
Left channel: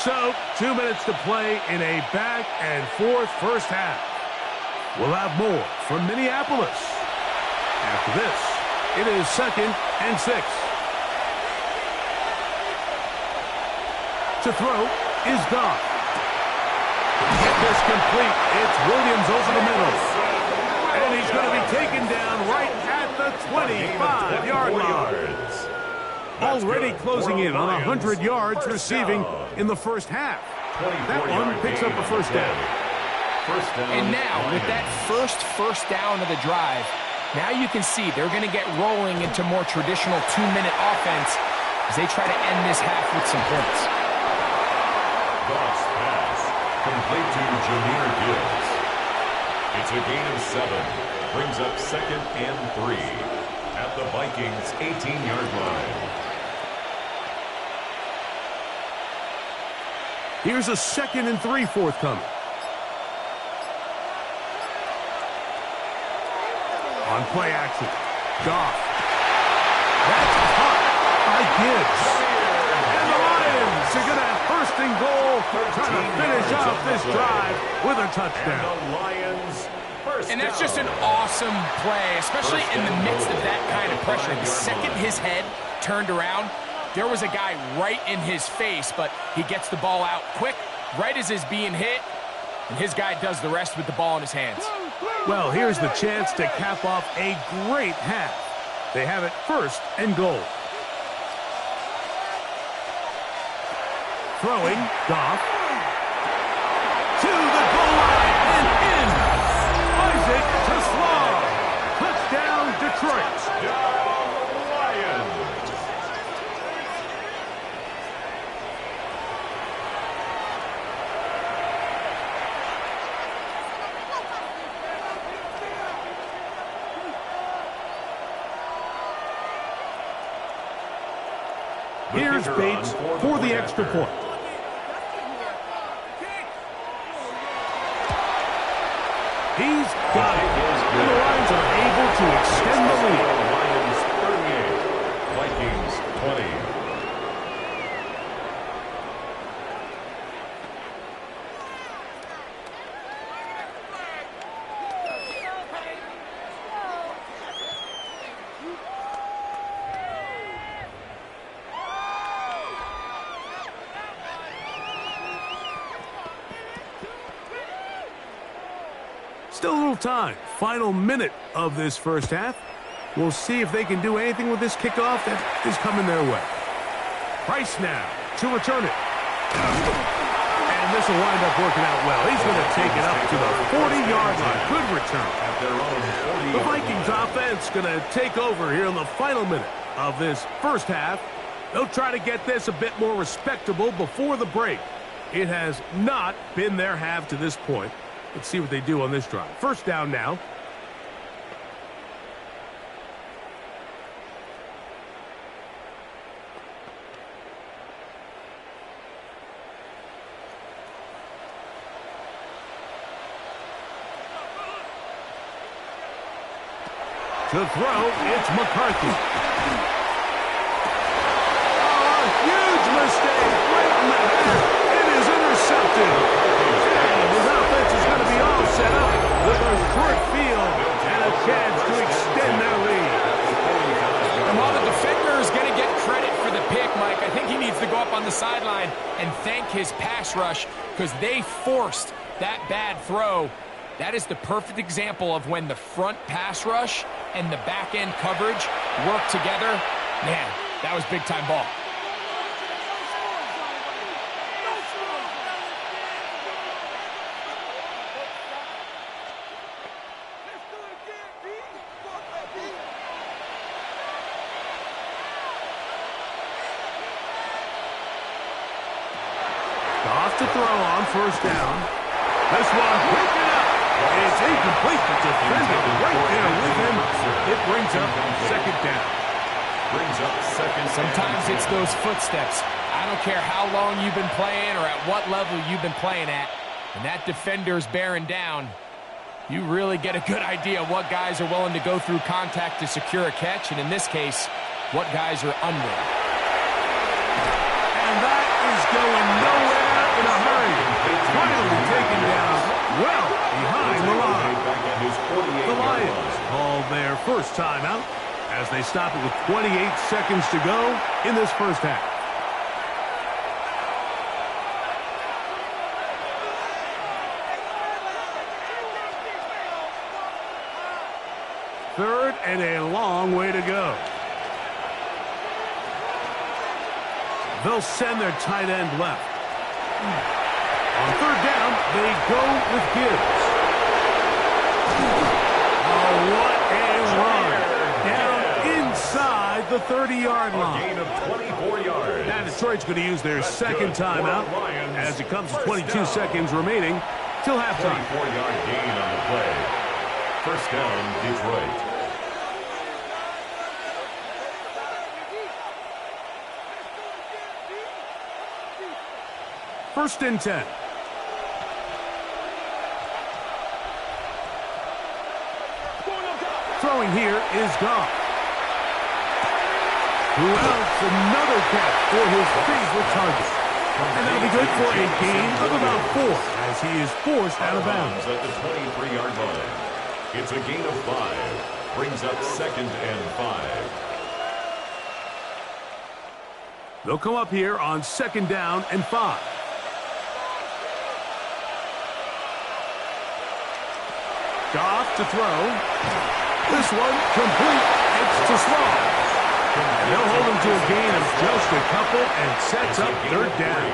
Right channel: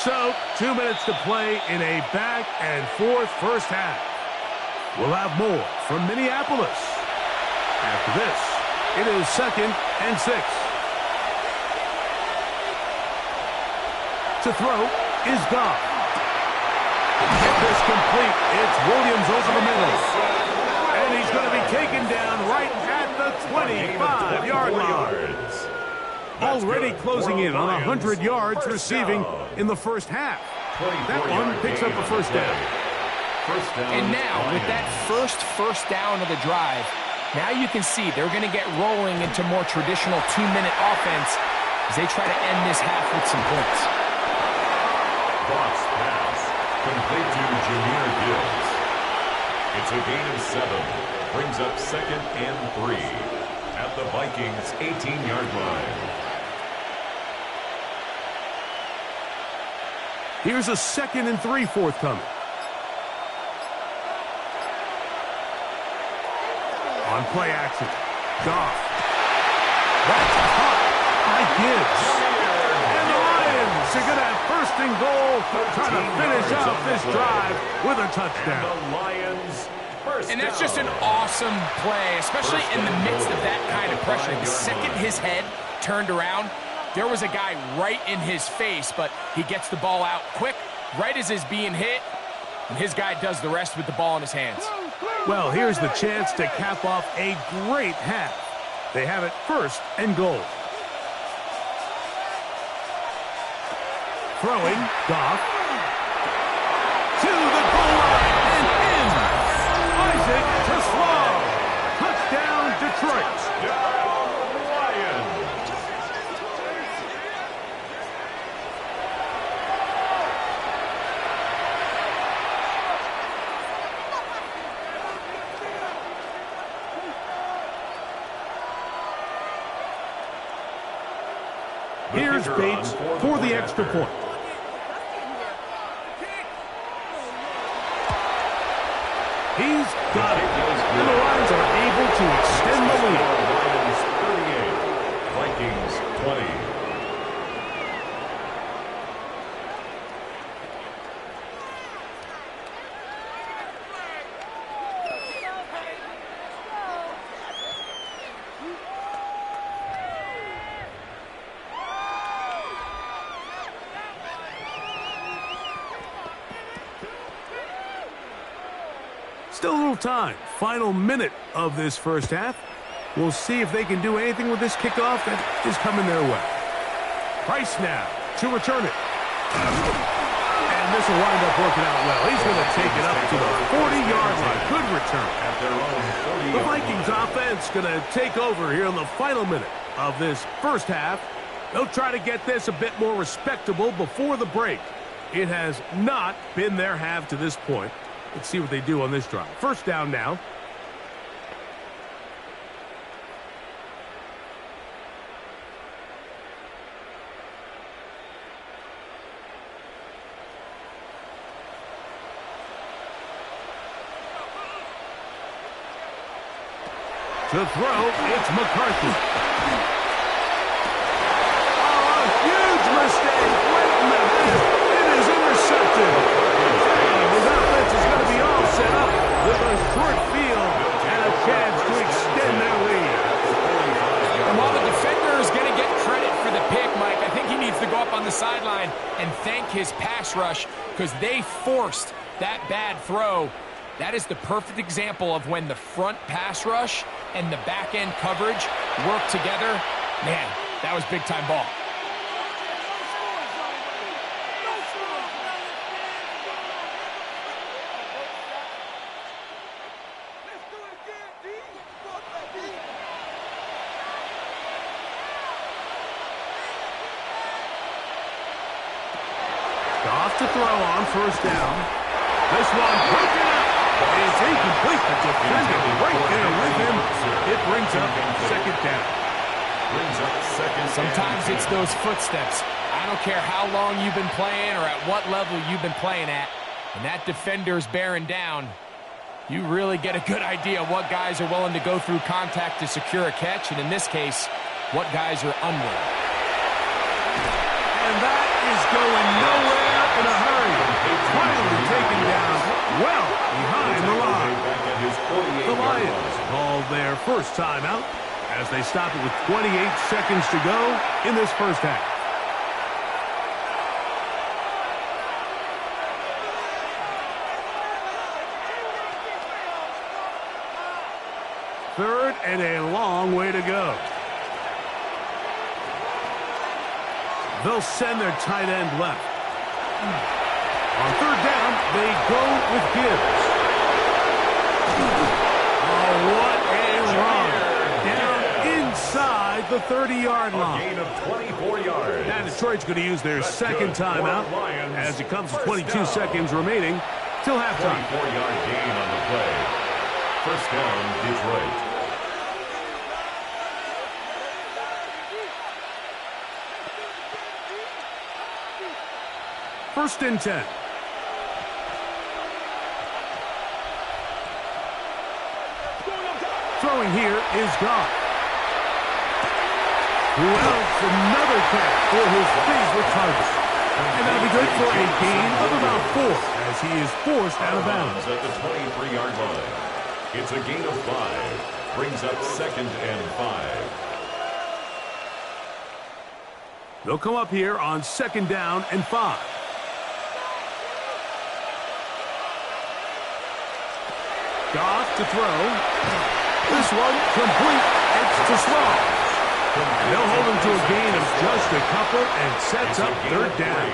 So, 2 minutes to play in a back-and-forth first half. We'll have more from Minneapolis. After this, it is 2nd and 6. To throw is Goff. Get this complete. It's Williams over the middle. And he's going to be taken down right at the 25-yard line. Already closing in on 100 yards receiving in the first half. That one picks up a first down. And now, with that first down of the drive, now you can see they're going to get rolling into more traditional 2-minute offense as they try to end this half with some points. Goff's pass, complete to Jahmyr Gibbs. It's a gain of 7. Brings up 2nd and 3 at the Vikings' 18-yard line. Here's a 2nd and 3 forthcoming. On play action, Goff. That's caught by Gibbs. And the Lions are going to have 1st and goal, trying to finish off this drive with a touchdown. And the Lions first And that's down. just an awesome play, especially in the midst of that kind of pressure. The second his head turned around, there was a guy right in his face, but he gets the ball out quick, right as he's being hit, and his guy does the rest with the ball in his hands. Well, here's the chance to cap off a great half. They have it 1st and goal. Throwing, Goff. To the goal line and in. Isaac to Slaw. Touchdown, Detroit. Touchdown, Lions. Here's Bates for the extra point. He's got it. And the Lions are able to extend the lead. Lions 38, Vikings 20. Still a little time. Final minute of this first half. We'll see if they can do anything with this kickoff that is coming their way. Price now to return it. And this will wind up working out well. He's going to take it up to the 40-yard line. Good return. At their own 40-yard The Vikings offense going to take over here in the final minute of this first half. They'll try to get this a bit more respectable before the break. It has not been their half to this point. Let's see what they do on this drive. First down now. To throw, it's McCarthy. Oh, a huge mistake. Right in the half. It is intercepted. And his offense is going to be all set up with a short field and a chance to extend their lead. And while the defender is going to get credit for the pick, Mike, I think he needs to go up on the sideline and thank his pass rush because they forced that bad throw. That is the perfect example of when the front pass rush and the back-end coverage work together. Man, that was big-time ball. Off to throw on first down. This one broken up. It's incomplete. The defender right there with him. It brings up second down. Sometimes it's those footsteps. I don't care how long you've been playing or at what level you've been playing at. When that defender's bearing down, you really get a good idea of what guys are willing to go through contact to secure a catch, and in this case, what guys are unwilling. And that is going nowhere in a hurry. Finally taken down well behind the line. The Lions call their first timeout as they stop it with 28 seconds to go in this first half. Third and a long way to go. They'll send their tight end left. On third down, they go with Gibbs. Oh, what a run. Down inside the 30-yard line. A gain of 24 yards. Now Detroit's going to use their second timeout as it comes to 22 seconds remaining till halftime. 24-yard gain on the play. First down, Detroit. First and 10. Throwing here is Goff. Who else? Another catch for his favorite target. And that'll be good for a gain of about 4 as he is forced out of bounds. At the 23-yard line. It's a gain of 5. Brings up second and 5. They'll come up here on second down and 5. Goff to throw. This one complete. It's to Small. And they'll hold him to a gain of just a couple and sets up third down.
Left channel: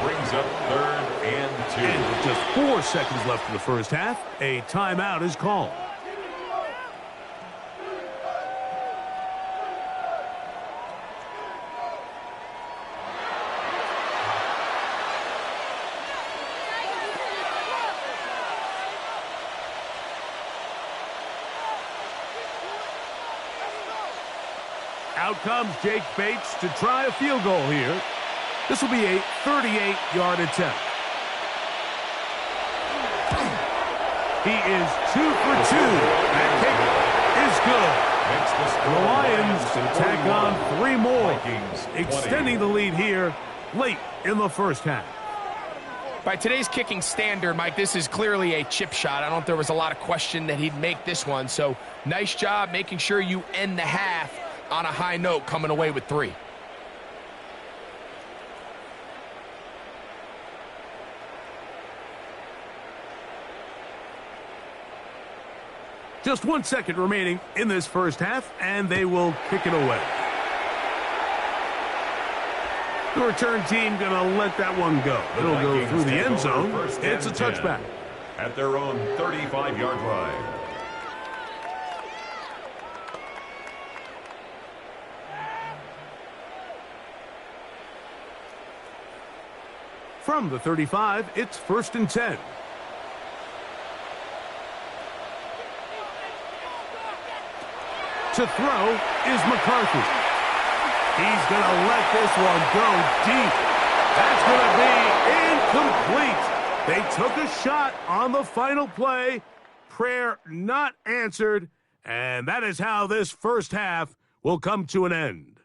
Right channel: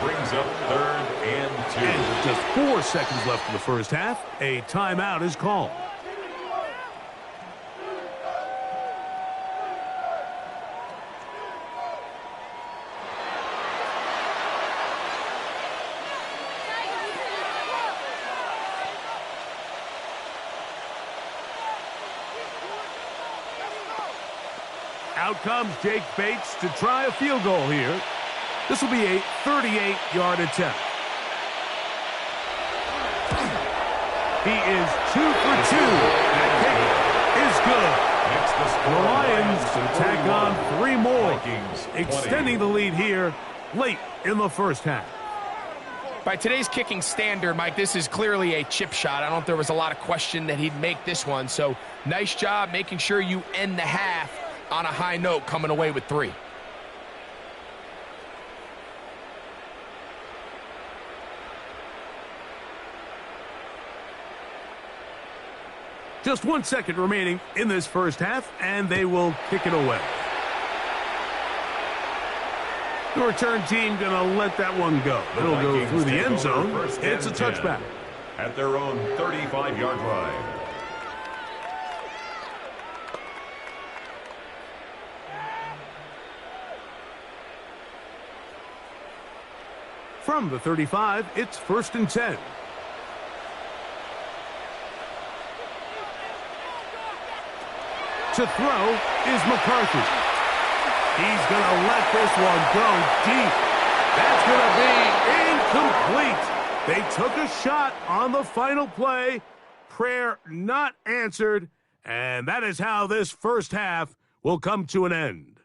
Brings up third and 2. And with just 4 seconds left in the first half, a timeout is called. Out comes Jake Bates to try a field goal here. This will be a 38-yard attempt. He is 2 for 2. That kick is good. And the Lions can tack on 3 more, extending the lead here late in the first half. By today's kicking standard, Mike, this is clearly a chip shot. I don't think there was a lot of question that he'd make this one. So nice job making sure you end the half on a high note, coming away with 3. Just 1 second remaining in this first half, and they will kick it away. The return team going to let that one go. It'll go through the end zone. It's a touchback. At their own 35-yard line. From the 35, it's first and 10. To throw is McCarthy. He's going to let this one go deep. That's going to be incomplete. They took a shot on the final play. Prayer not answered. And that is how this first half will come to an end.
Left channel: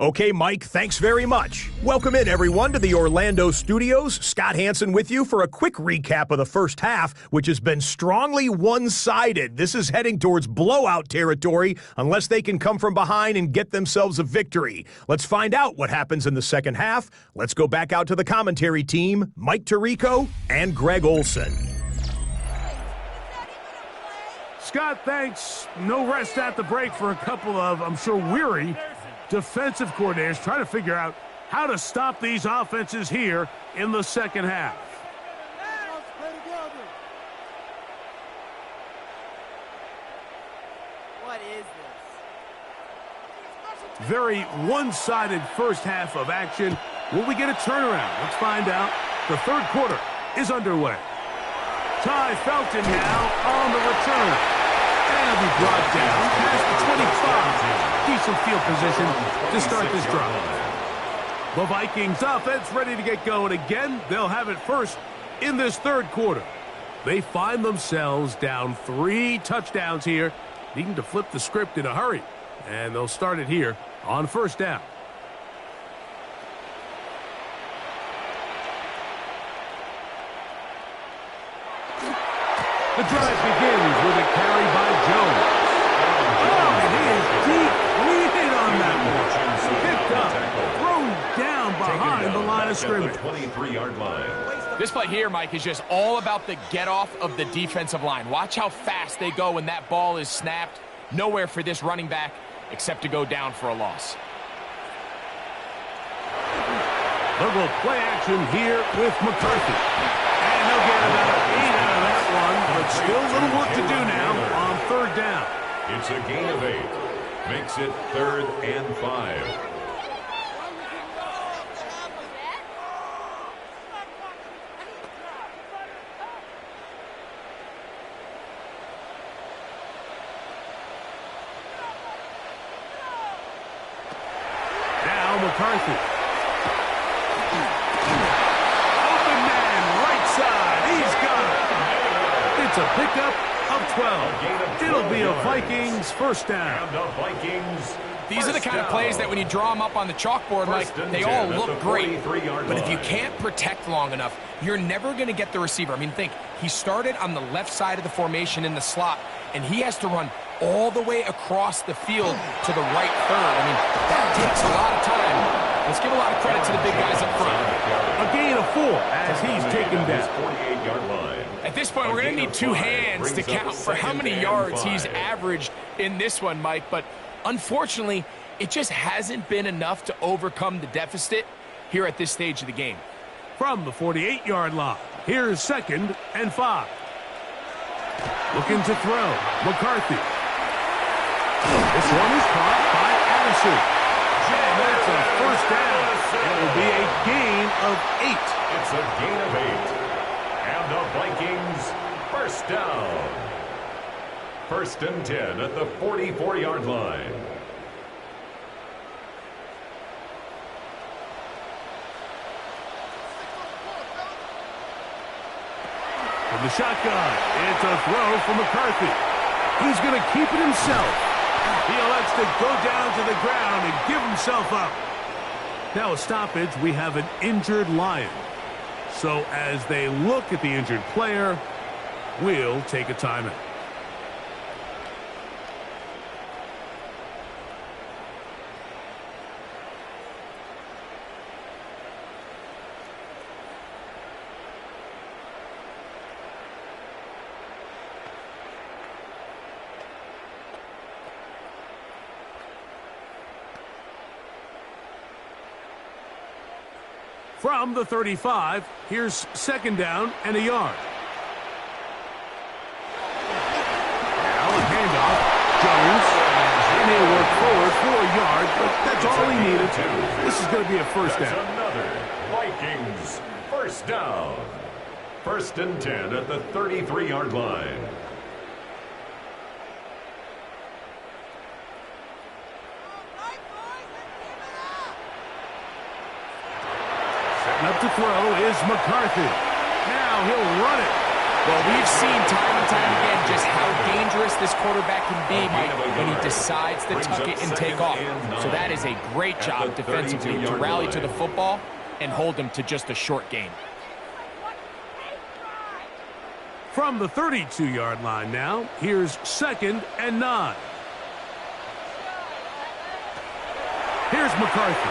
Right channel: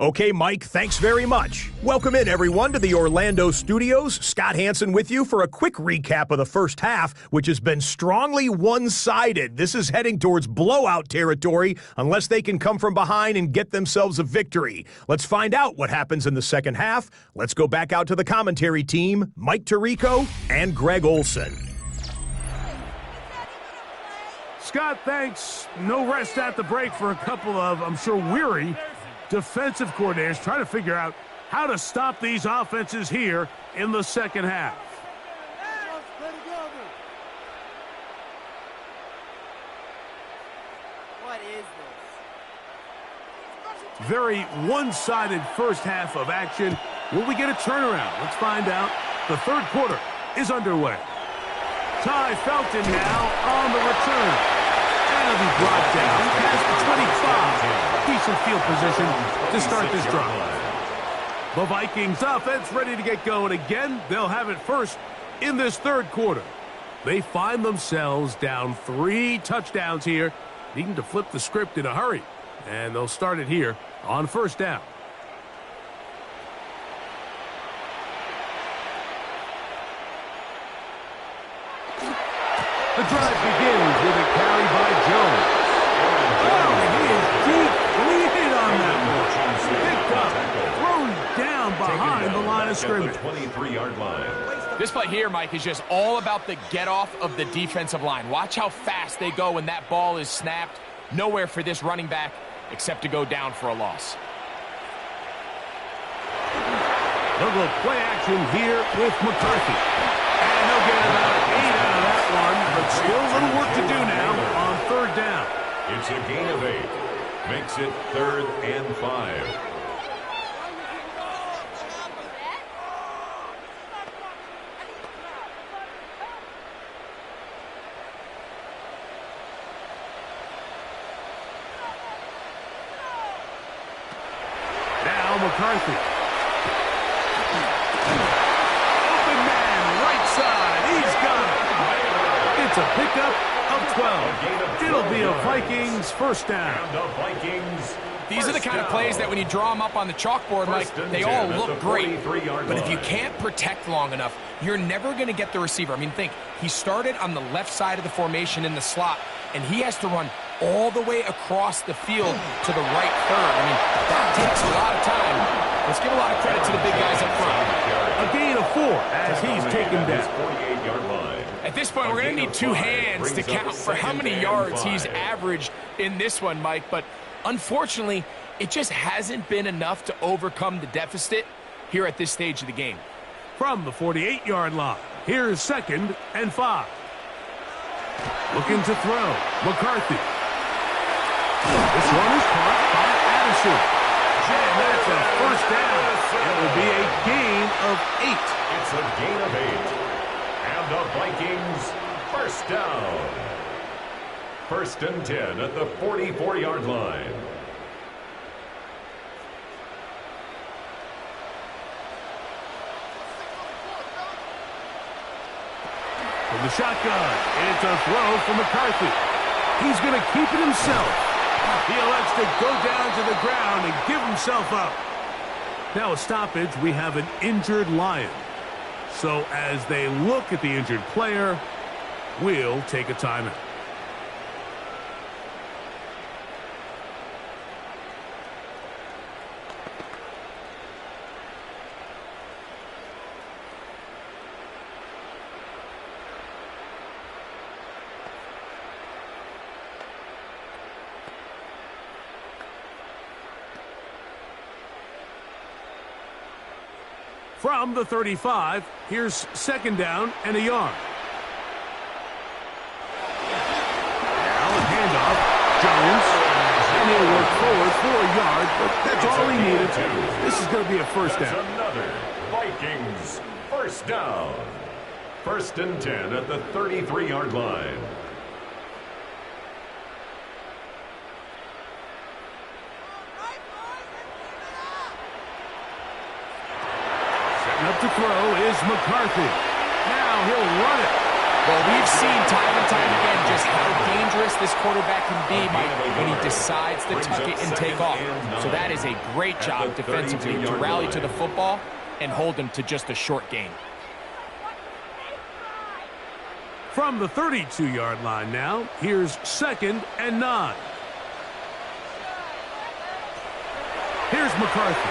Okay, Mike, thanks very much. Welcome in, everyone, to the Orlando studios. Scott Hansen with you for a quick recap of the first half, which has been strongly one-sided. This is heading towards blowout territory unless they can come from behind and get themselves a victory. Let's find out what happens in the second half. Let's go back out to the commentary team, Mike Tirico and Greg Olson. Scott, thanks. No rest at the break for a couple of, I'm sure, weary defensive coordinators trying to figure out how to stop these offenses here in the second half. What is this? Very one-sided first half of action. Will we get a turnaround? Let's find out. The third quarter is underway. Ty Felton now on the return. And he'll be brought down past the 25. Decent field position to start this drive. The Vikings offense ready to get going again. They'll have it first in this third quarter. They find themselves down 3 touchdowns here, needing to flip the script in a hurry. And they'll start it here on first down. The drive begins with a carry by Jones. Oh, and he is deep leaded on that one. Picked up, thrown down behind the line of scrimmage. 23-yard line. This play here, Mike, is just all about the get-off of the defensive line. Watch how fast they go when that ball is snapped. Nowhere for this running back except to go down for a loss. They'll go play action here with McCarthy. And they'll get about 8 out of that one, but still a little work to do now on third down. It's a gain of 8. Makes it 3rd and 5. Now McCarthy. Open man, right side. He's got it. It's a pickup of 12. It'll be a Vikings first down. And the Vikings. These are the kind of plays that when you draw them up on the chalkboard, Mike, they all look great. But if you can't protect long enough, you're never going to get the receiver. I mean, think, he started on the left side of the formation in the slot, and he has to run all the way across the field to the right third. I mean, that takes a lot of time. Let's give a lot of credit to the big guys up front. A gain of 4 as he's taken down. 48-yard line. At this point, we're going to need 2 hands to count for how many yards he's averaged in this one, Mike. But unfortunately, it just hasn't been enough to overcome the deficit here at this stage of the game. From the 48-yard line, here's 2nd and 5. Looking to throw, McCarthy. This one is caught by Addison. And that's a first down. It will be a gain of 8. It's a gain of 8. And the Vikings first down. 1st and 10 at the 44-yard line. From the shotgun, it's a throw from McCarthy. He's going to keep it himself. He elects to go down to the ground and give himself up. Now a stoppage, we have an injured Lion. So as they look at the injured player, we'll take a timeout. From the 35, here's 2nd down and a yard. Now a handoff, Jones, and he'll work forward for a yard, but that's all he needed. This is going to be a first down. That's another Vikings first down. 1st and 10 at the 33-yard line. Up to throw is McCarthy. Now he'll run it. Well, we've seen time and time again just how dangerous this quarterback can be, Mike, when he decides to tuck it and take off. So that is a great job defensively to rally to the football and hold him to just a short gain. From the 32-yard line now, here's 2nd and 9. Here's McCarthy.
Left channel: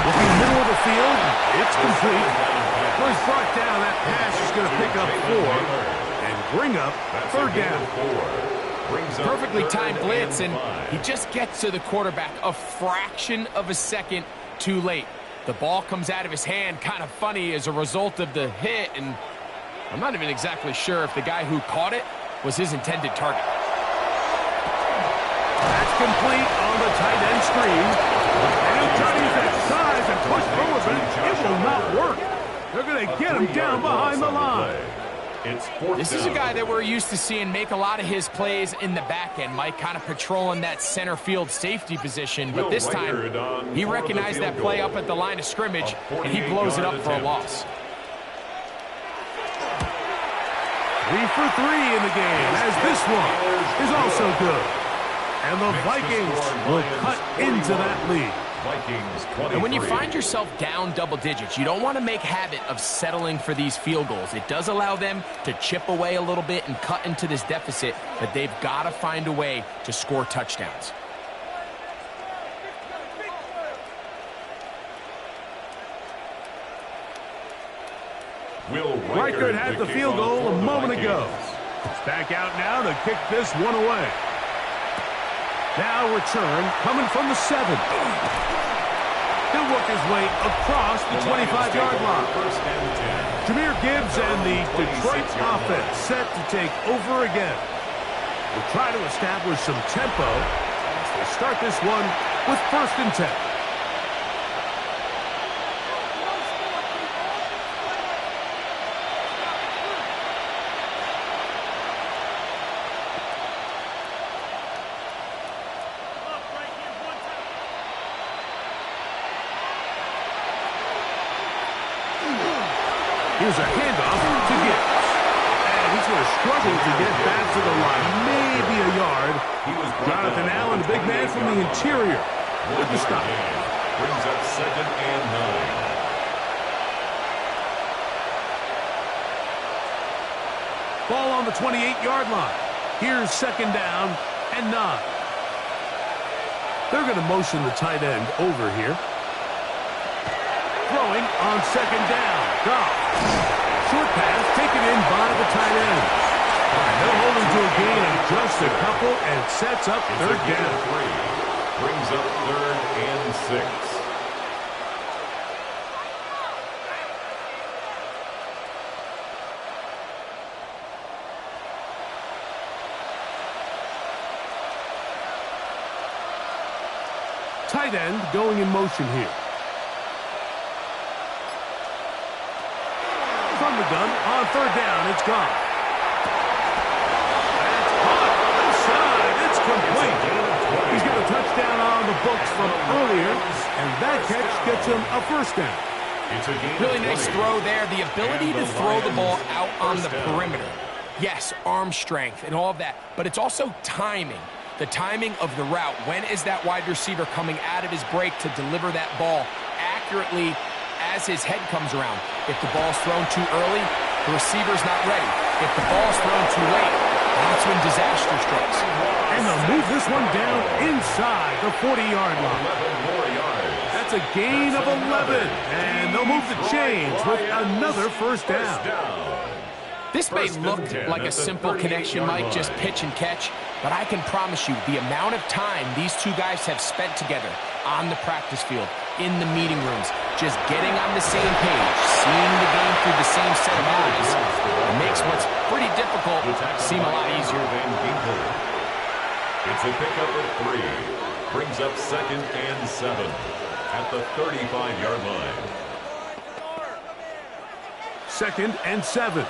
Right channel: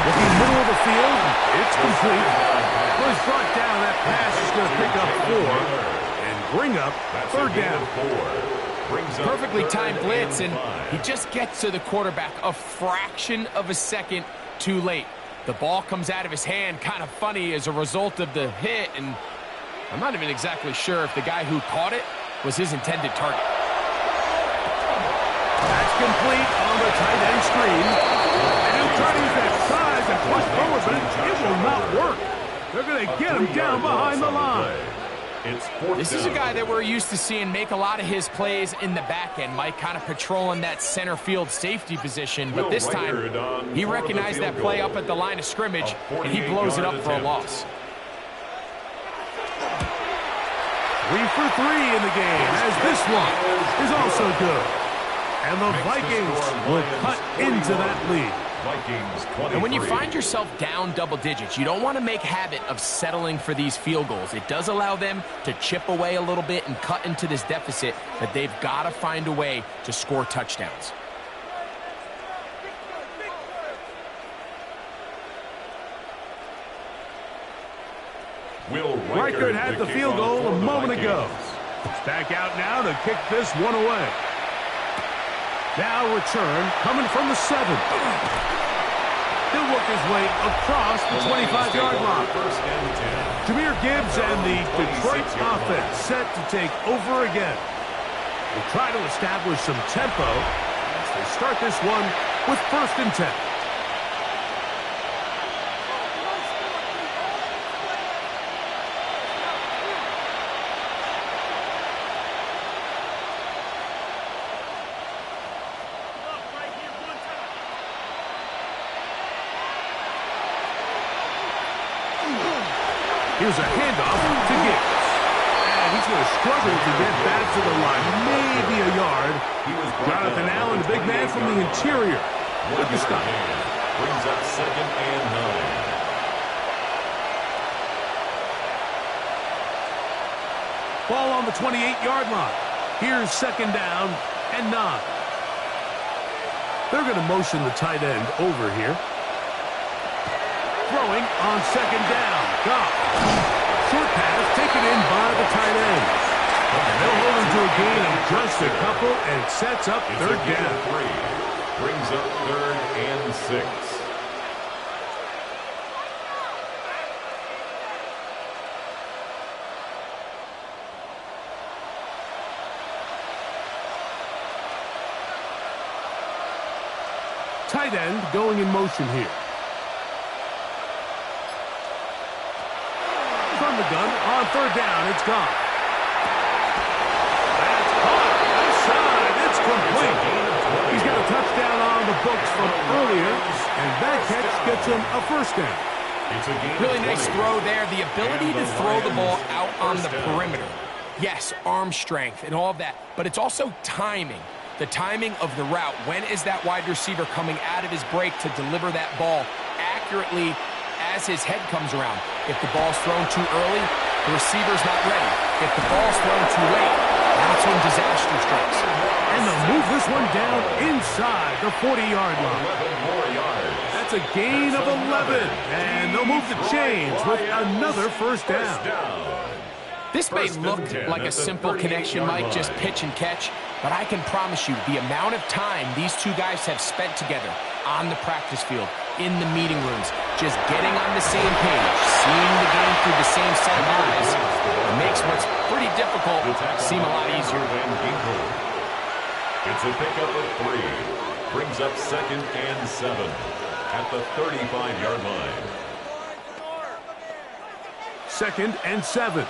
Looking middle of the field, it's complete. Well, he's brought down. That pass is going to pick up 4 and bring up 3rd down. Perfectly timed blitz, and he just gets to the quarterback a fraction of a second too late. The ball comes out of his hand kind of funny as a result of the hit, and I'm not even exactly sure if the guy who caught it was his intended target. That's complete on the tight end screen. And he'll try to use that size and push forward, but it will not work. They're going to get him down behind the line. This is a guy that we're used to seeing make a lot of his plays in the back end, Mike, kind of patrolling that center field safety position. But this time, he recognized that play up at the line of scrimmage, and he blows it up for a loss. 3 for 3 in the game, as this one is also good. And the Vikings will cut into that lead. And when you find yourself down double digits, you don't want to make habit of settling for these field goals. It does allow them to chip away a little bit and cut into this deficit, but they've got to find a way to score touchdowns. Reichert had the field goal a moment ago. It's back out now to kick this one away. Now return coming from the 7. He'll work his way across the 25-yard line. Jahmyr Gibbs and the Detroit offense set to take over again. We'll try to establish some tempo as they start this one with 1st and 10. Here's a handoff to Gibbs. And he's going to struggle to get back to the line. Maybe a yard. Jonathan Allen, the big man from the interior, with the stop. Brings up 2nd and 9. Ball on the 28-yard line. Here's 2nd down and 9. They're going to motion the tight end over here. Throwing on 2nd down. Goff. Short pass taken in by the tight end. And they'll hold him to a gain of just a couple, and it sets up 3rd down. 3. Brings up 3rd and 6. Tight end going in motion here. From the gun on 3rd down, it's gone. That's caught. Left side, it's complete. He's got a touchdown on the books from earlier, and that catch gets him a 1st down. Really nice throw there. The ability to throw the ball out on the perimeter. Yes, arm strength and all of that, but it's also timing. The timing of the route. When is that wide receiver coming out of his break to deliver that ball accurately as his head comes around? If the ball's thrown too early, the receiver's not ready. If the ball's thrown too late, that's when disaster strikes. And they'll move this one down inside the 40-yard line. 11 more yards. That's a gain of 11. And they'll move the chains with another 1st down. This may look like a simple connection, Mike, just pitch and catch, but I can promise you the amount of time these two guys have spent together on the practice field, in the meeting rooms, just getting on the same page, seeing the game through the same set of eyes, it makes what's pretty difficult seem a lot easier. It's a pickup of 3. Brings up 2nd and 7 at the 35-yard line. 2nd and 7.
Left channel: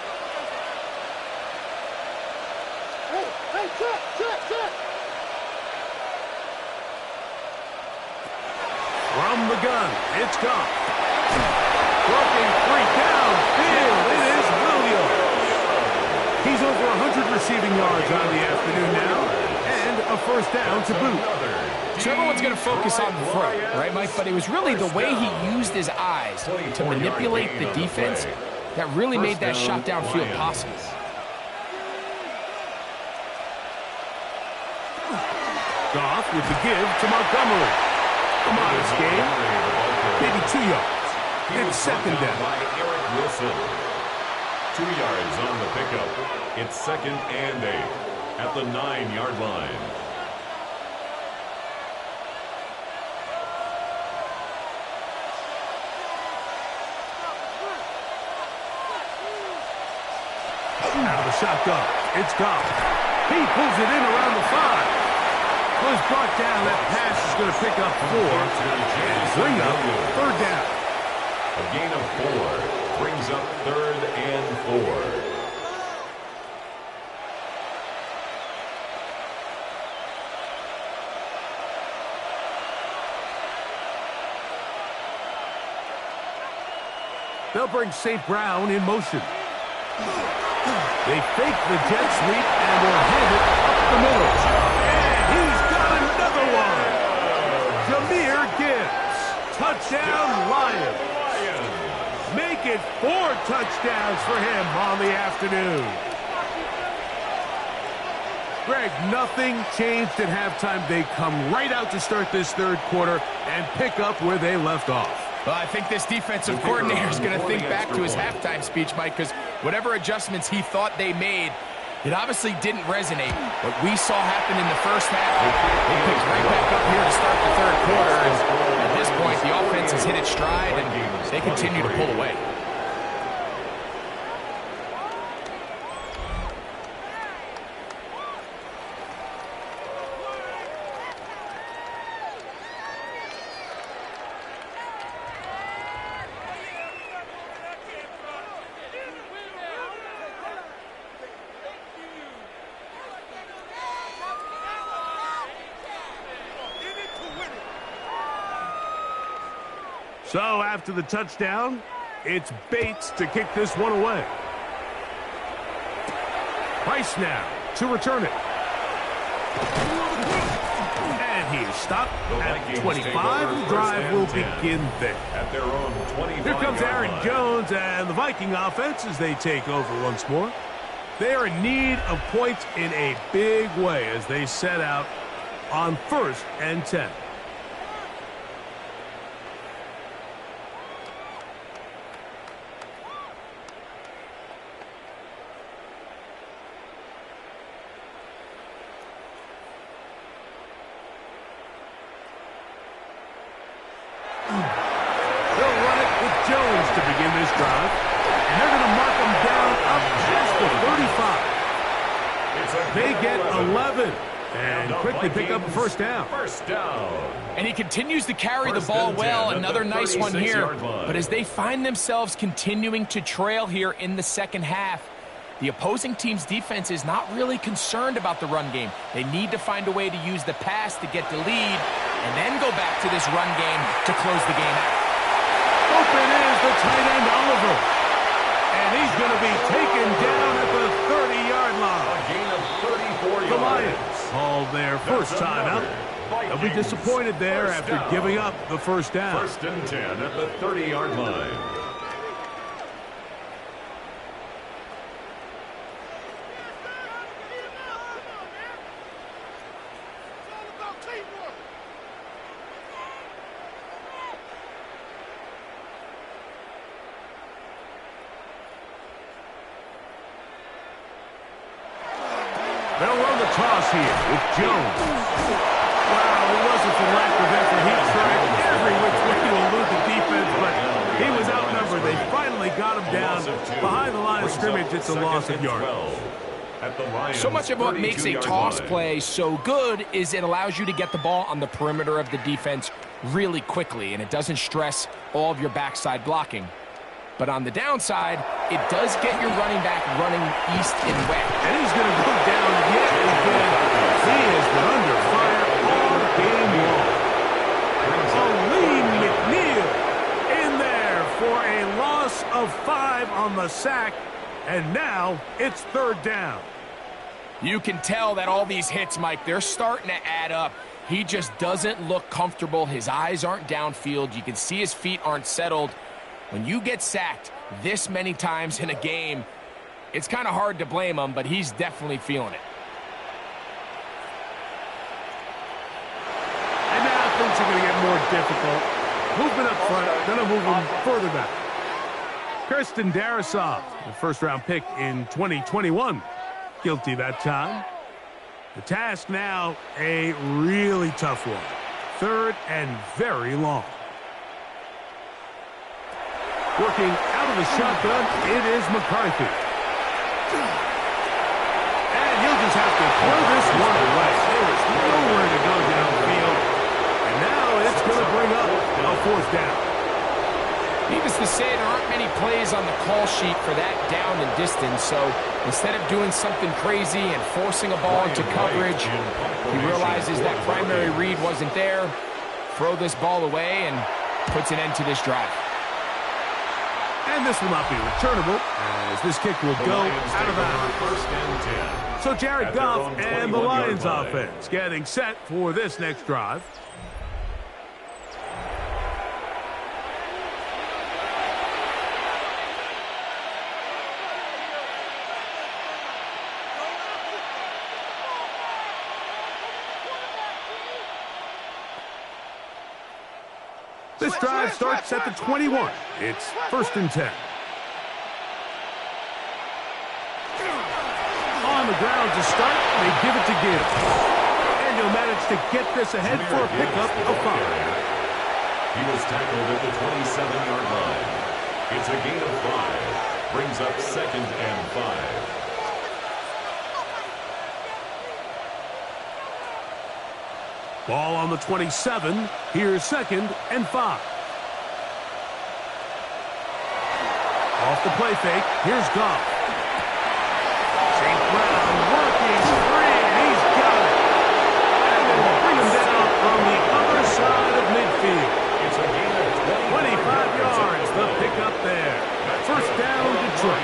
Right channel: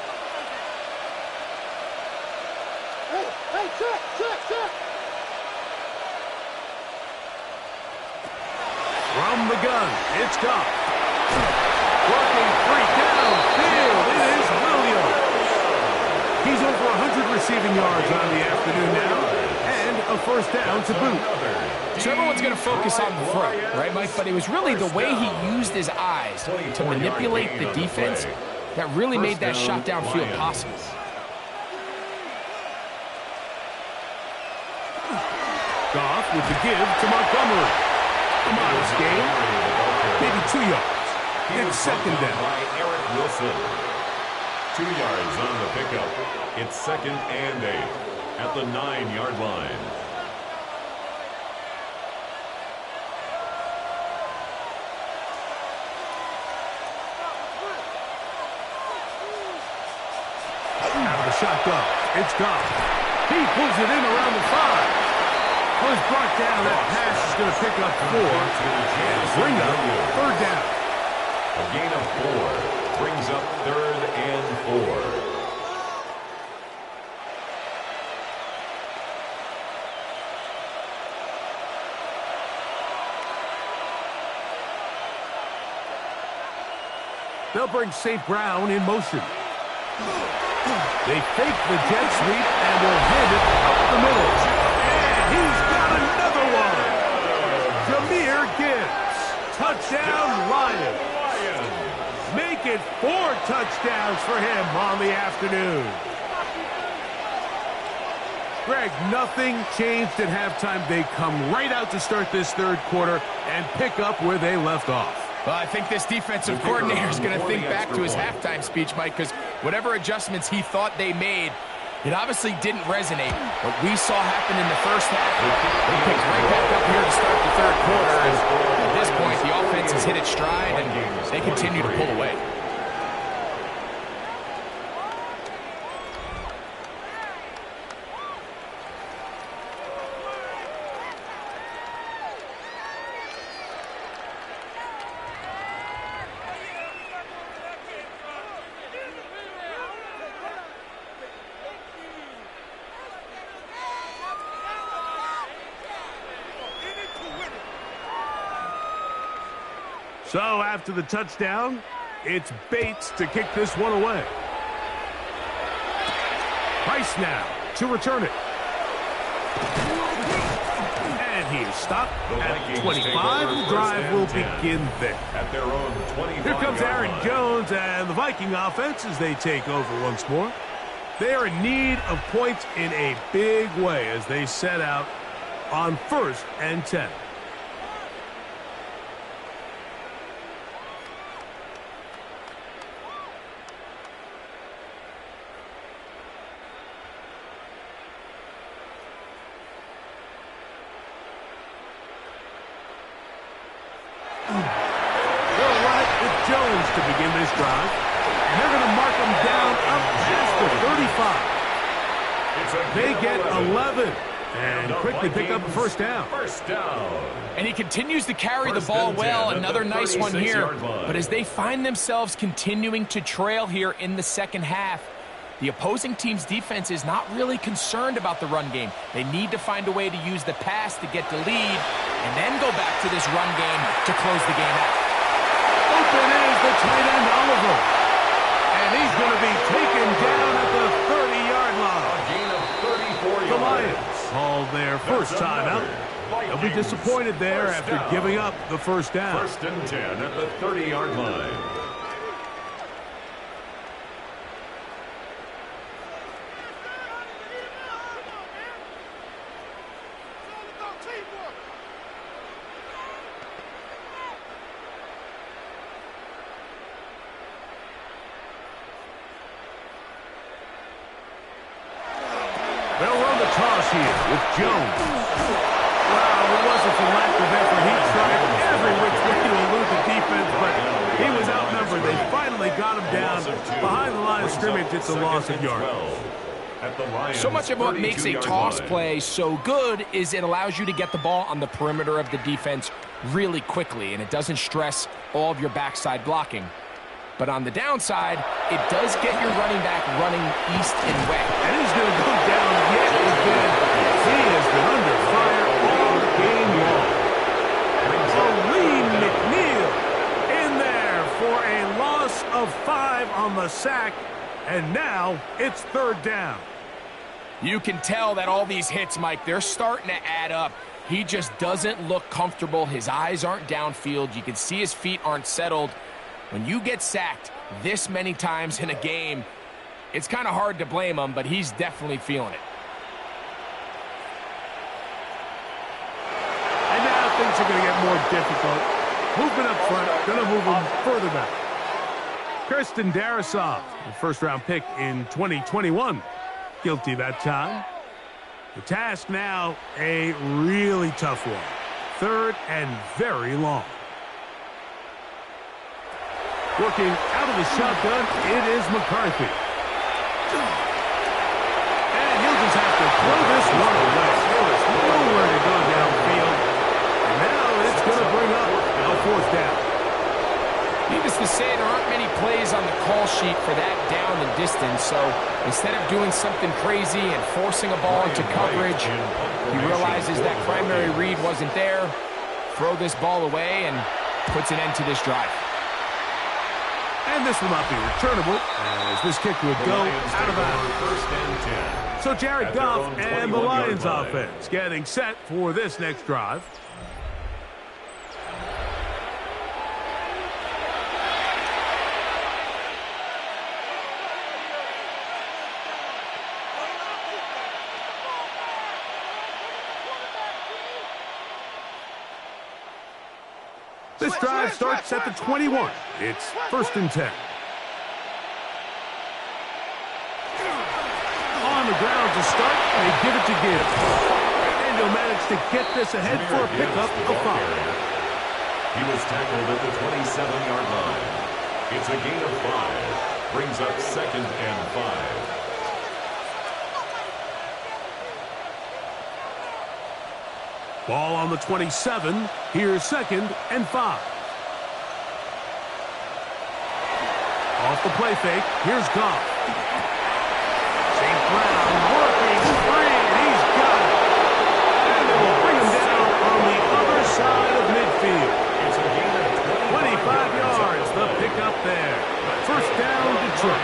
Hey, check. From the gun, it's Goff. Working free downfield, it is Williams. He's over 100 receiving yards on the afternoon now, and a first down to boot. So everyone's going to focus on the throw, right, Mike? But it was really the way he used his eyes to manipulate the defense that really made that shot downfield possible. Goff with the give to Montgomery. A modest game, maybe 2 yards. It's second down. By Eric Wilson. 2 yards on the pickup. It's 2nd and 8 at the 9-yard line. Out of the shotgun, it's Goff. He pulls it in around the 5. Was brought down. That pass is going to pick up 4 and bring up third down. A gain of 4 brings up 3rd and 4. They'll bring St. Brown in motion. They fake the jet sweep and will hand it up the middle. And he's got another one. Jahmyr Gibbs. Touchdown, Lions. Make it 4 touchdowns for him on the afternoon. Greg, nothing changed at halftime. They come right out to start this third quarter and pick up where they left off. Well, I think this defensive coordinator is going to think back to his halftime speech, Mike, because whatever adjustments he thought they made, it obviously didn't resonate. What we saw happen in the first half, they picked right back up here to start the third quarter, and at this point, the offense has hit its stride, and they continue to pull away. So after the touchdown, it's Bates to kick this one away. Price now to return it. And he is stopped at 25. The drive will begin there. At their own 25. Here comes Aaron Jones and the Viking offense as they take over once more. They are in need of points in a big way as they set out on 1st and 10. Jones to begin this drive, and they're going to mark him down up past the 35. They get 11 and quickly pick up a first down. And he continues to carry the ball well. Another nice one here. But as they find themselves continuing to trail here in the second half, the opposing team's defense is not really concerned about the run game. They need to find a way to use the pass to get the lead and then go back to this run game to close the game out. Open is the tight end, Oliver. And he's going to be taken down at the 30-yard line. A gain of 34 yards. The Lions called their first time out. They'll be disappointed there after giving up the first down. 1st and 10 at the 30-yard line. They'll run the toss here with Jones. Wow, it wasn't for lack of effort. He tried every which way to elude the defense, but he was outnumbered. They finally got him down behind the line of scrimmage. It's a loss of yards. So much of what makes a toss play so good is it allows you to get the ball on the perimeter of the defense really quickly, and it doesn't stress all of your backside blocking. But on the downside, it does get your running back running east and west. And he's going to go down yet again. He has been under fire all game long. A lean for a loss of 5 on the sack, and now it's 3rd down. You can tell that all these hits, Mike, they're starting to add up. He just doesn't look comfortable. His eyes aren't downfield. You can see his feet aren't settled. When you get sacked this many times in a game, it's kind of hard to blame him, but he's definitely feeling it. And now things are going to get more difficult. Movement up front, going to move him further back. Kirsten Darasov, the first-round pick in 2021. Guilty that time. The task now, a really tough one. 3rd and very long. Working out of the shotgun, it is McCarthy. And he'll just have to throw this one away. There is nowhere to go downfield. And now it's going to bring up a 4th down. Needless to say, there aren't many plays on the call sheet for that down and distance, so instead of doing something crazy and forcing a ball into coverage, he realizes that primary read wasn't there, throw this ball away, and puts an end to this drive. And this will not be returnable, as this kick will go out of bounds. So Jared Goff and the Lions offense getting set for this next drive. This drive starts at the 21. It's 1st and 10. On the ground to start, they give it to Gibbs. And he'll manage to get this ahead for a pickup of 5. He was tackled at the 27-yard line. It's a gain of 5. Brings up 2nd and 5. Ball on the 27. Here's 2nd and 5. Off the play fake. Here's Goff. St. Brown working free, and he's got it. And they will bring him down on the other side of midfield. It's a gain of 25 yards, the pickup there. 1st down, Detroit.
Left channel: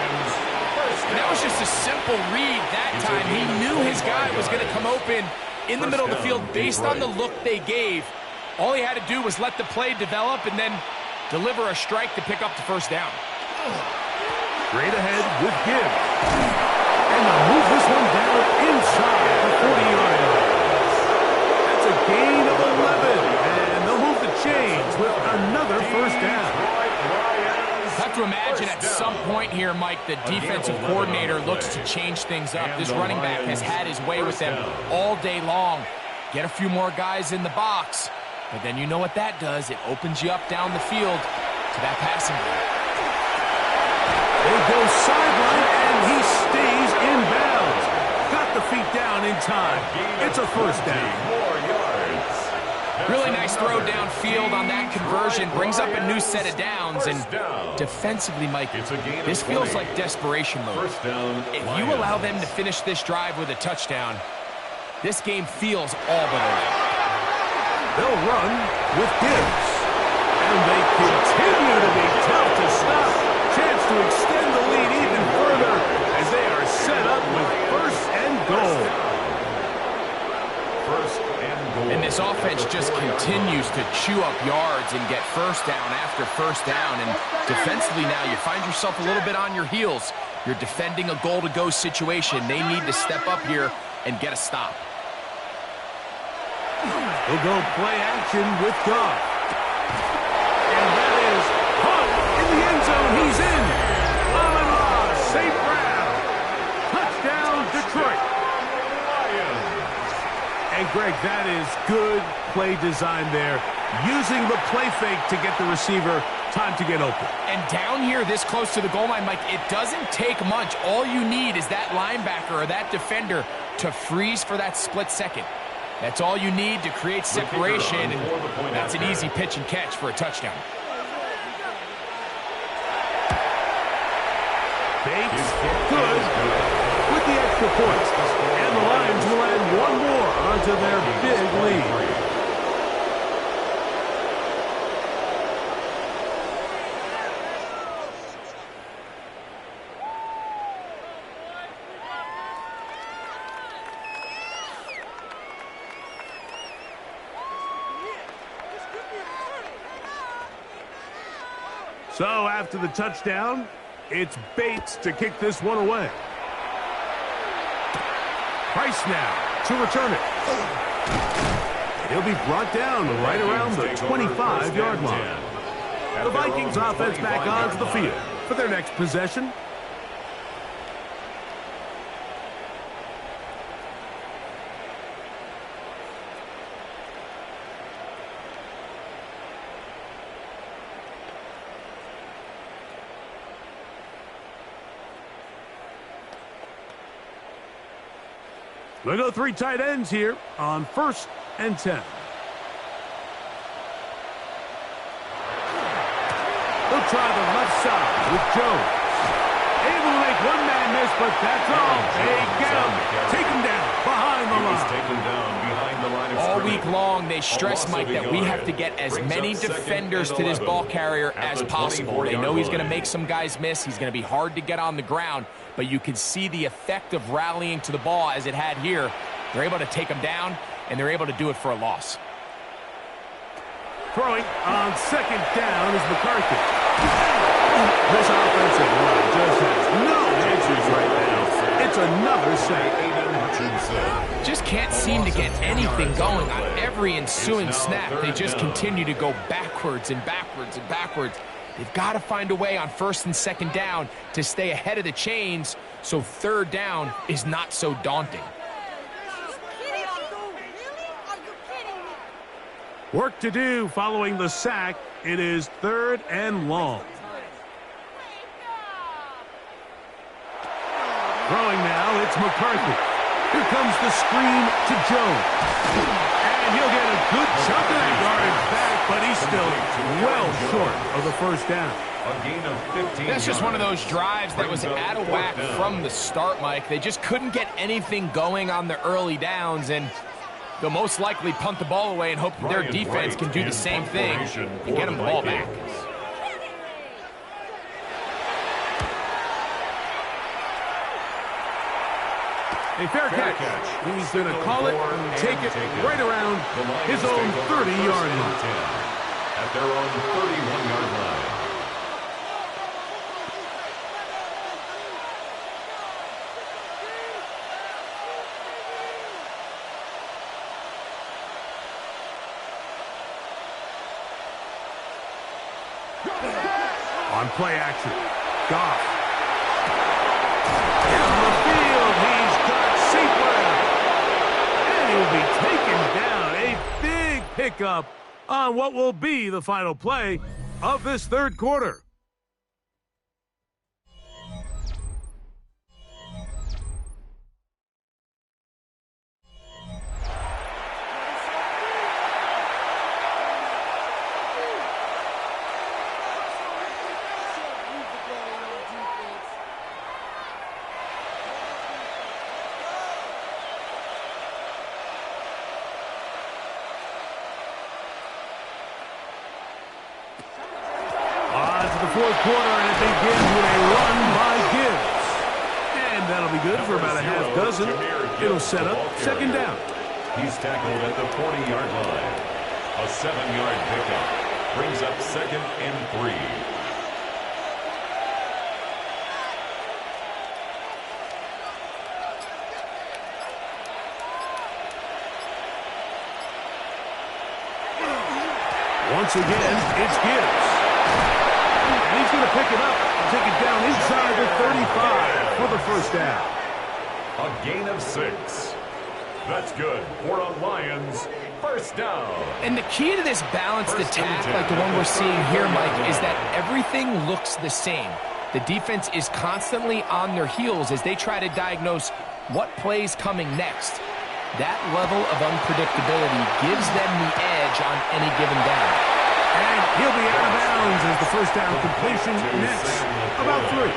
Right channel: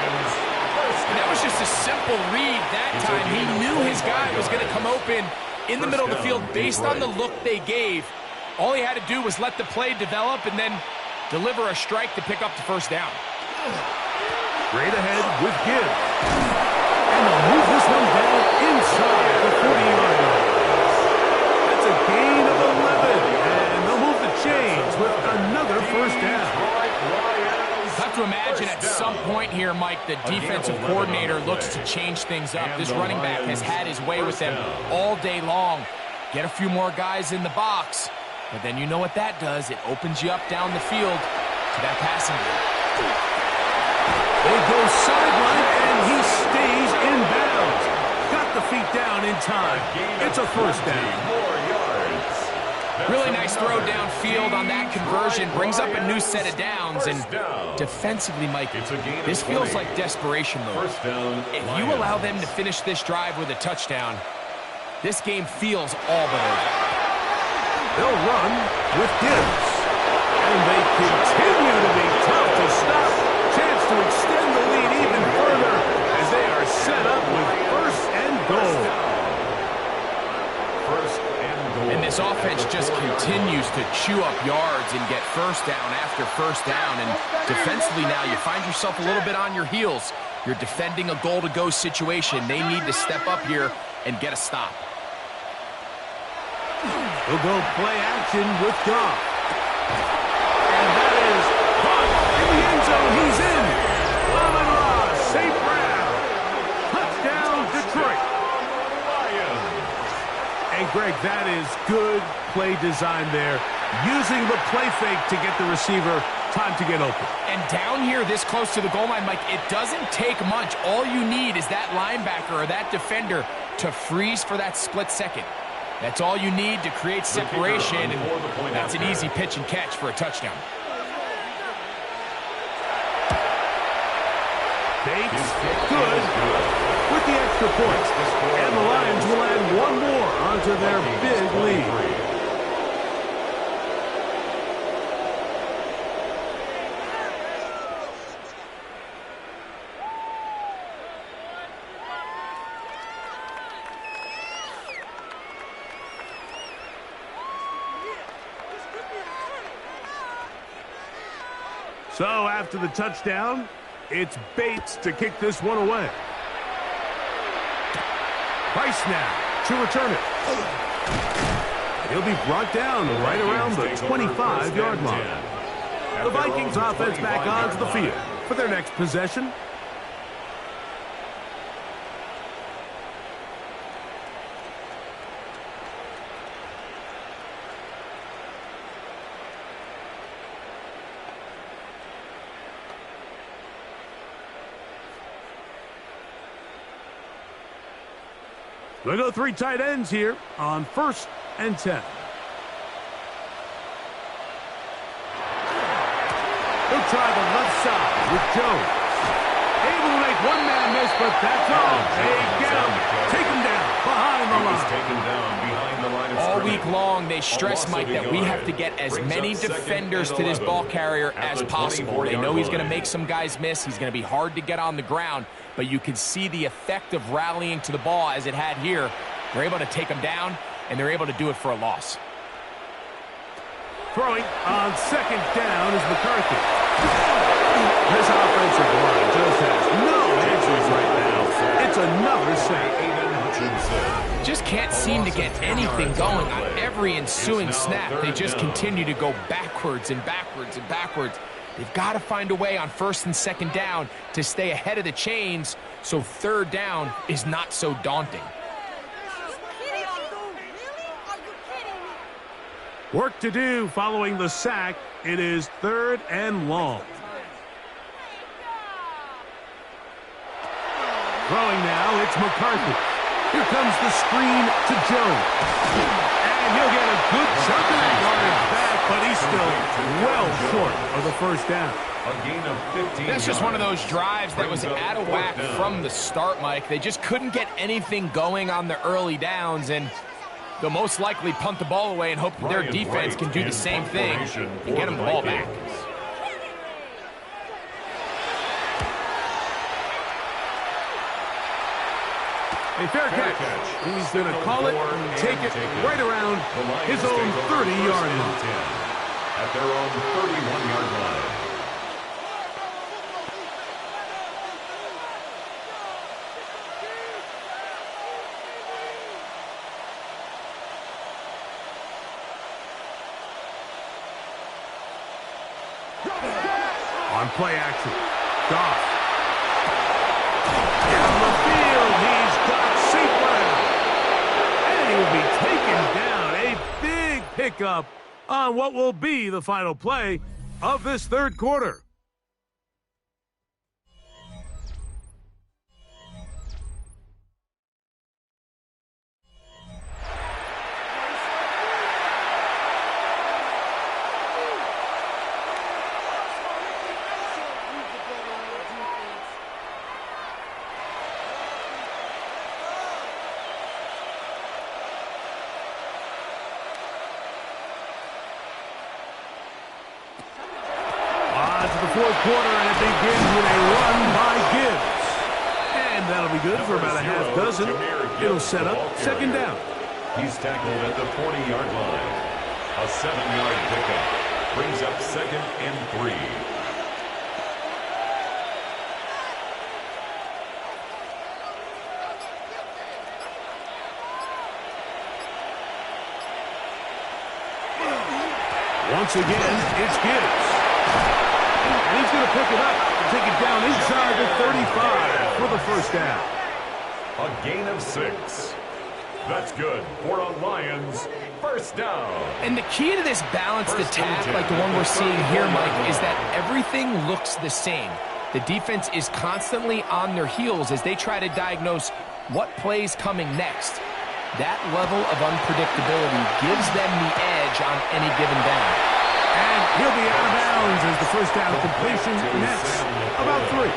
And that was just a simple read that time. He knew his guy was going to come open in the middle of the field based on the look they gave. All he had to do was let the play develop and then deliver a strike to pick up the 1st down. Straight ahead with Gibbs. And they'll move this one down inside the 40-yard line. That's a gain of 11. And they'll move the chains with another 1st down. I have to imagine at some point here, Mike, the defensive coordinator looks to change things up. This running back has had his way with them all day long. Get a few more guys in the box, but then you know what that does. It opens you up down the field to that passing game. They go sideline, and he stays in bounds. Got the feet down in time. It's a 1st down. More yards. Really nice throw downfield on that conversion. Brings up a new set of downs. And defensively, Mike, this feels like desperation mode. If you allow them to finish this drive with a touchdown, this game feels all but over. They'll run with Gibbs. And they continue to be tough to stop. Chance to extend the lead even further as they are set up with 1st and goal. 1st and goal. And this offense just continues to chew up yards and get 1st down after 1st down. And defensively now, you find yourself a little bit on your heels. You're defending a goal-to-go situation. They need to step up here and get a stop. He'll go play action with Goff. And that is caught in the end zone. He's in. Amon-Ra, St. Brown. Touchdown, Detroit. And, Greg, that is good play design there. Using the play fake to get the receiver time to get open. And down here this close to the goal line, Mike, it doesn't take much. All you need is that linebacker or that defender to freeze for that split second. That's all you need to create separation, and that's an easy pitch and catch for a touchdown. Bates, good with the extra point. And the Lions will add one more onto their big lead. So after the touchdown, it's Bates to kick this one away. Price now to return it. And he'll be brought down right around the 25-yard line. The Vikings offense back onto the field for their next possession. We'll go 3 tight ends here on 1st and 10. He'll try the left side with Jones. Able to make one man miss, but that's all. They get him. Take him down behind the line. Taken down behind the line of All scrimmage. week long, they stress, Mike, that we have to get as many defenders to this ball carrier as possible. They know he's going to make some guys miss. He's going to be hard to get on the ground, but you can see the effect of rallying to the ball as it had here. They're able to take him down, and they're able to do it for a loss. Throwing on 2nd down is McCarthy. This offensive line just has no answers right now. It's another sack. Just can't seem to get anything going on every ensuing snap. They just continue to go backwards and backwards and backwards. They've got to find a way on 1st and 2nd down to stay ahead of the chains so 3rd down is not so daunting. Work to do following the sack. It is 3rd and long. Throwing now, it's McCarthy. Here comes the screen to Jones. And he'll get a good chunk of that yardage back, but he's still well short of the 1st down. A gain of 15 That's just one of those drives that was out of whack from the start, Mike. They just couldn't get anything going on the early downs, and they'll most likely punt the ball away and hope that their defense can do the same thing and get them the ball back. A fair catch. He's going to call it and take it right around his own 30-yard line. At their own 31-yard line. On play action, Goff. Down the field, he's got Seatwell. And he will be taken down. A big pickup on what will be the final play of this 3rd quarter. The 4th quarter, and it begins with a run by Gibbs. And that'll be good for about a half dozen. It'll set up 2nd down. He's tackled at the 40-yard line. A 7-yard pickup brings up 2nd and 3. Once again, it's Gibbs. And he's going to pick it up and take it down inside the 35 for the 1st down. A gain of 6. That's good for a Lions 1st down. And the key to this balanced attack, like the one we're seeing here, Mike, is that everything looks the same. The defense is constantly on their heels as they try to diagnose what play's coming next. That level of unpredictability gives them the edge on any given down. And he'll be out of bounds as the 1st down completion nets about 3.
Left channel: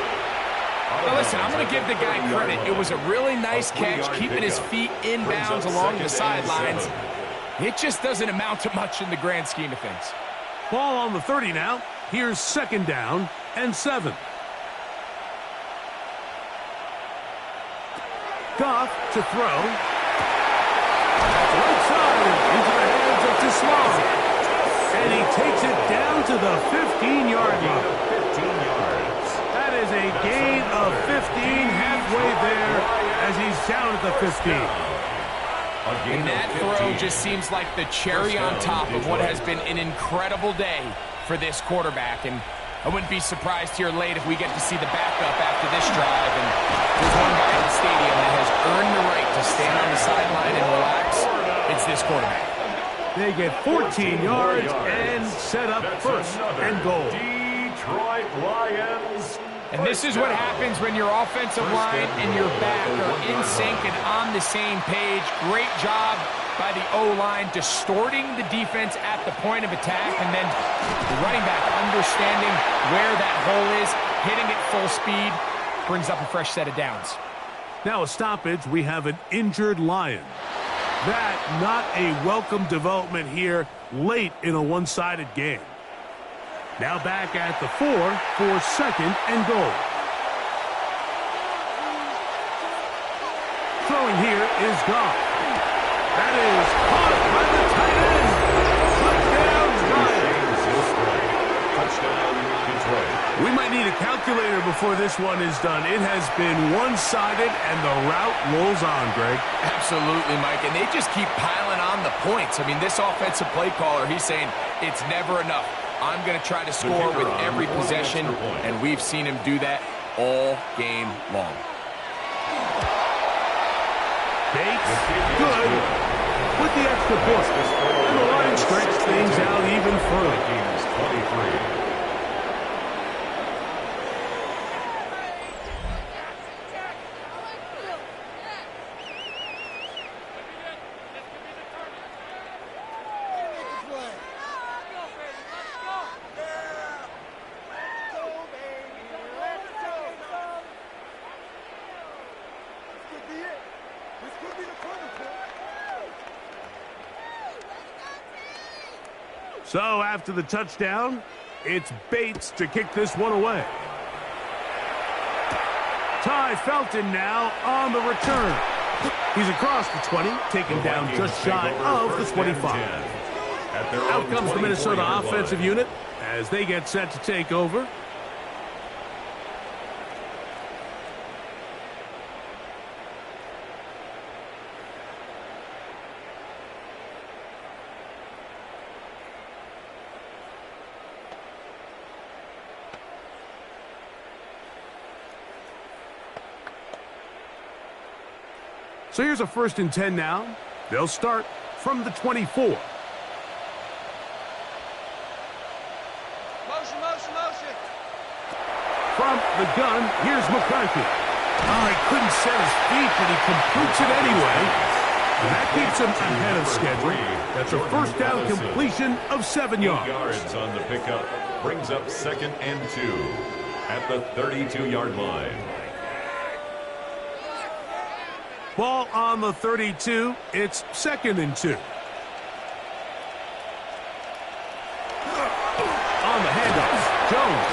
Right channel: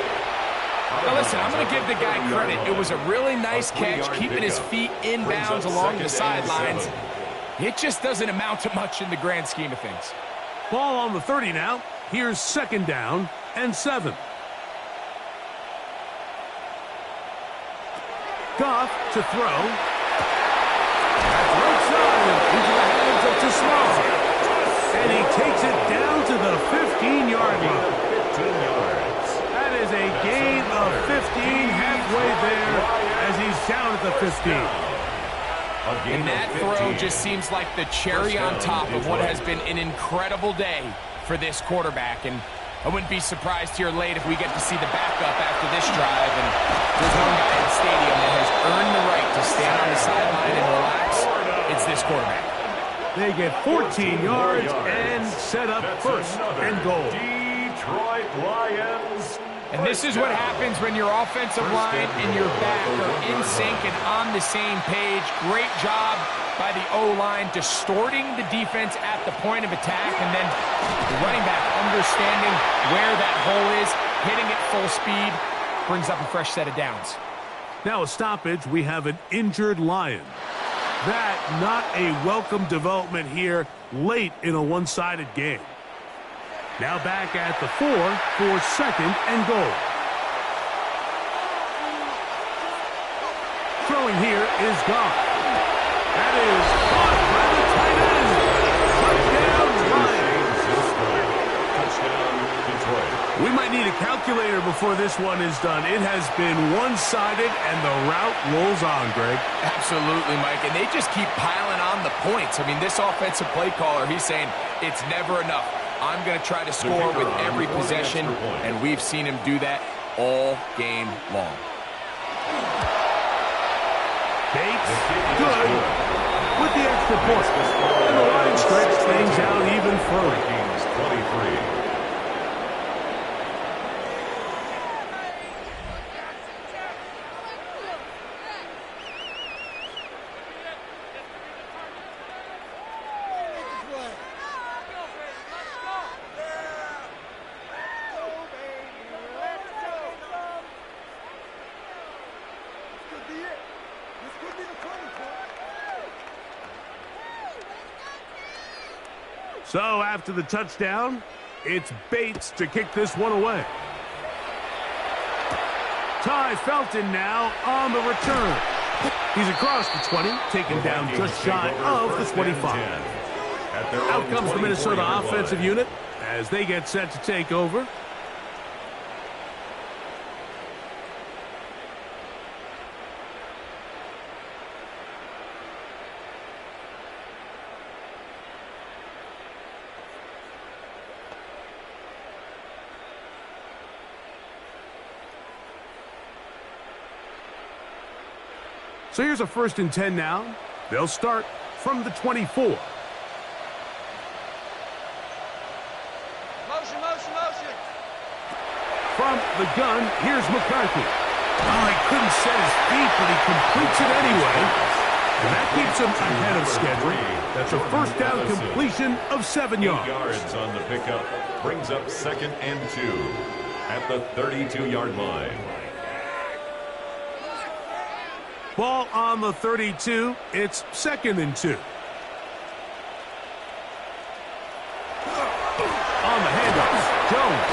Now listen, I'm going to give the guy credit. It was a really nice catch, keeping his feet in bounds along the sidelines. It just doesn't amount to much in the grand scheme of things. Ball on the 30 now. Here's 2nd down and 7. Goff to throw. That's right side and into the hands of Tismar. And he takes it down to the 15-yard line. 15 yards. That is a gain of 15 halfway there as he's down at the 15. And that throw just seems like the cherry on top of what has been an incredible day for this quarterback. And I wouldn't be surprised here late if we get to see the backup after this drive. And there's one guy in the stadium that has earned the right to stand on the sideline and relax. It's this quarterback. They get 14 yards and set up first and goal. Detroit Lions. And this is what happens when your offensive line and your back are in sync and on the same page. Great job by the O-line distorting the defense at the point of attack, and then the running back understanding where that hole is, hitting it full speed, brings up a fresh set of downs. Now a stoppage, we have an injured Lion. That not a welcome development here late in a one-sided game. Now back at the 4 for second and goal. Throwing here is gone. That is caught by the tight end. Touchdown, Lions. Touchdown, Detroit. We might need a calculator before this one is done. It has been one-sided, and the route rolls on, Greg. Absolutely, Mike, and they just keep piling on the points. I mean, this offensive play caller, he's saying it's never enough. I'm going to try to score with every possession, and we've seen him do that all game long. Bates, good, with the extra point. And the Lions stretch things out even further. Vikings 23. So after the touchdown, it's Bates to kick this one away. Ty Felton now on the return. He's across the 20, taken down just shy of the 25. Out comes the Minnesota offensive unit as they get set to take over. So here's a 1st and 10 now. They'll start from the 24. Motion, motion, motion. From the gun, here's McCarthy. Oh, he couldn't set his feet, but he completes it anyway. And that keeps him ahead of schedule. That's a first down completion of 7 yards. 8 yards on the pickup. Brings up 2nd and 2 at the 32-yard line. Ball on the 32. It's 2nd and 2. On the handoff, Jones.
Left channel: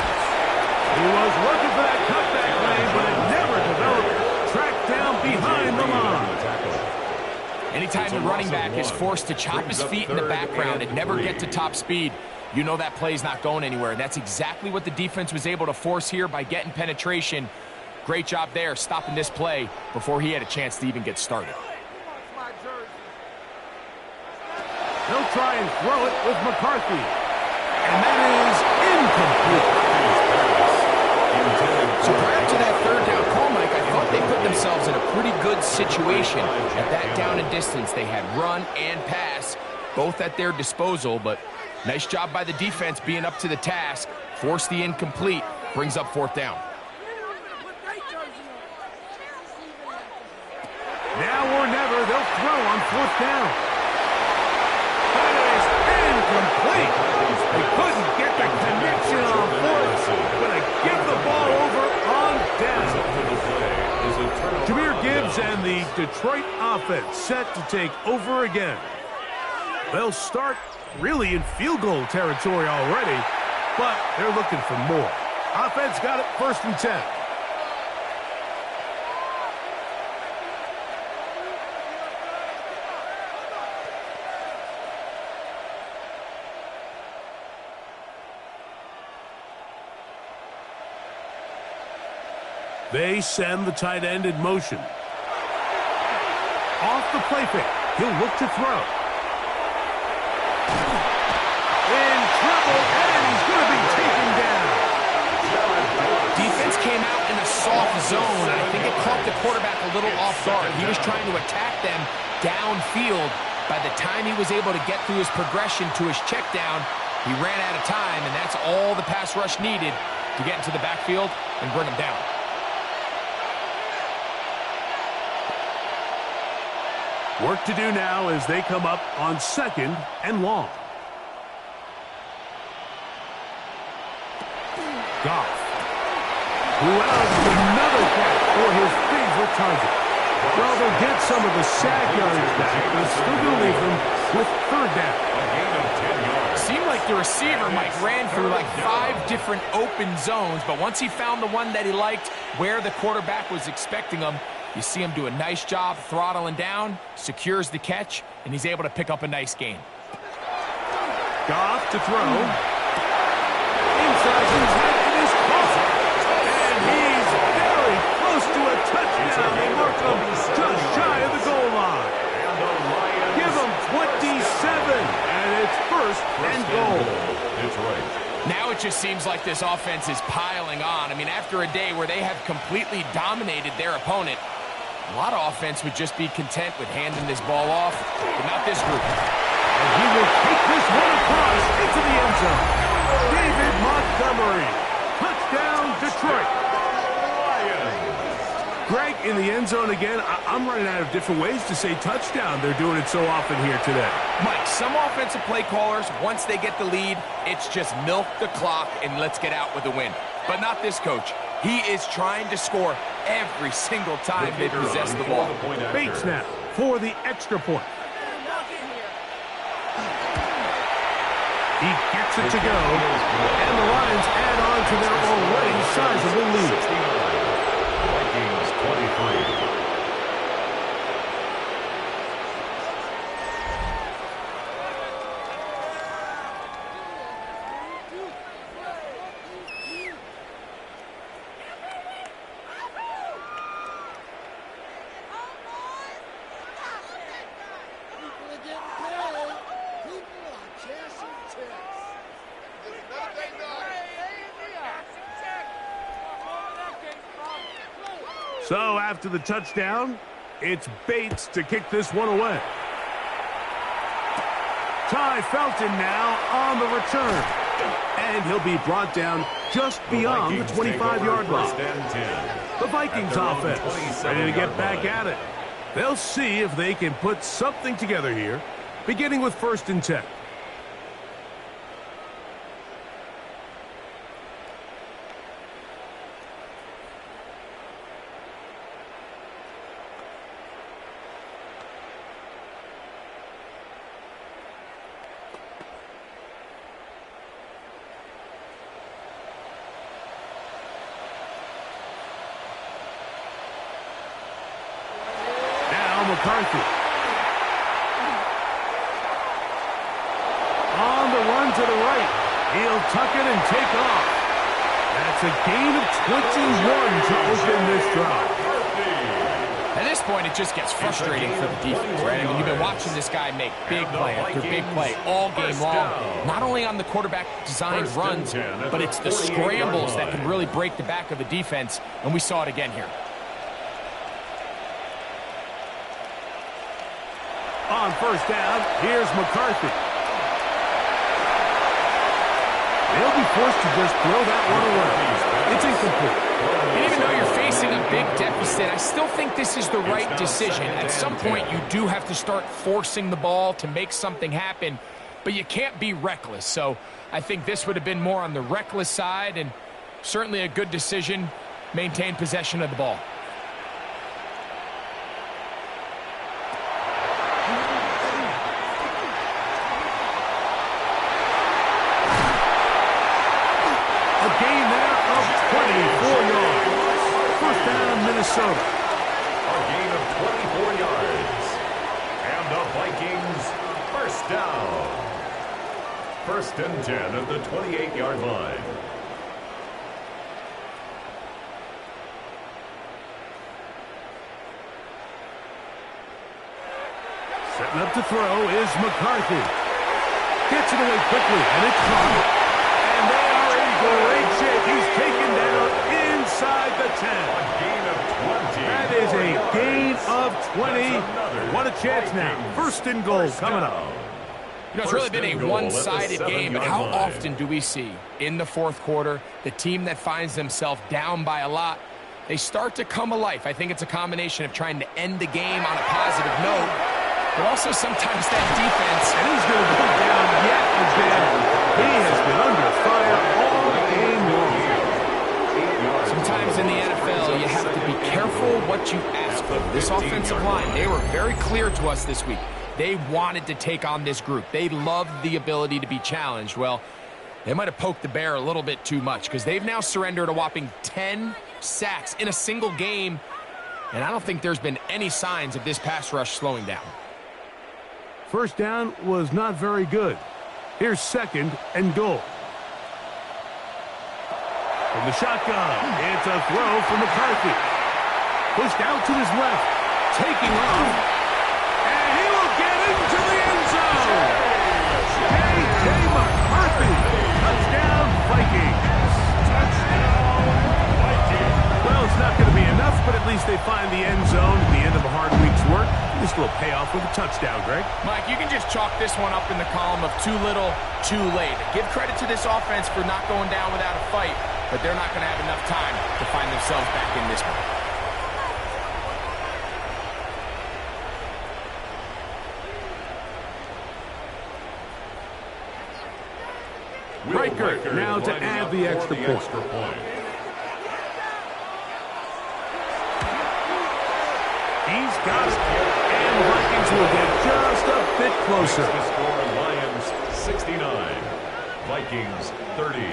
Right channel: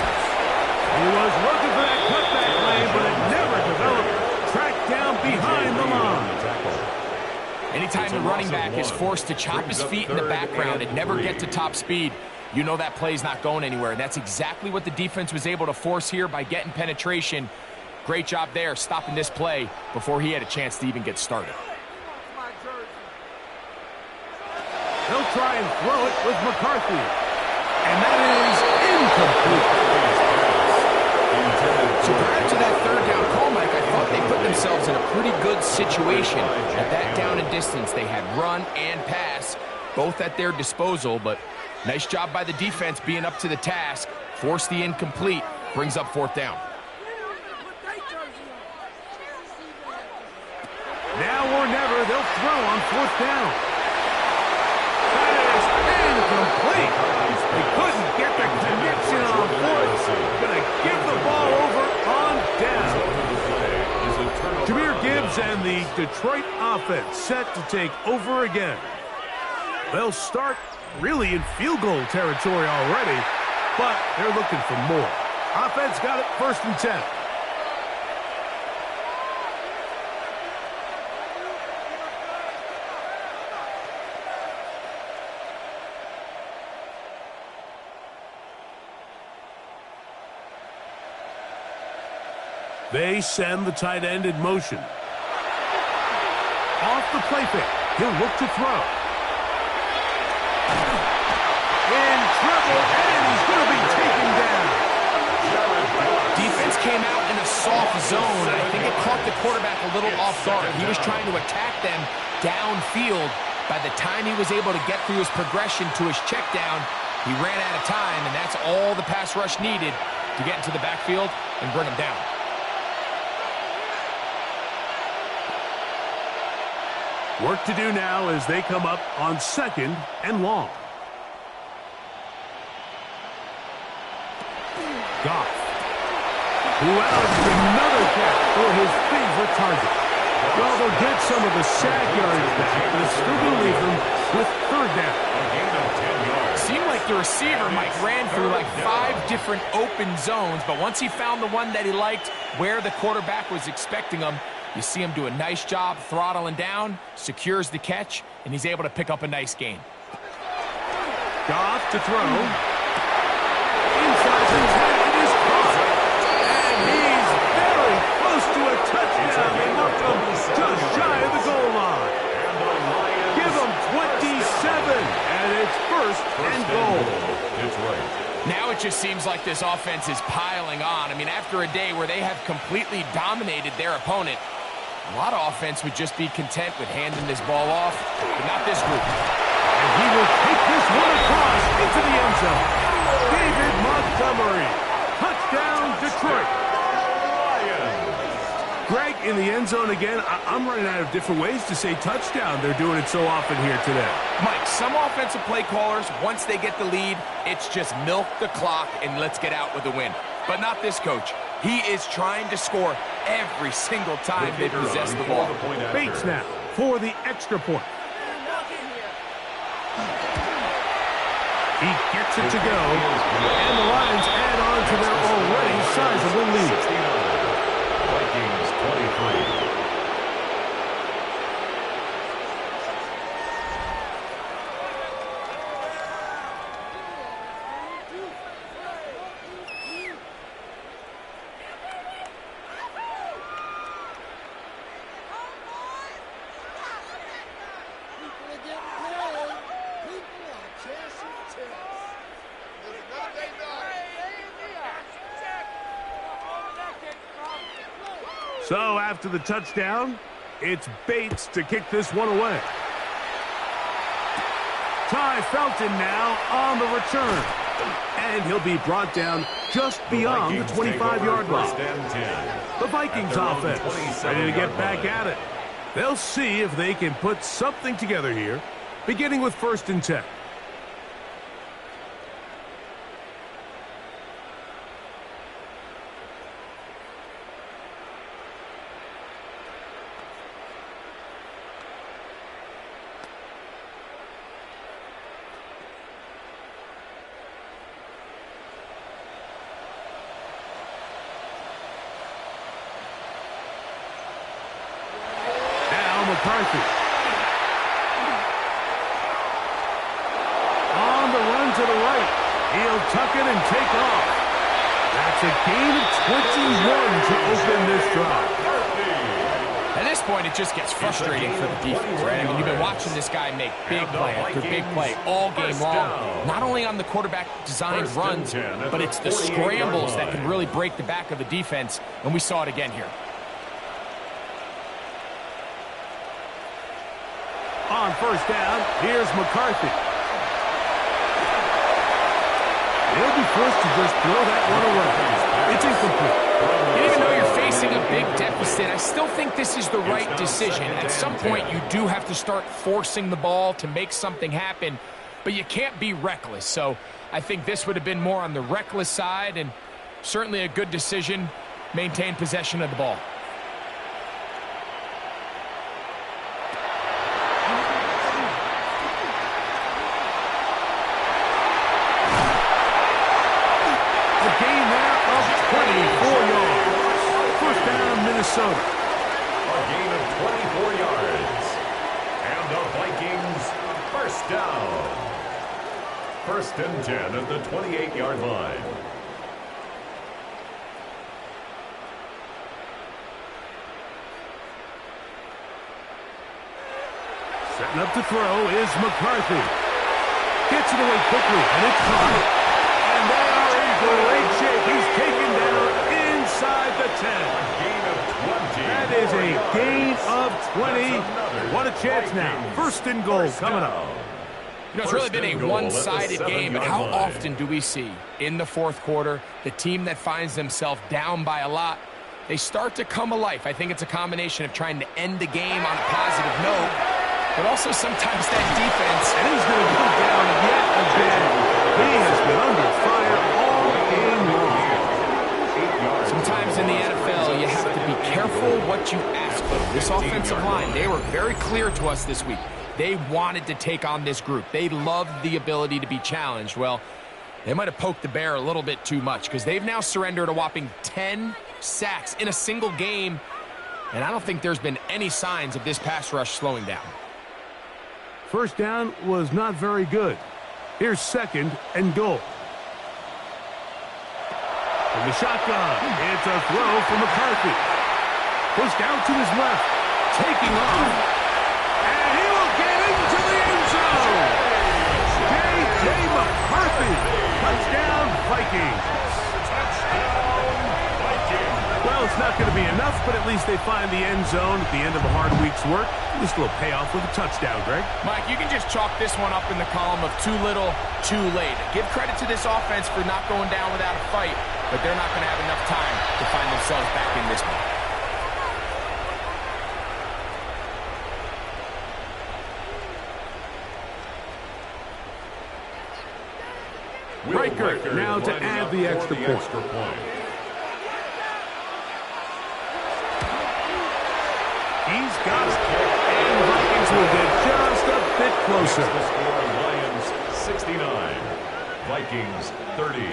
He was looking for that cutback lane, but it never developed. Tracked down behind the line. Anytime the running back is forced to chop his feet in the background and never get to top speed, you know that play's not going anywhere. And that's exactly what the defense was able to force here by getting penetration. Great job there, stopping this play before he had a chance to even get started. They'll try and throw it with McCarthy. And that is incomplete. So prior to that 3rd down call, Mike, I thought they put themselves in a pretty good situation. At that down and distance, they had run and pass, both at their disposal, but nice job by the defense being up to the task. Force the incomplete, brings up 4th down. Now or never, they'll throw on 4th down. That is incomplete. They couldn't get the connection on 4th. Going to give the ball over on down. Jahmyr Gibbs and the Detroit offense set to take over again. They'll start really in field goal territory already, but they're looking for more. Offense got it 1st and 10. They send the tight end in motion. Off the play fake. He'll look to throw. In trouble, and he's going to be taken down. Defense came out in a soft zone, and I think it caught the quarterback a little off guard. He was trying to attack them downfield. By the time he was able to get through his progression to his check down, he ran out of time, and that's all the pass rush needed to get into the backfield and bring him down. Work to do now as they come up on 2nd and long. Goff, who has another catch for his favorite target. Well, they'll get some of the sack yardage back, but it's still going to leave them with 3rd down. A gain of 10 yards. Seemed like the receiver, Mike, ran through like 5 different open zones, but once he found the one that he liked, where the quarterback was expecting him, you see him do a nice job throttling down, secures the catch, and he's able to pick up a nice gain. Goff to throw. Inside the 10, it is caught. And he's very close to a touchdown. They mark him just shy of the goal line. And the Lions Give him 27, and it's 1st and goal. Detroit. Now it just seems like this offense is piling on. I mean, after a day where they have completely dominated their opponent, a lot of offense would just be content with handing this ball off, but not this group. And he will take this one across into the end zone. David Montgomery. Touchdown, Detroit. Greg, in the end zone again. I'm running out of different ways to say touchdown. They're doing it so often here today. Mike, some offensive play callers, once they get the lead, it's just milk the clock and let's get out with a win. But not this coach. He is trying to score every single time they possess the ball. Bates now for the extra point. He gets it to go, and the Lions add on to their already sizable lead. Vikings 23. So after the touchdown, it's Bates to kick this one away. Ty Felton now on the return. And he'll be brought down just beyond the 25-yard line. The Vikings offense ready to get back at it. They'll see if they can put something together here, beginning with 1st and 10. McCarthy. On the run to the right. He'll tuck it and take off. That's a gain of 21 to open this drive. At this point, it just gets frustrating for the defense, right? I mean, you've been watching this guy make big play after big play all game long. Not only on the quarterback-designed runs, but it's the scrambles that can really break the back of the defense, and we saw it again here. On 1st down, here's McCarthy. They'll be forced to just throw that one away. It's incomplete. And even though you're facing a big deficit, I still think this is the right decision. At some point, you do have to start forcing the ball to make something happen, but you can't be reckless. So I think this would have been more on the reckless side, and certainly a good decision, maintain possession of the ball. A gain there of 24 yards. 1st down, Minnesota. A gain of 24 yards. And the Vikings, 1st down. 1st and 10 at the 28-yard line. Setting up to throw is McCarthy. Gets it away quickly, and it's caught. And they are in great shape. He's taken down inside the 10. A gain of 20. That is a gain of 20. What a chance now. First and goal coming up. You know, it's really been a one-sided game, but how often do we see in the fourth quarter the team that finds themselves down by a lot, they start to come alive? I think it's a combination of trying to end the game on a positive note, but also sometimes that defense. And he's going to go down yet again. He has been under fire all game long. Sometimes in the NFL, you have to be careful what you ask for. This offensive line, they were very clear to us this week. They wanted to take on this group. They loved the ability to be challenged. Well, they might have poked the bear a little bit too much because they've now surrendered a whopping 10 sacks in a single game, and I don't think there's been any signs of this pass rush slowing down. First down was not very good. Here's second and goal. From the shotgun, it's a throw from McCarthy. Pushed out to his left, taking off. And he will get into the end zone. J.J. McCarthy. Touchdown, Vikings. Touchdown, Vikings. Well, it's not going to be enough, but at least they find the end zone at the end of a hard week's work. At least a little payoff with a touchdown, Greg. Mike, you can just chalk this one up in the column of too little, too late. Give credit to this offense for not going down without a fight, but they're not going to have enough time to find themselves back in this one. Riker now to add the extra point. He's got it. And the Vikings will get just a bit closer. Makes the score, Lions 69, Vikings 30.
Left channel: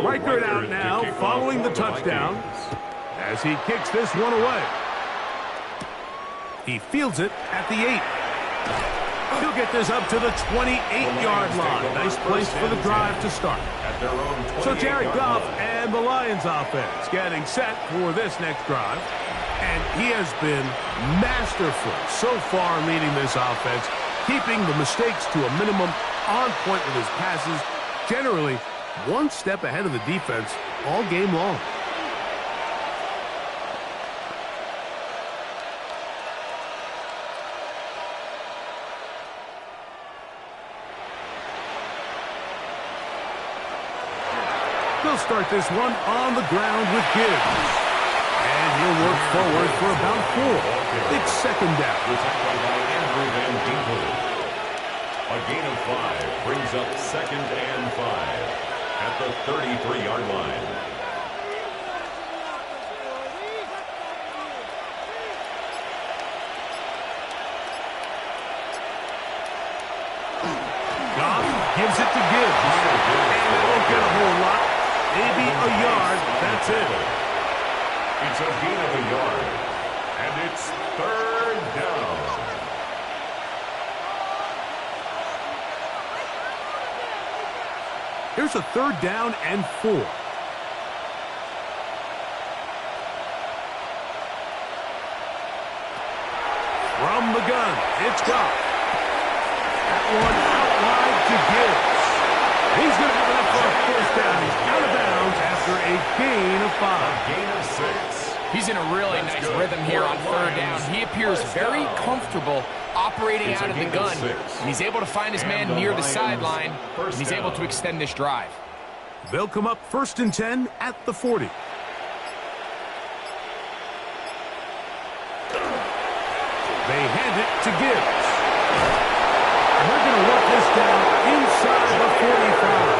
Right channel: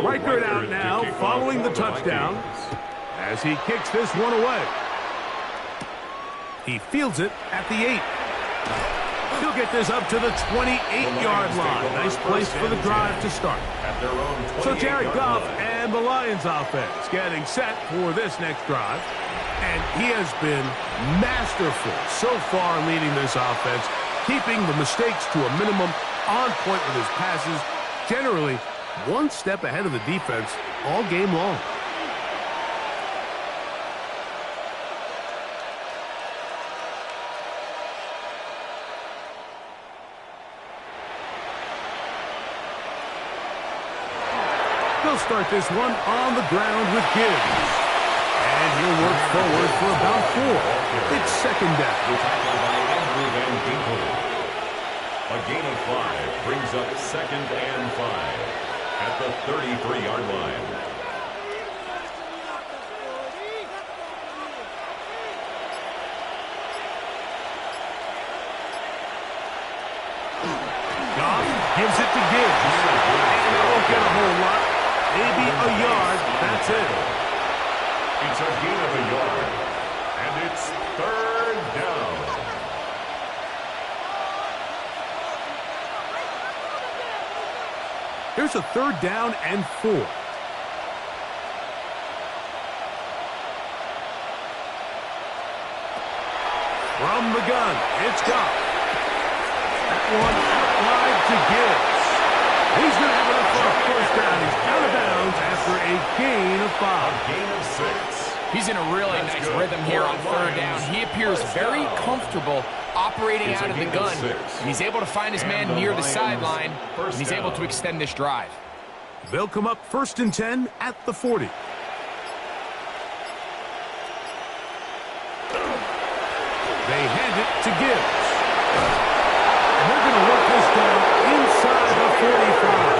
Riker out now, following the touchdown, as he kicks this one away. He fields it at the 8. He'll get this up to the 28-yard line. Nice place for the drive to start. At their own So Jared Goff line. and the Lions offense getting set for this next drive. And he has been masterful so far leading this offense, keeping the mistakes to a minimum, on point with his passes, generally one step ahead of the defense all game long. They'll start this one on the ground with Gibbs. And he'll work forward for about 4. It's second down. The tackle by Andrew Van Ginkel. A gain of 5 brings up second and 5 at the 33-yard line. Goff gives it to Gibbs. And it won't get a whole lot. Maybe a yard. That's it. It's a gain of a yard. And it's third down. Here's a third down and 4. From the gun, it's Goff. That one out wide to Gibbs. He's going to have enough for a first down. He's out of bounds after a gain of 5. A gain of 6. He's in a really nice rhythm here on third down. He appears very comfortable operating out of the gun. And he's able to find his man near the sideline, and he's able to extend this drive. They'll come up first and 10 at the 40. They hand it to Gibbs. And they're going to work this down inside the 45.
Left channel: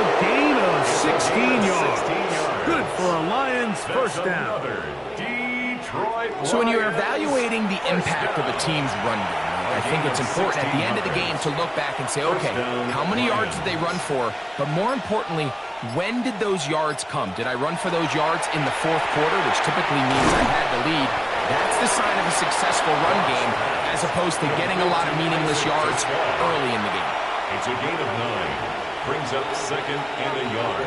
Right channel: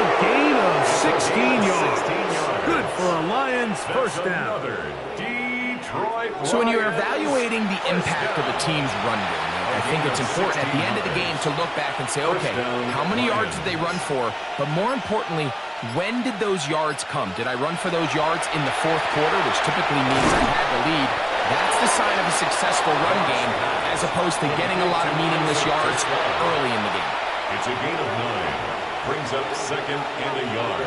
A gain of 16 yards. Good for a Lions first down. So when you're evaluating the impact of a team's run game, I think it's important at the end of the game to look back and say, okay, how many yards did they run for? But more importantly, When did those yards come? Did I run for those yards in the fourth quarter, which typically means I had the lead? That's the sign of a successful run game, as opposed to getting a lot of meaningless yards early in the game. It's a gain of 9. Brings up second and a yard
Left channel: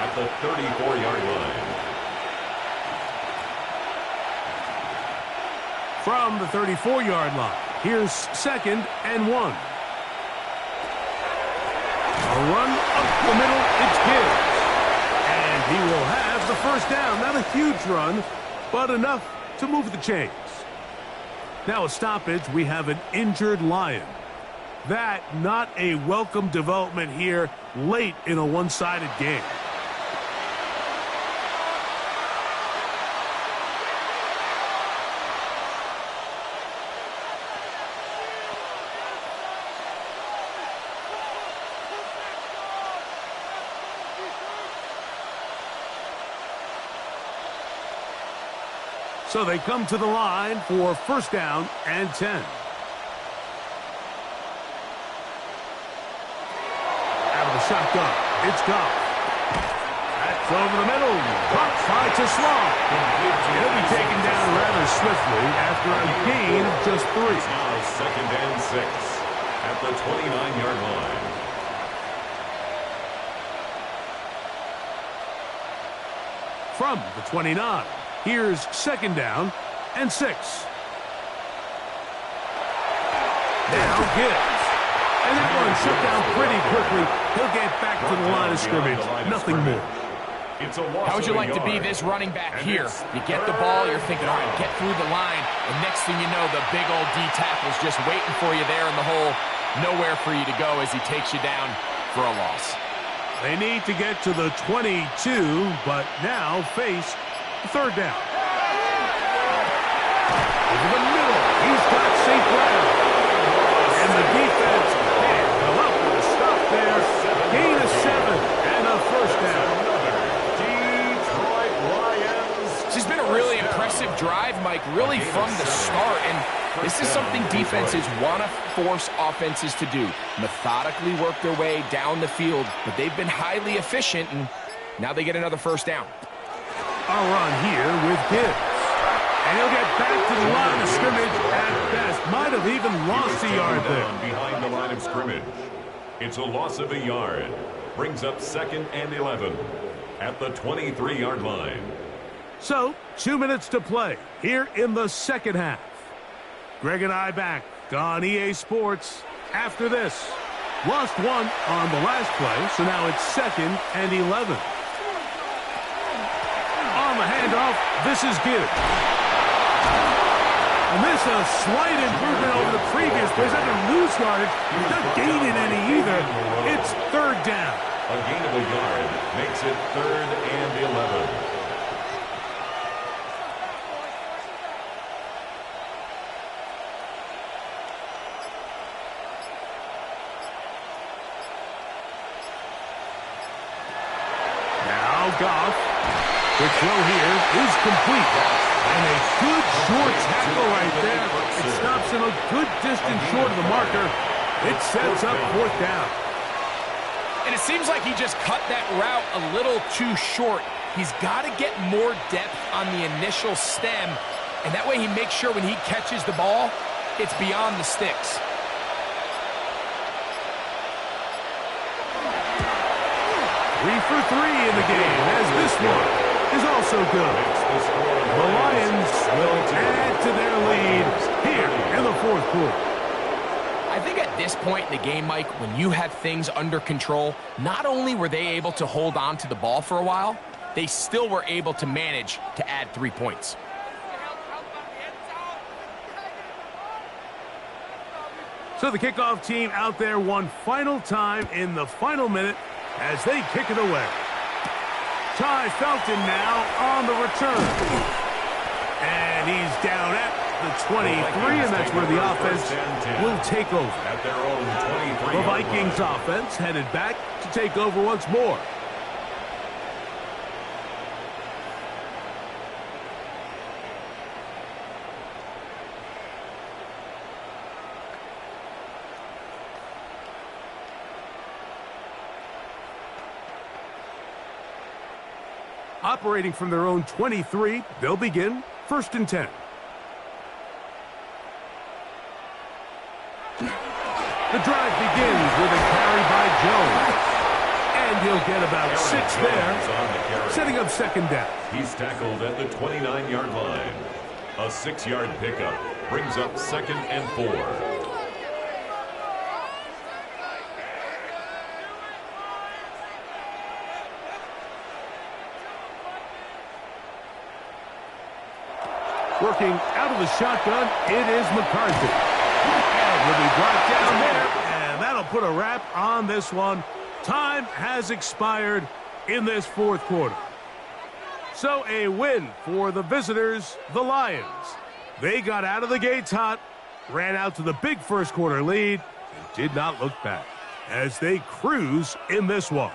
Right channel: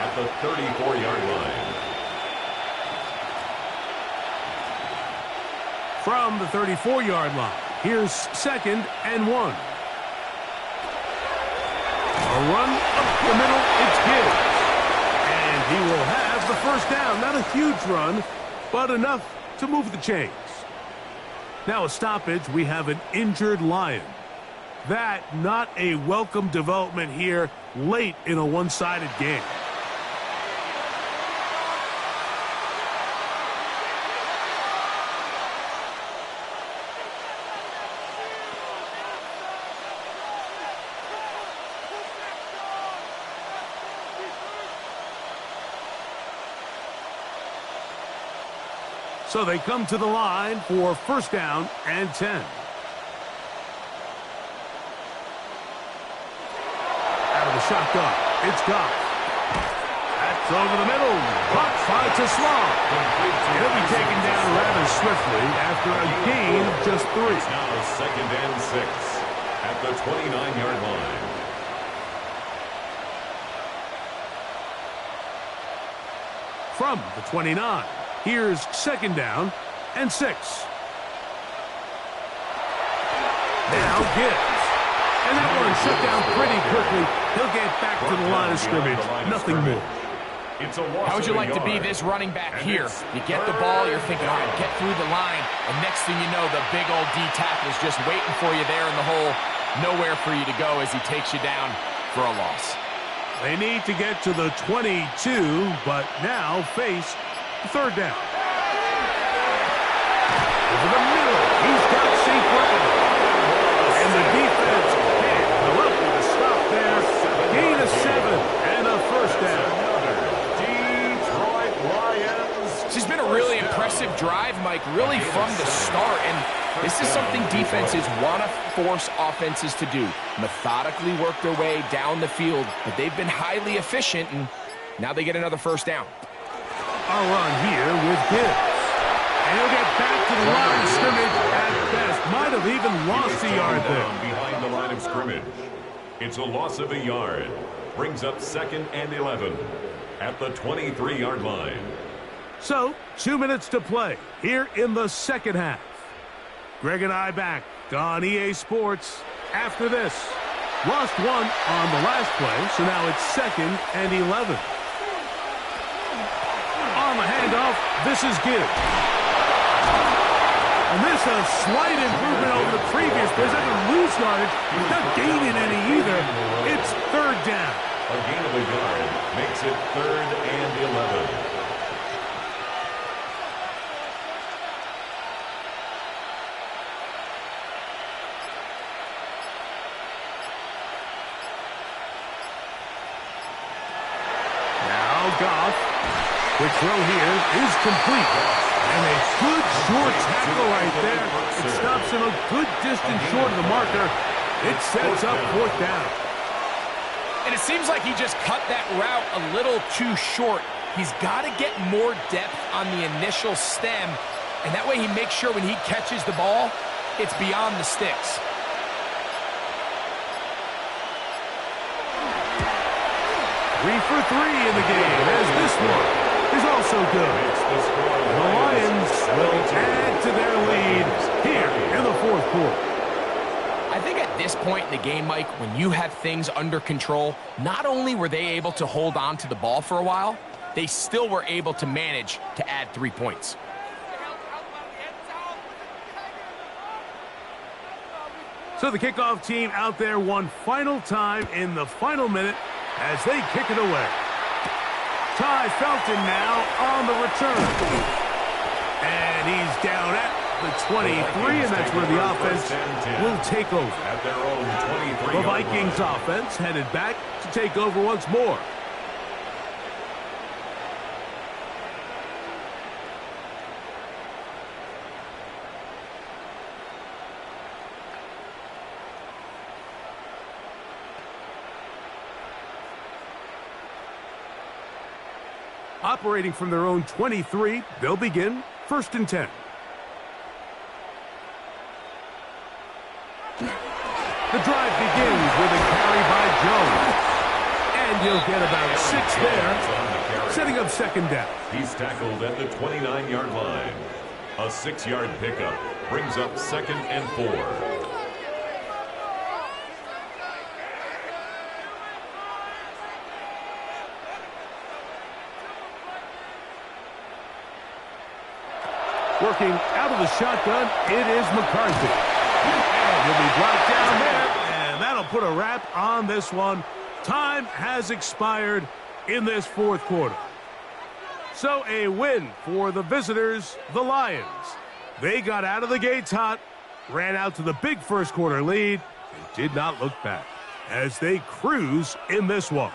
at the 34-yard line. From the 34-yard line, here's second and 1. A run up the middle, it's Gibbs. And he will have the first down. Not a huge run, but enough to move the chains. Now a stoppage, we have an injured Lion. That not a welcome development here late in a one-sided game. So they come to the line for first down and 10. Out of the shotgun, it's Goff. That's over the middle. Caught by Tesla. He'll be taken down rather swiftly after a gain of just 3. It's now second and 6 at the 29-yard line. From the 29. Here's second down and 6. Now Gibbs. And that one shut down pretty quickly. He'll get back to the line of scrimmage. Nothing more. How would you like to be this running back here? You get the ball, you're thinking, all right, get through the line. And next thing you know, the big old D tackle's just waiting for you there in the hole. Nowhere for you to go as he takes you down for a loss. They need to get to the 22, but now face third down. Over the middle, he's got St. Brown. And the defense can't come up with a stop there. Gain of 7 and a first down. Detroit Lions. This has been a really impressive drive, Mike, really from the start. And this is something defenses want to force offenses to do. Methodically work their way down the field, but they've been highly efficient, and now they get another first down. A run here with Gibbs. And he'll get back to the line of scrimmage at best. Might have even lost a yard there. Behind the line of scrimmage. It's a loss of a yard. Brings up second and 11 at the 23-yard line. So, 2 minutes to play here in the second half. Greg and I back on EA Sports after this. Lost one on the last play, so now it's second and 11. On the handoff, this is Gibbs. And this is a slight improvement over the previous play. He's not going to lose yardage. He's not gaining any either. It's third down. A gain of a yard makes it third and 11. Now Goff. Quick throw here is complete. And a good short tackle right there. It stops him a good distance short of the marker. It sets up fourth down. And it seems like he just cut that route a little too short. He's got to get more depth on the initial stem. And that way he makes sure when he catches the ball, it's beyond the sticks. Three for 3 in the game as this one is also good. The Lions will add to their lead here in the fourth quarter. I think at this point in the game, Mike, when you have things under control, not only were they able to hold on to the ball for a while, they still were able to manage to add 3 points. So the kickoff team out there one final time in the final minute as they kick it away. Ty Felton now on the return. And he's down at the 23, and that's where the offense will take over. At their own 23. The Vikings offense headed back to take over once more. Operating from their own 23, they'll begin 1st and 10. The drive begins with a carry by Jones. And you'll get about 6 there, setting up 2nd down. He's tackled at the 29-yard line. A 6-yard pickup brings up 2nd and 4. Working out of the shotgun, it is McCarthy. And he'll be brought down there, and that'll put a wrap on this one. Time has expired in this 4th quarter. So a win for the visitors, the Lions. They got out of the gates hot, ran out to the big 1st quarter lead, and did not look back as they cruise in this one.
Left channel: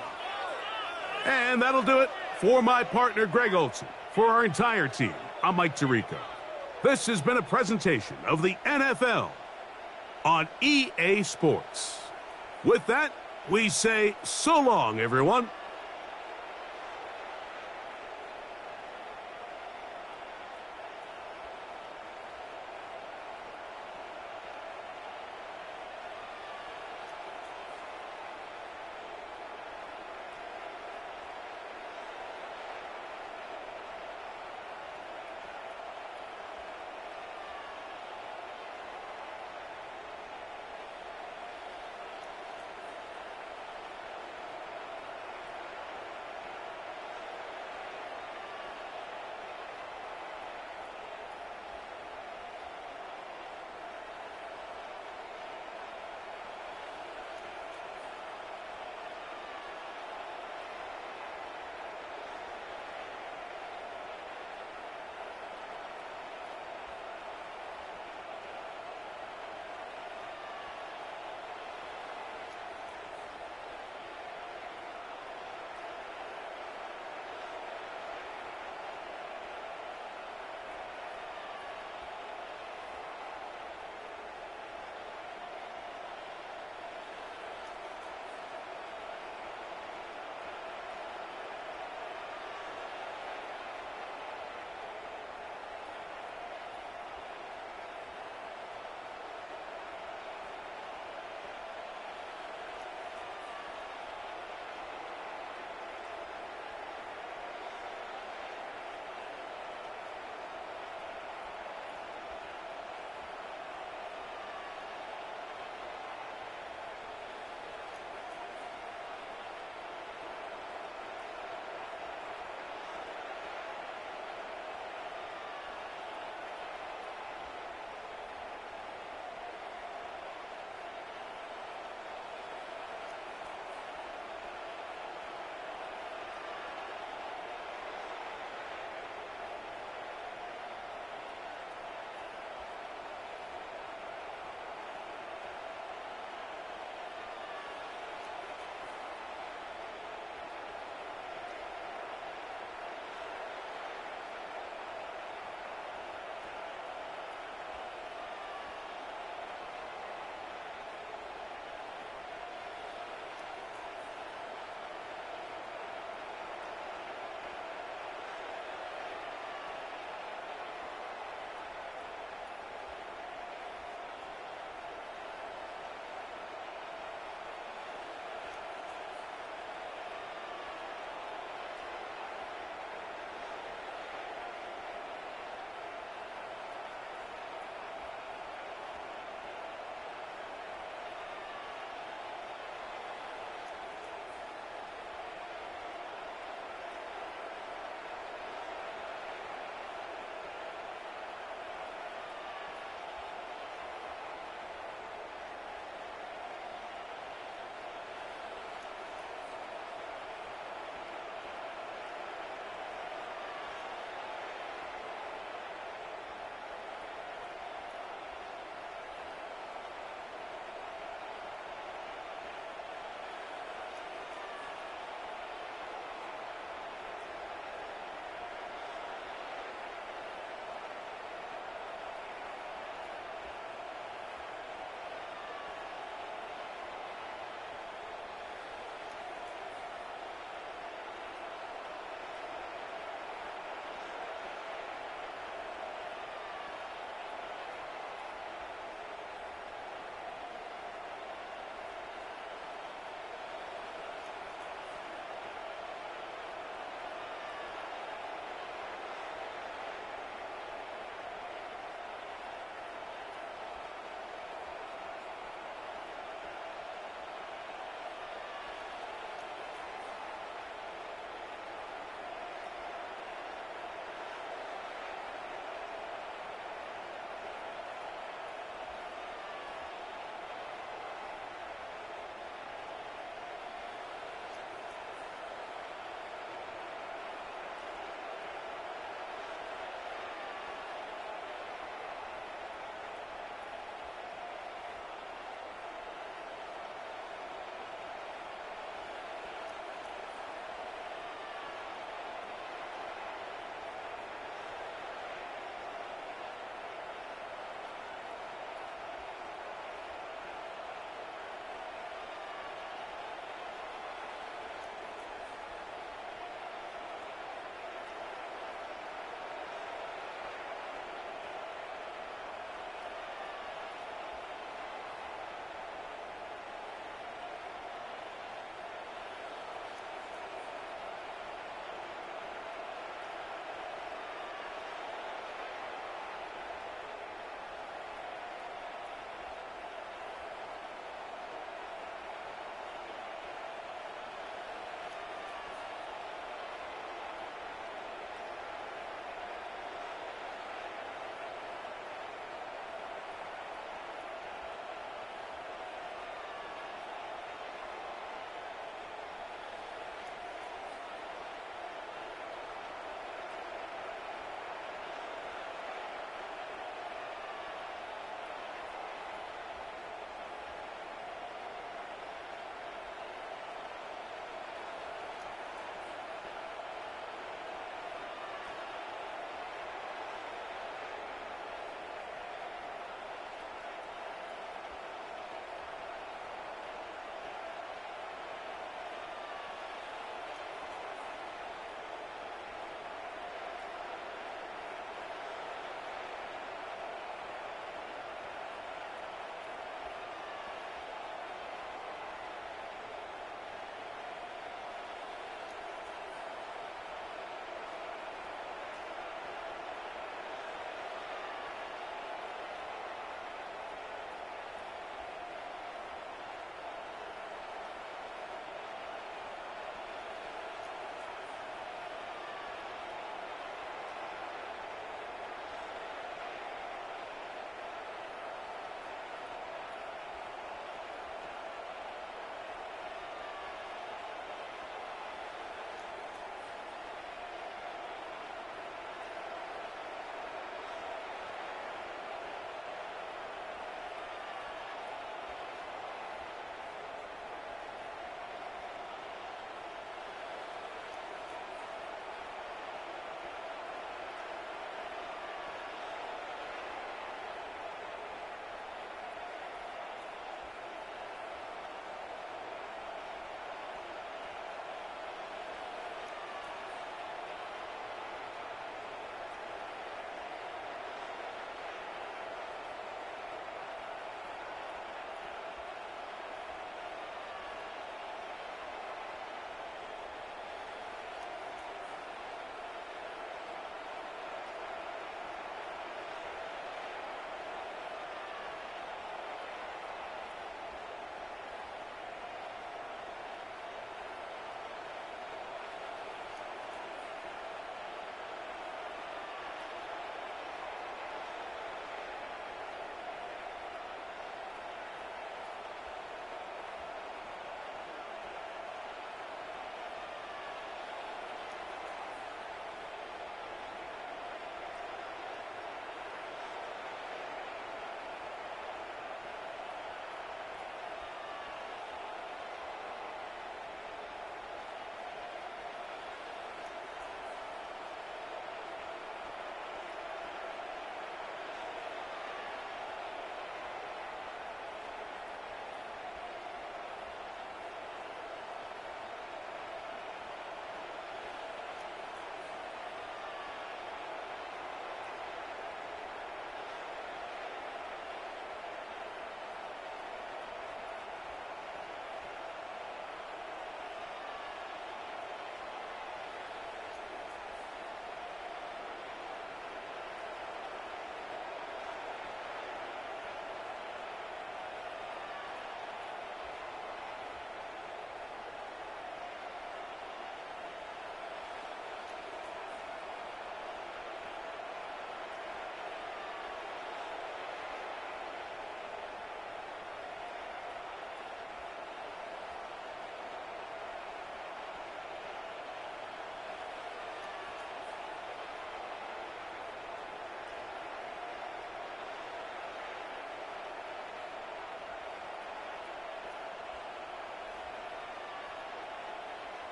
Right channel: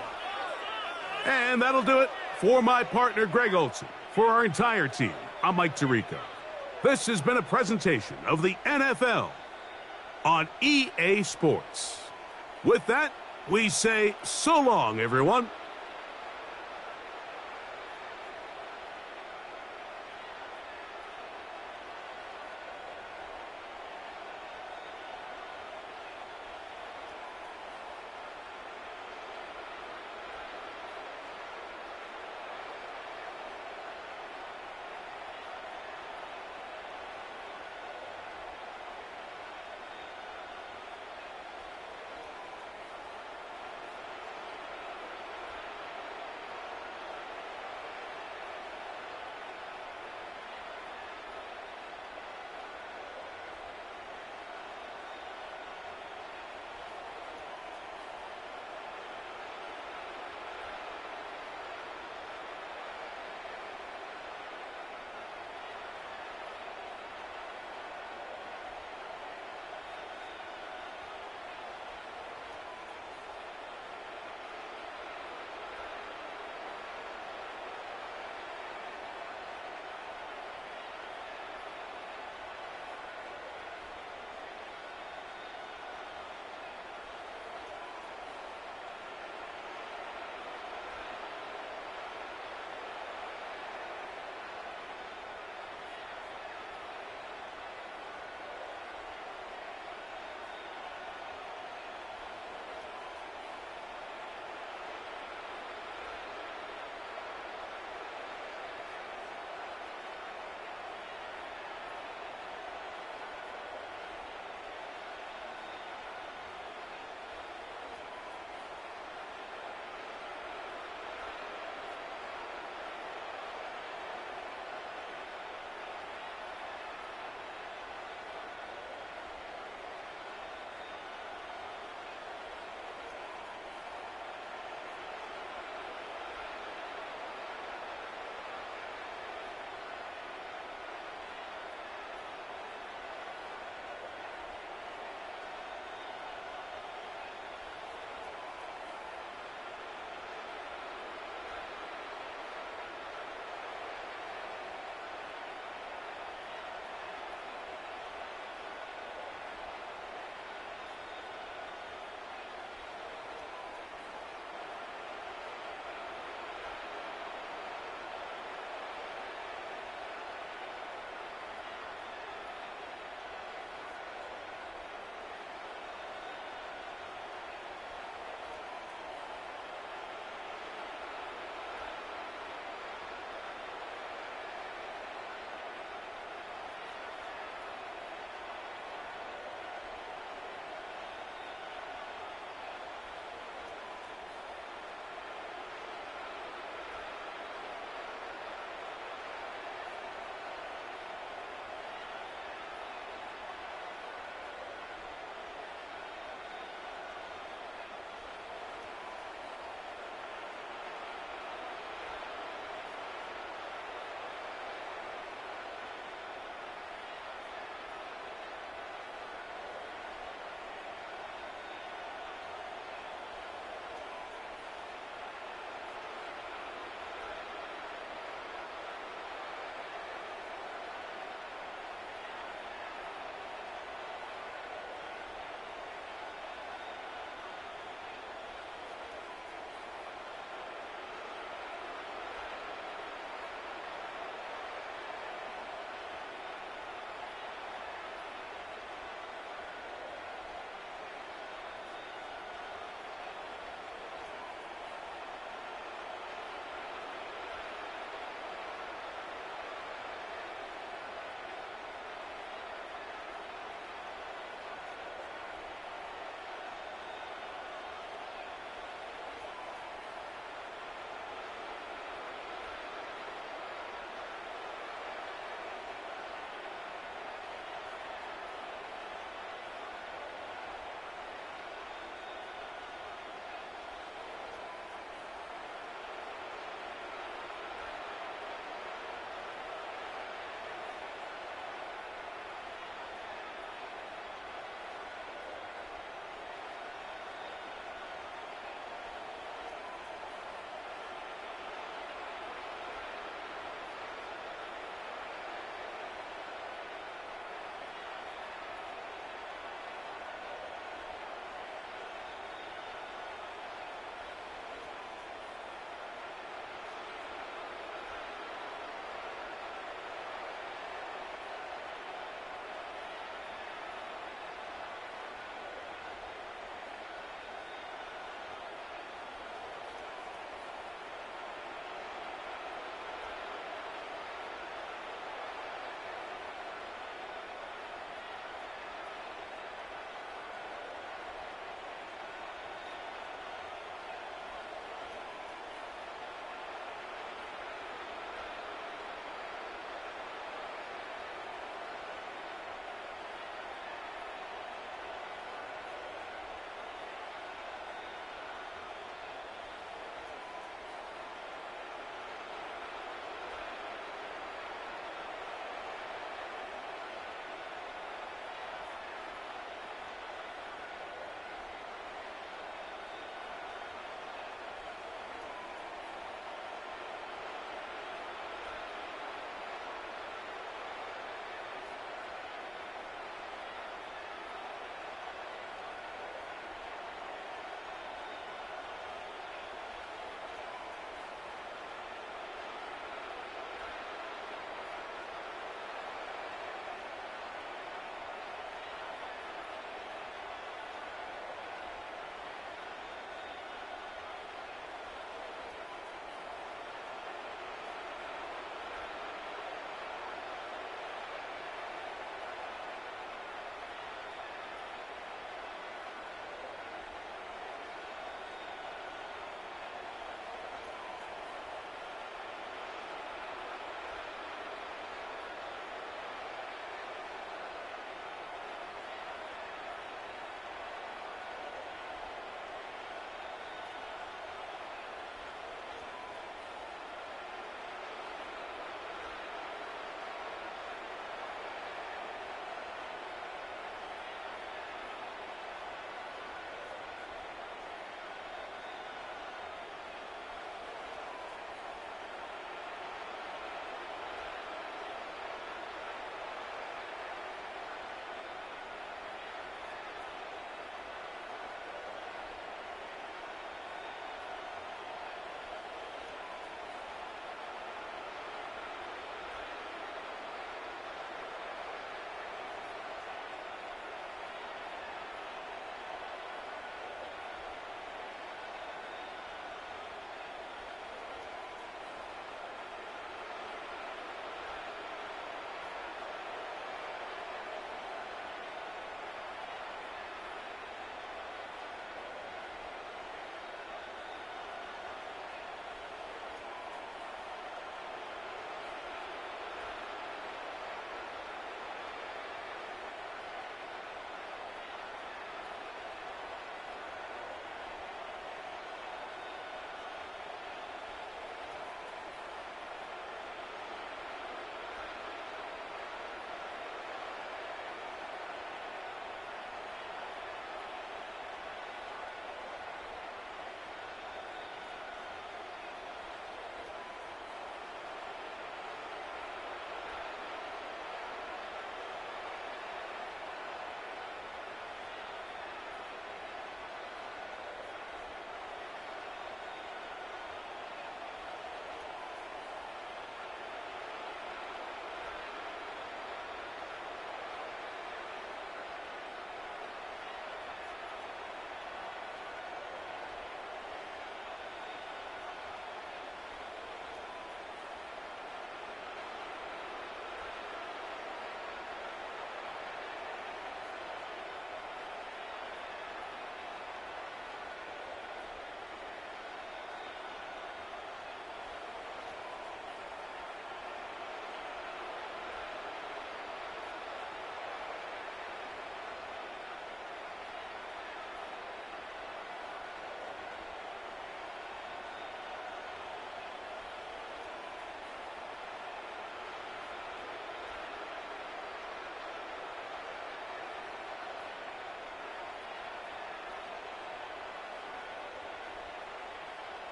And that'll do it for my partner, Greg Olson. For our entire team, I'm Mike Tirico. This has been a presentation of the NFL on EA Sports. With that, we say so long, everyone.